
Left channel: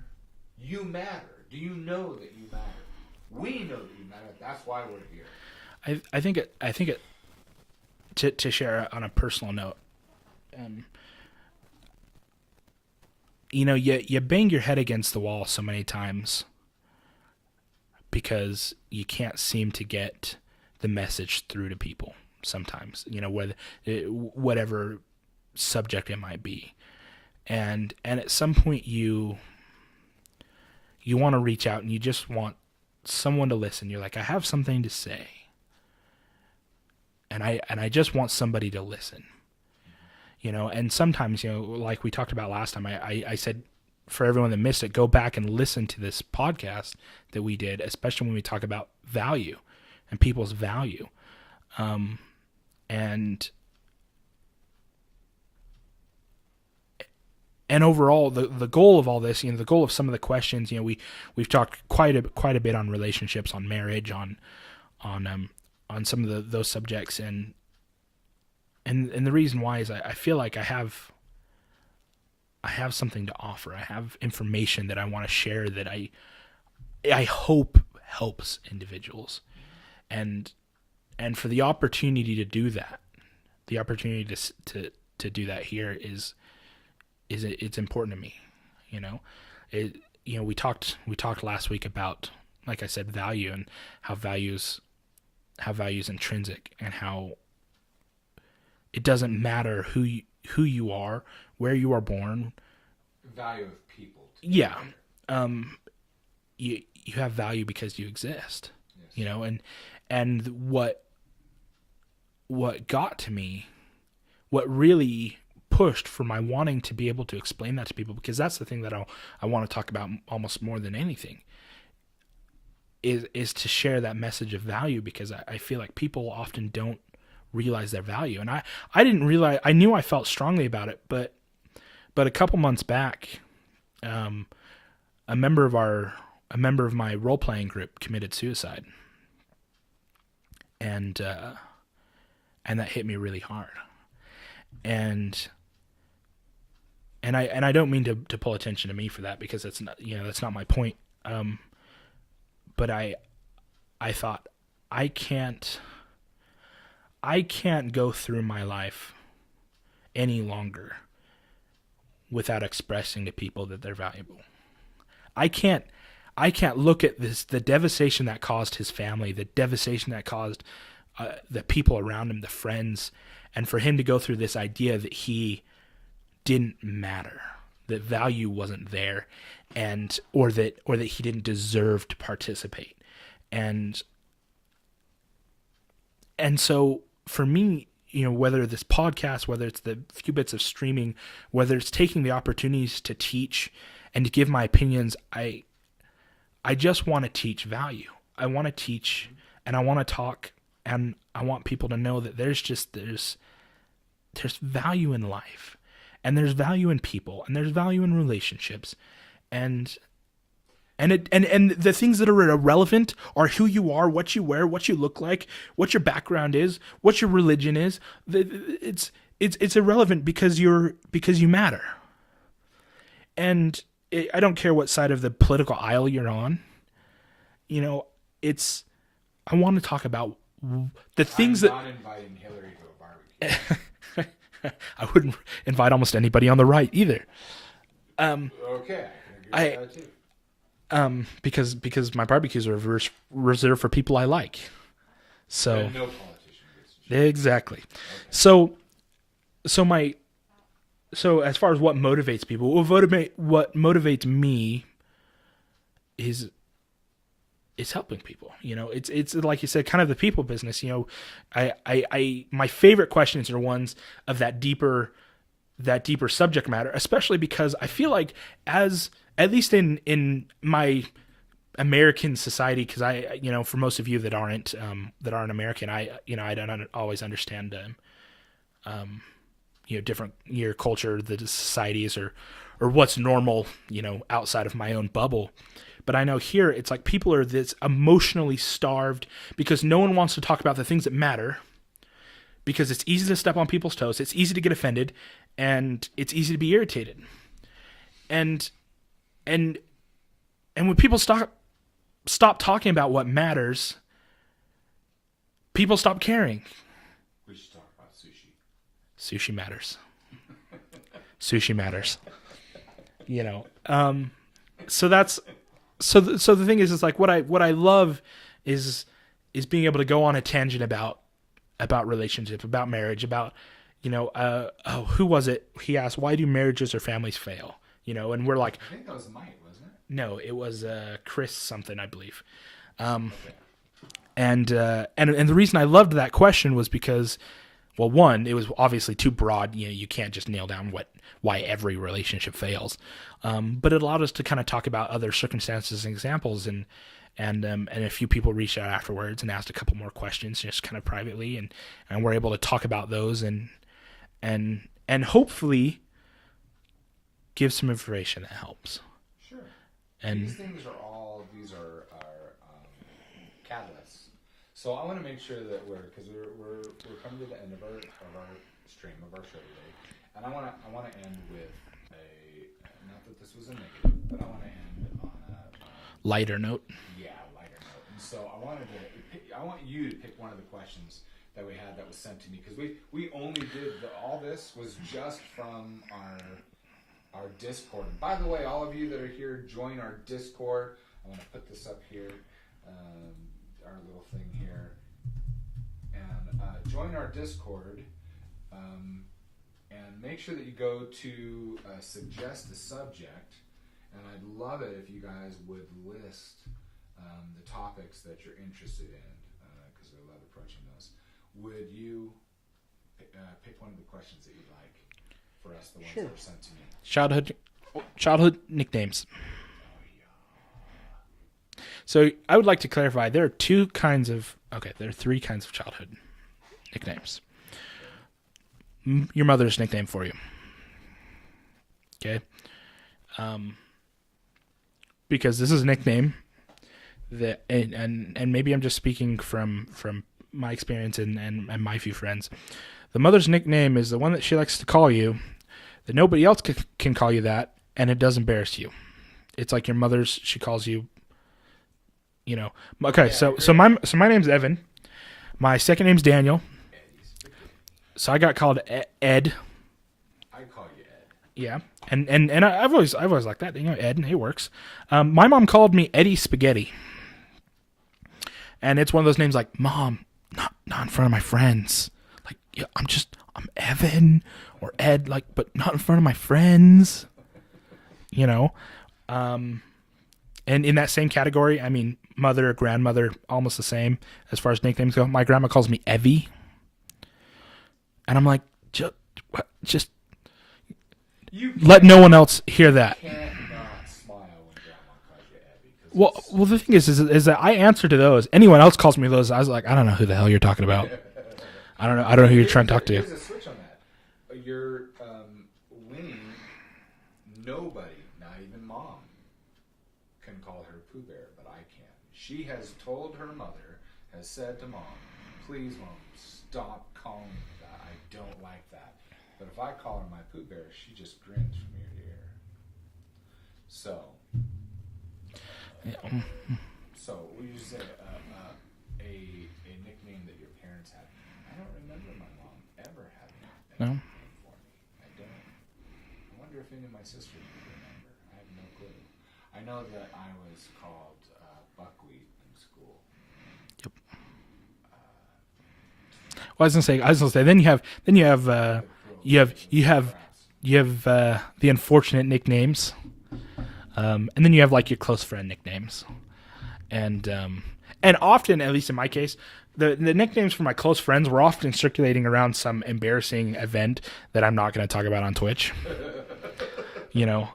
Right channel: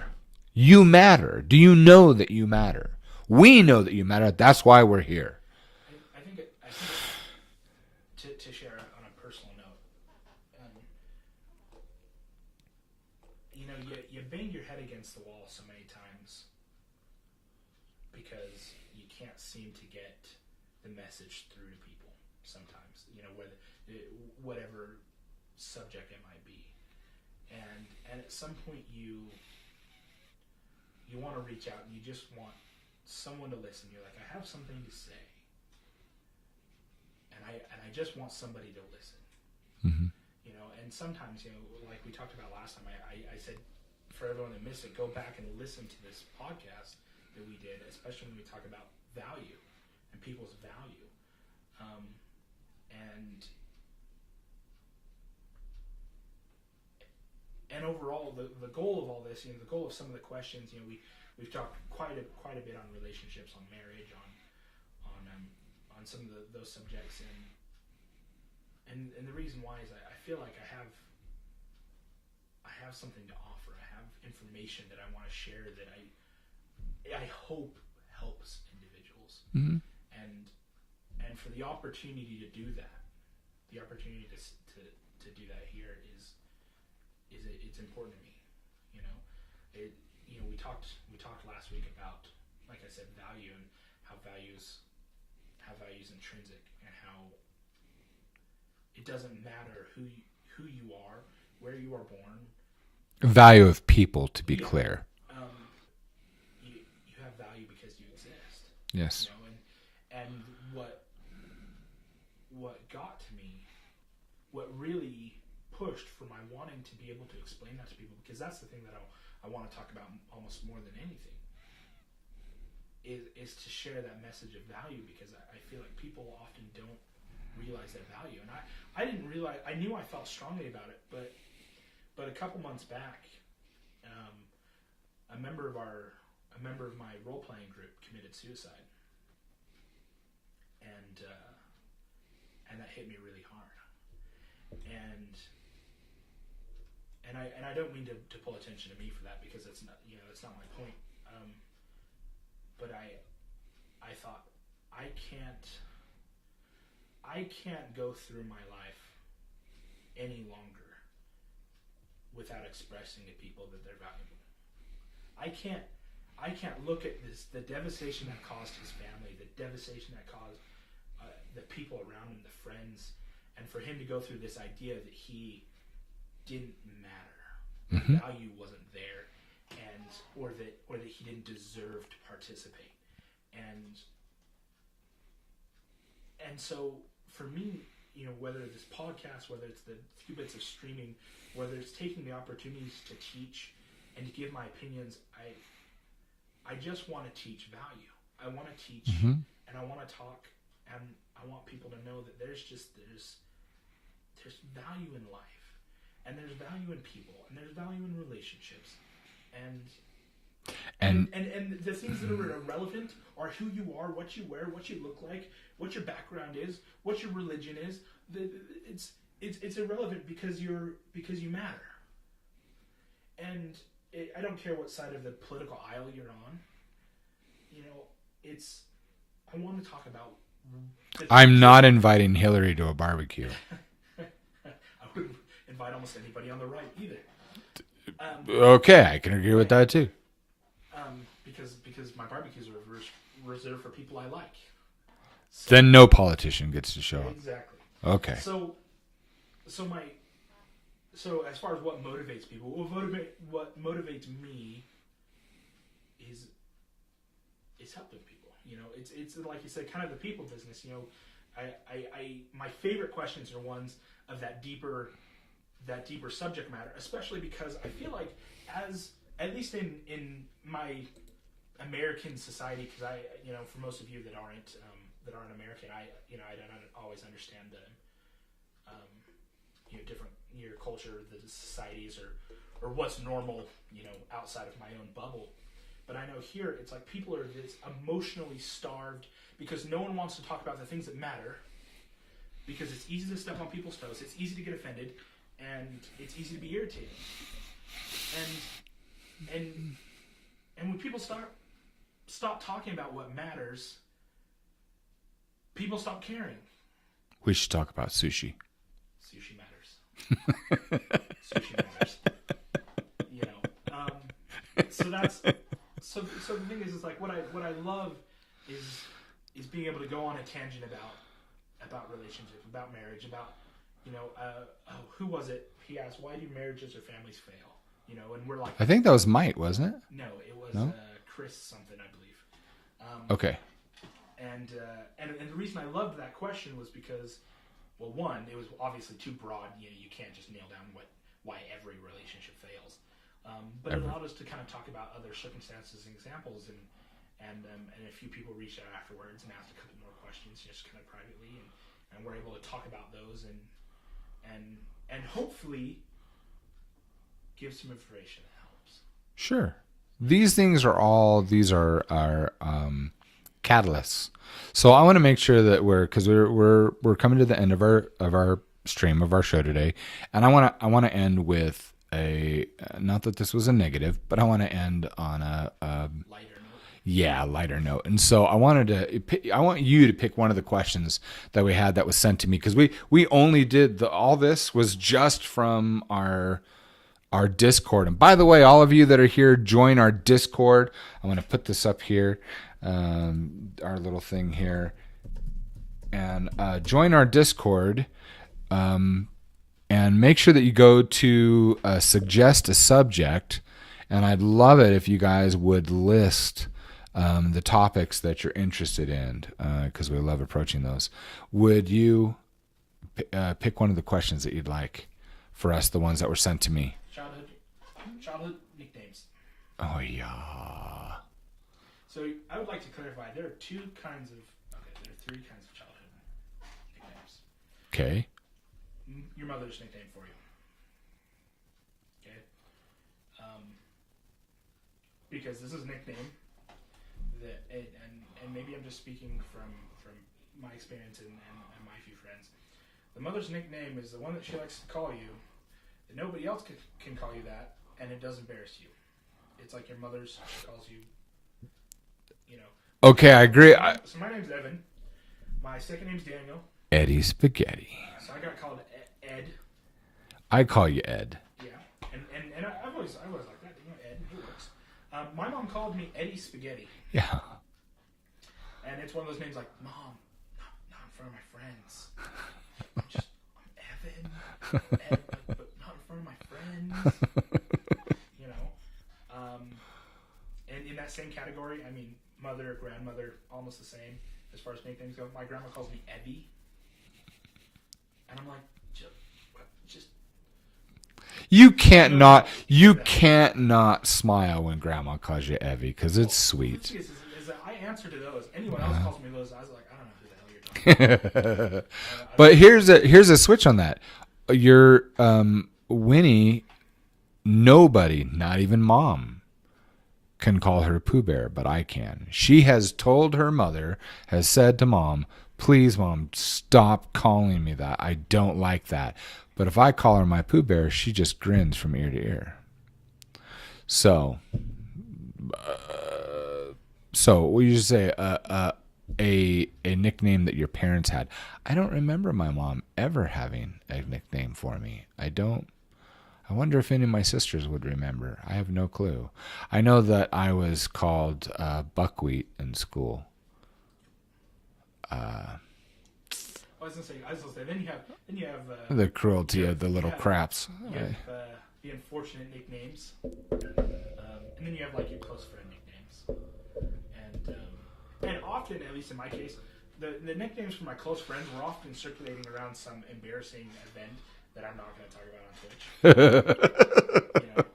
You matter. Do you know that you matter? We know that you matter. That's why we're here. I think it. To share on a personal note. You bang your head against the wall so many times because you can't seem to get the message through to people sometimes, whatever subject it might be. And at some point you want to reach out and you just want someone to listen. You're like, I have something to say. And I just want somebody to listen. Mm-hmm. And sometimes, like we talked about last time, I said, for everyone that missed it, go back and listen to this podcast that we did, especially when we talk about value and people's value. And overall, the goal of all this, the goal of some of the questions, we've talked quite a bit on relationships, on marriage, on some of those subjects, and the reason why is I feel like I have something to offer. I have information that I want to share that I hope helps individuals. Mm-hmm. And for the opportunity to do that, the opportunity to do that here is it's important to me. We talked last week about, like I said, value and how value's intrinsic, and how it doesn't matter who you are, where you are born. Value of people, to be clear. You have value because you exist. Yes. And what got to me, what really pushed for my wanting to be able to explain that to people, because that's the thing that I want to talk about almost more than anything, is to share that message of value, because I feel like people often don't realize their value. And I didn't realize, I knew I felt strongly about it, but a couple months back, a member of my role-playing group committed suicide. And that hit me really hard. And I don't mean to pull attention to me for that, because that's not, that's not my point. But I thought, I can't go through my life any longer without expressing to people that they're valuable. I can't look at the devastation that caused his family, the devastation that caused the people around him, the friends, and for him to go through this idea that he didn't matter, that value wasn't there, or that he didn't deserve to participate. And so for me, whether this podcast, whether it's the few bits of streaming, whether it's taking the opportunities to teach and to give my opinions, I just want to teach value. I want to teach, and I want to talk, and I want people to know that there's value in life, and there's value in people, and there's value in relationships, and the things that are irrelevant are who you are, what you wear, what you look like, what your background is, what your religion is. It's irrelevant because you matter. And I don't care what side of the political aisle you're on. I want to talk about the things. I'm not inviting Hillary to a barbecue. I wouldn't invite almost anybody on the right either. Okay, I can agree with that too. Because my barbecues are reserved for people I like. So then no politician gets to show. Exactly. Okay. So as far as what motivates people, what motivates me is helping people. It's like you said, kind of the people business. I my favorite questions are ones of that deeper subject matter, especially because I feel like at least in my American society, because for most of you that aren't American, I don't always understand different your culture, the societies, or what's normal outside of my own bubble. But I know here it's like people are this emotionally starved because no one wants to talk about the things that matter, because it's easy to step on people's toes, it's easy to get offended, and it's easy to be irritated. And when people stop talking about what matters, people stop caring. We should talk about sushi. Sushi matters. Sushi matters. So the thing is like what I love is being able to go on a tangent about relationships, about marriage, about who was it? He asked, why do marriages or families fail? And we're like, I think that was Mike, wasn't it? No, it was Chris something, I believe. Okay. And the reason I loved that question was because, well, one, it was obviously too broad. You can't just nail down why every relationship fails. But it allowed us to kind of talk about other circumstances and examples, and a few people reached out afterwards and asked a couple more questions, just kind of privately, and we're able to talk about those and hopefully give some information that helps. Sure. These things are catalysts. So I want to make sure that we're coming to the end of our stream of our show today, and I want to end with not that this was a negative, but I want to end on a lighter note. Yeah, lighter note. And so I want you to pick one of the questions that we had that was sent to me, because we only did all this was just from our Discord. And by the way, all of you that are here, join our Discord. I'm going to put this up here, our little thing here, and join our Discord. And make sure that you go to suggest a subject, and I'd love it if you guys would list the topics that you're interested in, because we love approaching those. Would you pick one of the questions that you'd like for us, the ones that were sent to me? Childhood nicknames. Oh, yeah. So I would like to clarify, there are three kinds of childhood nicknames. Okay. Your mother's nickname for you. Okay. Because this is a nickname that, and maybe I'm just speaking from my experience and my few friends. the mother's nickname is the one that she likes to call you, that nobody else can call you that, and it does embarrass you. It's like your mother's, she calls you, you know. Okay, I agree. So my name's Evan. My second name's Daniel. Eddie Spaghetti. So I got called Ed. I call you Ed. Yeah, and I've always liked that. You know, Ed, it works. My mom called me Eddie Spaghetti. Yeah. And it's one of those names like, Mom, not in front of my friends. Like, yeah, I'm Evan or Ed, like, but not in front of my friends. You know, and in that same category, I mean, mother, grandmother, almost the same as far as nicknames go. My grandma calls me Evie, and I'm like, just. You can't let no one else hear that. You can't not smile when Grandma calls you Evie because it's sweet. Well, the thing is that I answer to those. Anyone else calls me those, I was like, I don't know who the hell you're talking about. I don't know. But here's a switch on that. Your Winnie, nobody, not even Mom, can call her Pooh Bear, but I can. She has told her mother, has said to Mom, "Please, Mom, stop calling me that. I don't like that." But if I call her my Pooh Bear, she just grins from ear to ear. So what you say a nickname that your parents had. I don't remember my mom ever having a nickname for me. I don't. I wonder if any of my sisters would remember. I have no clue. I know that I was called Buckwheat in school. Yep. I was gonna say. Then you have the cruelty of the little craps. You have the unfortunate nicknames, and then you have like your close friend nicknames, and often, at least in my case, the nicknames for my close friends were often circulating around some embarrassing event that I'm not going to talk about on Twitch. You know,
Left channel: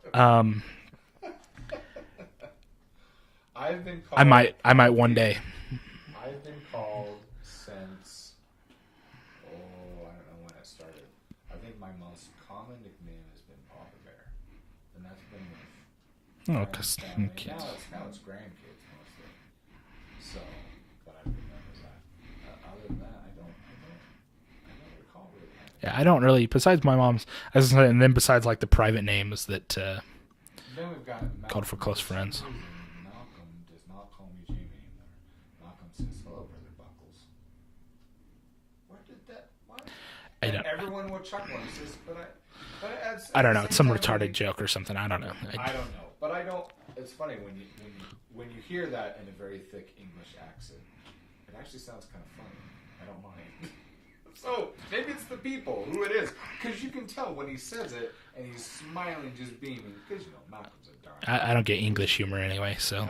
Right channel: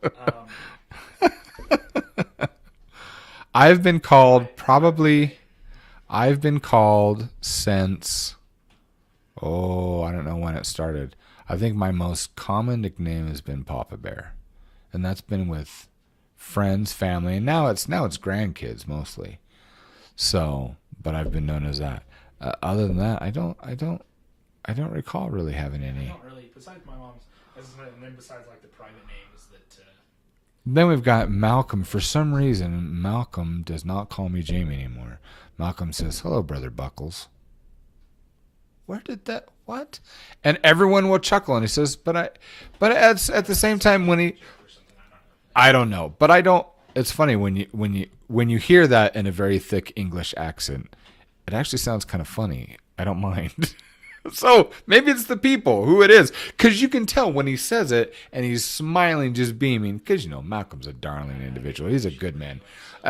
I've been called I might one day. I've been called since. I don't know when it started. I think my most common nickname has been Papa Bear, and that's been with friends, family, and now it's grandkids mostly. So, but I've been known as that. Other than that, I don't recall really having. Yeah, I don't really. Besides my mom's, and then besides like the private names that. Then we've got Malcolm. For some reason, Malcolm does not call me Jamie anymore. Malcolm says, "Hello, Brother Buckles." Where did that? What? And everyone will chuckle, and he says, "But at the same time, when he joke or something, I don't know. I don't know, but I don't. It's funny when you hear that in a very thick English accent, it actually sounds kind of funny. I don't mind. So maybe it's the people who it is, because you can tell when he says it and he's smiling, just beaming. Because Malcolm's a darling. I don't get English humor anyway. So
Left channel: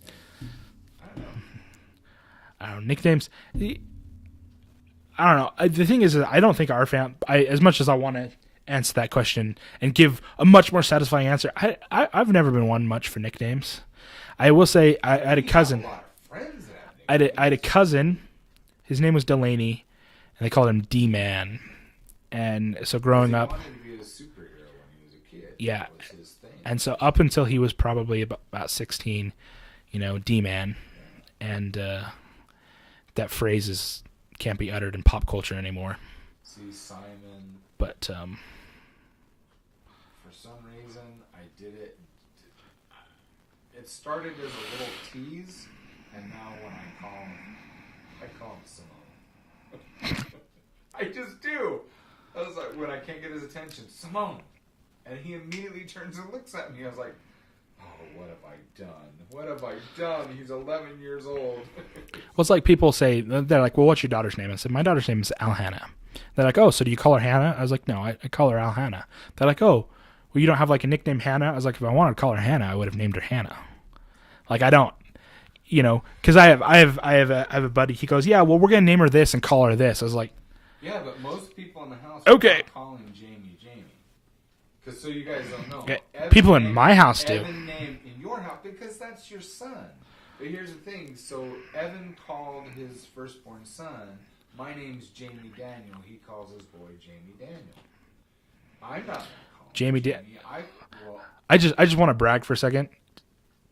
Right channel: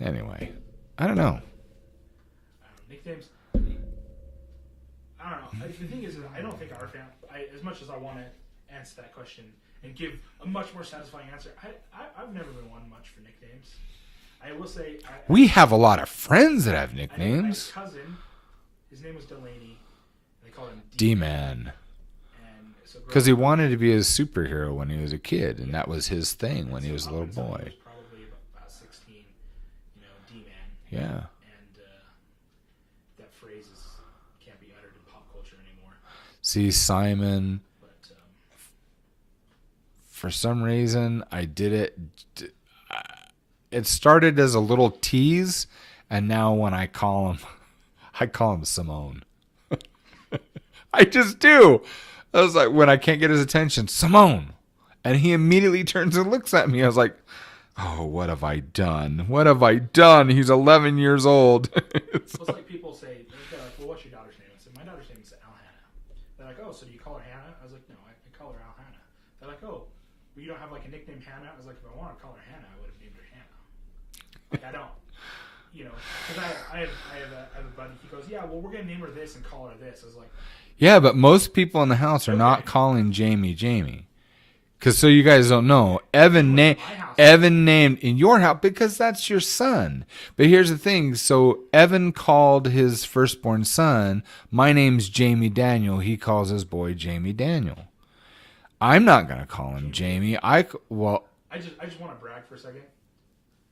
anyway, I don't know. Nicknames. I don't know. The thing is, I don't think our as much as I want to answer that question and give a much more satisfying answer, I've never been one much for nicknames. I will say, we have a lot of friends that have nicknames. I had a cousin. His name was Delaney, and they called him D-Man. And so growing up, because he wanted to be a superhero when he was a kid, and that was his thing. And so up until he was probably about 16, D-Man. Yeah. And that phrase can't be uttered in pop culture anymore. See, Simon. But for some reason, I did it. It started as a little tease, and now when I call him Simone. I just do. I was like, when I can't get his attention, Simone. And he immediately turns and looks at me. I was like, oh, what have I done? What have I done? He's 11 years old. Well, it's like people say, they're like, well, what's your daughter's name? I said, my daughter's name is Alhannah. They're like, oh, so do you call her Hannah? I was like, no, I call her Alhannah. They're like, oh, well, you don't have like a nickname Hannah? I was like, if I wanted to call her Hannah, I would have named her Hannah. Like, I don't, because I have a buddy. He goes, yeah, well, we're gonna name her this and call her this. I was like, yeah, but most people in the house are not calling Jamie. Because so you guys don't know, in my house, Evan named in your house because that's your son. But here's the thing: so Evan called his firstborn son, "My name's Jamie Daniel." He calls his boy Jamie Daniel. I'm not gonna call him Jamie. I just want to brag for a second.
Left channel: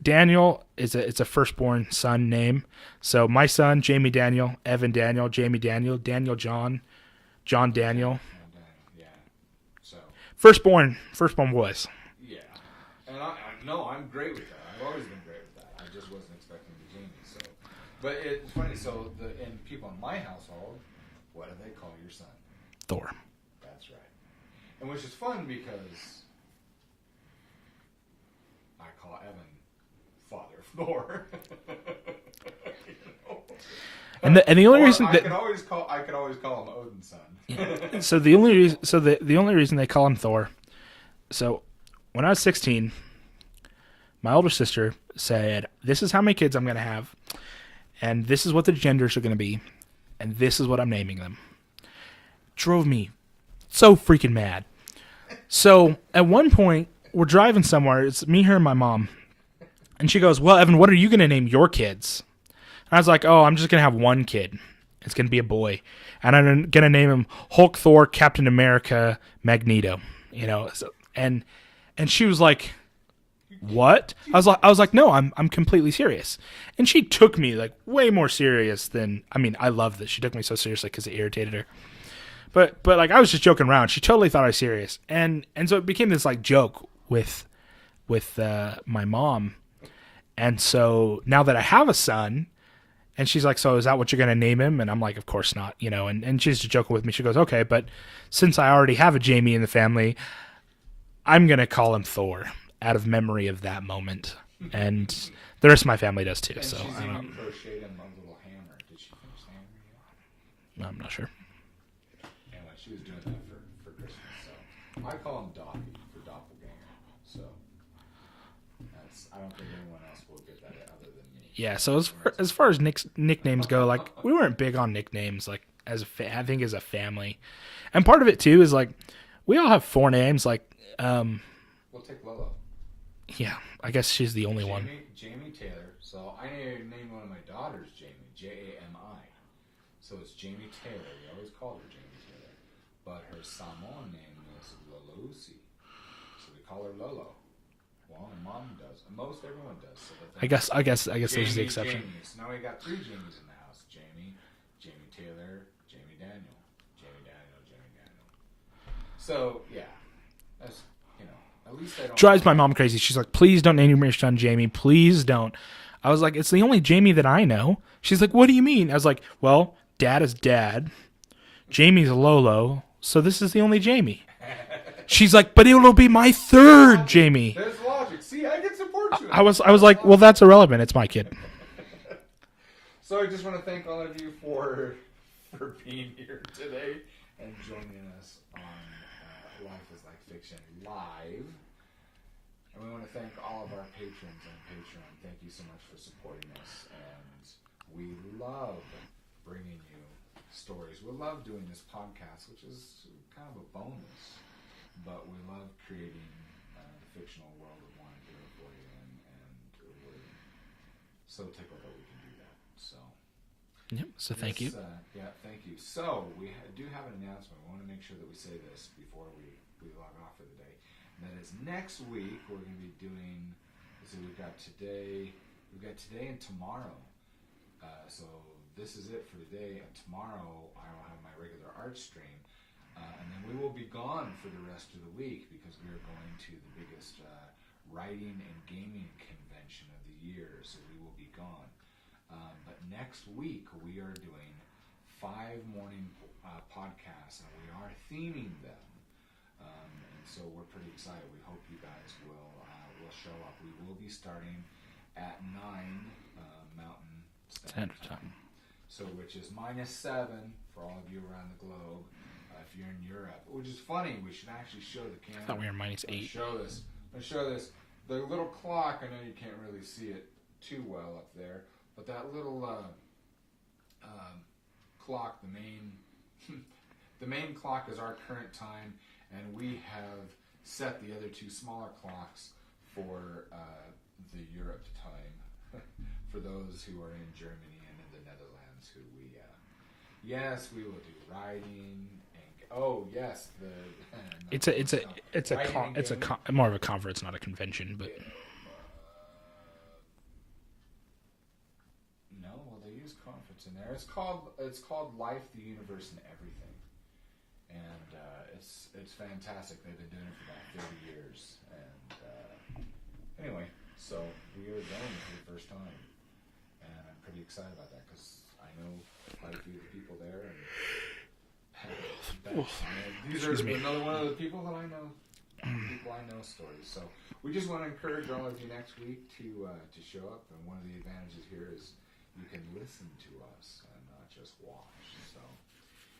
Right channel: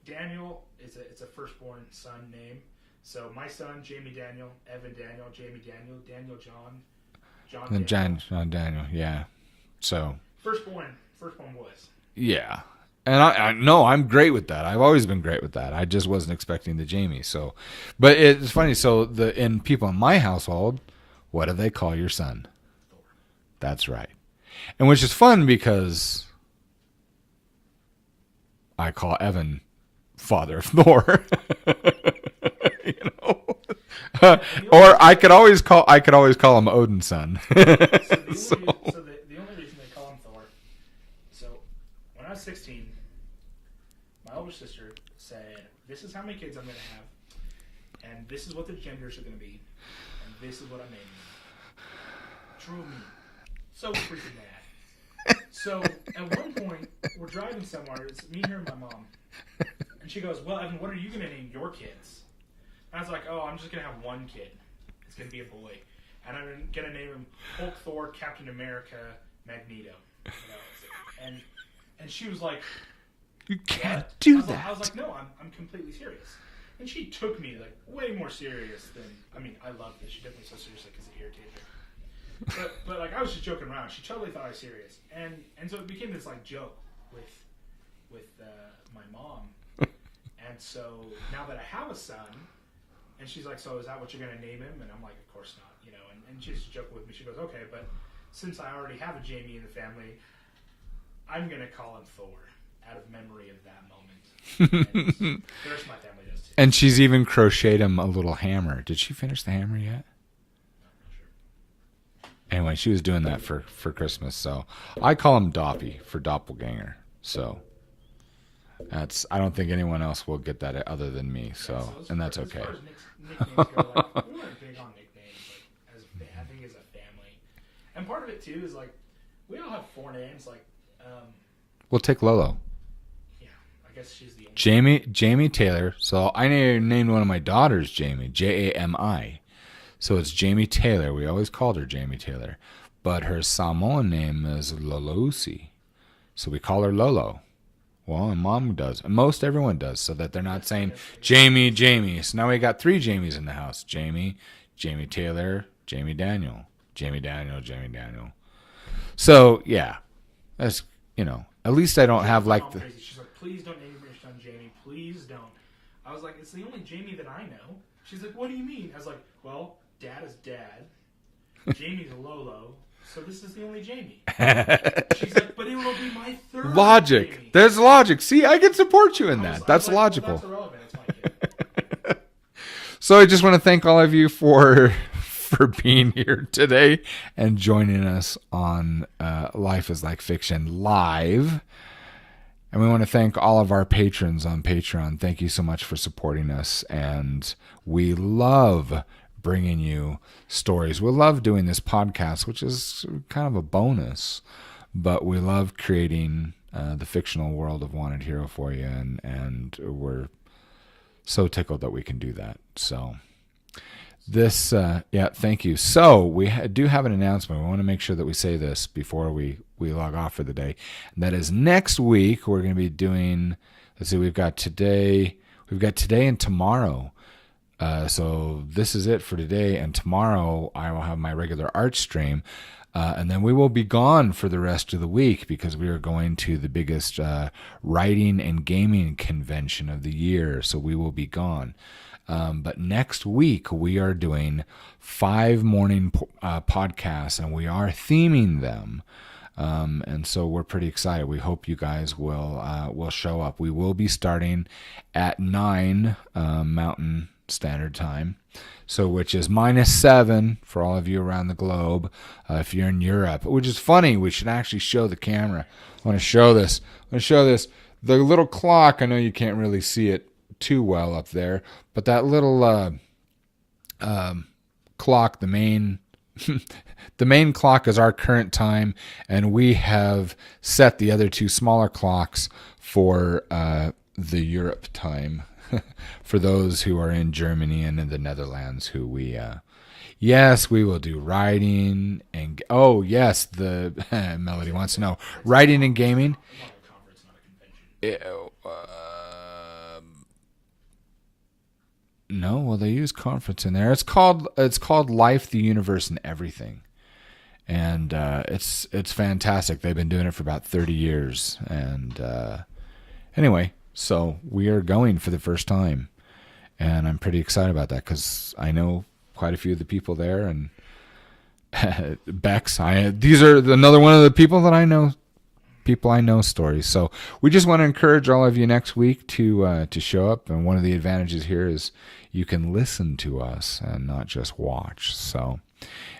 Daniel it's a firstborn son name. So my son, Jaime Daniel, Evan Daniel, Jamie Daniel, Daniel John Daniel. John Daniel, yeah. So firstborn boys. Yeah. And I no, I'm great with that. I've always been great with that. I just wasn't expecting the Jamie. So, but it's funny. So in people in my household, what do they call your son? Thor. That's right. And which is fun because I call Evan father of Thor. You know. And the only I could always call him Odin's son. So the only reason they call him Thor. So when I was 16, my older sister said, "This is how many kids I'm going to have, and this is what the genders are going to be, and this is what I'm naming them." Drove me so freaking mad. So at one point, we're driving somewhere. It's me, her, and my mom. And she goes, "Well, Evan, what are you going to name your kids?" And I was like, "Oh, I'm just going to have one kid. It's going to be a boy. And I'm going to name him Hulk, Thor, Captain America, Magneto." You know, so, and she was like, "What?" I was like, "No, I'm completely serious." And she took me like way more serious than, I mean, I love this. She took me so seriously because it irritated her. But like I was just joking around. She totally thought I was serious. And so it became this like joke with my mom. And so now that I have a son, and she's like, "So is that what you're going to name him?" And I'm like, "Of course not," you know, and she's just joking with me. She goes, "Okay, but since I already have a Jamie in the family, I'm going to call him Thor out of memory of that moment." And the rest of my family does too. And so. She's even crocheted him a little hammer. Did she finish the hammer yet? I'm not sure. Anyway, she was doing that for Christmas. So I call him Doppy for doppelganger. So I don't think anyone else will get that other than me. Yeah. So as far as nicknames go, like we weren't big on nicknames, like I think as a family, and part of it too is like we all have 4 names. Like, we'll take Lolo. Yeah, I guess she's the only Jamie Taylor. So I named one of my daughters Jamie, Jami. So it's Jamie Taylor. We always called her Jamie Taylor, but her Samoan name is Lolosi, so we call her Lolo. Well, and Mom does, and most everyone does, so that they're not saying I guess Jamie. So now we got 3 Jamies in the house: Jamie Taylor, Jamie Daniel. So yeah, that's, you know, at least I don't drives my mom crazy. She's like, "Please don't name your son Jamie. Please don't." I was like, "It's the only Jamie that I know." She's like, "What do you mean?" I was like, "Well, Dad is Dad, Jamie's Lolo, so this is the only Jamie." She's like, "But it'll be my 3rd Jamie." There's logic. See, I can support you in I was like, logical. "Well, that's irrelevant. It's my kid." So I just want to thank all of you for being here today and joining us on Life is Like Fiction Live. And we want to thank all of our patrons on Patreon. Thank you so much for supporting us. And we love bringing you stories. We love doing this podcast, which is kind of a bonus. But we love creating the fictional world of Wanted Hero for you. And we're so tickled that we can do that. So... thank you. So we do have an announcement. We want to make sure that we say this before we log off for the day. And that is next week we're going to be doing. Let's see, we've got today and tomorrow. So this is it for today, and tomorrow I will have my regular art stream, and then we will be gone for the rest of the week because we are going to the biggest writing and gaming convention of the year. So we will be gone. But next week we are doing 5 morning podcasts, and we are theming them. And so we're pretty excited. We hope you guys will show up. We will be starting at 9 Mountain Standard Time, so which is -7 for all of you around the globe. If you're in Europe, which is funny, we should actually show the camera. I want to show this. The little clock. I know you can't really see it too well up there, but that little clock, the main the main clock is our current time, and we have set the other 2 smaller clocks for the Europe time for those who are in Germany and in the Netherlands, who we yes, we will do writing and the Melody wants to know writing and gaming. More of a conference, not a convention. But. No, well, they use conference in there. It's called Life, the Universe, and Everything, and it's fantastic. They've been doing it for about 30 years, and anyway, so we are going for the first time, and I'm pretty excited about that because I know quite a few of the people there, and Bex. These are another one of the people that I know. People I know stories. So we just want to encourage all of you next week to show up. And one of the advantages here is you can listen to us and not just watch. So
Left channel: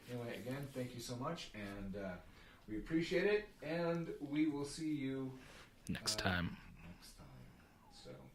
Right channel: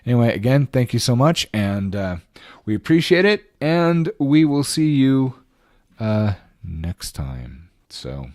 anyway, again, thank you so much, and we appreciate it. And we will see you next time. So.